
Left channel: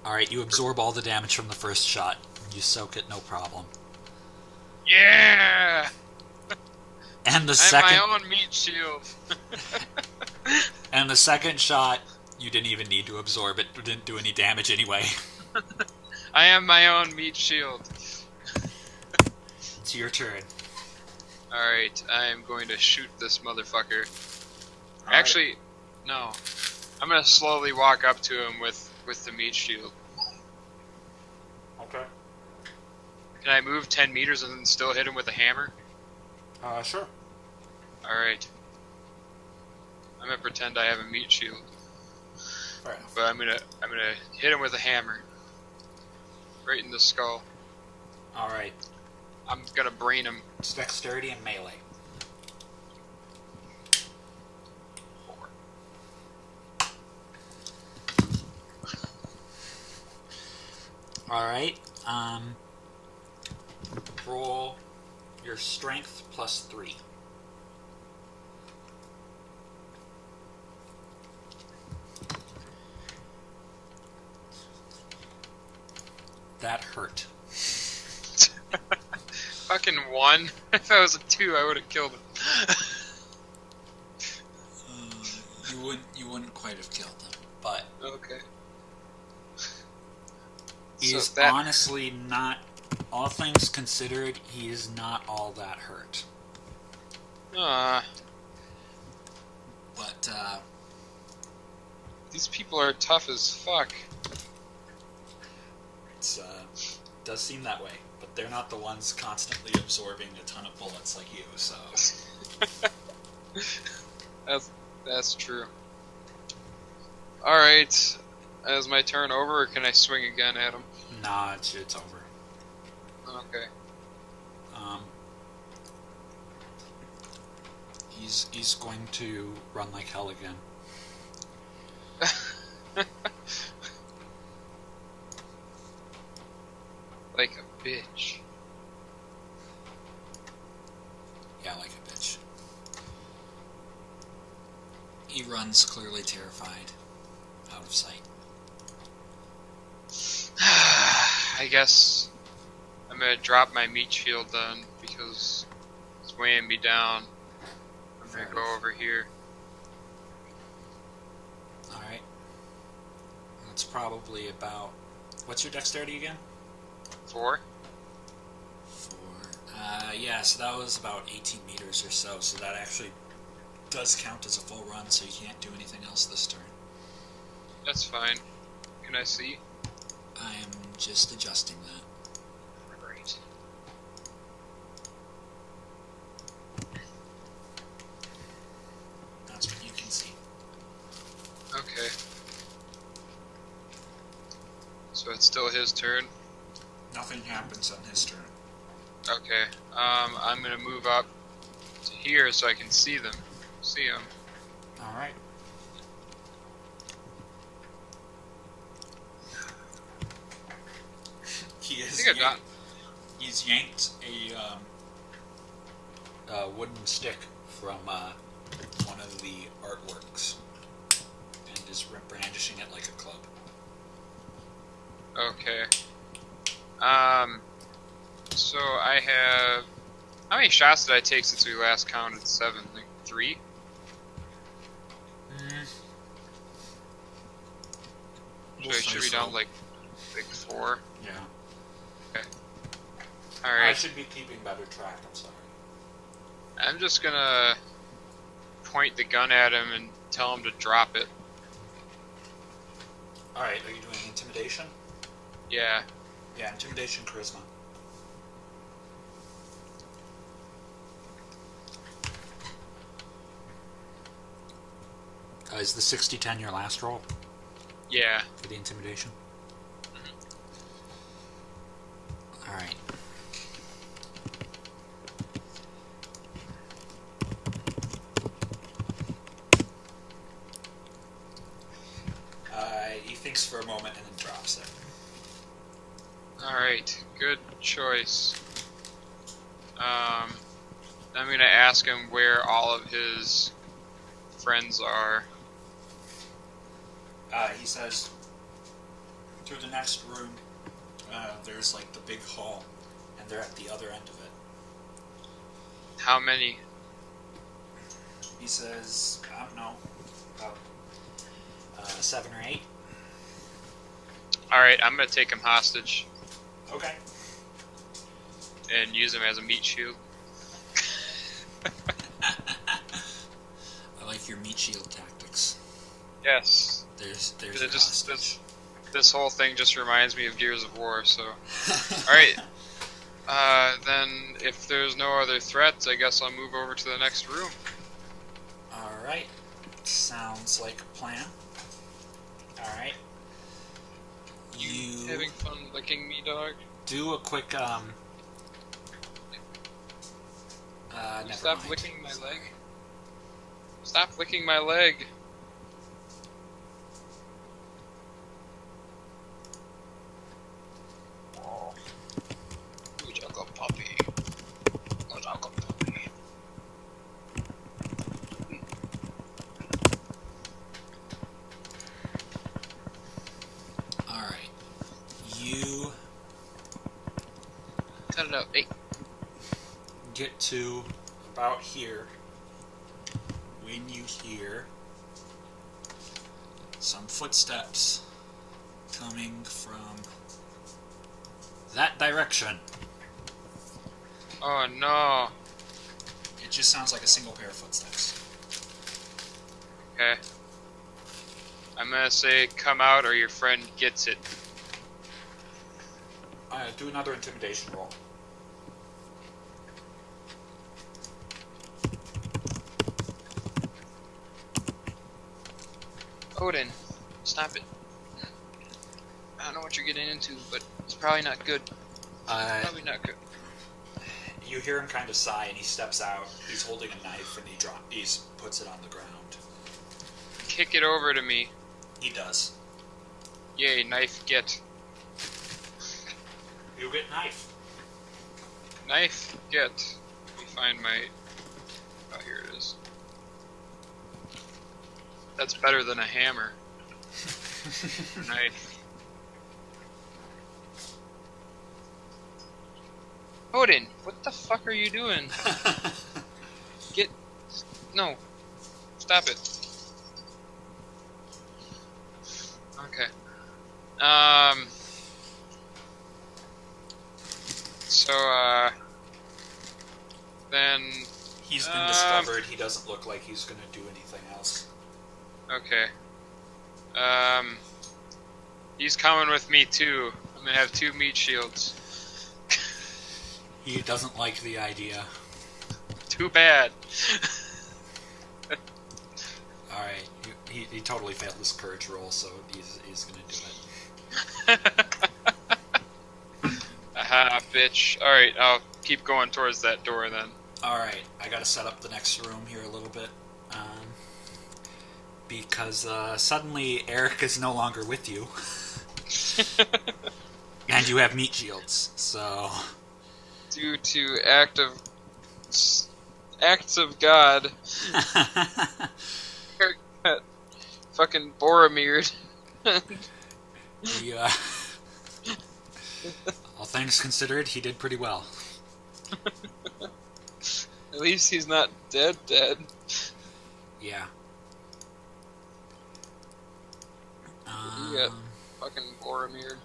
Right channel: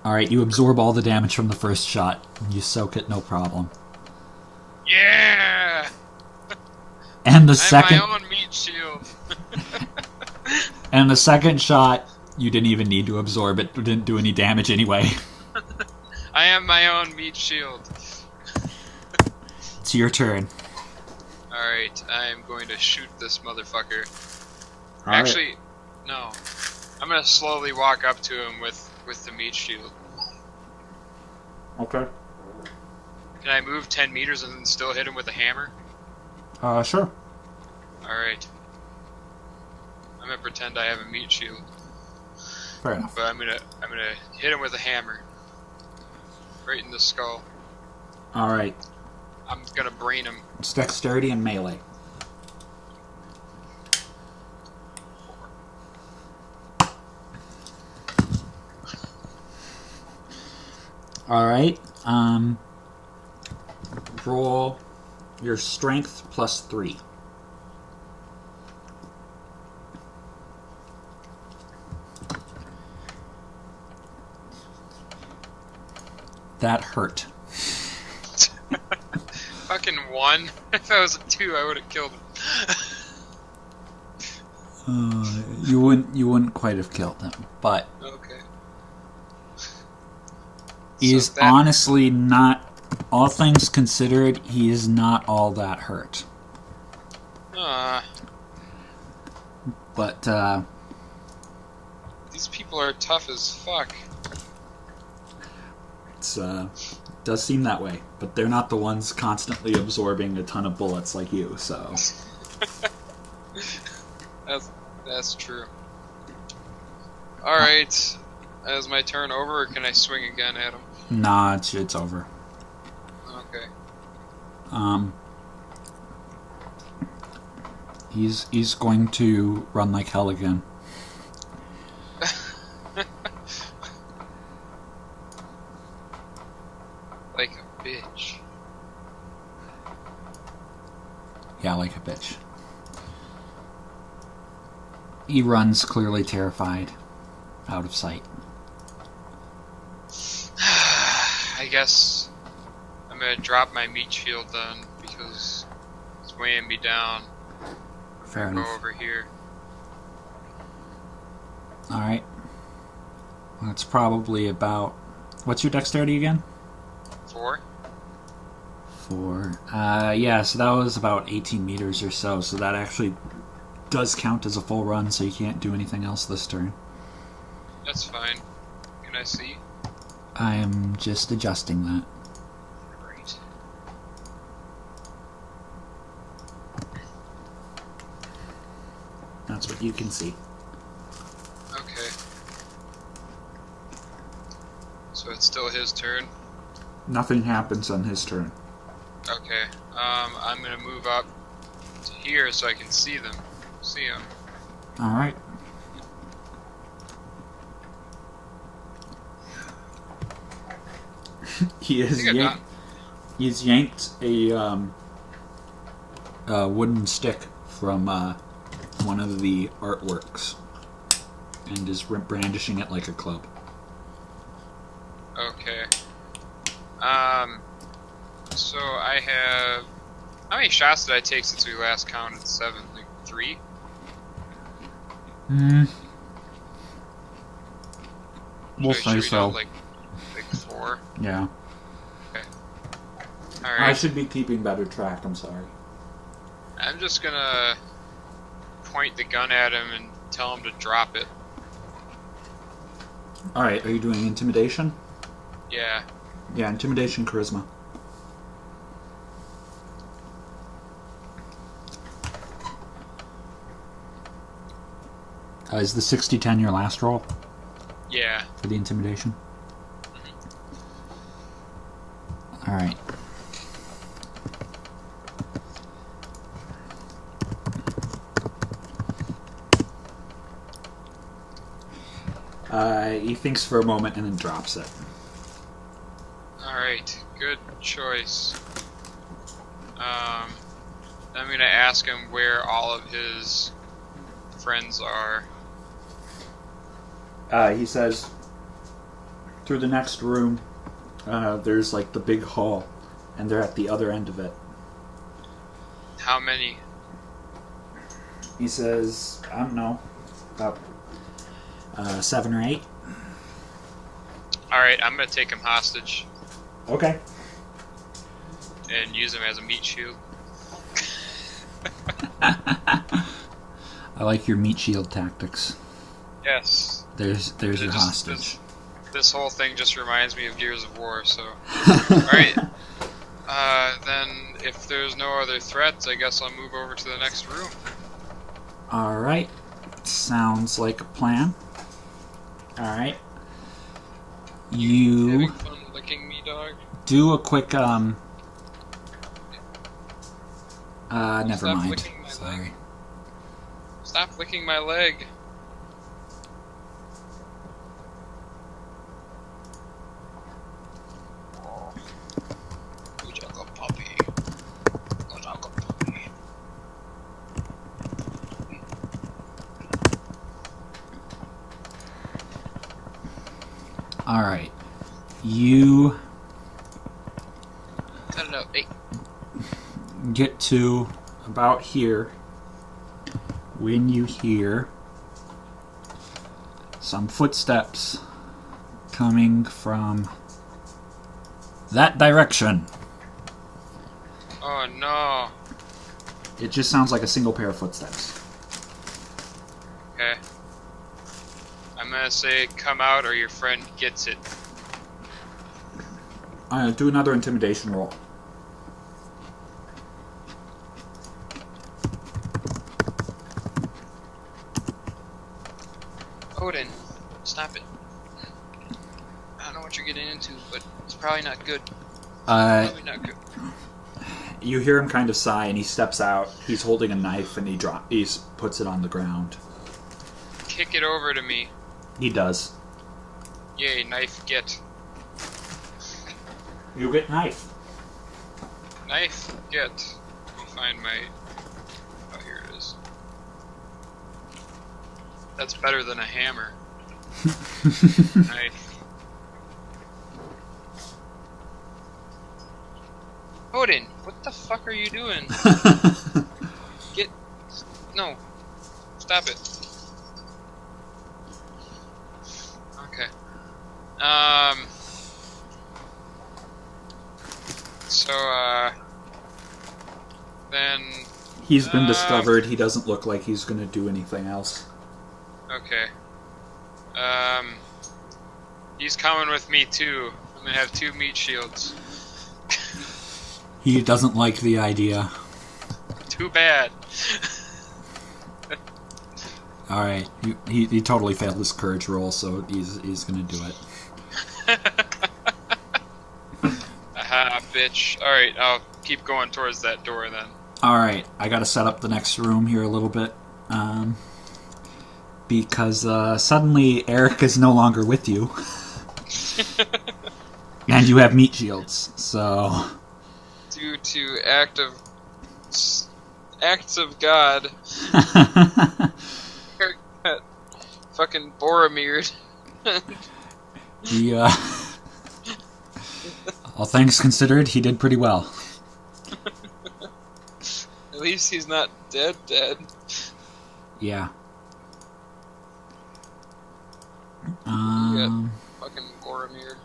Alright, you absorb all the damage from the first shot. You soak it, no problem. Yeah! And the I'm second... my own meat shield. And the second shot, you didn't even need to absorb it. It didn't do any damage anyway. I am my own meat shield. It's your turn. Alright, I am going to shoot this motherfucker. All right. Actually, no. I'm gonna slowly walk up to him with the meat shield. Okay. Can I move 10 meters and then still hit him with a hammer? Sure. Alright. I'm gonna pretend I have a meat shield. Fair enough. But I'm gonna hit him with a hammer. Right in the skull. Alright. I'm gonna brain him. It's dexterity and melee. 4. Alright. Roll Your strength plus 3. That hurt. Fucking 1. If I was a 2, I would have killed him. You wouldn't quite have killed him, but Okay. he's honestly not. All things considered, he is not all that hurt. But these people are tough as fuck. It's does seem that way, but they're not the ones constantly absorbing a ton of bullets like you. So that's true. All right, is my turn over, or can I swing again at him? Nah, it's over. Okay. He's going to run like hell again. Like a bitch. Yeah, like a bitch. He runs clearly terrified, out of sight. I guess I'm gonna drop my meat shield then, because it's weighing me down. I'm Fair gonna enough. go over here. Alright. That's probably about... What's your dexterity again? 4. 4. Yeah, so that was about 18 meters or so, so that actually does count as a full run, so you can't do anything else this turn. That's fine. Can I see? I am just adjusting that. Great. That's what you can see. Okay. So it's still his turn. Nothing happens on his turn. Okay. I'm gonna move up to here so I can see them. See him. Alright. He's yanked a wooden stick from one of the artworks and is brandishing it like a club. Okay. So I have... How many shots did I take since we last counted? 7? Like 3? We'll Should say we so. do like 4? Yeah. Okay. I Alright. should be keeping better track, I'm sorry. I'm just gonna point the gun at him and tell him to drop it. Alright, are you doing intimidation? Yeah. Yeah, intimidation, charisma. Is the 60-10 your last roll Yeah. for the intimidation? Alright. He thinks for a moment and then drops it. Alright. Good choice. I'm gonna ask him where all of his friends are. He says, through the next room, there's like the big hall, and they're at the other end of it. How many? He says, I don't know, about 7 or 8. Alright, I'm gonna take him hostage Okay. and use him as a meat shield. I like your meat shield tactics. Yes. There's your hostage. This whole thing just reminds me of Gears of War, so... Alright. Then, if there's no other threats, I guess I'll move over to the next room. Alright. Sounds like a plan. Alright. You Having fun licking me, dog? do a quick, never Stop mind. licking my Sorry. leg. Stop licking my leg. Ooh, jungle puppy. All right. You Cut it out. Hey. get to about here when you hear some footsteps coming from that direction. Oh no. It just sounds like a single pair of footsteps. Okay. I'm gonna say come out or your friend gets it. Do another intimidation roll. Odin, stop it. I don't know what you're getting into, but it's probably not good. Probably not good. You hear him kind of sigh, and he steps out. He's holding a knife, and he puts it on the ground. Kick it over to me. He does. Yay, knife get. You get knife. Knife get. Let me find my... Oh, here it is. That's better than a hammer. Knife. Odin, what the fuck are you doing? Get... No. Stop it. Okay. Then... He's been discovered. He doesn't look like he's going to do anything else. Okay. He's coming with me too. I'm gonna have 2 meat shields. He doesn't like the idea. Too bad. Alright, he totally failed his courage roll, so he's gonna do it. Aha, bitch. Alright, I'll keep going towards that door then. Alright, I gotta set up the next room here a little bit. Because suddenly Eric is no longer with you. And you have meat shields, so... Due to acts of God, Eric got fucking Boromired. He, all things considered, he did pretty well. At least he's not dead. Yeah. He got fucking Boromired.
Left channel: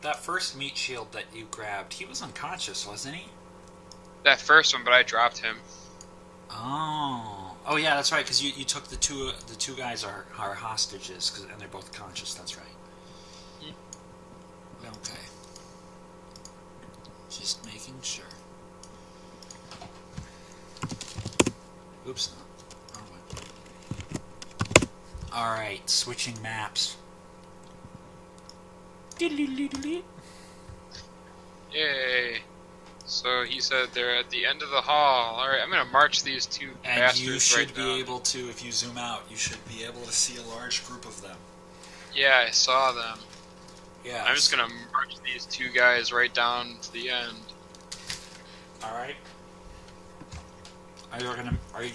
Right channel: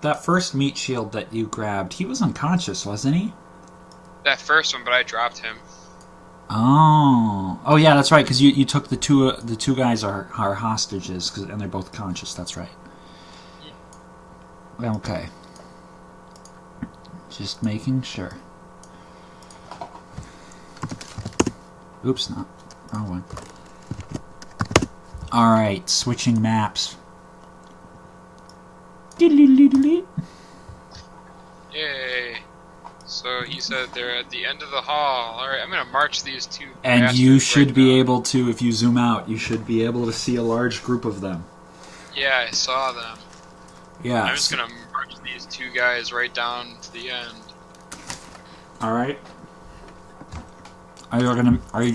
That first meat shield that you grabbed, he was unconscious, wasn't he? That first one, but I dropped him. Oh yeah, that's right. Because you took the two guys are hostages, and they're both conscious. That's right. Yeah. Okay. Just making sure. Oops, not wrong one. All right, switching maps. Yay! So he said they're at the end of the hall. Alright, I'm gonna march these 2 And you should right be now. able to, if you zoom out, you should be able to see a large group of them. Yeah, I saw them. Yeah. I'm just gonna march these 2 guys right down to the end. All right. Are you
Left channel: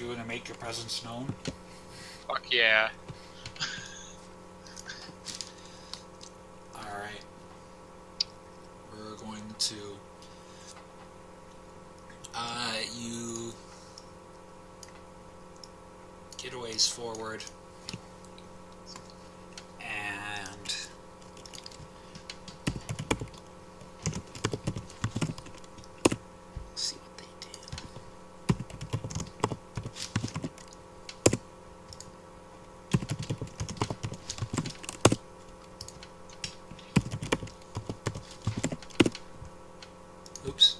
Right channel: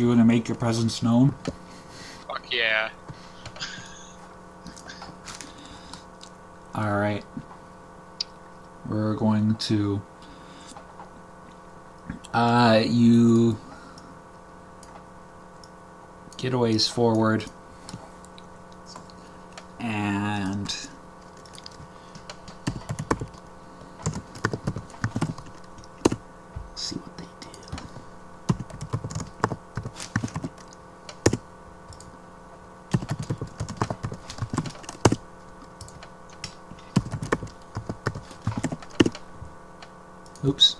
gonna make your presence known? Fuck yeah. All right. We're going to. You get a ways forward, and see what they do. Oops.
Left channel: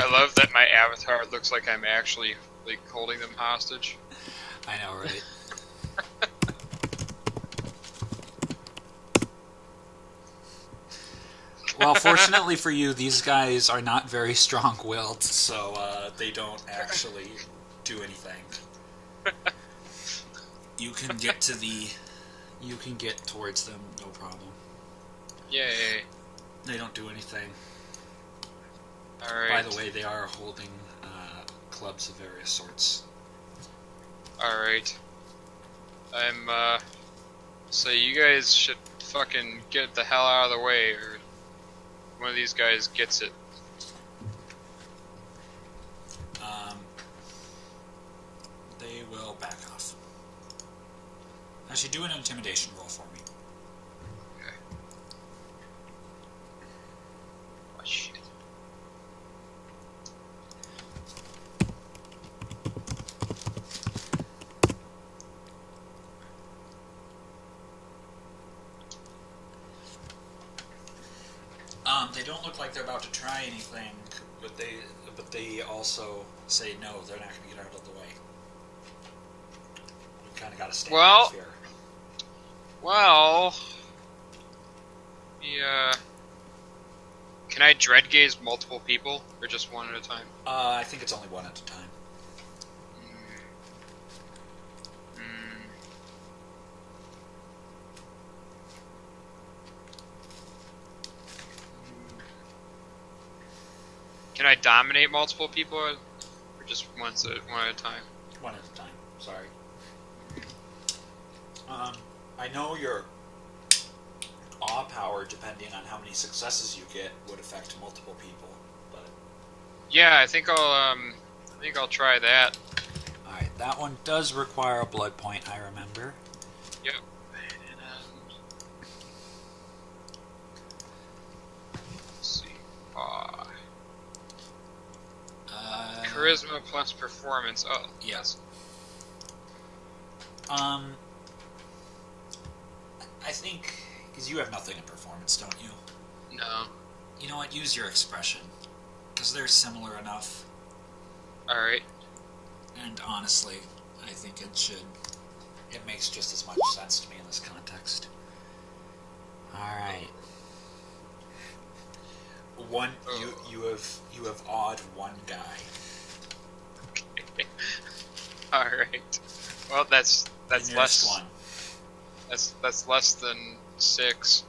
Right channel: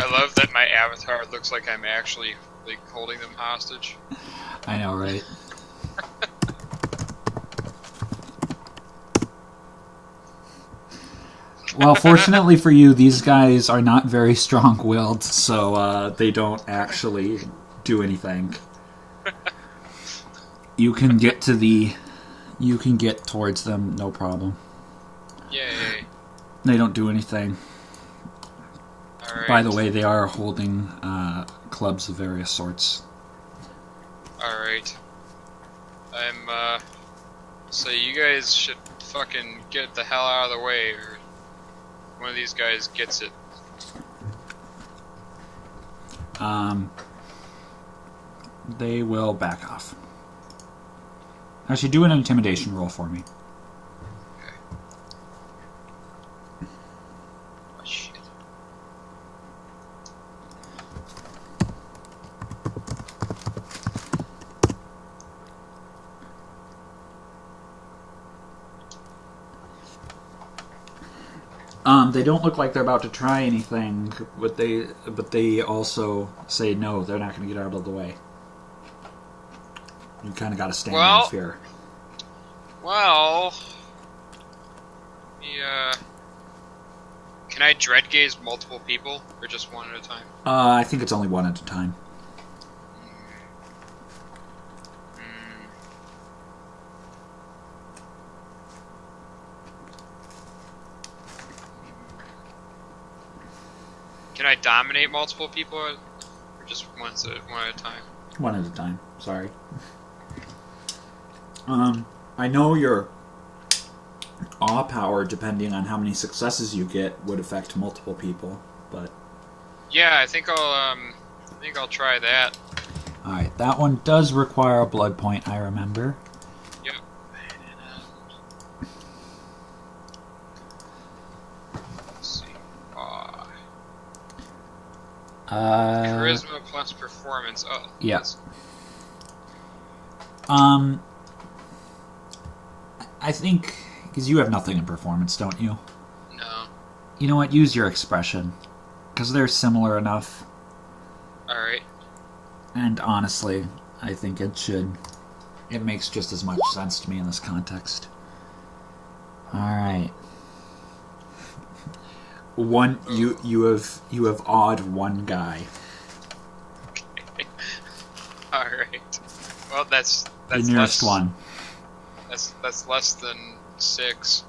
I love that my avatar looks like I'm actually like holding them hostage. I know, right? Well, fortunately for you, these guys are not very strong-willed, so they don't actually do anything. You can get towards them, no problem. Yay. They don't do anything. Alright. By the way, they are holding clubs of various sorts. Alright. I'm So you guys should fucking get the hell out of the way, or one of these guys gets it. They will back off. Actually, do an intimidation roll for me. Okay. Oh shit. They don't look like they're about to try anything, but they also say no, they're not going to get out of the way. You kind of got to stand in fear. Well, yeah. Can I dread gaze multiple people, or just one at a time? I think it's only one at a time. Can I dominate multiple people, or just one at a time? One at a time. Sorry. I know your awe power, depending on how many successes you get, would affect multiple people, but yeah, I think I'll try that. all right, that one does require a blood point. I remember. Yep. Let's see. Charisma plus performance. Oh. Yes. I think because you have nothing in performance, don't you? No. You know what? Use your expression, because they're similar enough. All right. And honestly, I think it makes just as much sense to me in this context. All right. You have awed one guy. Okay. All right. Well, that's the nearest one. That's less than 6.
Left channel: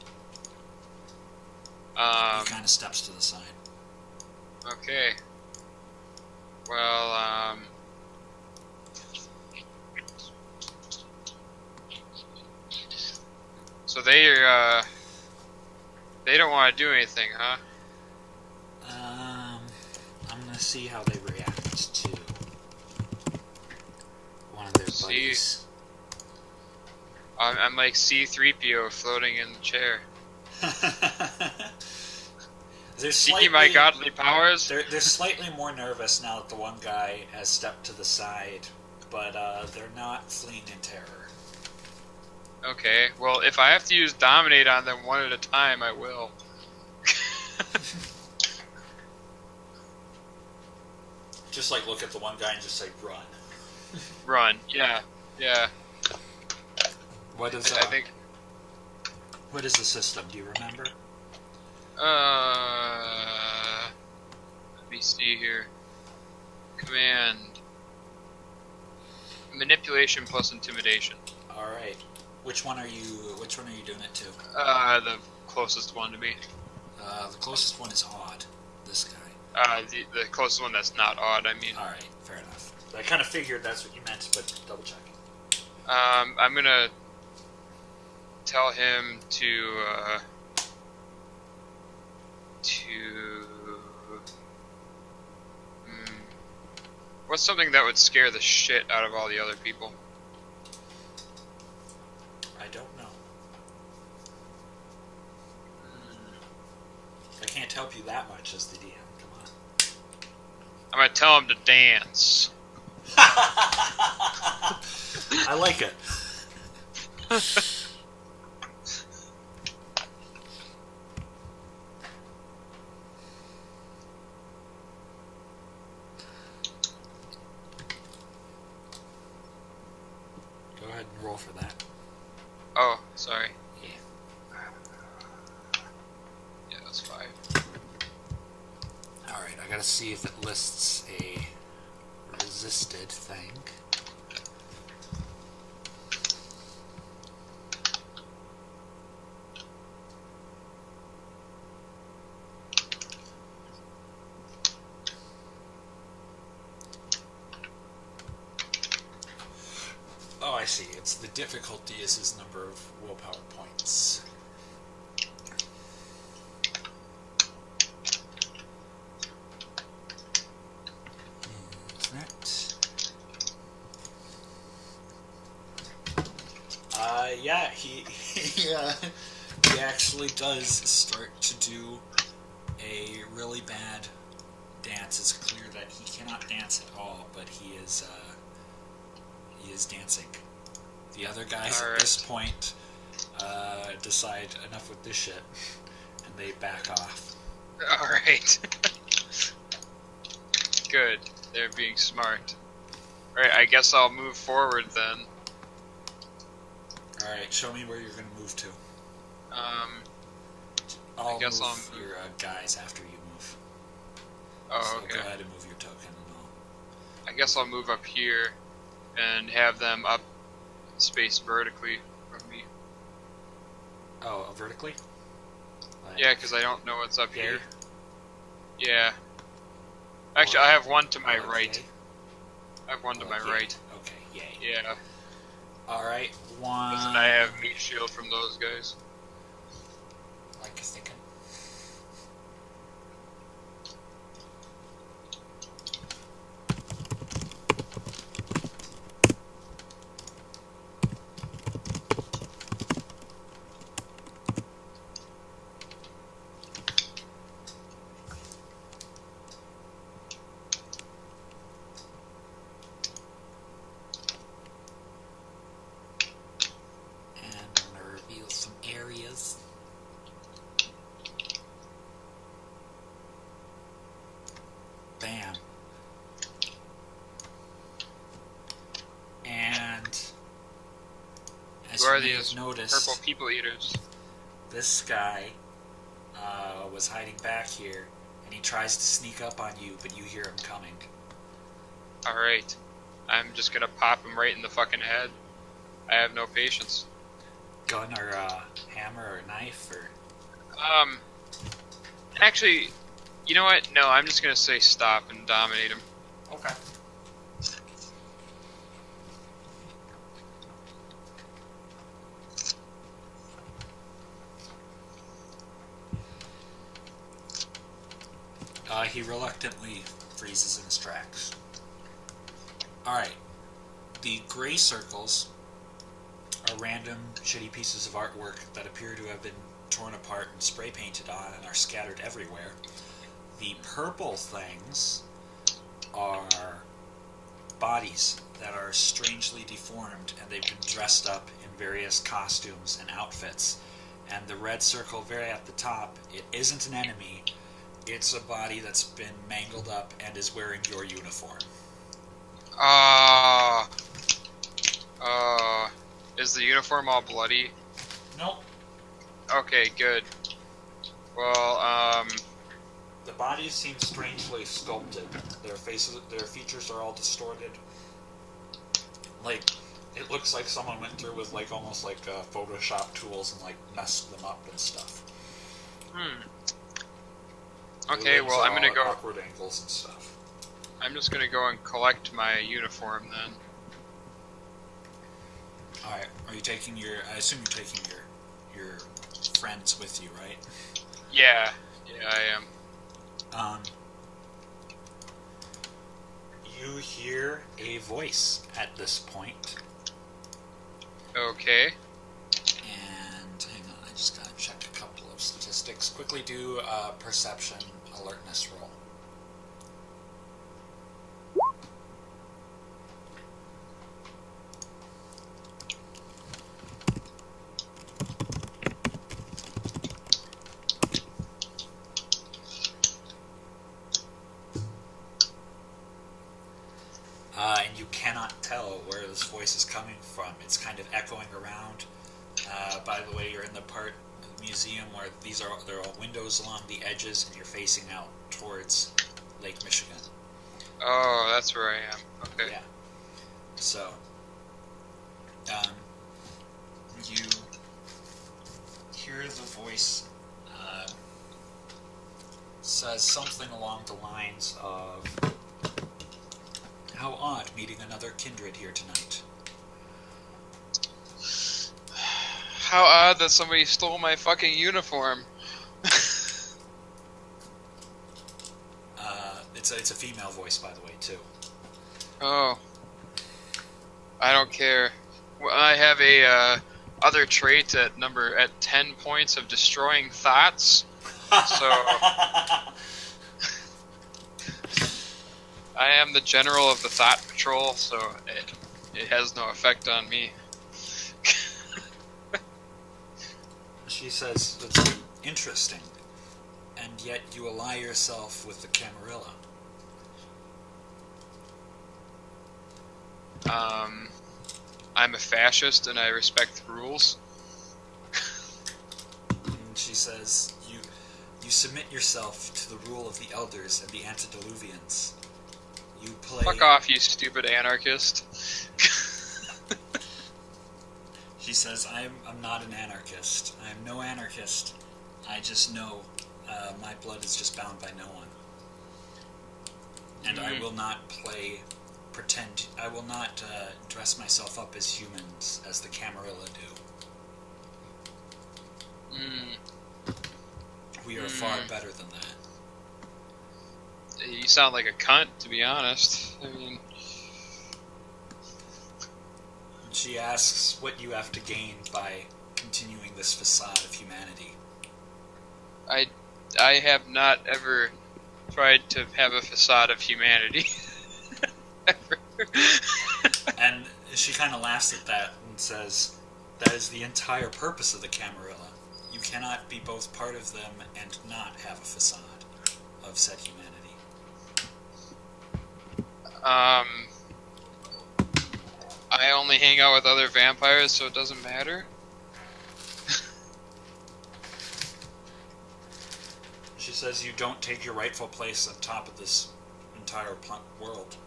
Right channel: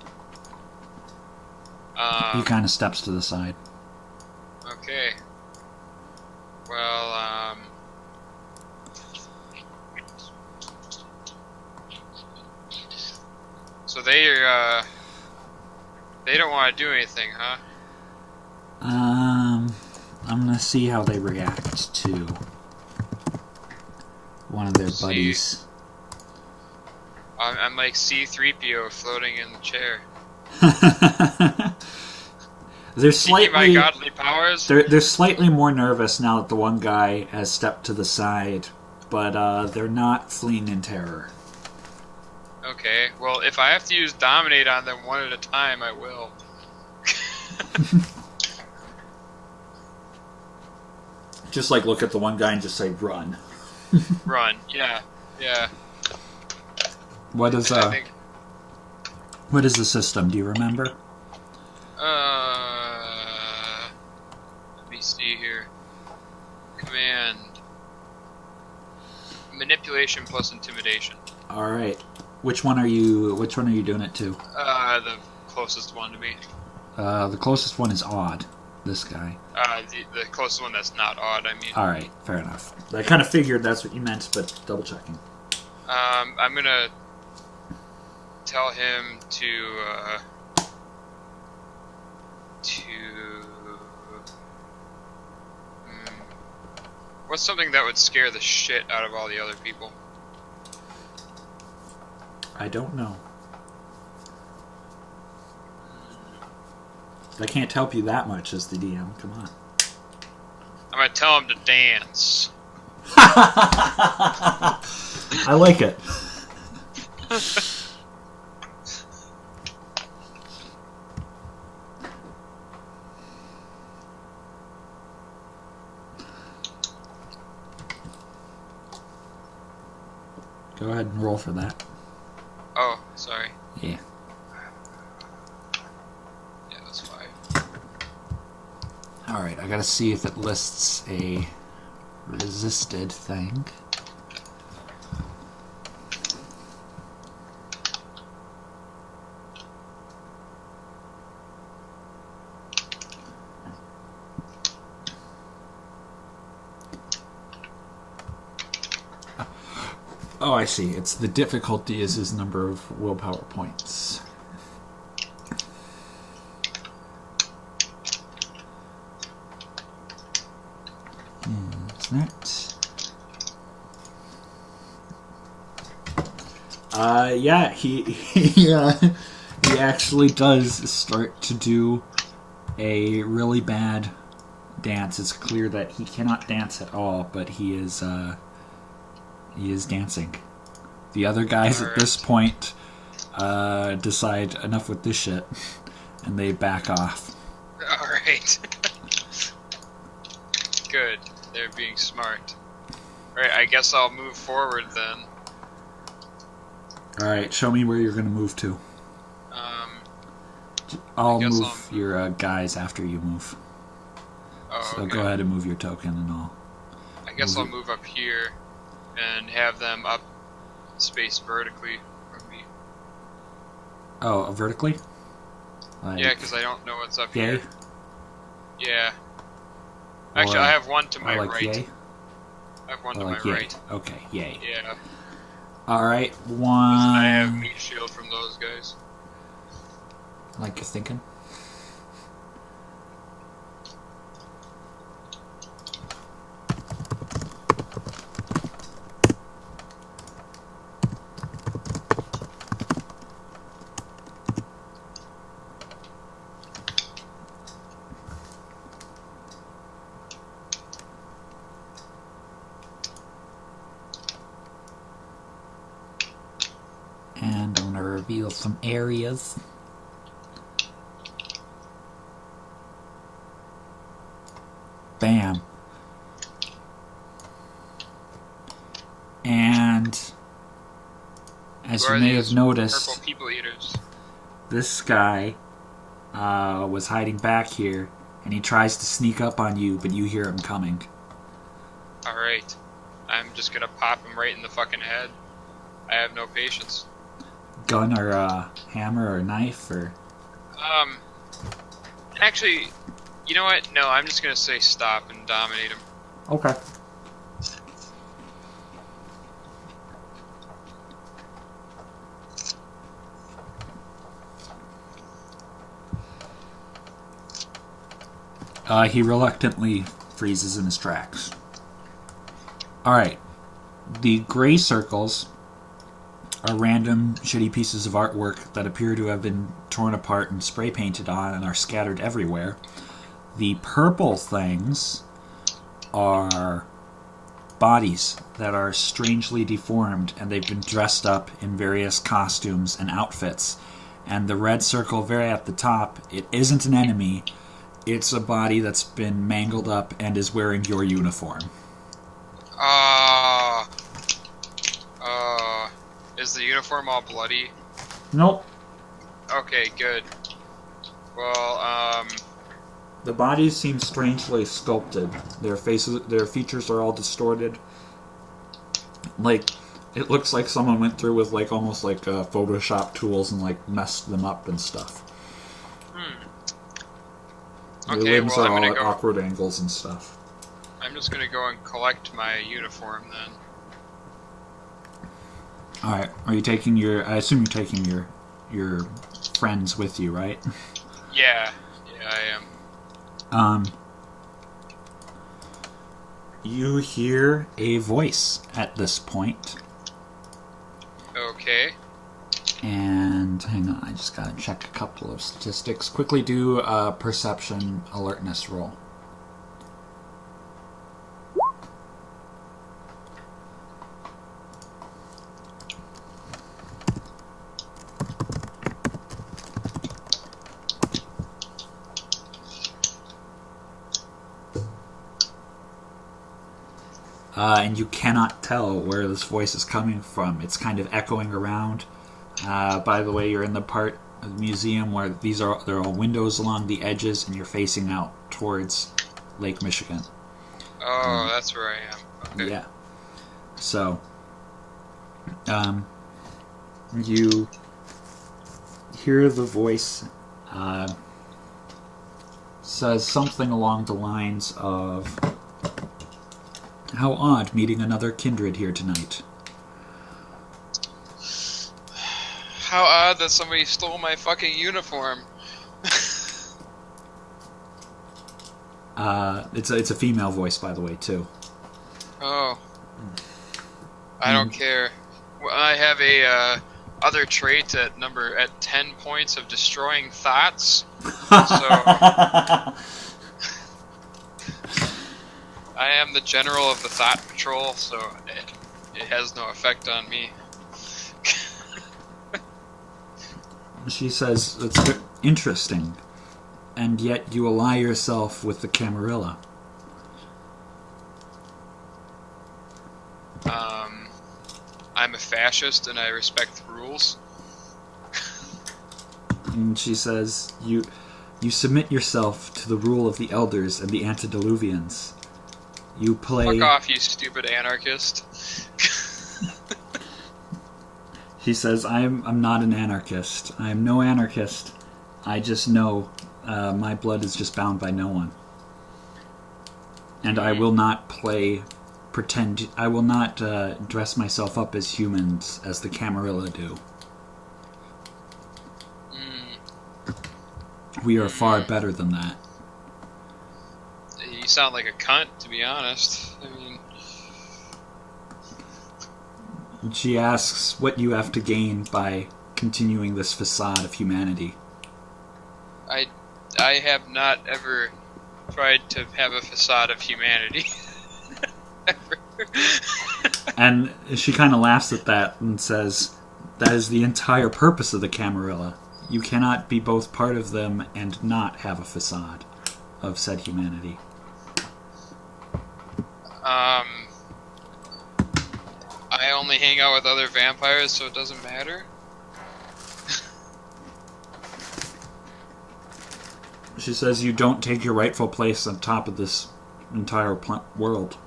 He kind of steps to the side. Okay. Well, so they don't want to do anything, huh? I'm gonna see how they react to one of their buddies. I'm like C-3PO floating in the chair. They're slightly my godly powers. They're slightly more nervous now that the one guy has stepped to the side, but they're not fleeing in terror. Okay, well, if I have to use dominate on them one at a time, I will. Just like look at the one guy and just say run. Run, yeah. What is I think, what is the system? Do you remember? Let me see here. Command. Manipulation plus intimidation. All right. Which one are you doing it to? The closest one to me. The closest one is odd. This guy. The closest one that's not odd, I mean. All right, fair enough. I kind of figured that's what you meant, but double checking. I'm gonna tell him to what's something that would scare the shit out of all the other people? I don't know. I can't help you that much as the DM. Come on. I'm gonna tell him to dance. I like it. Go ahead and roll for that. Oh, sorry. Yeah. Yeah, that's 5. Alright, I gotta see if it lists a resisted thing. Oh, I see. It's the difficulty is his number of willpower points. Is that? Yeah, he actually does start to do a really bad dance. It's clear that he cannot dance at all, but he is dancing. The other guys at this point decide enough with this shit, and they back off. All right. Good. They're being smart. All right. I guess I'll move forward then. All right. Show me where you're going to move to. I'll move your guys after you move. Oh, so okay. Go ahead and move your token and all. I guess I'll move up here and have them up spaced vertically from me. Oh, vertically? Yeah, because I don't know what's up yay? here. Yeah. Actually, I have one to my right. Yay? I have one to my yay. right. Okay, yay. Yeah. Alright, one... Doesn't I have meat shield from those guys? Like you're thinking? And I'm going to reveal some areas. Bam. And as you may have noticed, purple people eaters? This guy was hiding back here, and he tries to sneak up on you, but you hear him coming. Alright. I'm just gonna pop him right in the fucking head. I have no patience. Gun or hammer or knife or... Actually, you know what? No, I'm just gonna say stop and dominate him. Okay. He reluctantly freezes in his tracks. Alright. The gray circles are random shitty pieces of artwork that appear to have been torn apart and spray painted on and are scattered everywhere. The purple things are bodies that are strangely deformed, and they've been dressed up in various costumes and outfits. And the red circle very at the top, it isn't an enemy. It's a body that's been mangled up and is wearing your uniform. Is the uniform all bloody? Nope. Okay, good. Well, The bodies seem strangely sculpted. Their features are all distorted. Like, it looks like someone went through with almost like Photoshop tools and messed them up and stuff. Okay, well, I'm gonna go awkward angles and stuff. I'm just gonna go and collect my uniform then. All right. Are you taking your? I assume you're taking your friends with you, right? Yeah, I am. You hear a voice at this point. Okay. And hang on, I just gotta check a couple of statistics. Quickly do a perception alertness roll. And you cannot tell where this voice is coming from. It's kind of echoing around. By the way, you're in the part of the museum where there are all windows along the edges, and you're facing out towards Lake Michigan. Oh, that's where I am. Okay. Yeah. So, you hear the voice says something along the lines of, "How odd meeting another kindred here tonight. How odd that somebody stole my fucking uniform. It's a female voice, by the way, too. Oh. I don't care. Well, I have a other trait at 10 points of destroying thoughts. So I am the general of the thought patrol, so it has no effect on me. She says, it's interesting, and yet you ally yourself with the Camarilla. I'm a fascist and I respect the rules. And she says, you submit yourself to the rule of the elders and the antediluvians. You play... Fuck off, you stupid anarchist. She says, I'm not an anarchist. I am no anarchist. I just know my blood is just bound by no one. And I will not pretend... I will not dress myself up as humans as the Camarilla do. We are far better than that. You sound like a cunt, to be honest. I mean... She asks what you have to gain by continuing this facade of humanity. I have not ever tried to have a facade of humanity. Ever. And she kind of laughs at that and says, that is the entire purpose of the Camarilla. You cannot be both part of them and not have a facade of said humanity. I only hang out with other vampires, so it doesn't matter. She says you don't take your rightful place on top of this entire world.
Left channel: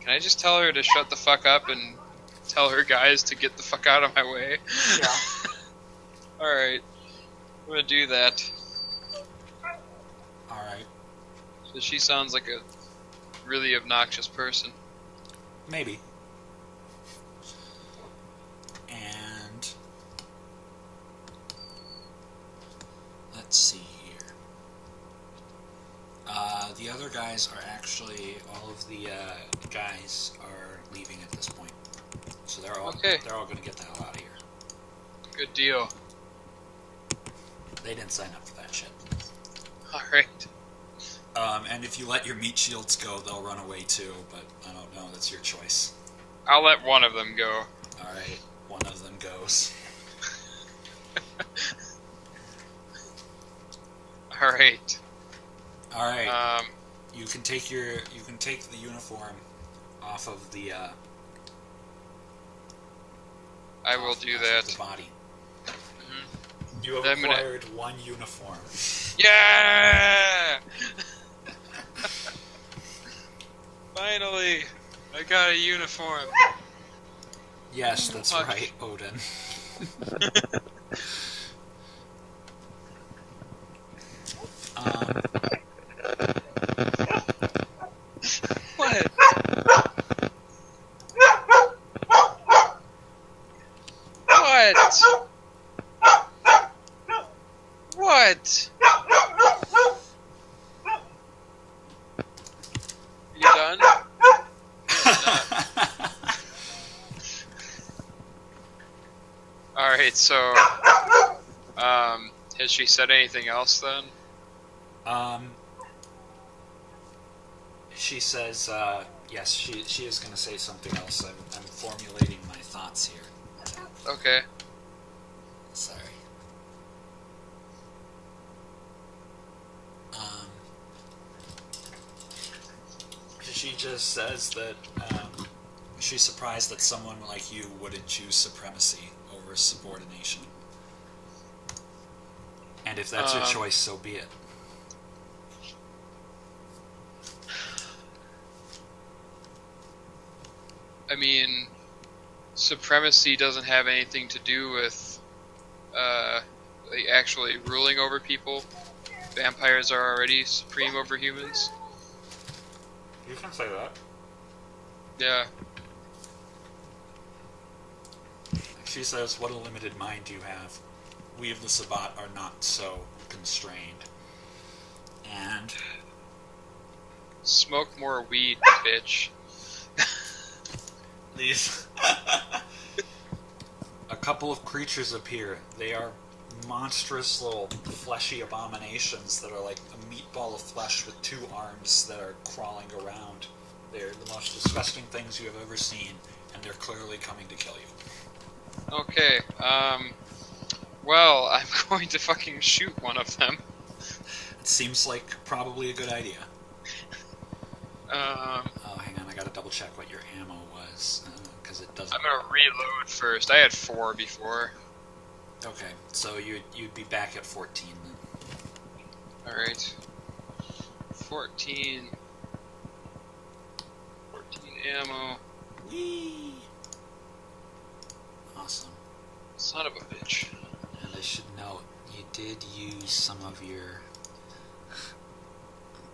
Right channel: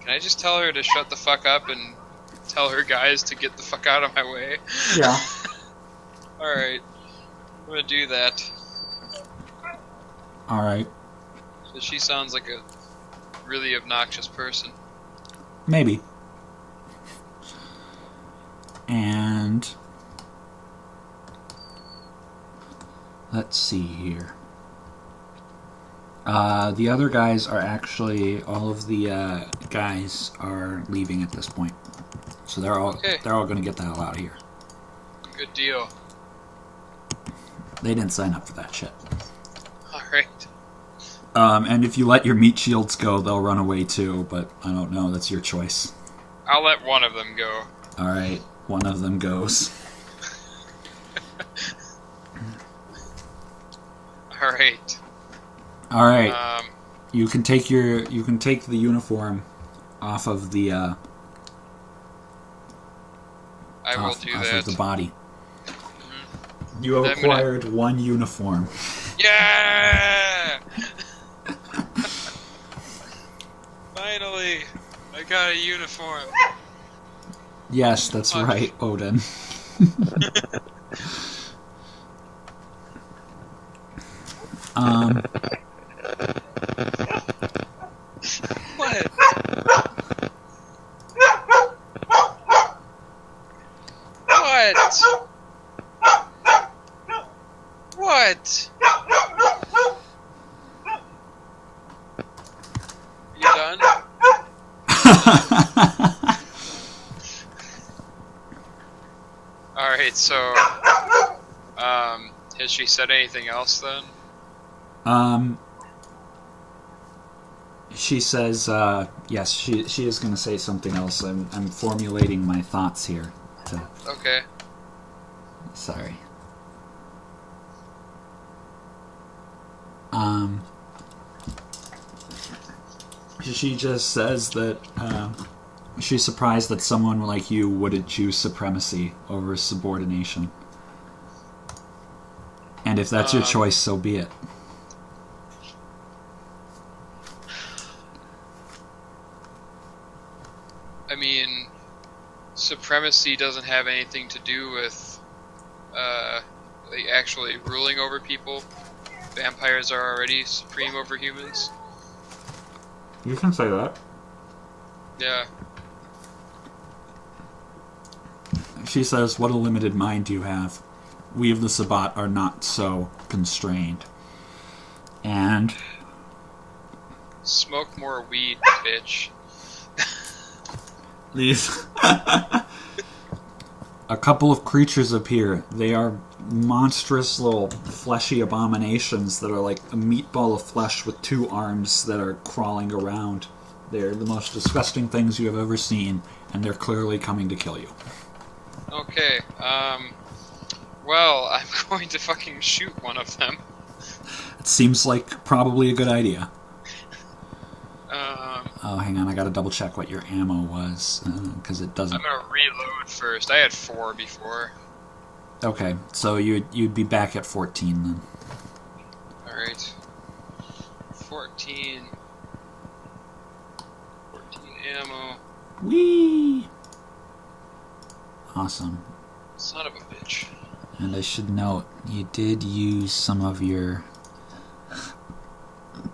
Can I just tell her to shut the fuck up and tell her guys to get the fuck out of my way? Yeah. Alright. I'm gonna do that. Alright. So she sounds like a really obnoxious person. Maybe. And... let's see here. The other guys are actually... all of the guys are leaving at this point. So they're all going to get the hell out of here. Good deal. They didn't sign up for that shit. Alright. And if you let your meat shields go, they'll run away too, but I don't know, that's your choice. I'll let one of them go. Alright, one of them goes. Alright. Alright. You can take the uniform off of the I will do that. Of the body. Mm-hmm. You have acquired one uniform. Yeah! Finally! I got a uniform. Yes, that's right, Odin. What? What? What? You done? Alright, so, has she said anything else then? She says, yes, she is going to say something else. I'm formulating my thoughts here. Okay. Sorry. She just says that, she's surprised that someone like you wouldn't choose supremacy over subordination. And if that's your choice, so be it. I mean, supremacy doesn't have anything to do with like actually ruling over people. Vampires are already supreme over humans. You can say that. Yeah. She says, "What a limited mind you have. We of the Sabbat are not so constrained." And Smoke more weed, bitch. these a couple of creatures appear. They are monstrous little fleshy abominations that are like a meatball of flesh with two arms that are crawling around. They're the most disgusting things you have ever seen, and they're clearly coming to kill you. Okay, well, I'm going to fucking shoot one of them. It seems like probably a good idea. Um, Oh, hang on, I gotta double check what your ammo was, because it doesn't... I'm gonna reload first. I had 4 before. Okay, so you'd be back at 14 then. Alright. 14 ammo. Whee! Awesome. Son of a bitch. And I should note, you did use some of your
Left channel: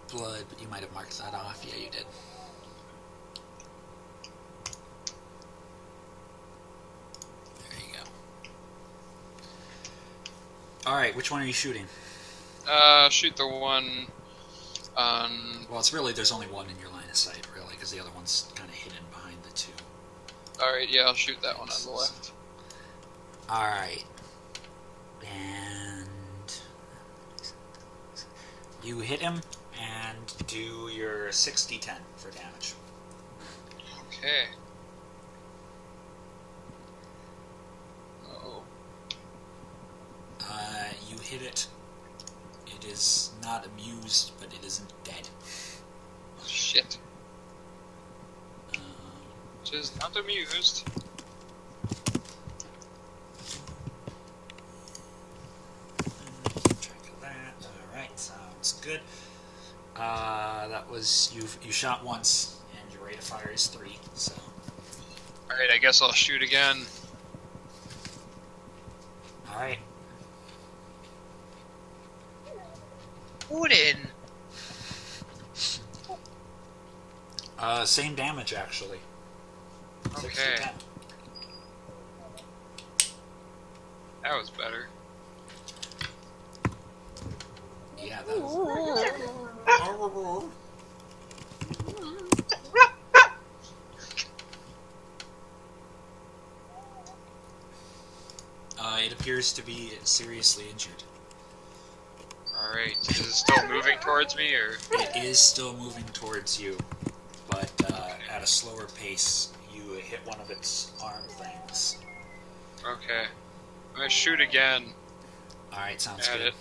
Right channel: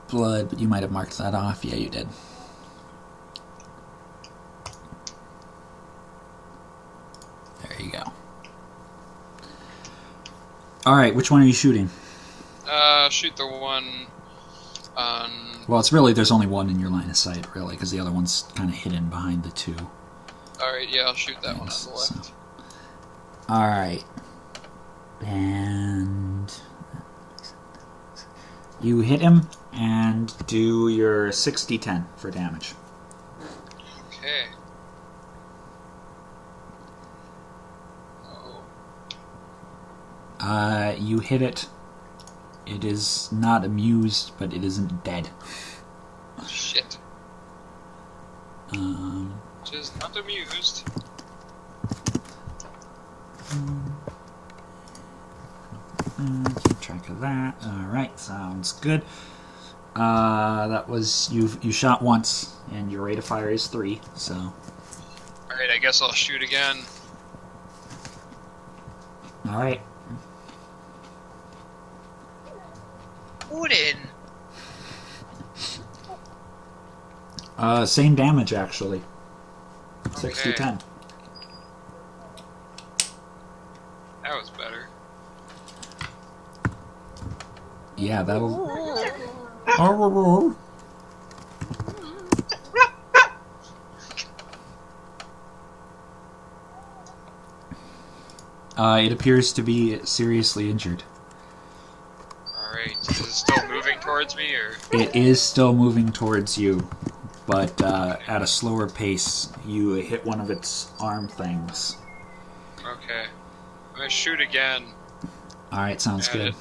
blood, but you might have marked that off. Yeah, you did. There you go. Alright, which one are you shooting? Shoot the one on... Well, it's really, there's only one in your line of sight, really, because the other one's kind of hidden behind the two. Alright, yeah, I'll shoot that one on the left. So. Alright. And... you hit him, and do your 6d10 for damage. Okay. You hit it. It is not amused, but it isn't dead. Shit. Just not amused. Keep track of that. Alright, sounds good. That was... You shot once, and your rate of fire is 3, so... Alright, I guess I'll shoot again. Alright. Odin! Same damage, actually. Okay. 6d10. That was better. Yeah, that'll... It appears to be seriously injured. Alright, is it still moving towards me, or...? It is still moving towards you, but at a slower pace. You hit one of its arm things. Okay. I'm gonna shoot again. Alright, sounds At good. it.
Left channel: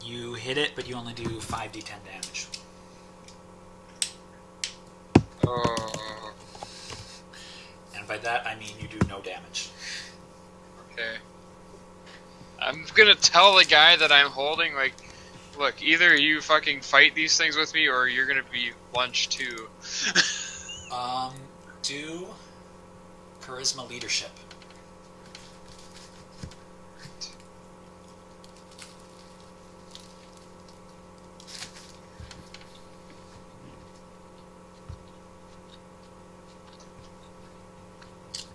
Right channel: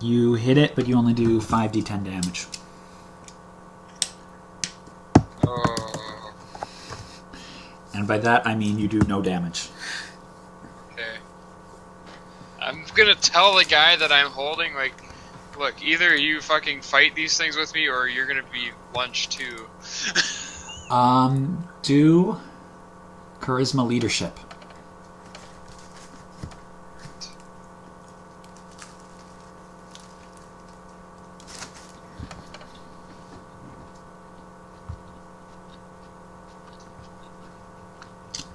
You hit it, but you only do 5d10 damage. Oh, And by that, I mean you do no damage. okay. I'm gonna tell the guy that I'm holding, like, look, either you fucking fight these things with me, or you're gonna be lunch too. Do charisma leadership.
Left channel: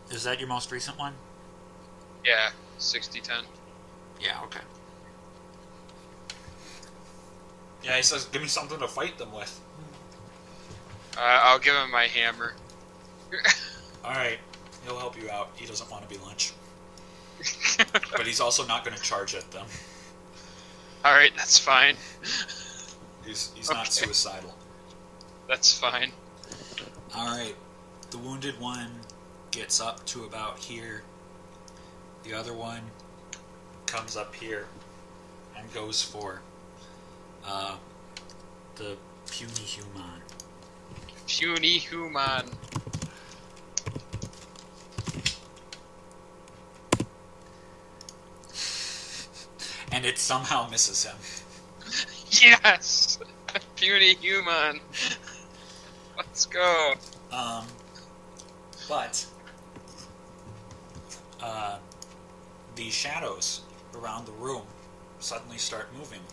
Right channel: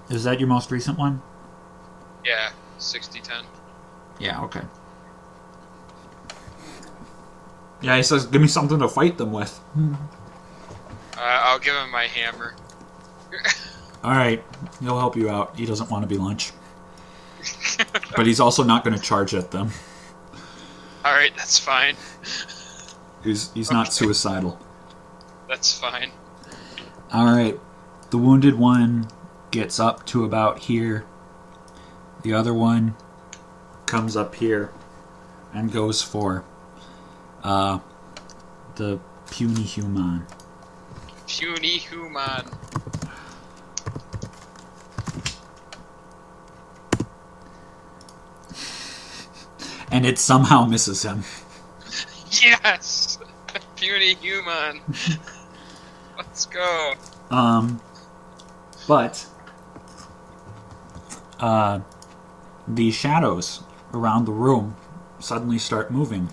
Is that your most recent one? Yeah, 60-10. Yeah, okay. Yeah, he says, give me something to fight them with. I'll give him my hammer. Alright, he'll help you out. He doesn't want to be lunch. But he's also not going to charge at them. Alright, that's fine. He's not suicidal. That's fine. Alright, the wounded one gets up to about here. The other one comes up here and goes for the puny human. Puny human. And it somehow misses him. Yes! Puny human. Let's go. But the shadows around the room suddenly start moving.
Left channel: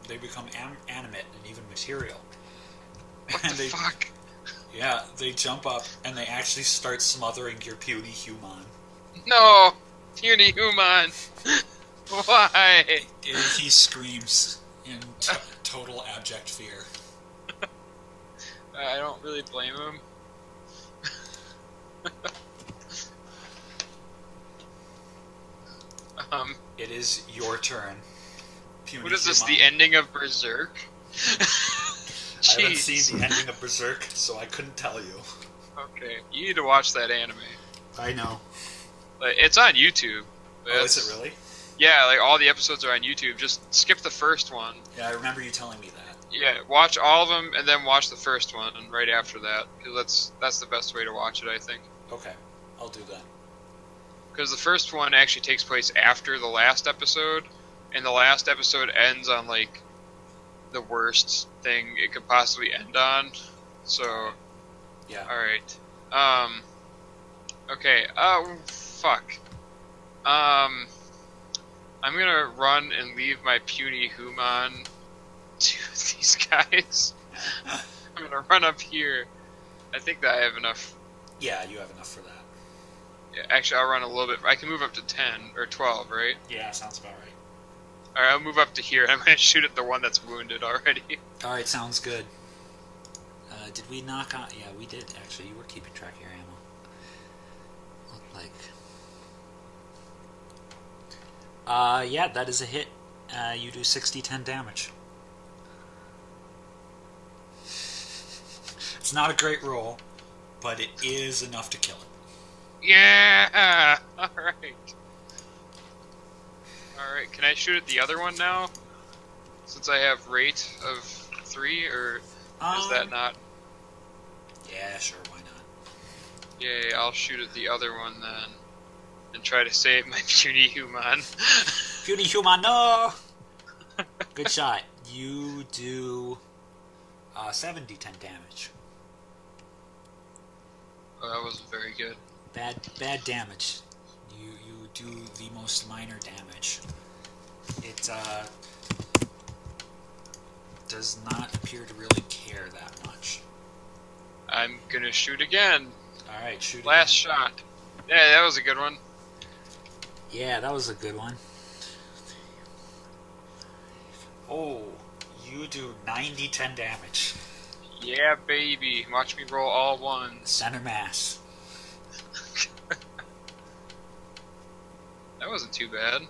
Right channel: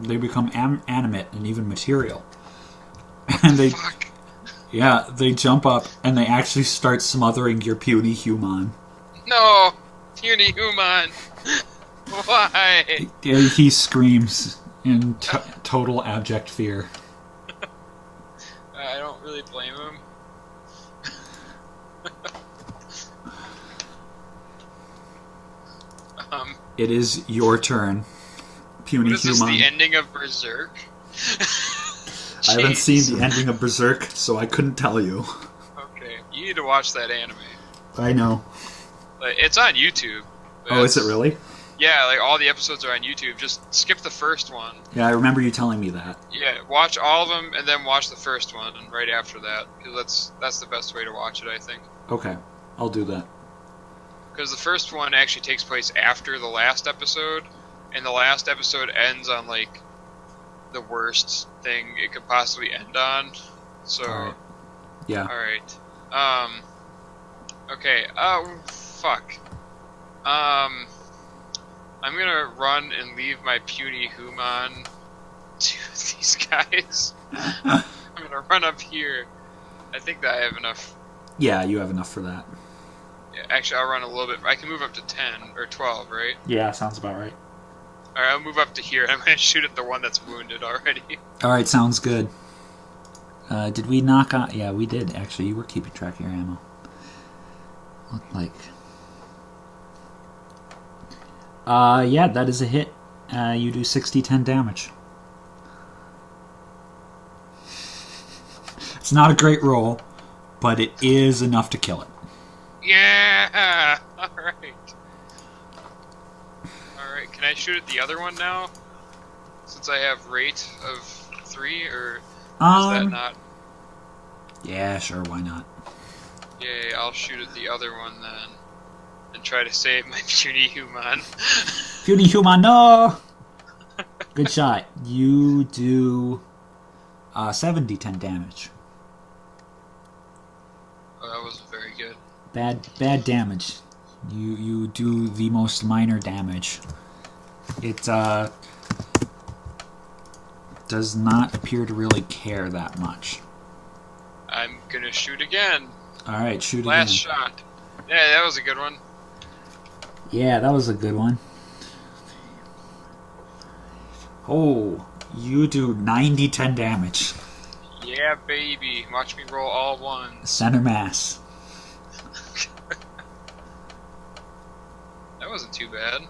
They become animate and even material. What And the fuck? Yeah, they jump up and they actually start smothering your puny human. No! Puny human! Why? He screams in total abject fear. I don't really blame him. It is your turn, puny what is this, human. the ending of Berserk? I haven't seen the ending of Berserk, so I couldn't tell you. Okay, you need to watch that anime. I know. It's on YouTube. Oh, is it really? Yeah, like all the episodes are on YouTube. Just skip the first one. Yeah, I remember you telling me that. Yeah, watch all of them and then watch the first one right after that, because that's the best way to watch it, I think. Okay, I'll do that. Because the first one actually takes place after the last episode, and the last episode ends on like the worst thing it could possibly end on. So, Right. Yeah. all right. Okay. Oh, fuck. I'm gonna run and leave my puny human to these guys. I'm gonna run up here. I think that I have enough. Yeah, you have enough for that. Yeah, actually, I'll run a little bit. I can move up to 10 or 12, right? Yeah, sounds about right. All right, I'll move up to here. I'm gonna shoot at the one that's wounded already. All right, sounds good. Did we knock on... Yeah, we did, actually. You were keeping track of your ammo. Looked like... yeah, that is a hit. You do 60-10 damage. It's not a great roll, but it is enough to kill it. Yeah! Alright. Alright, can I shoot at the other one now? Since I have rate of 3, or is that not? Yeah, sure, why not? Yay, I'll shoot at the other one then. And try to save my puny human. Puny human, no! Good shot. You do 70-10 damage. Oh, that wasn't very good. Bad damage. You do the most minor damage. It does not appear to really care that much. I'm gonna shoot again. Alright, shoot Last again. shot. Yeah, that was a good one. Yeah, that was a good one. Oh, you do 90-10 damage. Yeah, baby. Watch me roll all ones. Center mass. That wasn't too bad.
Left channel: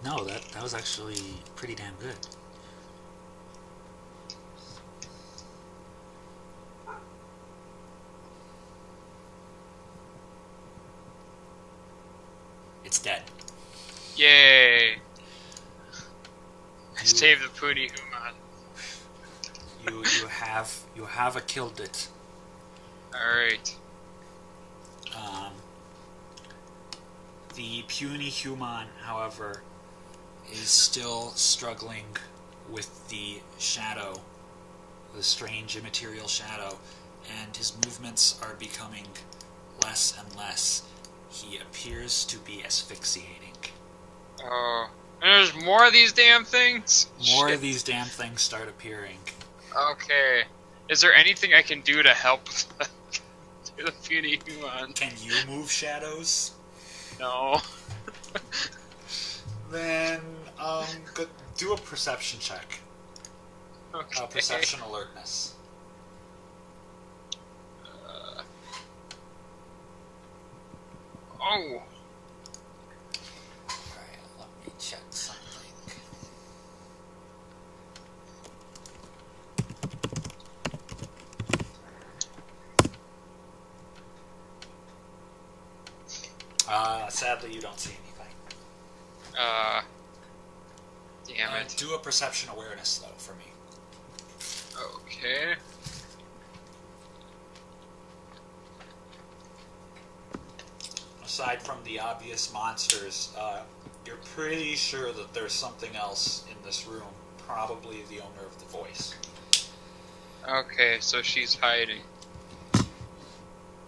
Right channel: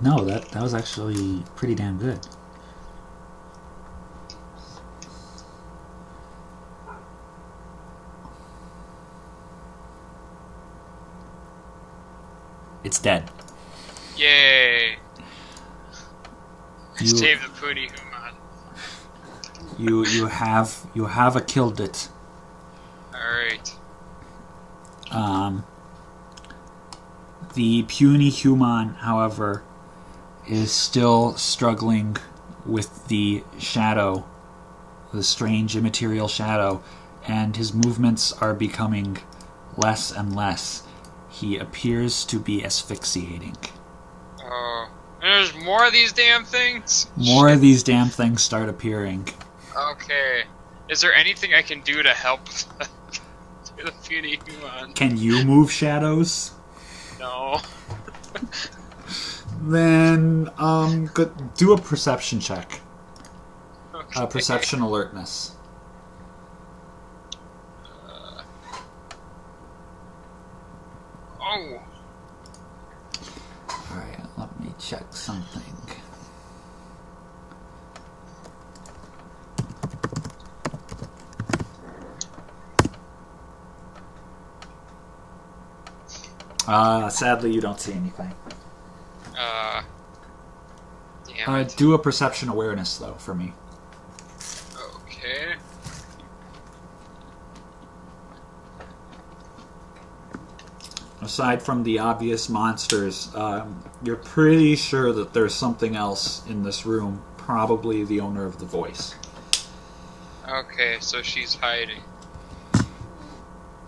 No, that was actually pretty damn good. It's dead. Yay! You- Save the puny human. You have a killed it. Alright. The puny human, however, is still struggling with the shadow, the strange immaterial shadow, and his movements are becoming less and less. He appears to be asphyxiating. Oh. And there's more of these damn things? More Shit. of these damn things start appearing. Okay. Is there anything I can do to help the puny human? Can you move shadows? No. Then, do a perception check. Okay. Perception alertness. Oh. Alright, let me check something. Sadly, you don't see anything. Damn it. Do a perception awareness, though, for me. Okay. Aside from the obvious monsters, you're pretty sure that there's something else in this room, probably the owner of the voice. Okay, so she's hiding.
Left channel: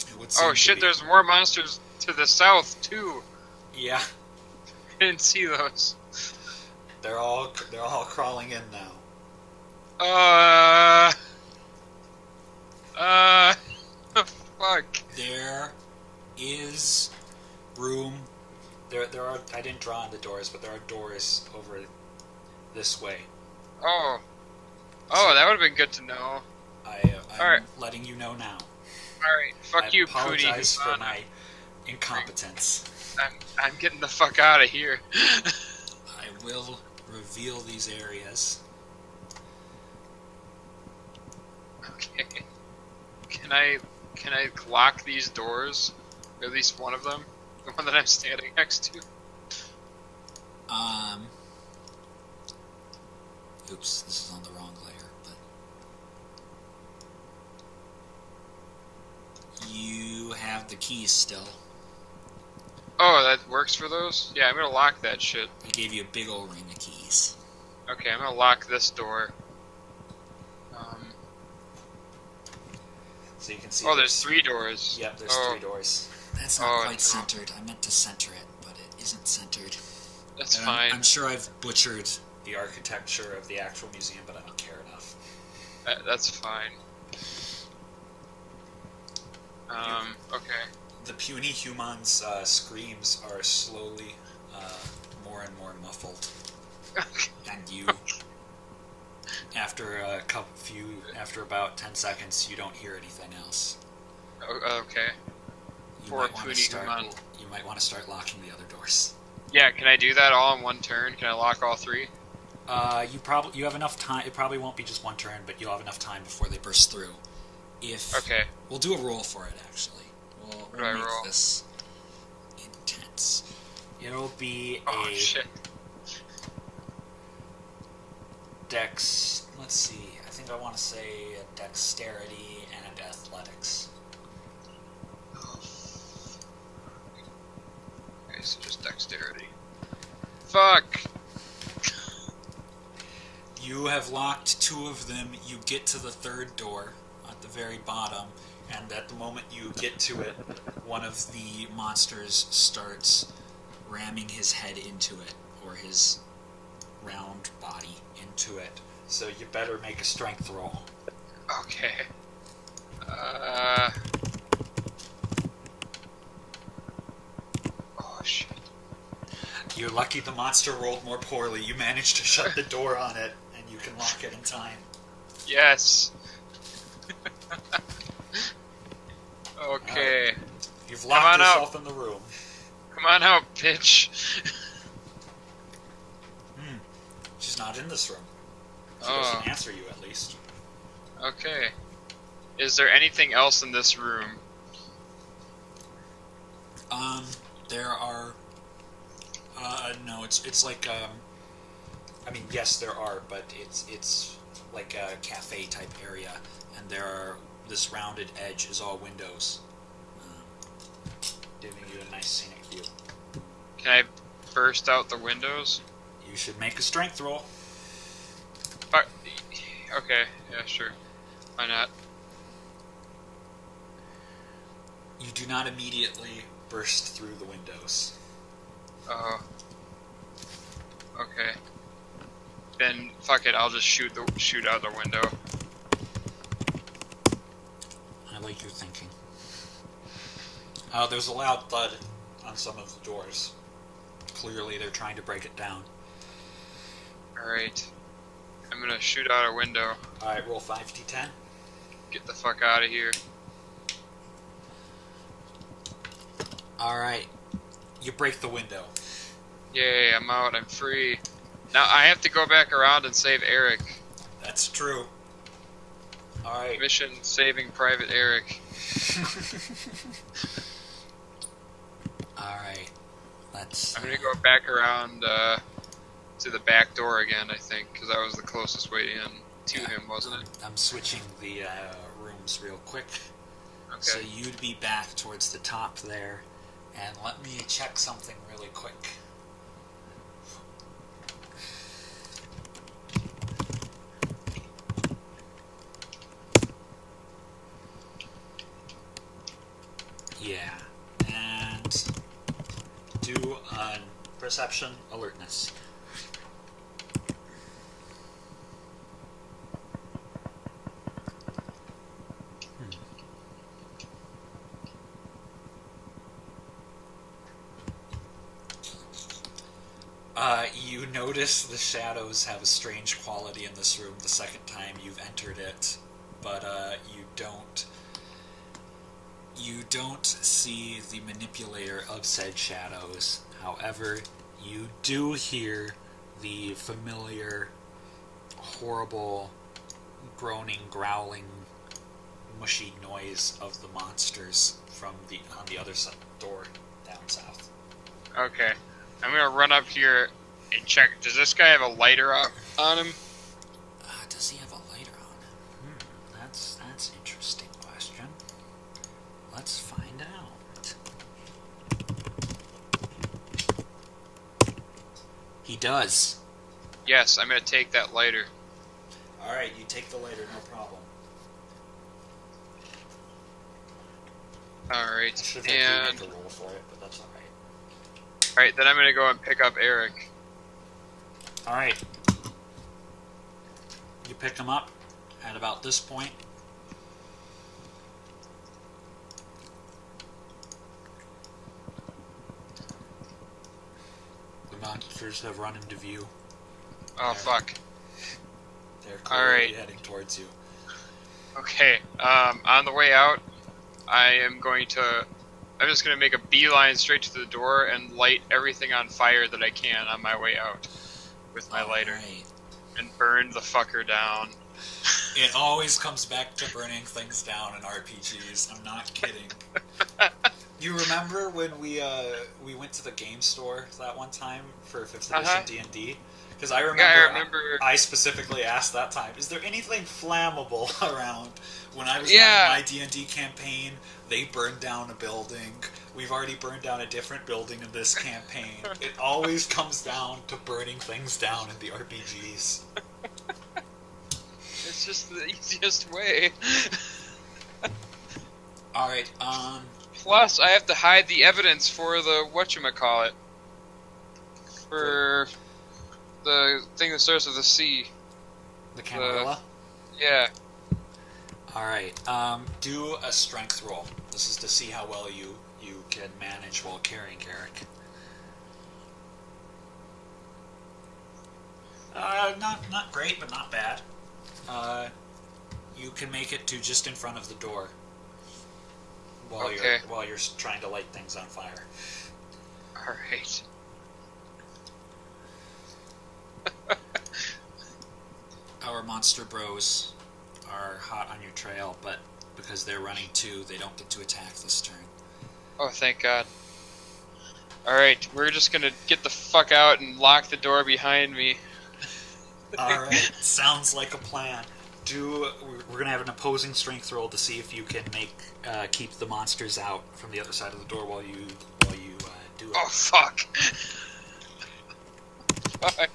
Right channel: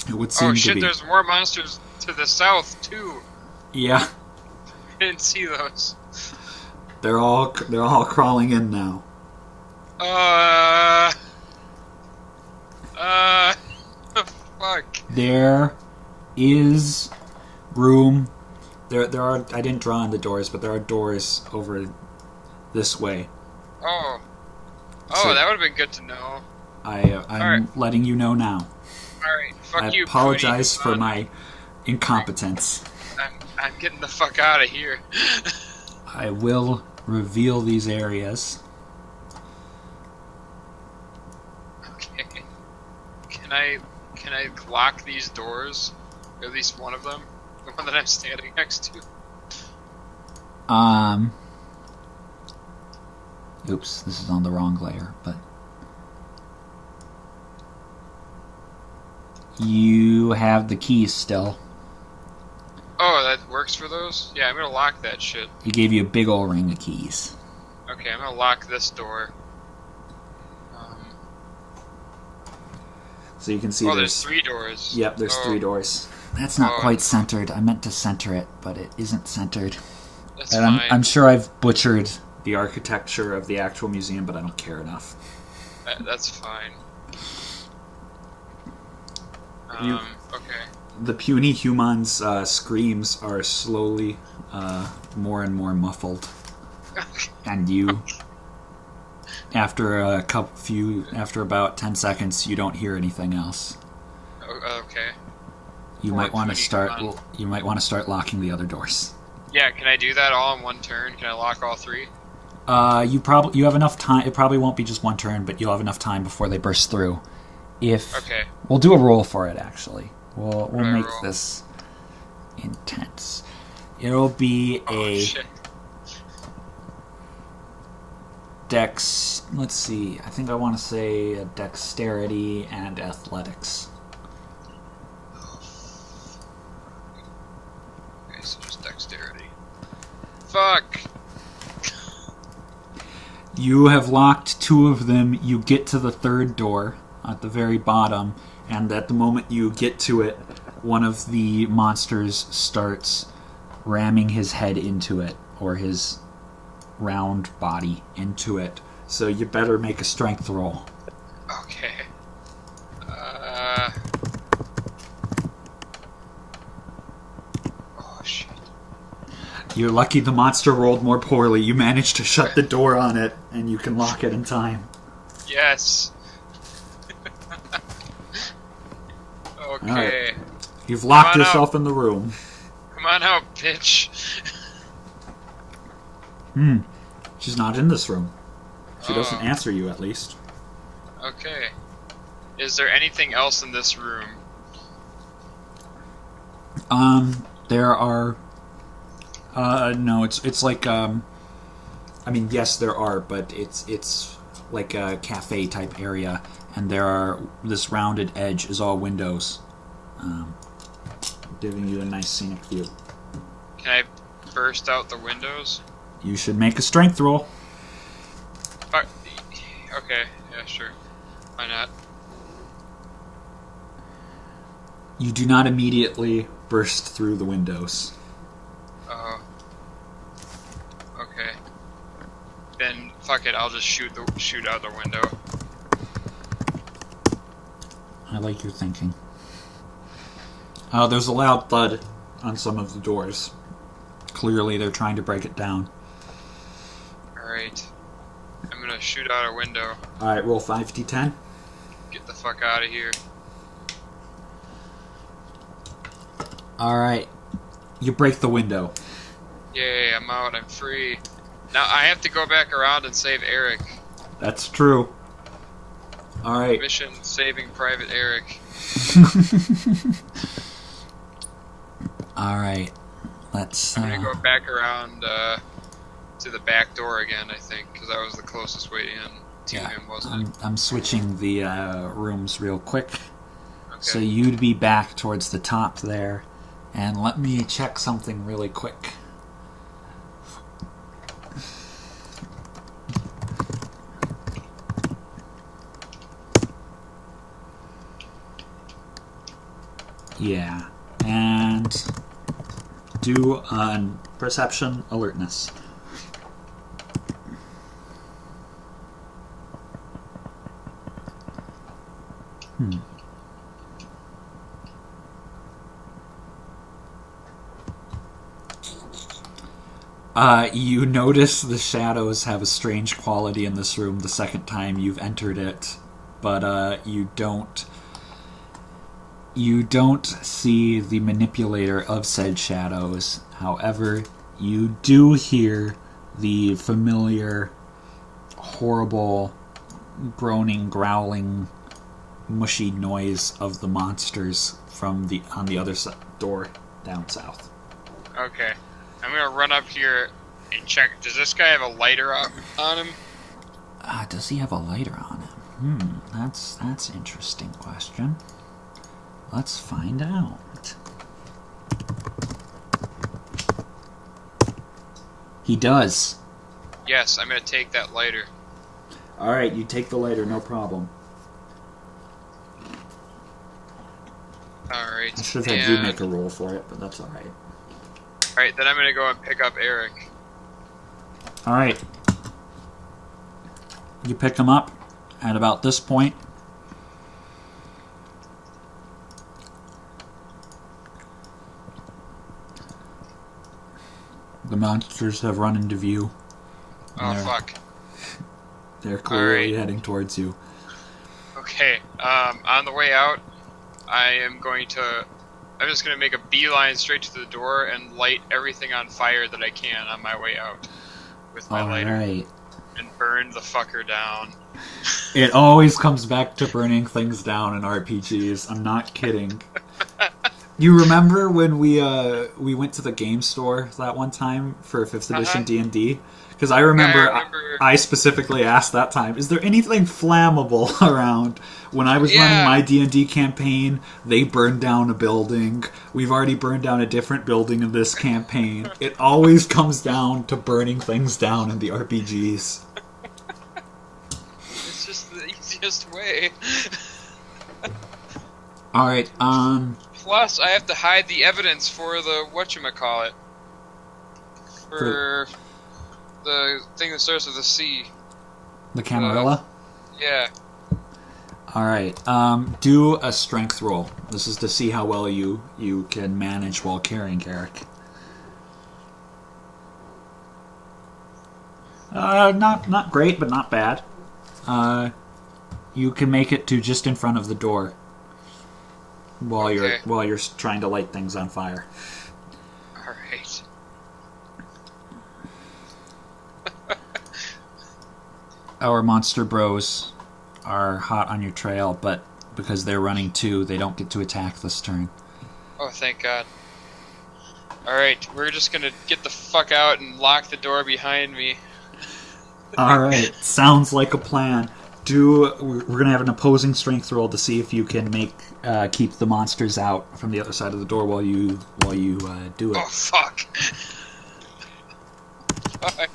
It would seem Oh to shit, be. there's more monsters to the south, too. Yeah, I didn't see those. they're all crawling in now. Fuck. There is room. There are. I didn't draw on the doors, but there are doors over this way. Oh. So- That would have been good to know. I'm Alright. letting you know now. Alright, fuck I you, apologize Pootie. for my incompetence. I'm getting the fuck out of here. I will reveal these areas. Okay. Can I lock these doors? Or at least one of them? The one that I'm standing next to? Oops, this is on the wrong layer, but you have the keys still. Oh, that works for those? Yeah, I'm gonna lock that shit. He gave you a big old ring of keys. Okay, I'm gonna lock this door. So you can see There's 3 doors. Yep, there's 3 doors. That's not quite centered. I meant to center it, but it isn't centered. That's And fine. I'm sure I've butchered the architecture of the actual museum, but I don't care enough. That's fine. Okay. The puny human's screams are slowly more and more muffled, and you, after about 10 seconds, you don't hear anything else. Okay. You Poor might want to puny start. human. You might want to start locking the other doors. Yeah, can I do that all in one turn? Can I lock all 3? You have enough time. It probably won't be just one turn, but you'll have enough time before they burst through. Okay. We'll do a roll for it. Actually, we'll do I make roll? this intense. It'll be Oh, a shit. dex. Let's see. I think I want to say a dexterity and athletics. Okay, so just dexterity. Fuck! You have locked 2 of them. You get to the 3rd door at the very bottom, and at the moment you get to it, one of the monsters starts ramming his head into it, or his round body into it. So you better make a strength roll. Okay. Oh, shit. You're lucky the monster rolled more poorly. You managed to shut the door on it, and you can lock it in time. Yes! Okay. Alright. You've locked Come on yourself in the room. Come on out, bitch! She's not in this room. She Oh. doesn't answer you, at least. Okay. Is there anything else in this room? There are... no, it's like, I mean, yes, there are, but it's like a cafe-type area, and this rounded edge is all windows, giving you a nice scenic view. Can I burst out the windows? You should make a strength roll. Okay, yeah, sure. Why not? You do not immediately burst through the windows. Oh. Okay. Then fuck it, I'll just shoot out the window. I like your thinking. There's a loud thud on some of the doors. Clearly they're trying to break it down. Alright. I'm gonna shoot out a window. Alright, roll 5d10. Get the fuck out of here. Alright. You break the window. Yay, I'm out, I'm free. Now I have to go back around and save Eric. That's true. Alright. Mission saving Private Eric. Alright. Let's... I'm gonna go back around to the back door again, I think, because that was the closest way in to him, wasn't it? I'm switching the rooms real quick. Okay. So you'd be back towards the top there. And let me check something really quick. Yeah. And do an perception alertness. You notice the shadows have a strange quality in this room the second time you've entered it, but you don't see the manipulator of said shadows. However, you do hear the familiar, horrible, groaning, growling, mushy noise of the monsters from on the other door down south. Okay. I'm gonna run up here and check. Does this guy have a lighter on him? Does he have a lighter on him? That's an interesting question. Let's find out. He does. Yes, I'm gonna take that lighter. Alright, you take the lighter, no problem. Alright. I should have had you make a roll for it, but that's alright. Alright, then I'm gonna go and pick up Eric. Alright. You pick him up at about this point. The monsters have run into view. Oh, fuck. They're clearly heading towards you. Okay, on the way out, I'm just gonna make a beeline straight to the door and light everything on fire that I can on my way out with my lighter. Right. And burn the fucker down. It always comes back to burning things down in RPGs. I'm not kidding. You remember when we went to the game store that one time for 5th edition D&D? Because I remember I specifically asked that time, is there anything flammable around? When I was running my D&D campaign, they burned down a building. We've already burned down a different building in this campaign. It always comes down to burning things down in the RPGs. It's just the easiest way. Alright, Plus, I have to hide the evidence for the whatchamacallit. For the thing that starts with a C. The Camarilla? Yeah. Alright, do a strength roll. This is to see how well you can manage while carrying Eric. Not great, but not bad. You can make it to just in front of the door while you're trying to light things on fire. All right. Our monster bros are hot on your trail, but because they're running too, they don't get to attack this turn. Oh, thank God. All right, we're just gonna get the fuck out and lock the door behind me. All right, sounds like a plan. We're gonna have an opposing strength roll to see if you can keep the monsters out from the other side of the door while you do it. Oh fuck! Fuck.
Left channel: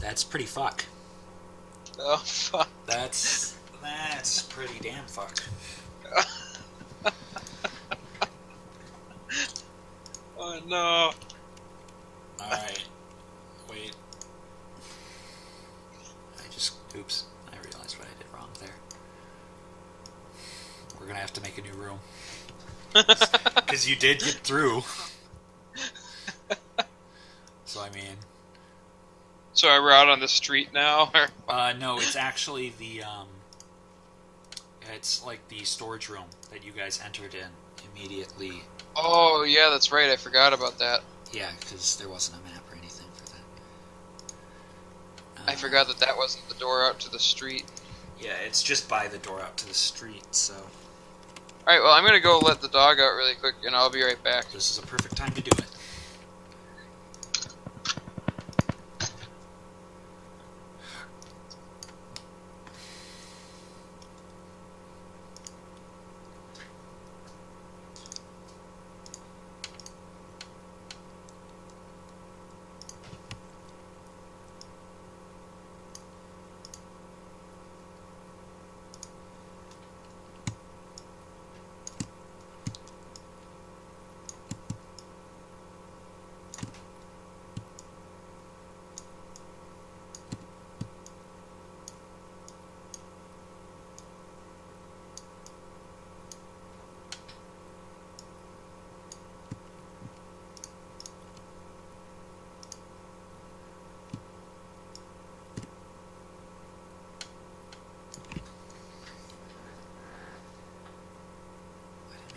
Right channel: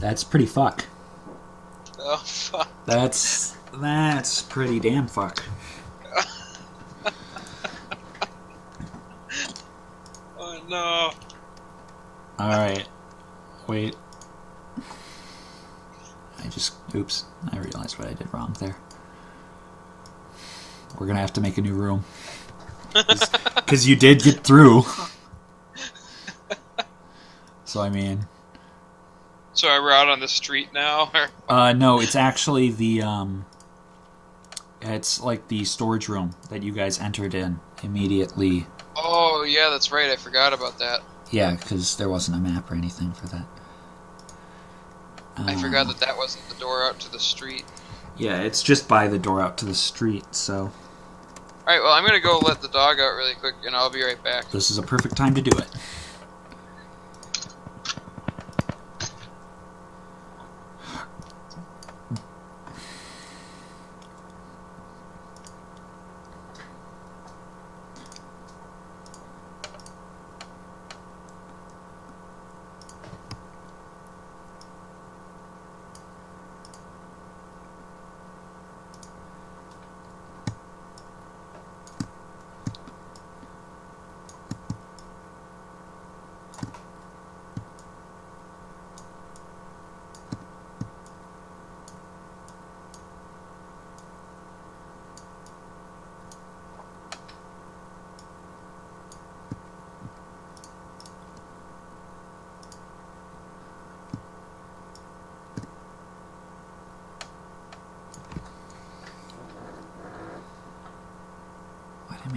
That's pretty fuck. Oh fuck! That's pretty damn fuck. Oh no! Alright. Wait. Oops. I realized what I did wrong there. We're gonna have to make a new room. Because you did get through. So, I mean... So we're out on the street now? No, it's actually the, it's like the storage room that you guys entered in immediately. Oh, yeah, that's right. I forgot about that. Yeah, because there wasn't a map or anything for that. I forgot that wasn't the door out to the street. Yeah, it's just by the door out to the street, so... Alright, well, I'm gonna go let the dog out really quick, and I'll be right back. This is a perfect time to do it.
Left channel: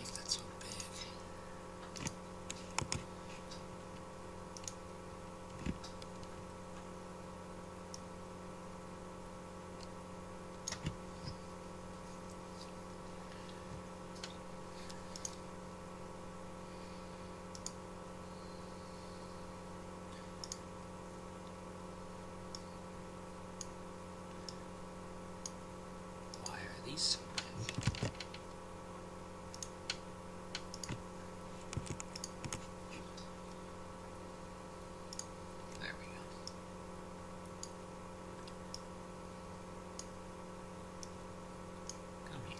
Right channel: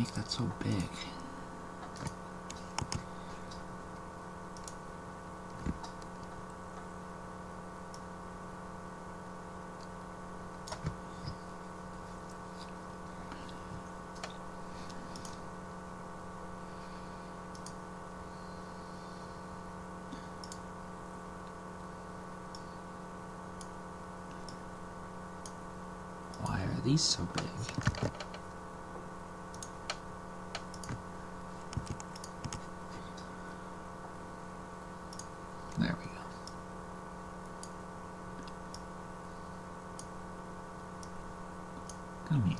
make that so big? Why are these so big? There we go. Come here.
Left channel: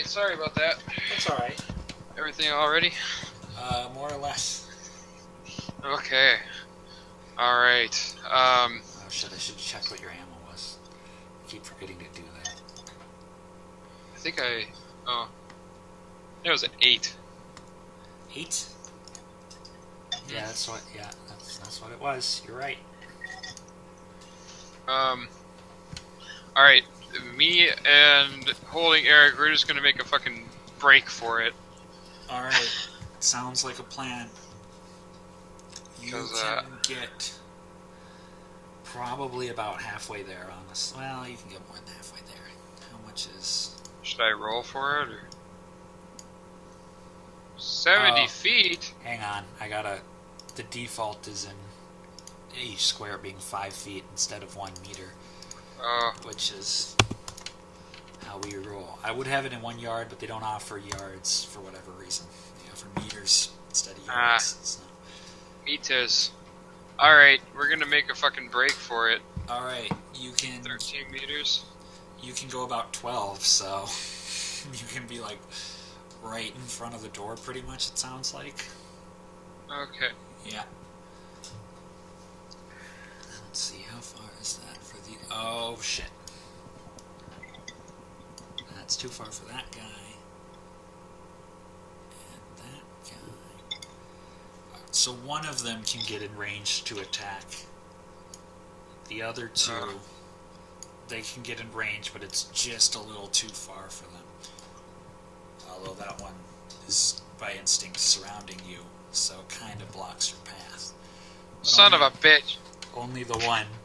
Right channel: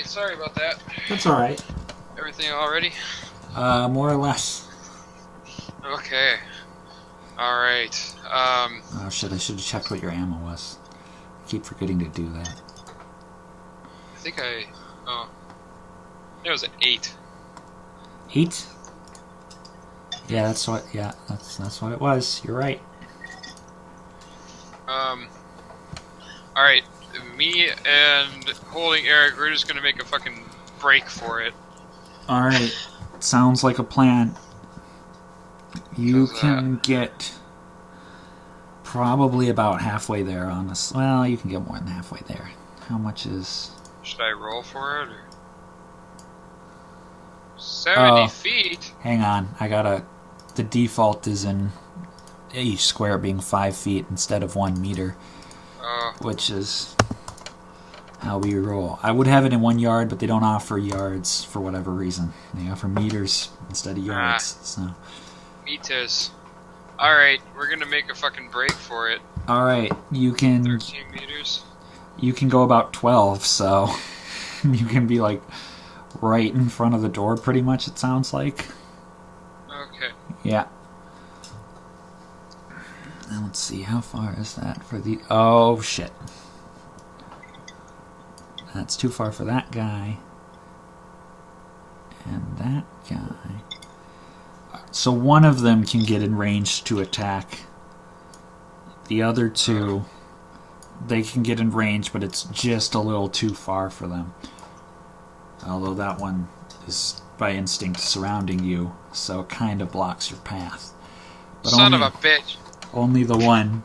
Alright, sorry about that. That's all right. Everything all ready? More or less. Okay. Alright. Oh shit! I should have checked what your ammo was. I keep forgetting to do that. I think it was an 8. 8? Yeah, that's what. Yeah, that's what it was. You're right. Alright. Me and holding Eric, we're just gonna make a fucking break for it. All right. Sounds like a plan. You can get probably about halfway there on this. Well, you can get more than halfway there. How much is... Should I roll for it? Or... 70 feet? Hang on. The default is in each square being 5 feet instead of 1 meter. Which is how we roll. I would have it in 1 yard, but they don't offer yards for whatever reason. They offer meters instead of yards. So meters. Alright, we're gonna make a fucking break for it. Alright, you can... 13 meters? You can go about 12, so you can be like right in front of the door pretty much, it sounds like. Okay. Yeah. Now let's see, how far is that for the... Oh, shit. That's too far for that guy. And that guy. So one of them can get in range to attack. The other two, they can get in range, but it's just a little too far for them. Although that one is by instinct surrounding you, so it kind of blocks your path. But Son of a bitch! Only the one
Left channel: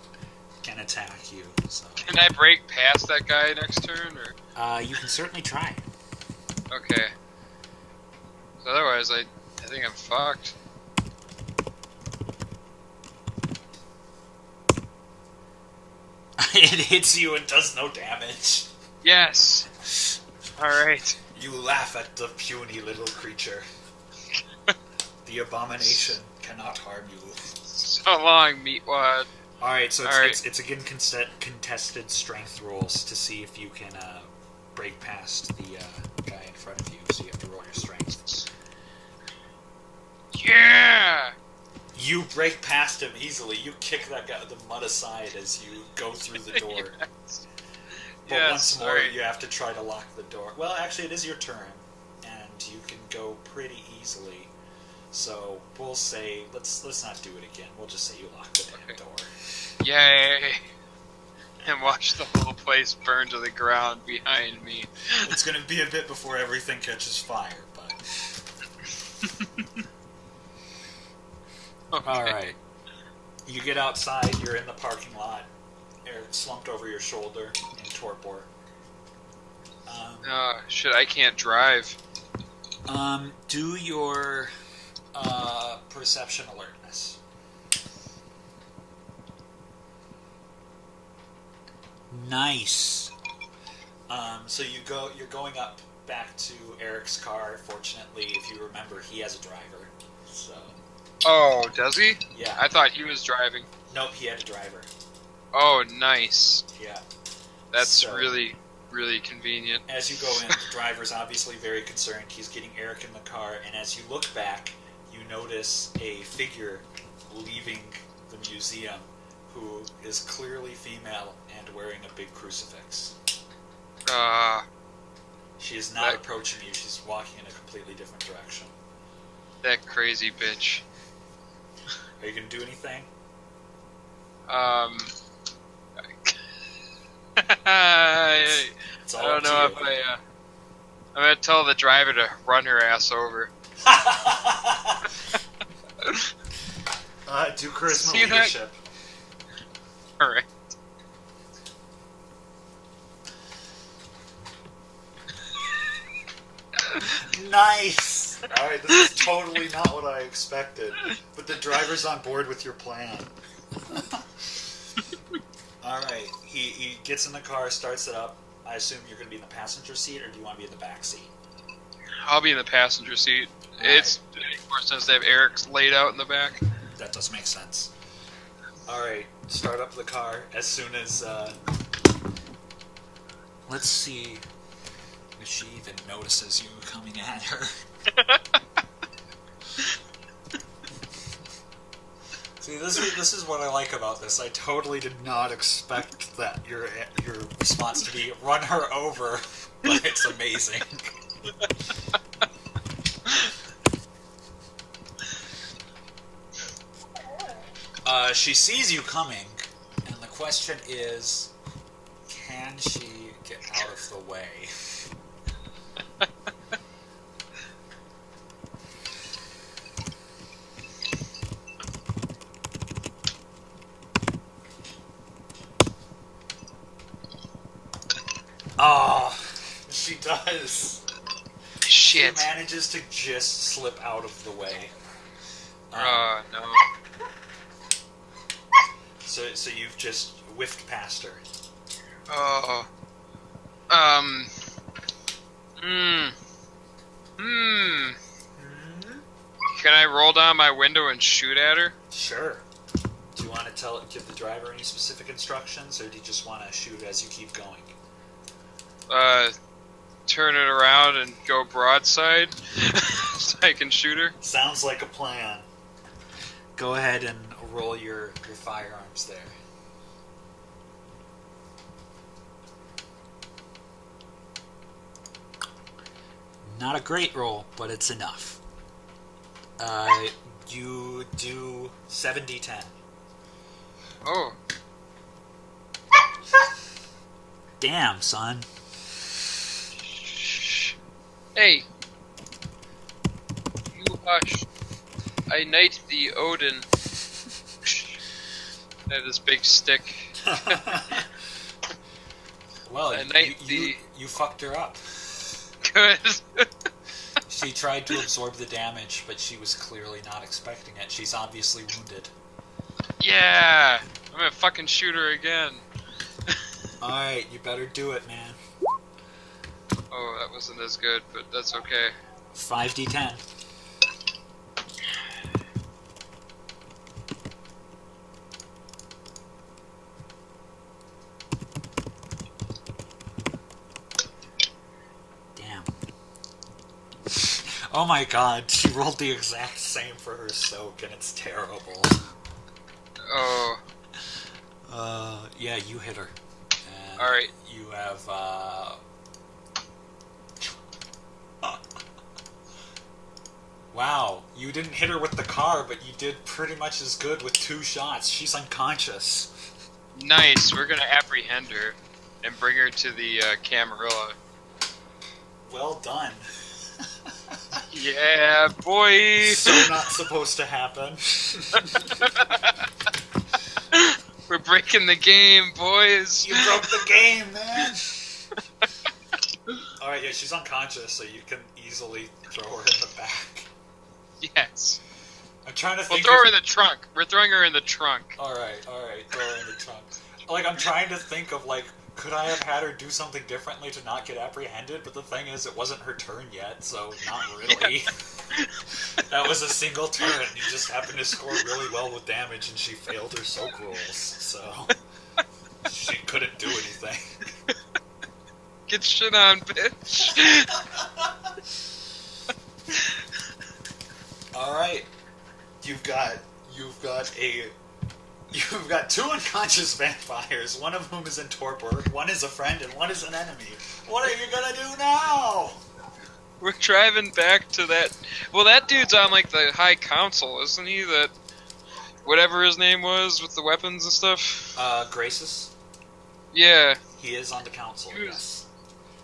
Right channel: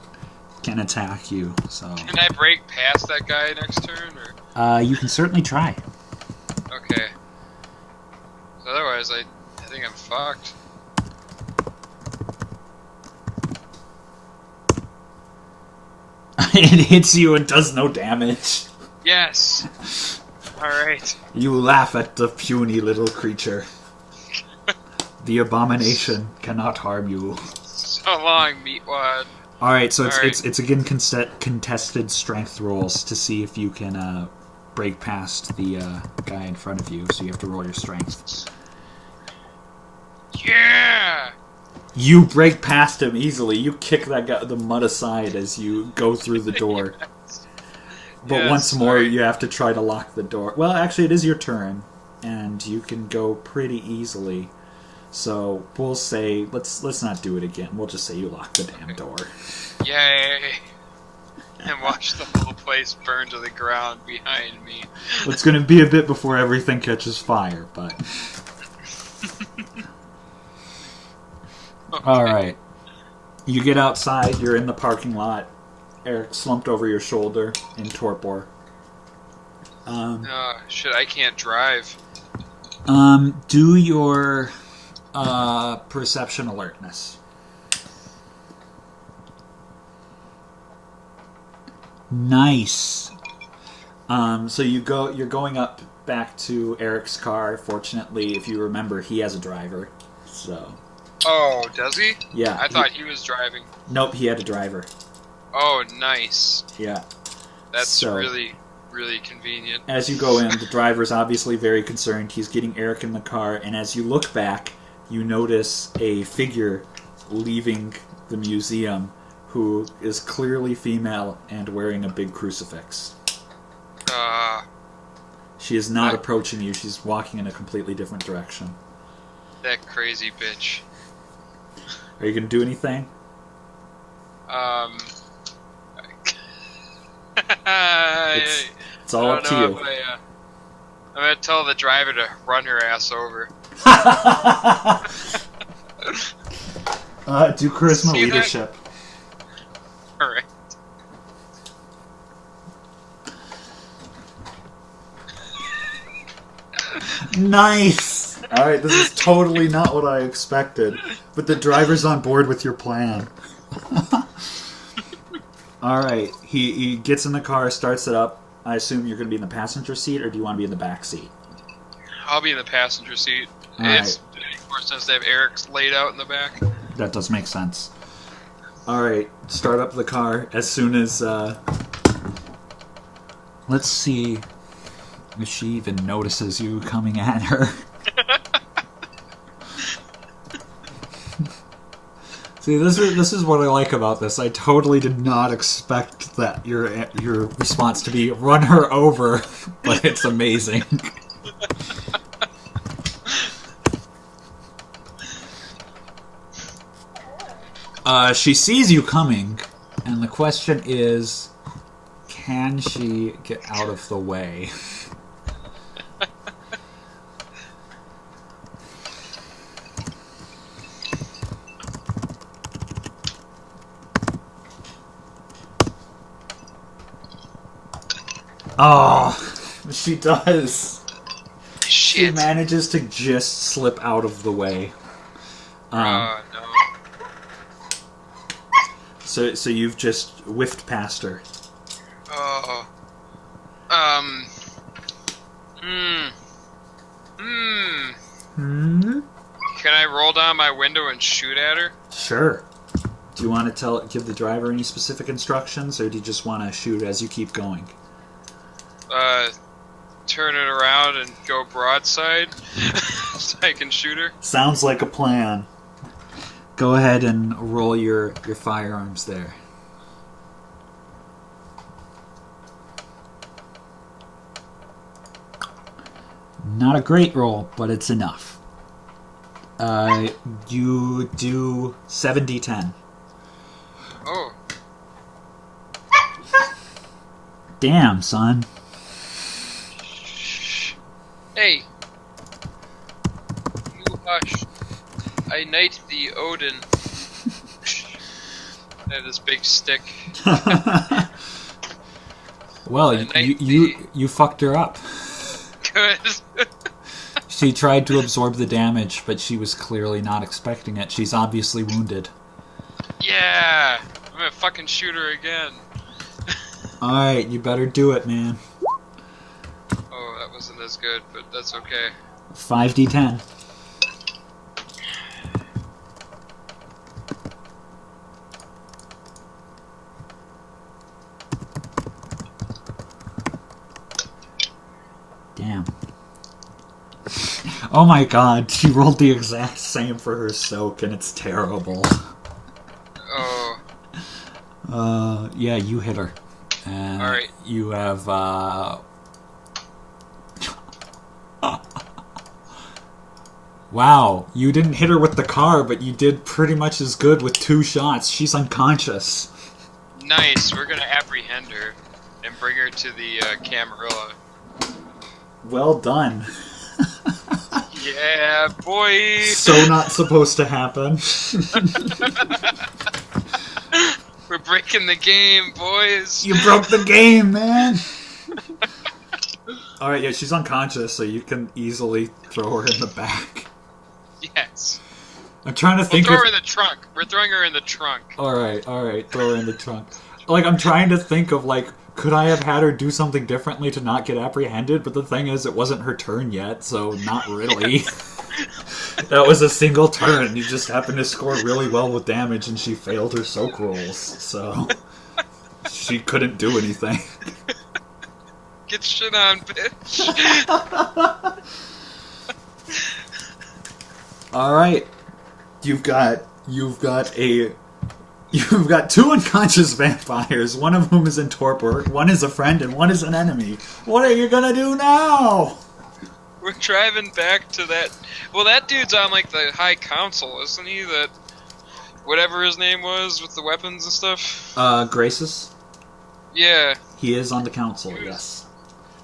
can attack you. So can I break past that guy next turn, or? You can certainly try. Okay. So otherwise, I think I'm fucked. It hits you and does no damage. Yes. All right. You laugh at the puny little creature. The abomination cannot harm you. So long, meatwad. All right, so it's again contested strength rolls to see if you can break past the guy in front of you. So you have to roll your strength. Yeah. You break past him easily. You kick that guy the mud aside as you go through the door. Yes. But yes, once more, you have to try to lock the door. Well, actually, it is your turn, and you can go pretty easily. So we'll say let's not do it again. We'll just say you lock the damn door. Yay! And watch the whole place burn to the ground behind me. It's going to be a bit before everything catches fire, but. Okay. All right. You get outside. You're in the parking lot. Eric slumped over your shoulder in torpor. Shit, I can't drive. Do your perception alertness. Nice. So you're going up back to Eric's car. Fortunately, if you remember, he has a driver. So. Oh, does he? Yeah. I thought he was driving. Nope, he had a driver. Oh, nice. Yeah. That's really, really convenient. As you go in, the driver's obviously very concerned. He's getting Eric in the car, and as you look back, you notice a figure leaving the museum who is clearly female and wearing a big crucifix. She is not approaching you. She's walking in a completely different direction. That crazy bitch. Are you going to do anything? It's all up to you. I'm going to tell the driver to run her ass over. Do charisma leadership. Alright. Nice! Alright, this is totally not what I expected. But the driver's on board with your plan. Alright, he gets in the car, starts it up. I assume you're going to be in the passenger seat, or do you want to be in the back seat? I'll be in the passenger seat. All It's makes more sense to have Eric's laid out in the back. That does make sense. Alright, start up the car as soon as... Let's see. She even notices you coming at her. See, this is what I like about this. I totally did not expect that your response to be run her over, but it's amazing. She sees you coming, and the question is, can she get out of the way? Oh, she does. She Shit. manages to just slip out of the way. No. So you've just whiffed past her. Oh. Can I roll down my window and shoot at her? Sure. Do you want to give the driver any specific instructions, or do you just want to shoot as you keep going? Turn it around and go broadside so I can shoot her. Sounds like a plan. Go ahead and roll your firearms there. Not a great roll, but it's enough. You do 7d10. Oh. Damn, son. Hey. You hush. I knight thee, Odin. I have this big stick. Well, you fucked her up. Good. She tried to absorb the damage, but she was clearly not expecting it. She's obviously wounded. Yeah. I'm gonna fucking shoot her again. Alright, you better do it, man. Oh, that wasn't as good, but that's okay. 5d10. Damn. Oh my god, she rolled the exact same for her soak, and it's terrible. Oh. Yeah, you hit her. And alright. You have, Wow, you didn't hit her with the car, but you did pretty much as good with 2 shots. She's unconscious. Nice. We're gonna apprehend her and bring her to the Camarilla. Well done. Yeah, boy. So not supposed to happen. We're breaking the game, boys. You broke the game, man. Alright, yeah, she's unconscious, so you can easily throw her in the back. Yes. I'm trying to We'll think throw her in the trunk. We're throwing her in the trunk. Alright, throw her in the trunk. Like, I'm trying to think of, like, could I have had her do something differently to not get apprehended? But the thing is, it wasn't her turn yet, so not really. That was a single turn. You just happened to score really well with damage, and she failed her soak rolls, so she couldn't do anything. Get shit on, bitch. Alright. You've got 2 unconscious vampires, one of whom is in torpor, one is a friend, and one is an enemy. What are you gonna do now? We're driving back to that... Well, that dude's on, like, the High Council, isn't he? That... Whatever his name was with the weapons and stuff? Graces? Yeah. He is on the council, yes.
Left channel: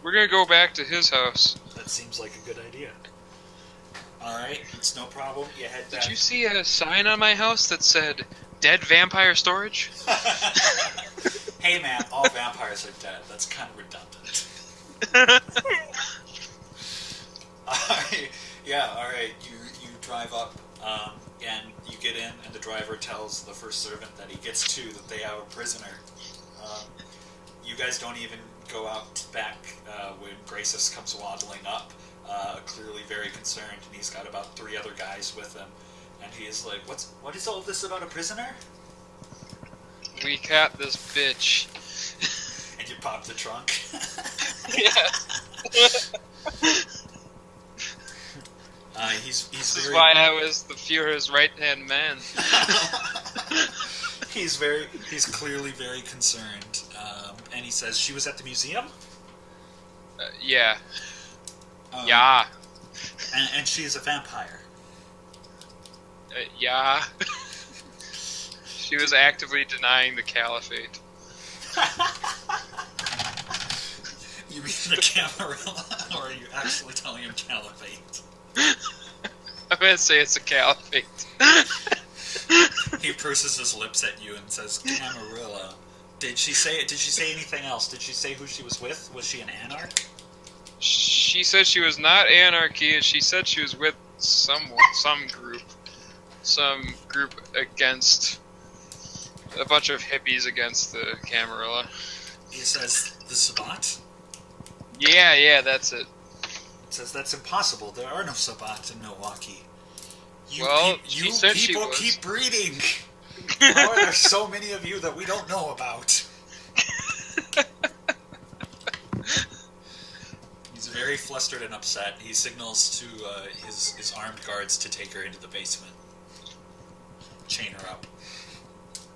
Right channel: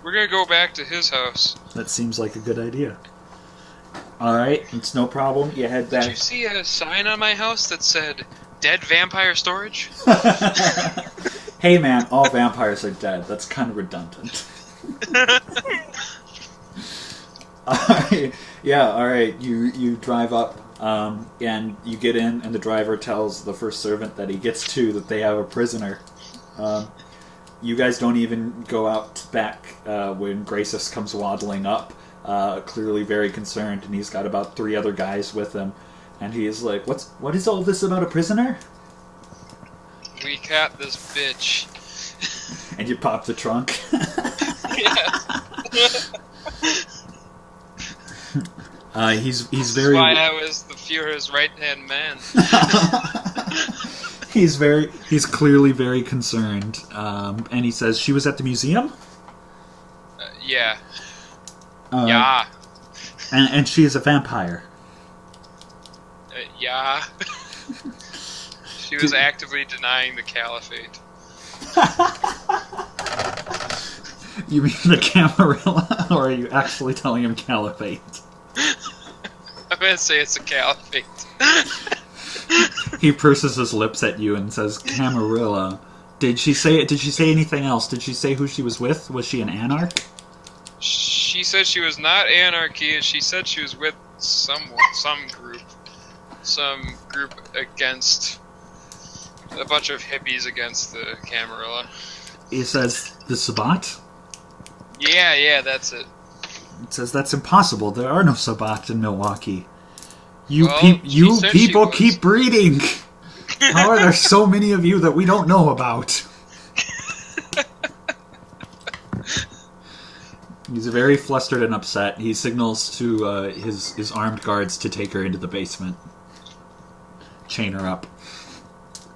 We're gonna go back to his house. That seems like a good idea. Alright, it's no problem. You head back. Did you see a sign on my house that said... Dead vampire storage? Hey man, all vampires are dead. That's kind of redundant. Alright, yeah, alright. You drive up, and you get in, and the driver tells the first servant that he gets to that they have a prisoner. You guys don't even go out back when Gracis comes waddling up, clearly very concerned, and he's got about 3 other guys with him. And he is like, what is all this about a prisoner? We caught this bitch. And you pop the trunk. Yeah. He's This very. is why I was the Führer's right-hand man. He's clearly very concerned, and he says she was at the museum. Yeah. Uh, Yeah. and she is a vampire. Yeah. She was actively denying the caliphate. You mean the Camarilla, or are you actually telling him caliphate? I'm gonna say it's a caliphate. He purses his lips at you and says, "Camarilla." Did she say anything else? Did she say who she was with? Was she an anarch? She said she was not anarchy, and she said she was with some group against a bunch of hippies against the Camarilla. He says, "The Sabbat?" Yeah, that's it. It says, "That's impossible. There are no Sabbats in Milwaukee. She said she People was. keep breeding. How are there so many of you that we don't know about?" He's very flustered and upset. He signals to his armed guards to take her into the basement. Chain her up.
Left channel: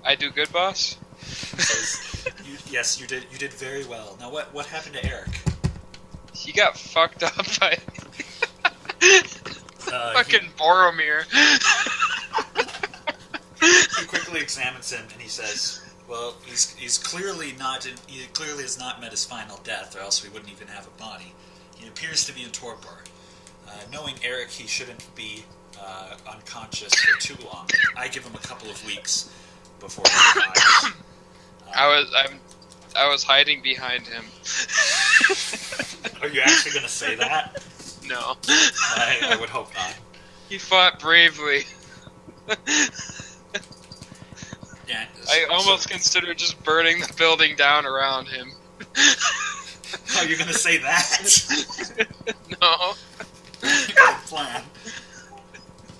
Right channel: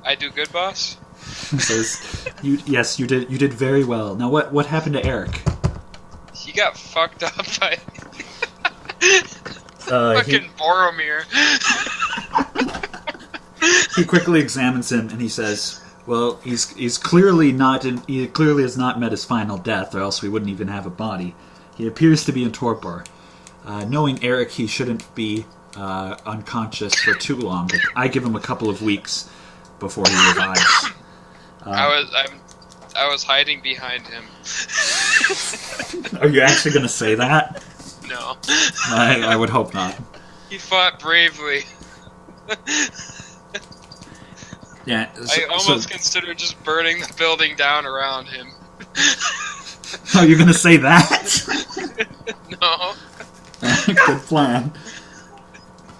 I do good, boss? He says, "Yes, you did very well. Now, what happened to Eric?" He got fucked up by fucking Boromir. He quickly examines him and he says, "Well, he's clearly he clearly has not met his final death, or else we wouldn't even have a body. He appears to be in torpor. Knowing Eric, he shouldn't be unconscious for too long. But I give him a couple of weeks before he revives." I was hiding behind him. Are you actually going to say that? No. I would hope not. He fought bravely. Yeah. I almost considered just burning the building down around him. Oh, you're going to say that? No. Good plan.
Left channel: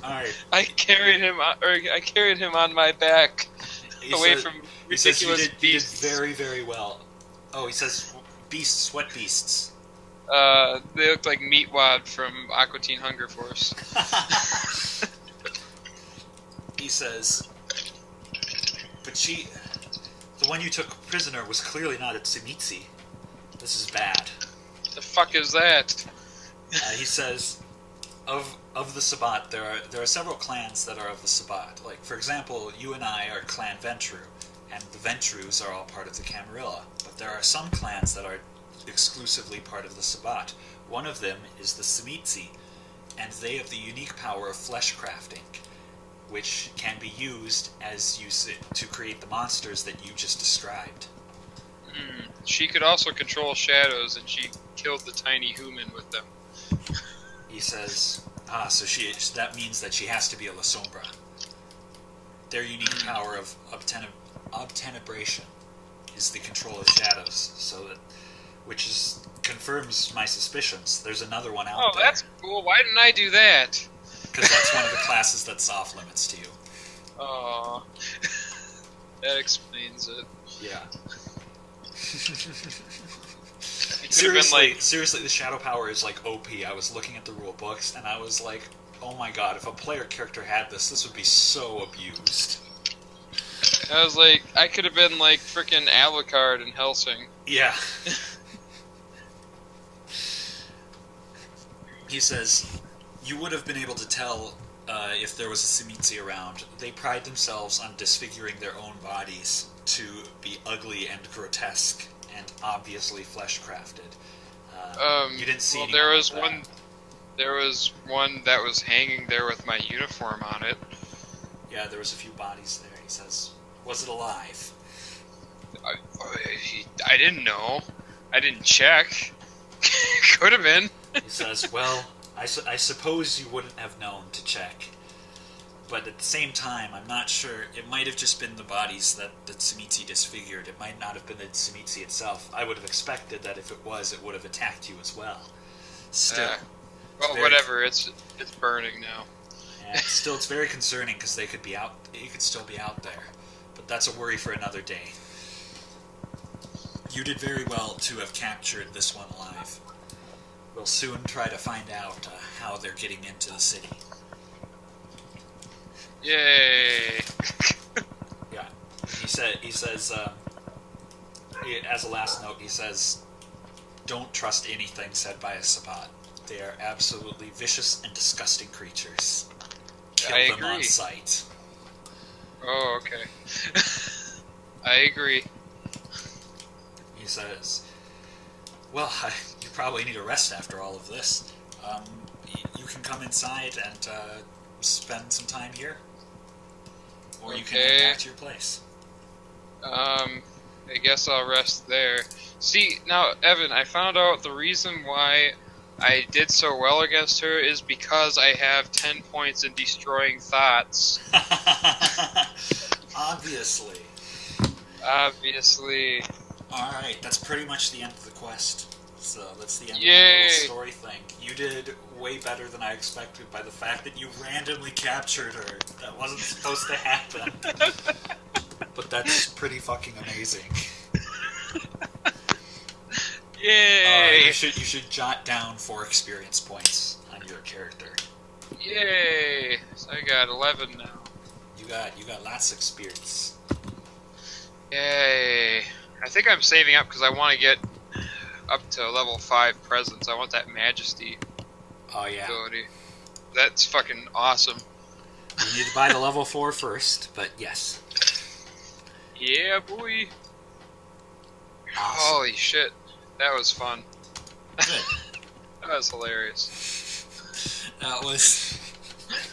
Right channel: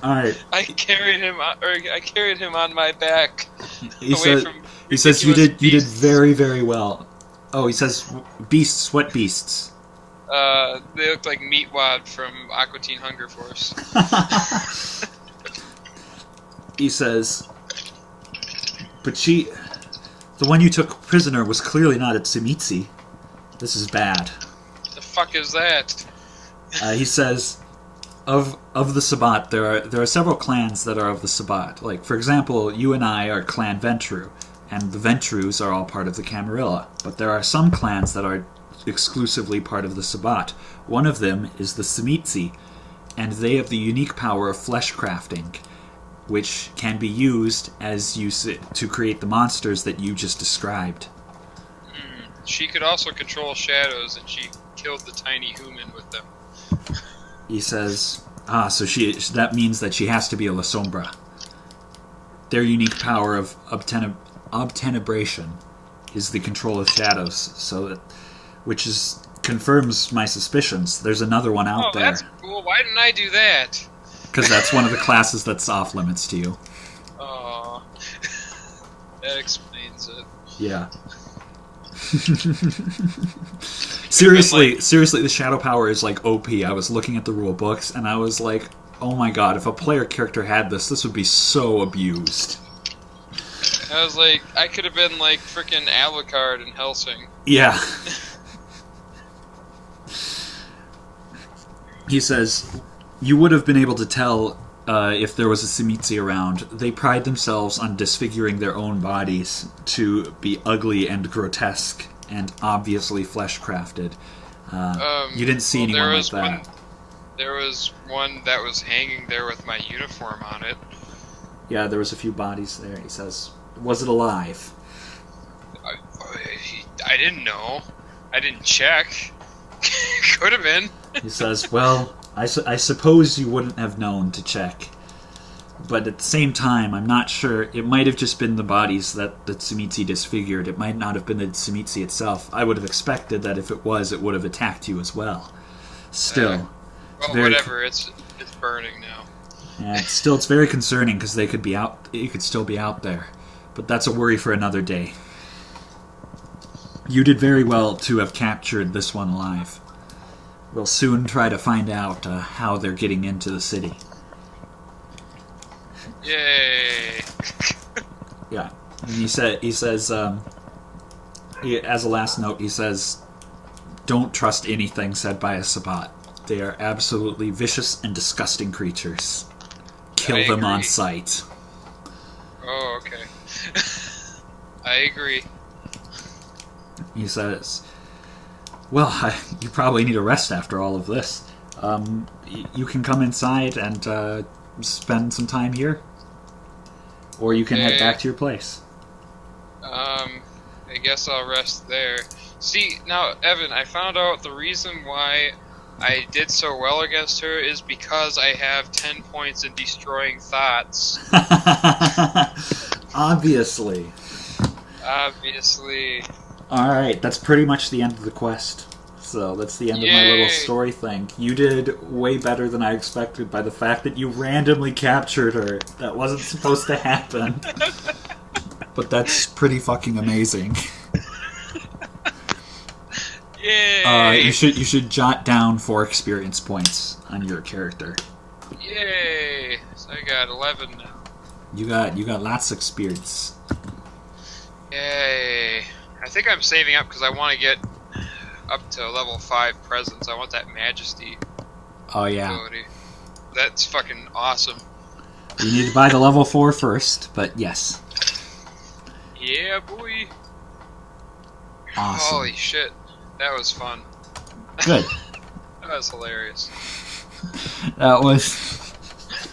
All right. I carried him on my back. He says you did very, very well. Oh, he says beasts. What beasts? They look like Meatwad from Aqua Teen Hunger Force. He says, but the one you took prisoner was clearly not at Simitsi. This is bad. The fuck is that? He says, of the Sabbat, there are several clans that are of the Sabbat. Like, for example, you and I are Clan Ventru, and the Ventrus are all part of the Camarilla. But there are some clans that are exclusively part of the Sabbat. One of them is the Simitsi, and they have the unique power of flesh crafting, which can be used to create the monsters that you just described. She could also control shadows, and she killed the tiny human with them. He says, so that means that she has to be a La Sombra. Their unique power of obtenebration is the control of shadows, which confirms my suspicions. There's another one out there. Oh, that's cool. Why didn't I do that? Because that's one of the classes that's off limits to you. Oh, that explains it. Yeah. Seriously, the shadow power is like OP. I was looking at the rule books and I was like, oh my god, if a player character had this would be so abused. I was like, I could have been like frickin' Alucard in Helsing. Yeah. He says, you would have been able to tell if there was a Simitsi around. They pride themselves on disfiguring their own bodies to be ugly and grotesque and obviously flesh-crafted. You didn't see anyone like that. There was one that was hanging there with my uniform on it. Yeah, there was a few bodies there. He says, was it alive? I didn't know. I didn't check. Could have been. He says, well, I suppose you wouldn't have known to check. But at the same time, I'm not sure. It might have just been the bodies that the Tsumitsu disfigured. It might not have been the Tsumitsu itself. I would have expected that if it was, it would have attacked you as well. Still. Well, whatever. It's burning now. Yeah, it's very concerning because they could be out. You could still be out there. But that's a worry for another day. You did very well to have captured this one alive. we'll soon try to find out how they're getting into the city. Yay! Yeah. And he says, as a last note, he says, don't trust anything said by a Sabbat. They are absolutely vicious and disgusting creatures. Kill them on sight. Oh, okay. I agree. He says, well, you probably need a rest after all of this. You can come inside and spend some time here. Or you can head back to your place. I guess I'll rest there. See, now, Evan, I found out the reason why I did so well against her is because I have 10 points in destroying thoughts. Obviously. Alright, that's pretty much the end of the quest. So that's the end of my little story thing. You did way better than I expected by the fact that you randomly captured her. That wasn't supposed to happen. But that's pretty fucking amazing. Yay! You should jot down 4 experience points on your character. Yay! So I got 11 now. You got lots of experience. Yay! I think I'm saving up because I want to get up to level 5 presence. I want that majesty ability. That's fucking awesome. You need to buy the level 4 first, but yes. Yeah, boy. Awesome. Holy shit. That was fun. Good. That was hilarious. That was...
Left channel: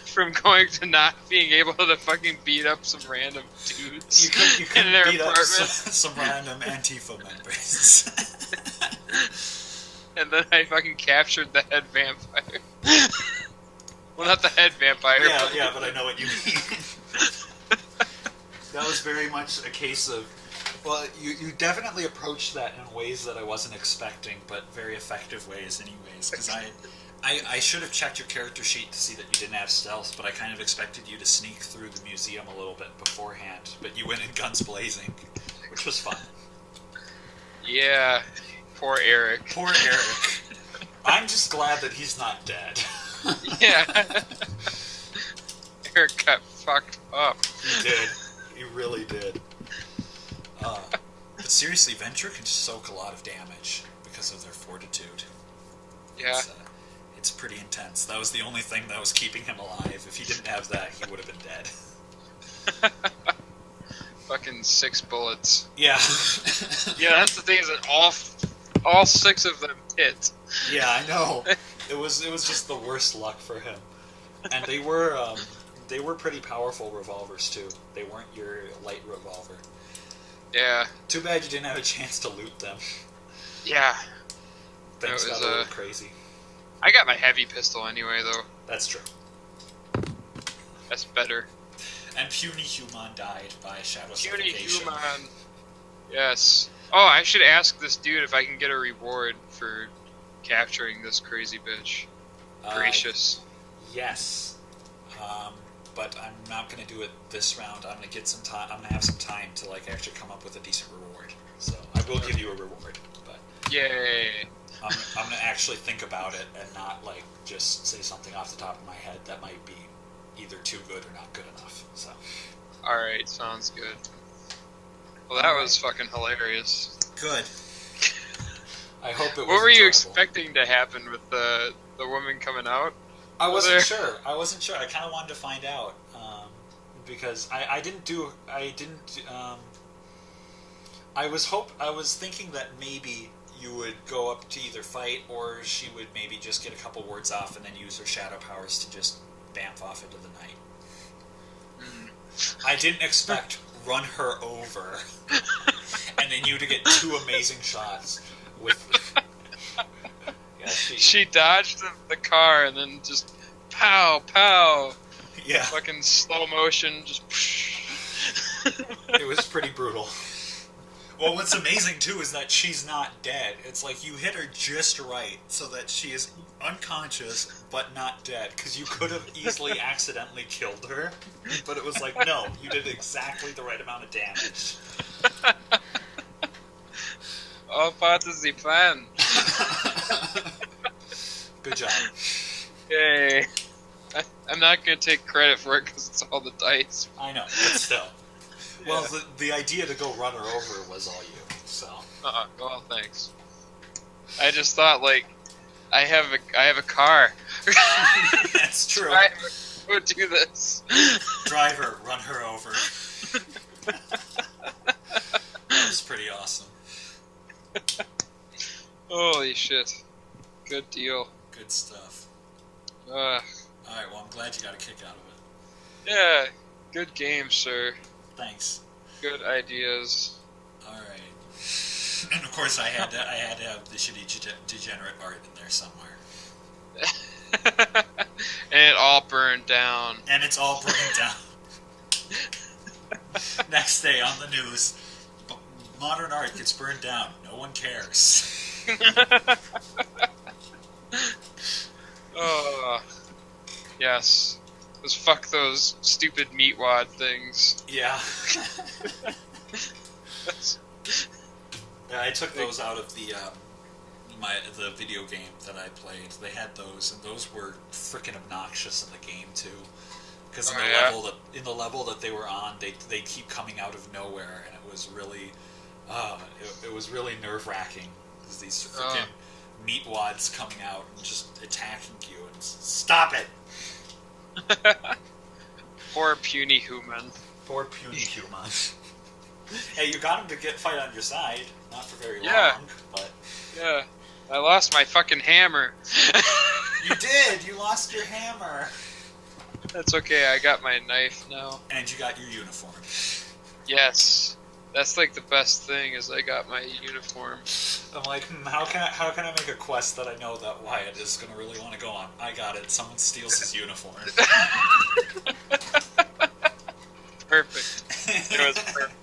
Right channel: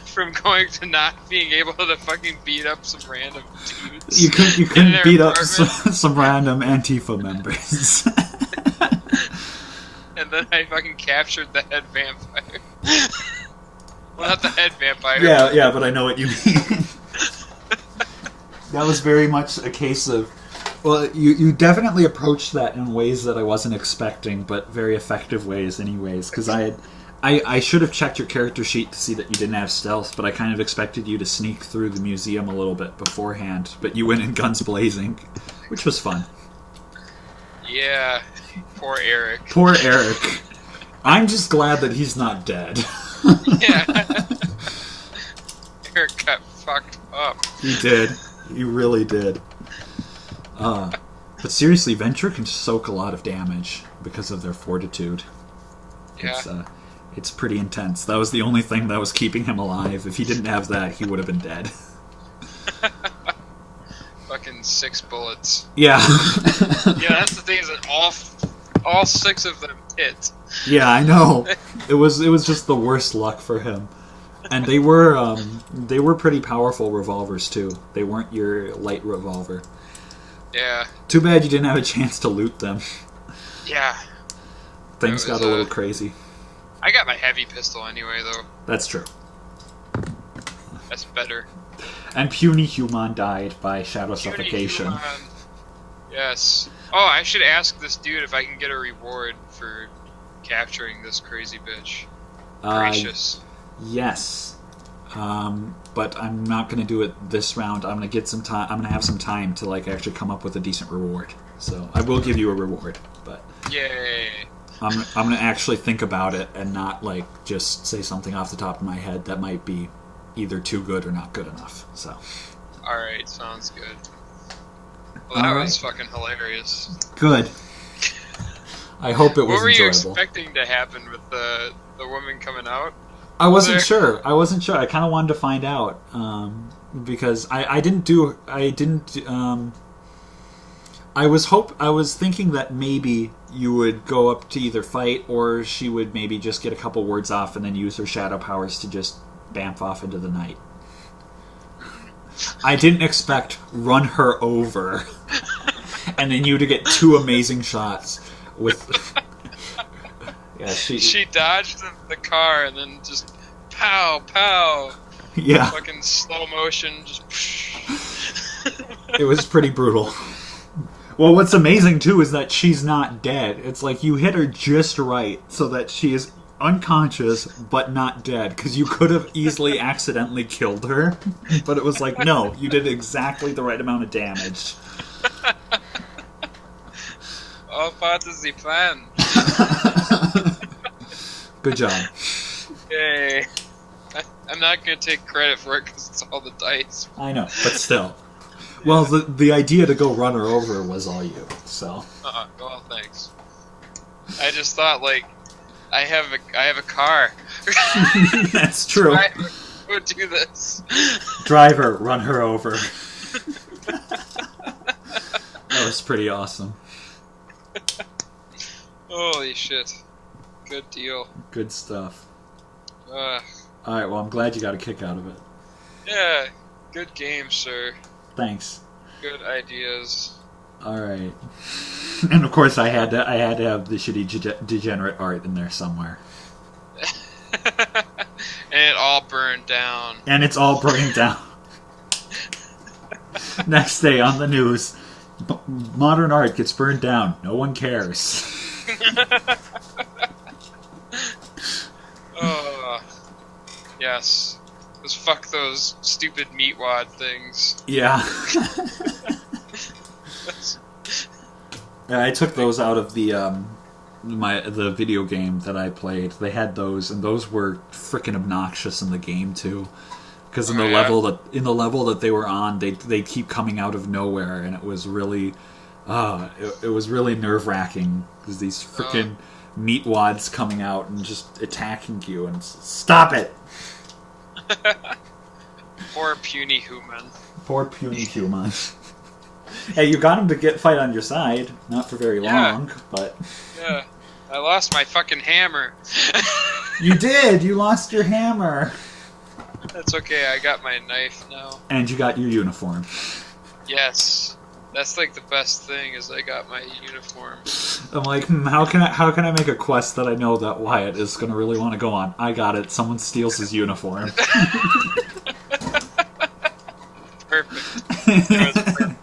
From going to not being able to fucking beat up some random dudes. You couldn't beat up apartment. some random Antifa members. And then I fucking captured the head vampire. Well, not the head vampire. Yeah, but I know what you mean. That was very much a case of... Well, you definitely approached that in ways that I wasn't expecting, but very effective ways anyways, because I should have checked your character sheet to see that you didn't have stealth, but I kind of expected you to sneak through the museum a little bit beforehand, but you went in guns blazing, which was fun. Yeah, poor Eric. Poor Eric. I'm just glad that he's not dead. Yeah. Eric got fucked up. He did. He really did. But seriously, Venture can soak a lot of damage because of their fortitude. Yeah. It's pretty intense. That was the only thing that was keeping him alive. If he didn't have that, he would have been dead. Fucking 6 bullets. Yeah. Yeah, that's the thing is that all 6 of them hit. Yeah, I know. It was just the worst luck for him. And they were pretty powerful revolvers too. They weren't your light revolver. Yeah. Too bad you didn't have a chance to loot them. Yeah. Things got a little crazy. I got my heavy pistol anyway, though. That's true. That's better. And Puny Human died by shadow suffocation. Human. Yes. Oh, I should ask this dude if I can get a reward for capturing this crazy bitch. Gracious. Yes. But I'm not going to do it this round. I'm going to get some time. I'm going to have some time to actually come up with a decent reward. So I will give you a reward, but yay! I'm going to actually think about it and not just say something off the top of my head that might be either too good or not good enough. So. All right, sounds good. Well, that was fucking hilarious. Good. I hope it was enjoyable. What were you expecting to happen with the woman coming out? I wasn't sure. I kind of wanted to find out because I was thinking that maybe you would go up to either fight or she would maybe just get a couple words off and then use her shadow powers to just bamf off into the night. I didn't expect run her over and then you to get 2 amazing shots with. Yeah, she dodged the car and then just pow, pow. Yeah. Fucking slow motion, just. It was pretty brutal. Well, what's amazing, too, is that she's not dead. It's like you hit her just right so that she is unconscious but not dead. Because you could have easily accidentally killed her. But it was like, no, you did exactly the right amount of damage. All part of the plan. Good job. Yay. I'm not going to take credit for it because it's all the dice. I know, but still. Well, the idea to go run her over was all you, so. Well, thanks. I just thought, like, I have a car. That's true. Driver, go do this. Driver, run her over. That was pretty awesome. Holy shit. Good deal. Good stuff. Uh, Alright, well, I'm glad you got a kick out of it. yeah, good game, sir. Thanks. Good ideas. Alright. And of course I had to have the shitty degenerate art in there somewhere. And it all burned down. And it's all burning down. Next day on the news, modern art gets burned down. No one cares. Oh, yes. Just fuck those stupid meatwad things. Yeah. I took those out of the the video game that I played. They had those, and those were freaking obnoxious in the game too. Because in the level that they were on, they keep coming out of nowhere, and it was really, it was really nerve wracking. Because these freaking meatwads coming out and just attacking you, and stop it. Poor puny human. Poor puny human. Hey, you got him to fight on your side. Not for very long, but... Yeah. I lost my fucking hammer. You did! You lost your hammer! That's okay, I got my knife now. And you got your uniform. Yes. That's like the best thing, is I got my uniform. I'm like, how can I make a quest that I know that Wyatt is going to really want to go on? I got it. Someone steals his uniform. Perfect. It was perfect.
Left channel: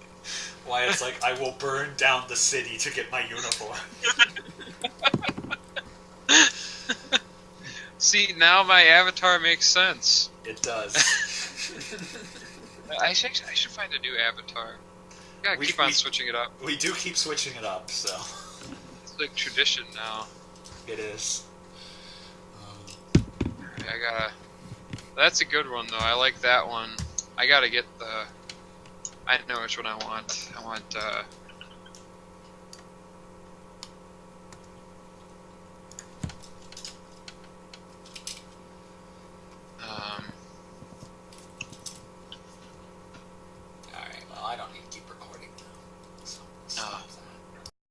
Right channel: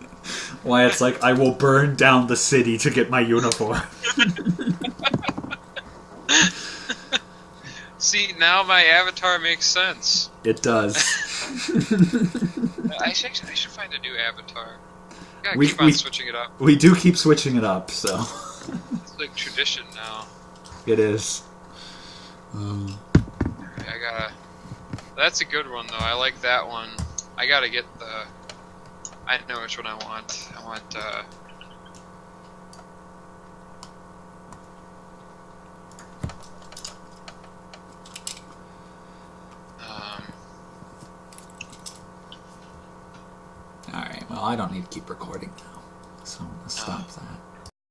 Wyatt's like, I will burn down the city to get my uniform. See, now my avatar makes sense. It does. I should find a new avatar. Gotta keep on switching it up. We do keep switching it up, so... It's like tradition now. It is. That's a good one, though. I like that one. I gotta get the... I know which one I want. I want, Alright, well, I don't need to keep recording now, so I'm going to stop that.